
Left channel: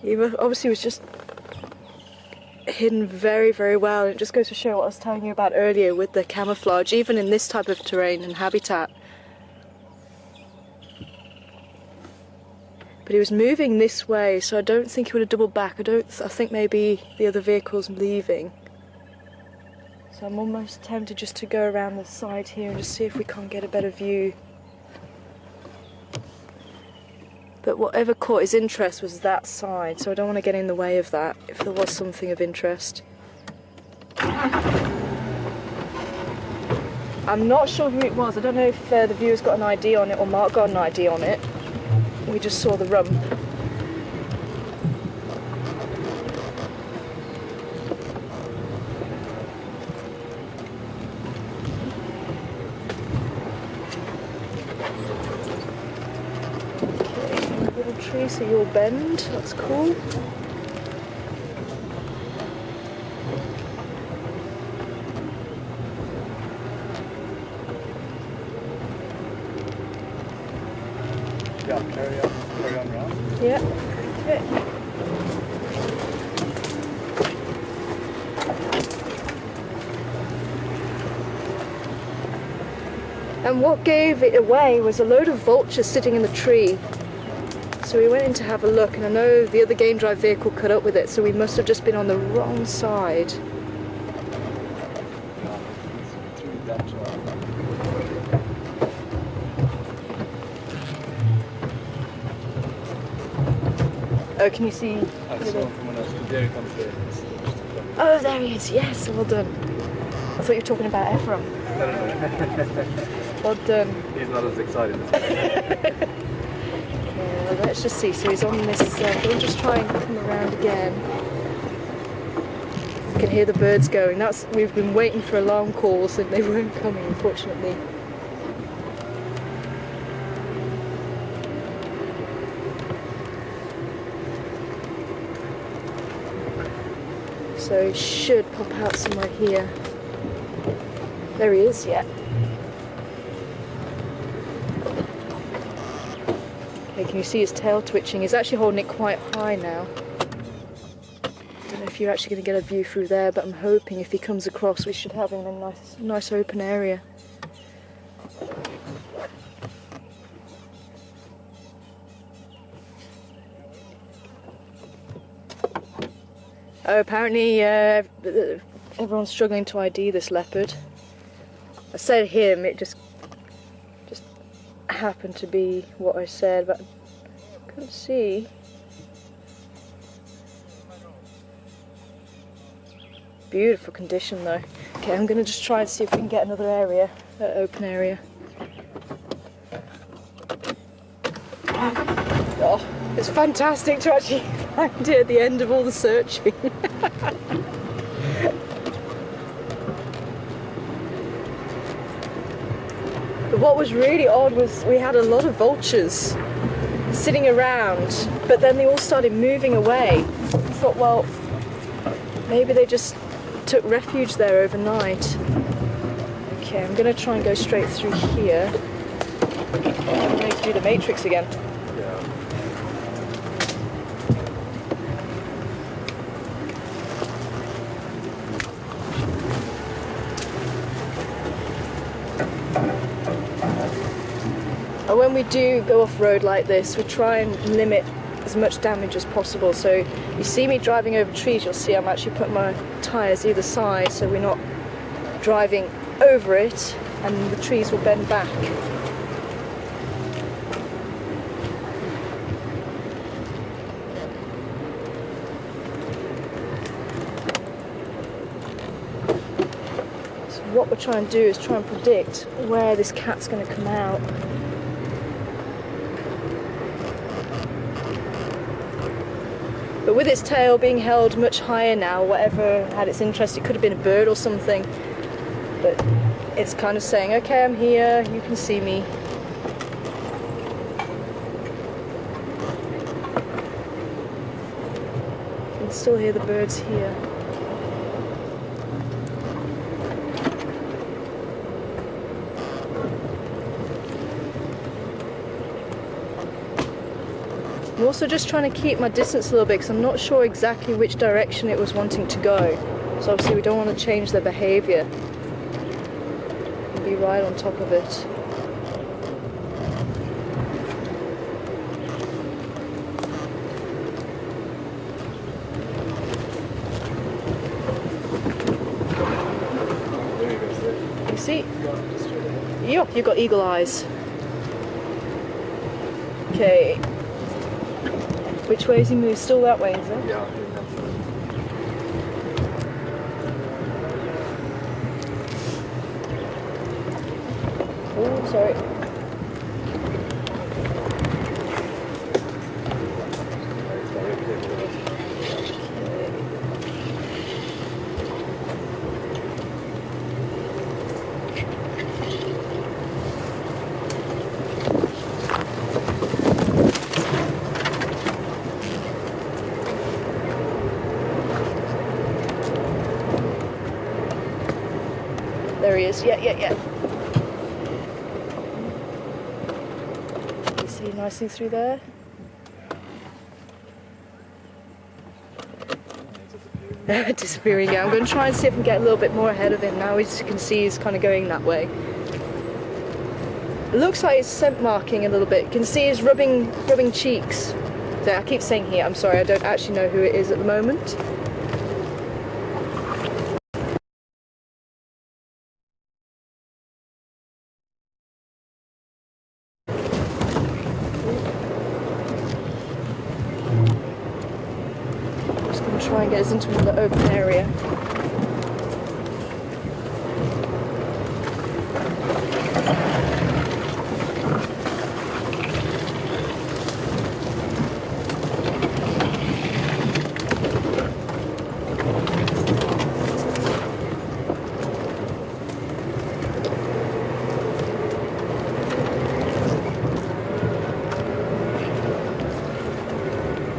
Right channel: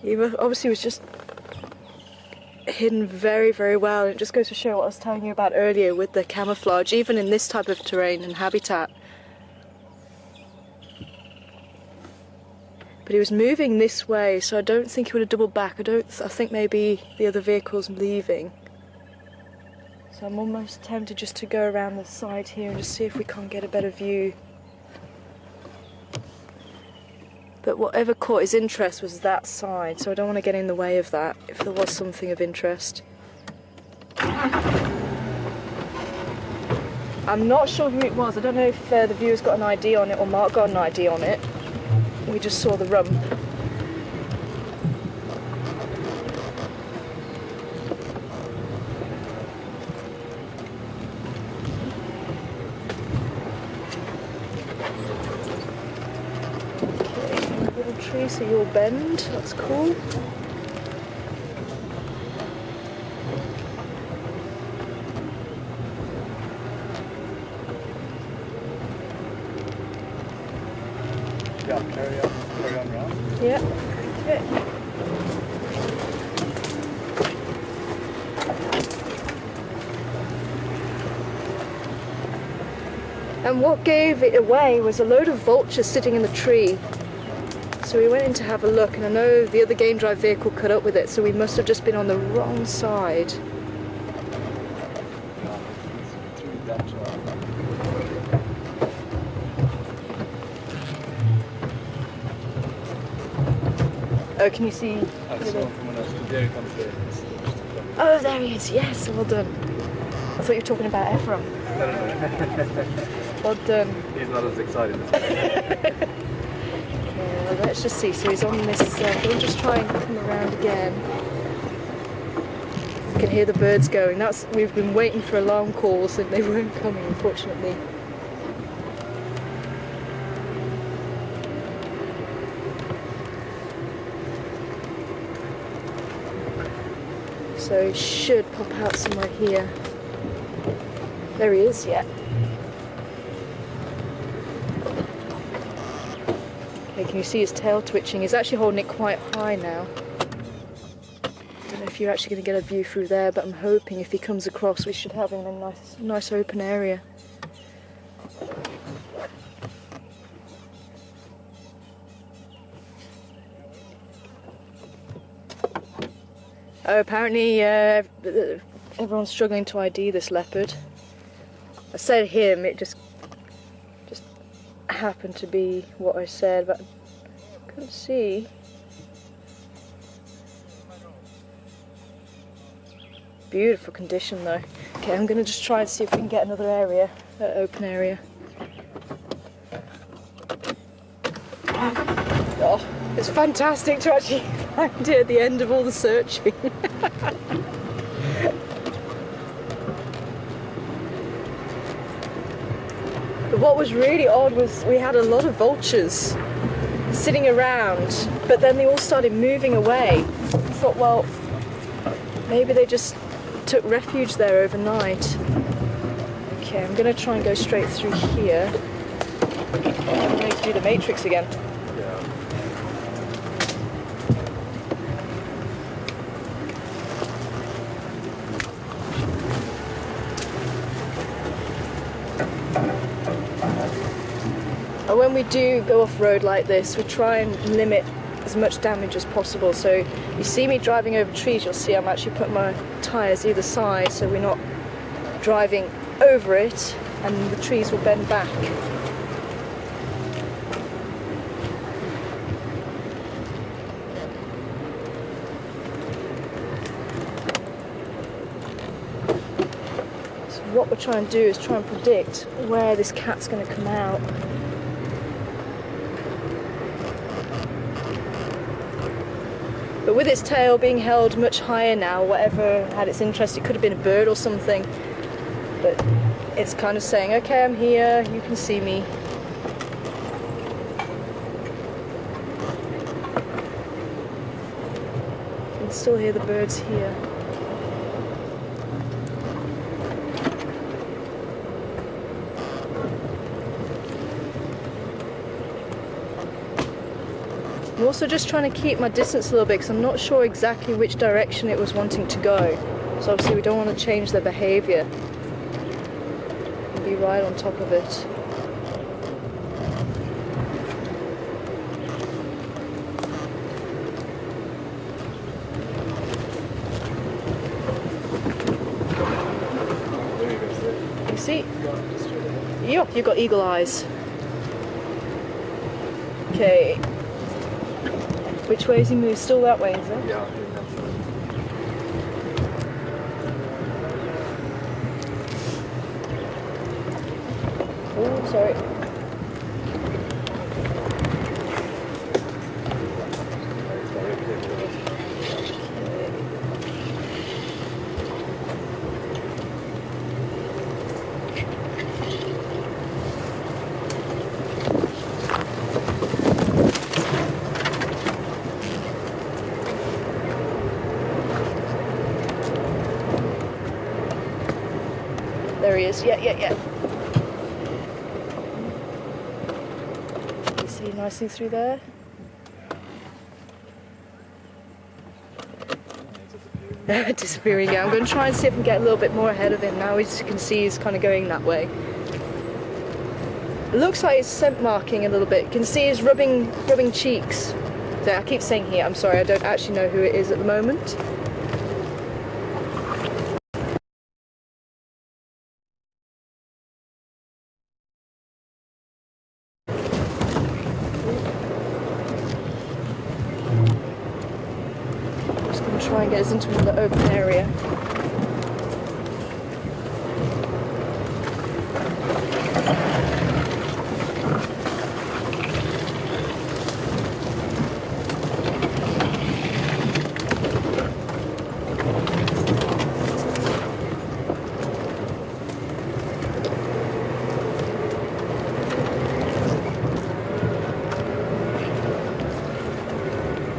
He obviously was just hidden very, very well, and it just goes to show what I was telling you about earlier with the camouflage, even in this type of terrain and habitat. But he was moving this way, so I don't think he would have doubled back. I think maybe the other vehicle's leaving. So I'm almost tempted just to go around the side here and just see if we can't get a better view. But whatever caught his interest was that side, so I don't want to get in the way of that if there was something of interest. I'm not sure who it was. I don't know if the viewer's got an ID on it or Mark got an ID on it. We just saw the rump. Tree, so you'll bend, that's cool. Yeah, carry on round. Yeah, okay. And what gave it away was a load of vultures sitting in the tree. So we went in to have a look, and I know the other game drive vehicle caught up with it, so we must have just been on the wrong side. Oh, can you see? I saw him from when I was there. He comes there. Oh, there he is. Yes, well done. I thought you were talking about Ephraim. No. Well done. He's not as excited as me. Well, let's just see. So he's on this. We'll just try and come around again. You can hear the birds going. We've been waiting for alarm calls and they weren't coming, unfortunately. So he should pop out somewhere here. There he is, yeah. Okay, can you see his tail twitching? He's actually holding it quite high now. Don't know if you're actually going to get a view through there, but I'm hoping if he comes across we should have him in a nice open area. Oh, apparently everyone's struggling to ID this leopard. I said him, it just happened to be what I said, but I couldn't see. Beautiful condition though. Okay, I'm going to just try and see if we can get another area, open area. Oh, it's fantastic to actually find it at the end of all the searching. But what was really odd was we had a lot of vultures sitting around, but then they all started moving away. I thought, well, maybe they just took refuge there overnight. Okay, I'm going to try and go straight through here. I'm going to do the matrix again. And when we do go off-road like this, we try and limit as much damage as possible. So you see me driving over trees, you'll see I'm actually putting my tyres either side so we're not driving over it and the trees will bend back. what we're trying to do is try and predict where this cat's going to come out. But with its tail being held much higher now, whatever had its interest, it could have been a bird or something. But it's kind of saying, okay, I'm here, you can see me. You can still hear the birds here. I'm also just trying to keep my distance a little bit because I'm not sure exactly which direction it was wanting to go. So obviously we don't want to change their behaviour and be right on top of it. There he goes there. You see? Just straight ahead. Yup, you've got eagle eyes. Okay. Which way is he moved? Still that way, is it? Yeah, I think that's right. Oh, sorry. There he is. Yeah. You see nicely through there? Disappearing, yeah. I'm going to try and see if I can get a little bit more ahead of him now. As you can see, he's kind of going that way. It looks like he's scent marking a little bit. You can see he's rubbing cheeks. So I keep saying he, I'm sorry, I don't actually know who it is at the moment. Just going to try and get us into another open area.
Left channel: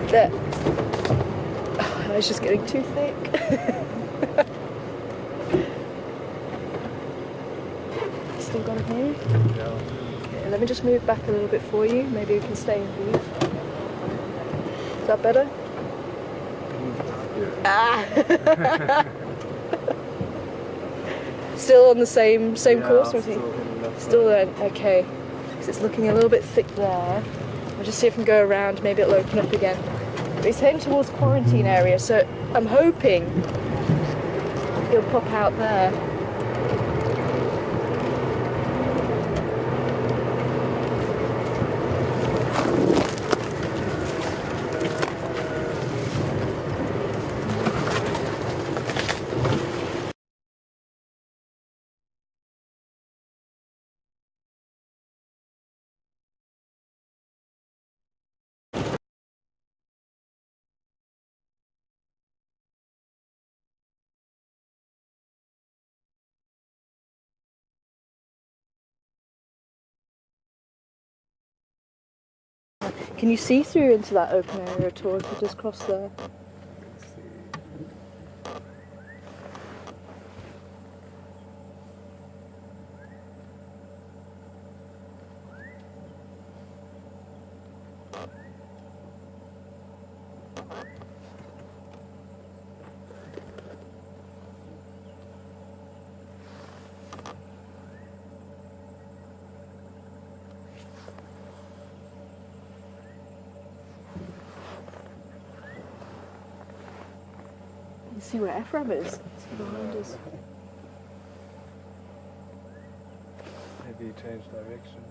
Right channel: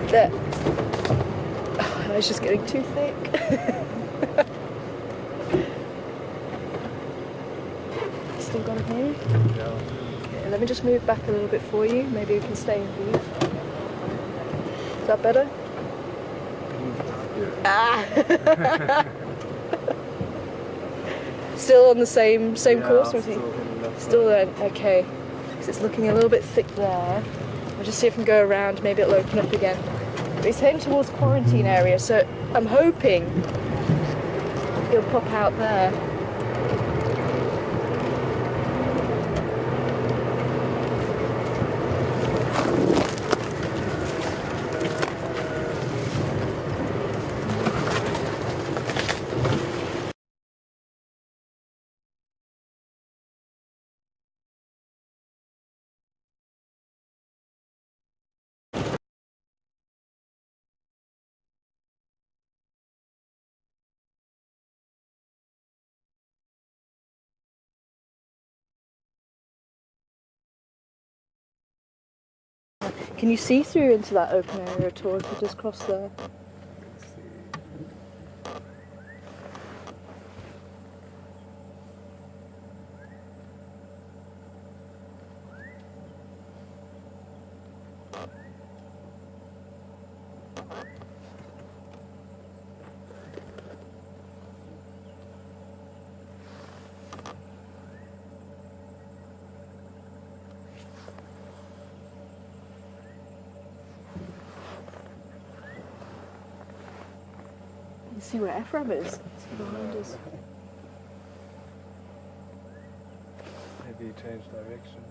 There. Oh, it's just getting too thick. Still got him here? Yeah. Okay, let me just move back a little bit for you. Maybe we can stay in view. Is that better? Yeah. Ah! Still on the same course? Or is he? Still in that Still side. there? Okay. Because it's looking a little bit thick there. I'll just see if I can go around. Maybe it'll open up again. But he's heading towards quarantine area, so I'm hoping he'll pop out there. Can you see through into that open area at all if you just cross there? You see where Ephraim is? It's behind us. Maybe he changed direction.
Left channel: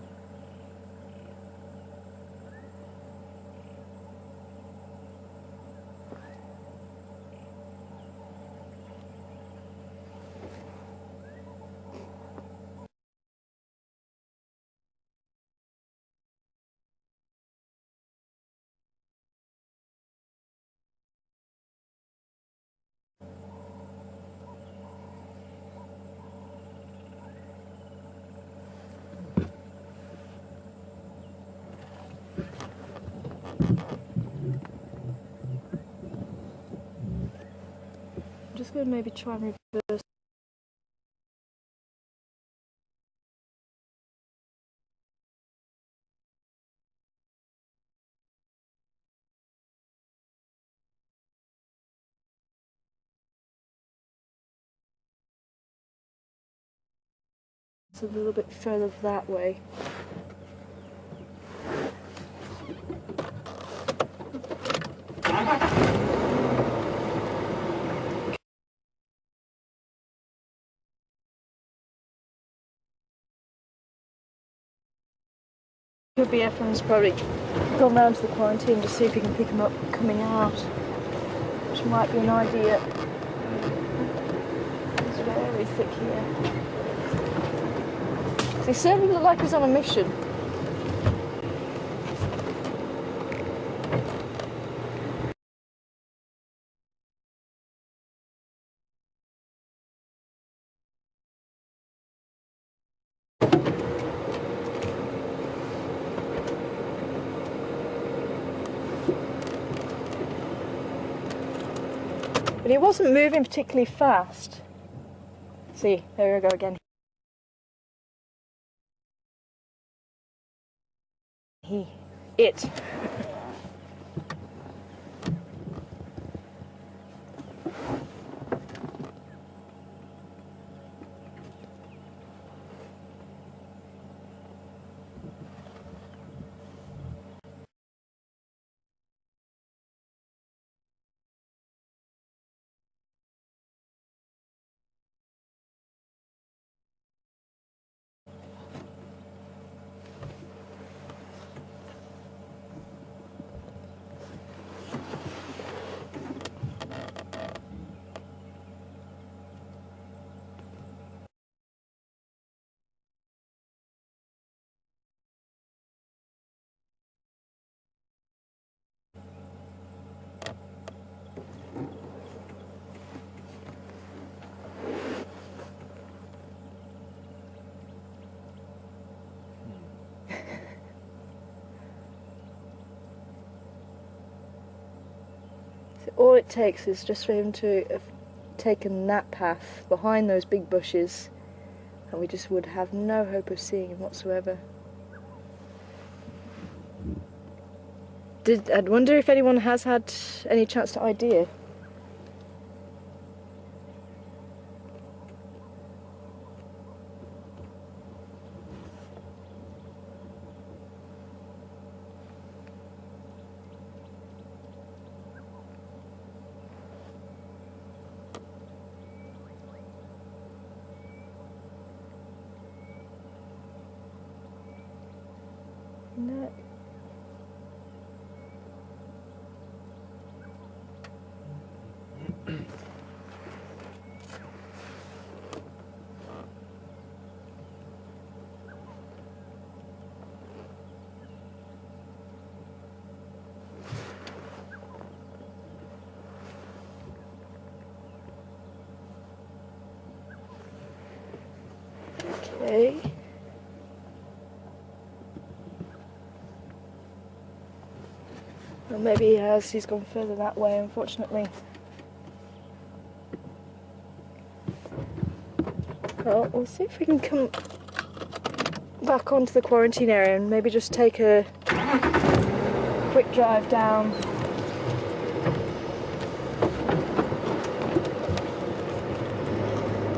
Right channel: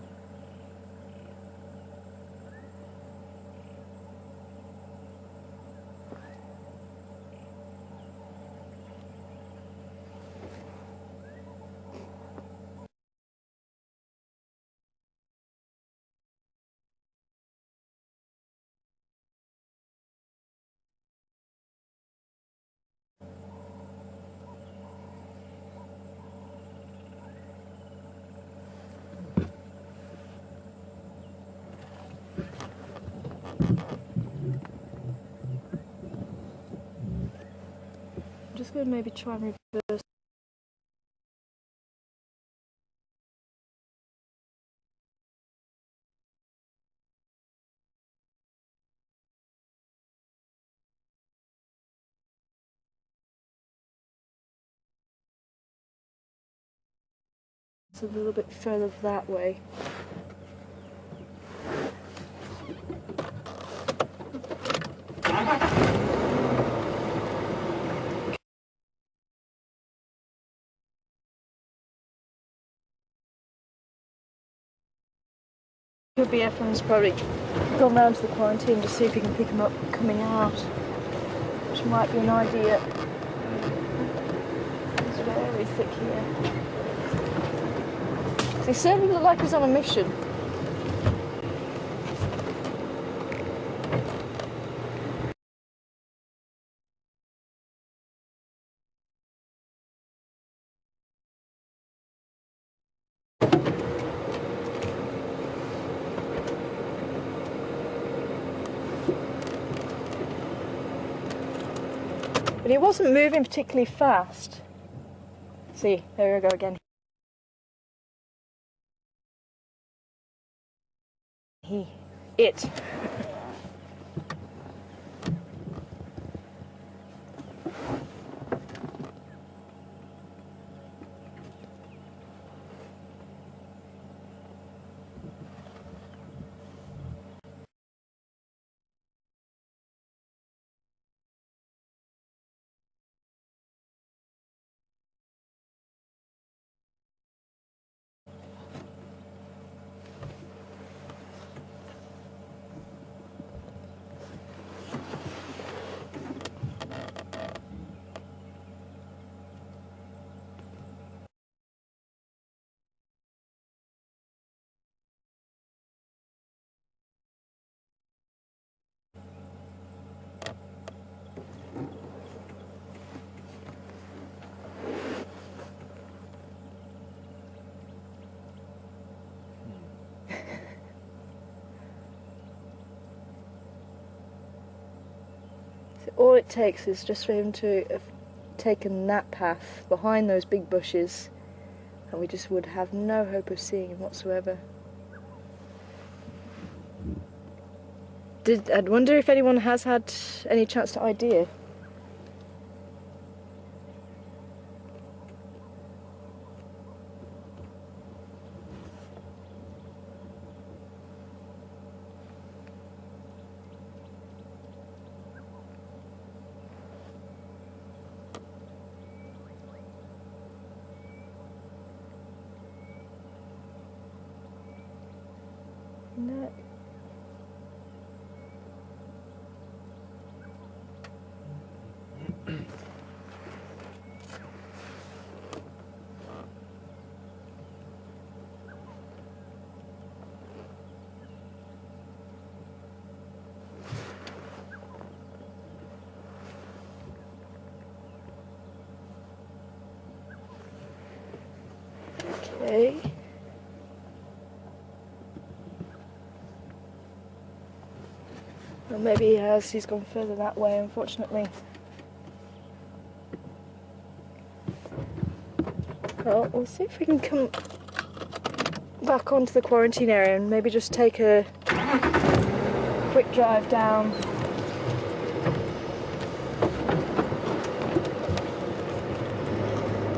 could maybe try and reverse. It's a little bit further that way. Could be everyone's probably gone round to the quarantine to see if you can pick them up coming out, which might be an idea. It's very thick here. They certainly look like he's on a mission. But he wasn't moving particularly fast. See, there we go again. It. All it takes is just for him to have taken that path behind those big bushes, and we just would have no hope of seeing him whatsoever. I'd wonder if anyone has had any chance to ID it. No. Okay. Well, maybe he has. He's gone further that way, unfortunately. Well, we'll see if we can come back onto the quarantine area and maybe just take a quick drive down.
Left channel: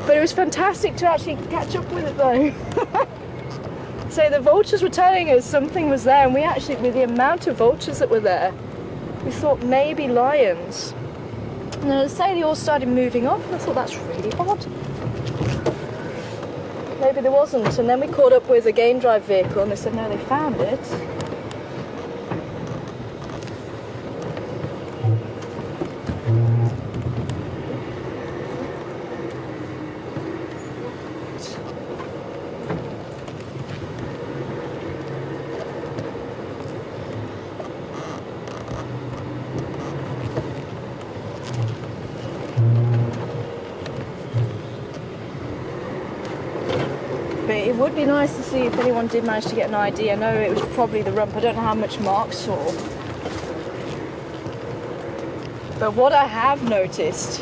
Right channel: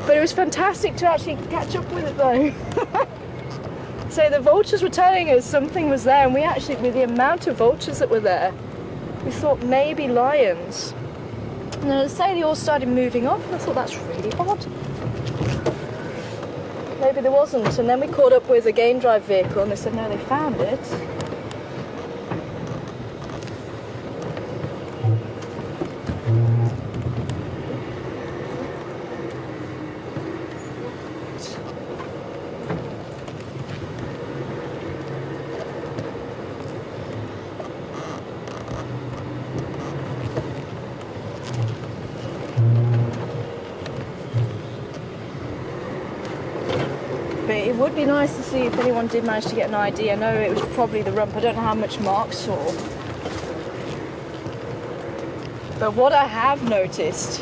But it was fantastic to actually catch up with it though. So the vultures were telling us something was there, and we actually, with the amount of vultures that were there, we thought maybe lions. And then as I say, they all started moving off, and I thought that's really odd. Maybe there wasn't, and then we caught up with a game drive vehicle, and they said no, they found it. It would be nice to see if anyone did manage to get an ID. I know it was probably the rump. I don't know how much Mark saw. But what I have noticed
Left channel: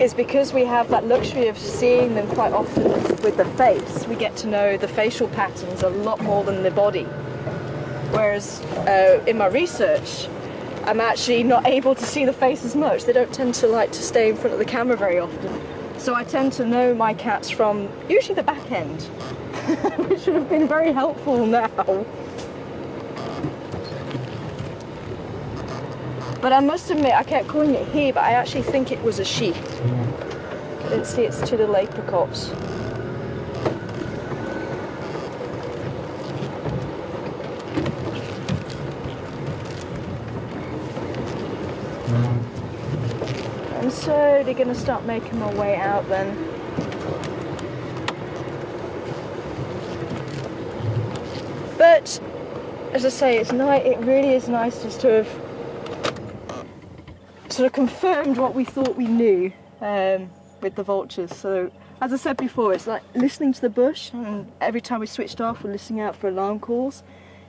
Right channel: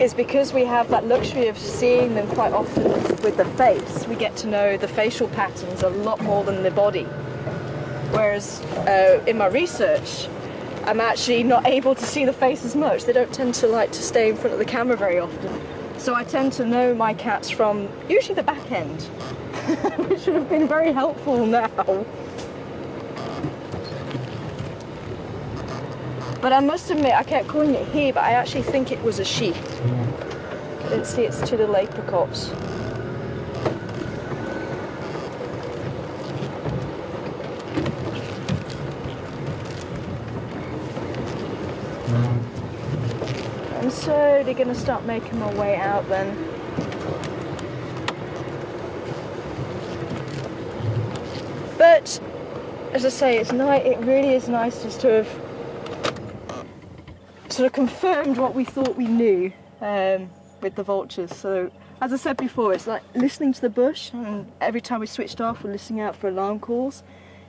is because we have that luxury of seeing them quite often with the face, we get to know the facial patterns a lot more than the body. Whereas in my research, I'm actually not able to see the face as much. They don't tend to like to stay in front of the camera very often. So I tend to know my cats from usually the back end, which would have been very helpful now. But I must admit, I kept calling it he, but I actually think it was a she. I didn't see its two little apricots. I'm slowly going to start making my way out then. But, as I say, it's nice. It really is nice just to have sort of confirmed what we thought we knew with the vultures. So, as I said before, it's like listening to the bush, and every time we switched off, we're listening out for alarm calls.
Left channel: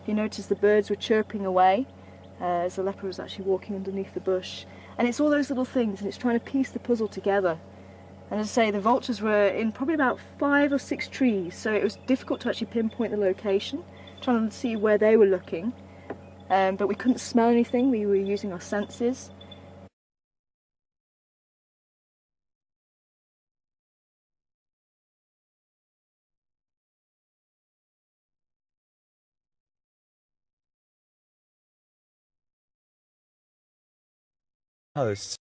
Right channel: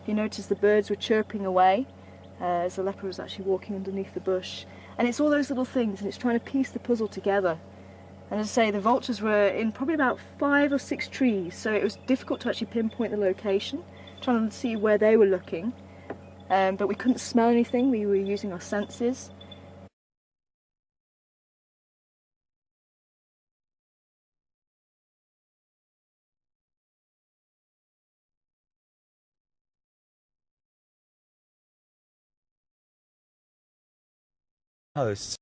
You notice the birds were chirping away as the leopard was actually walking underneath the bush. And it's all those little things, and it's trying to piece the puzzle together. And as I say, the vultures were in probably about 5 or 6 trees, so it was difficult to actually pinpoint the location, trying to see where they were looking. But we couldn't smell anything, we were using our senses. Hosts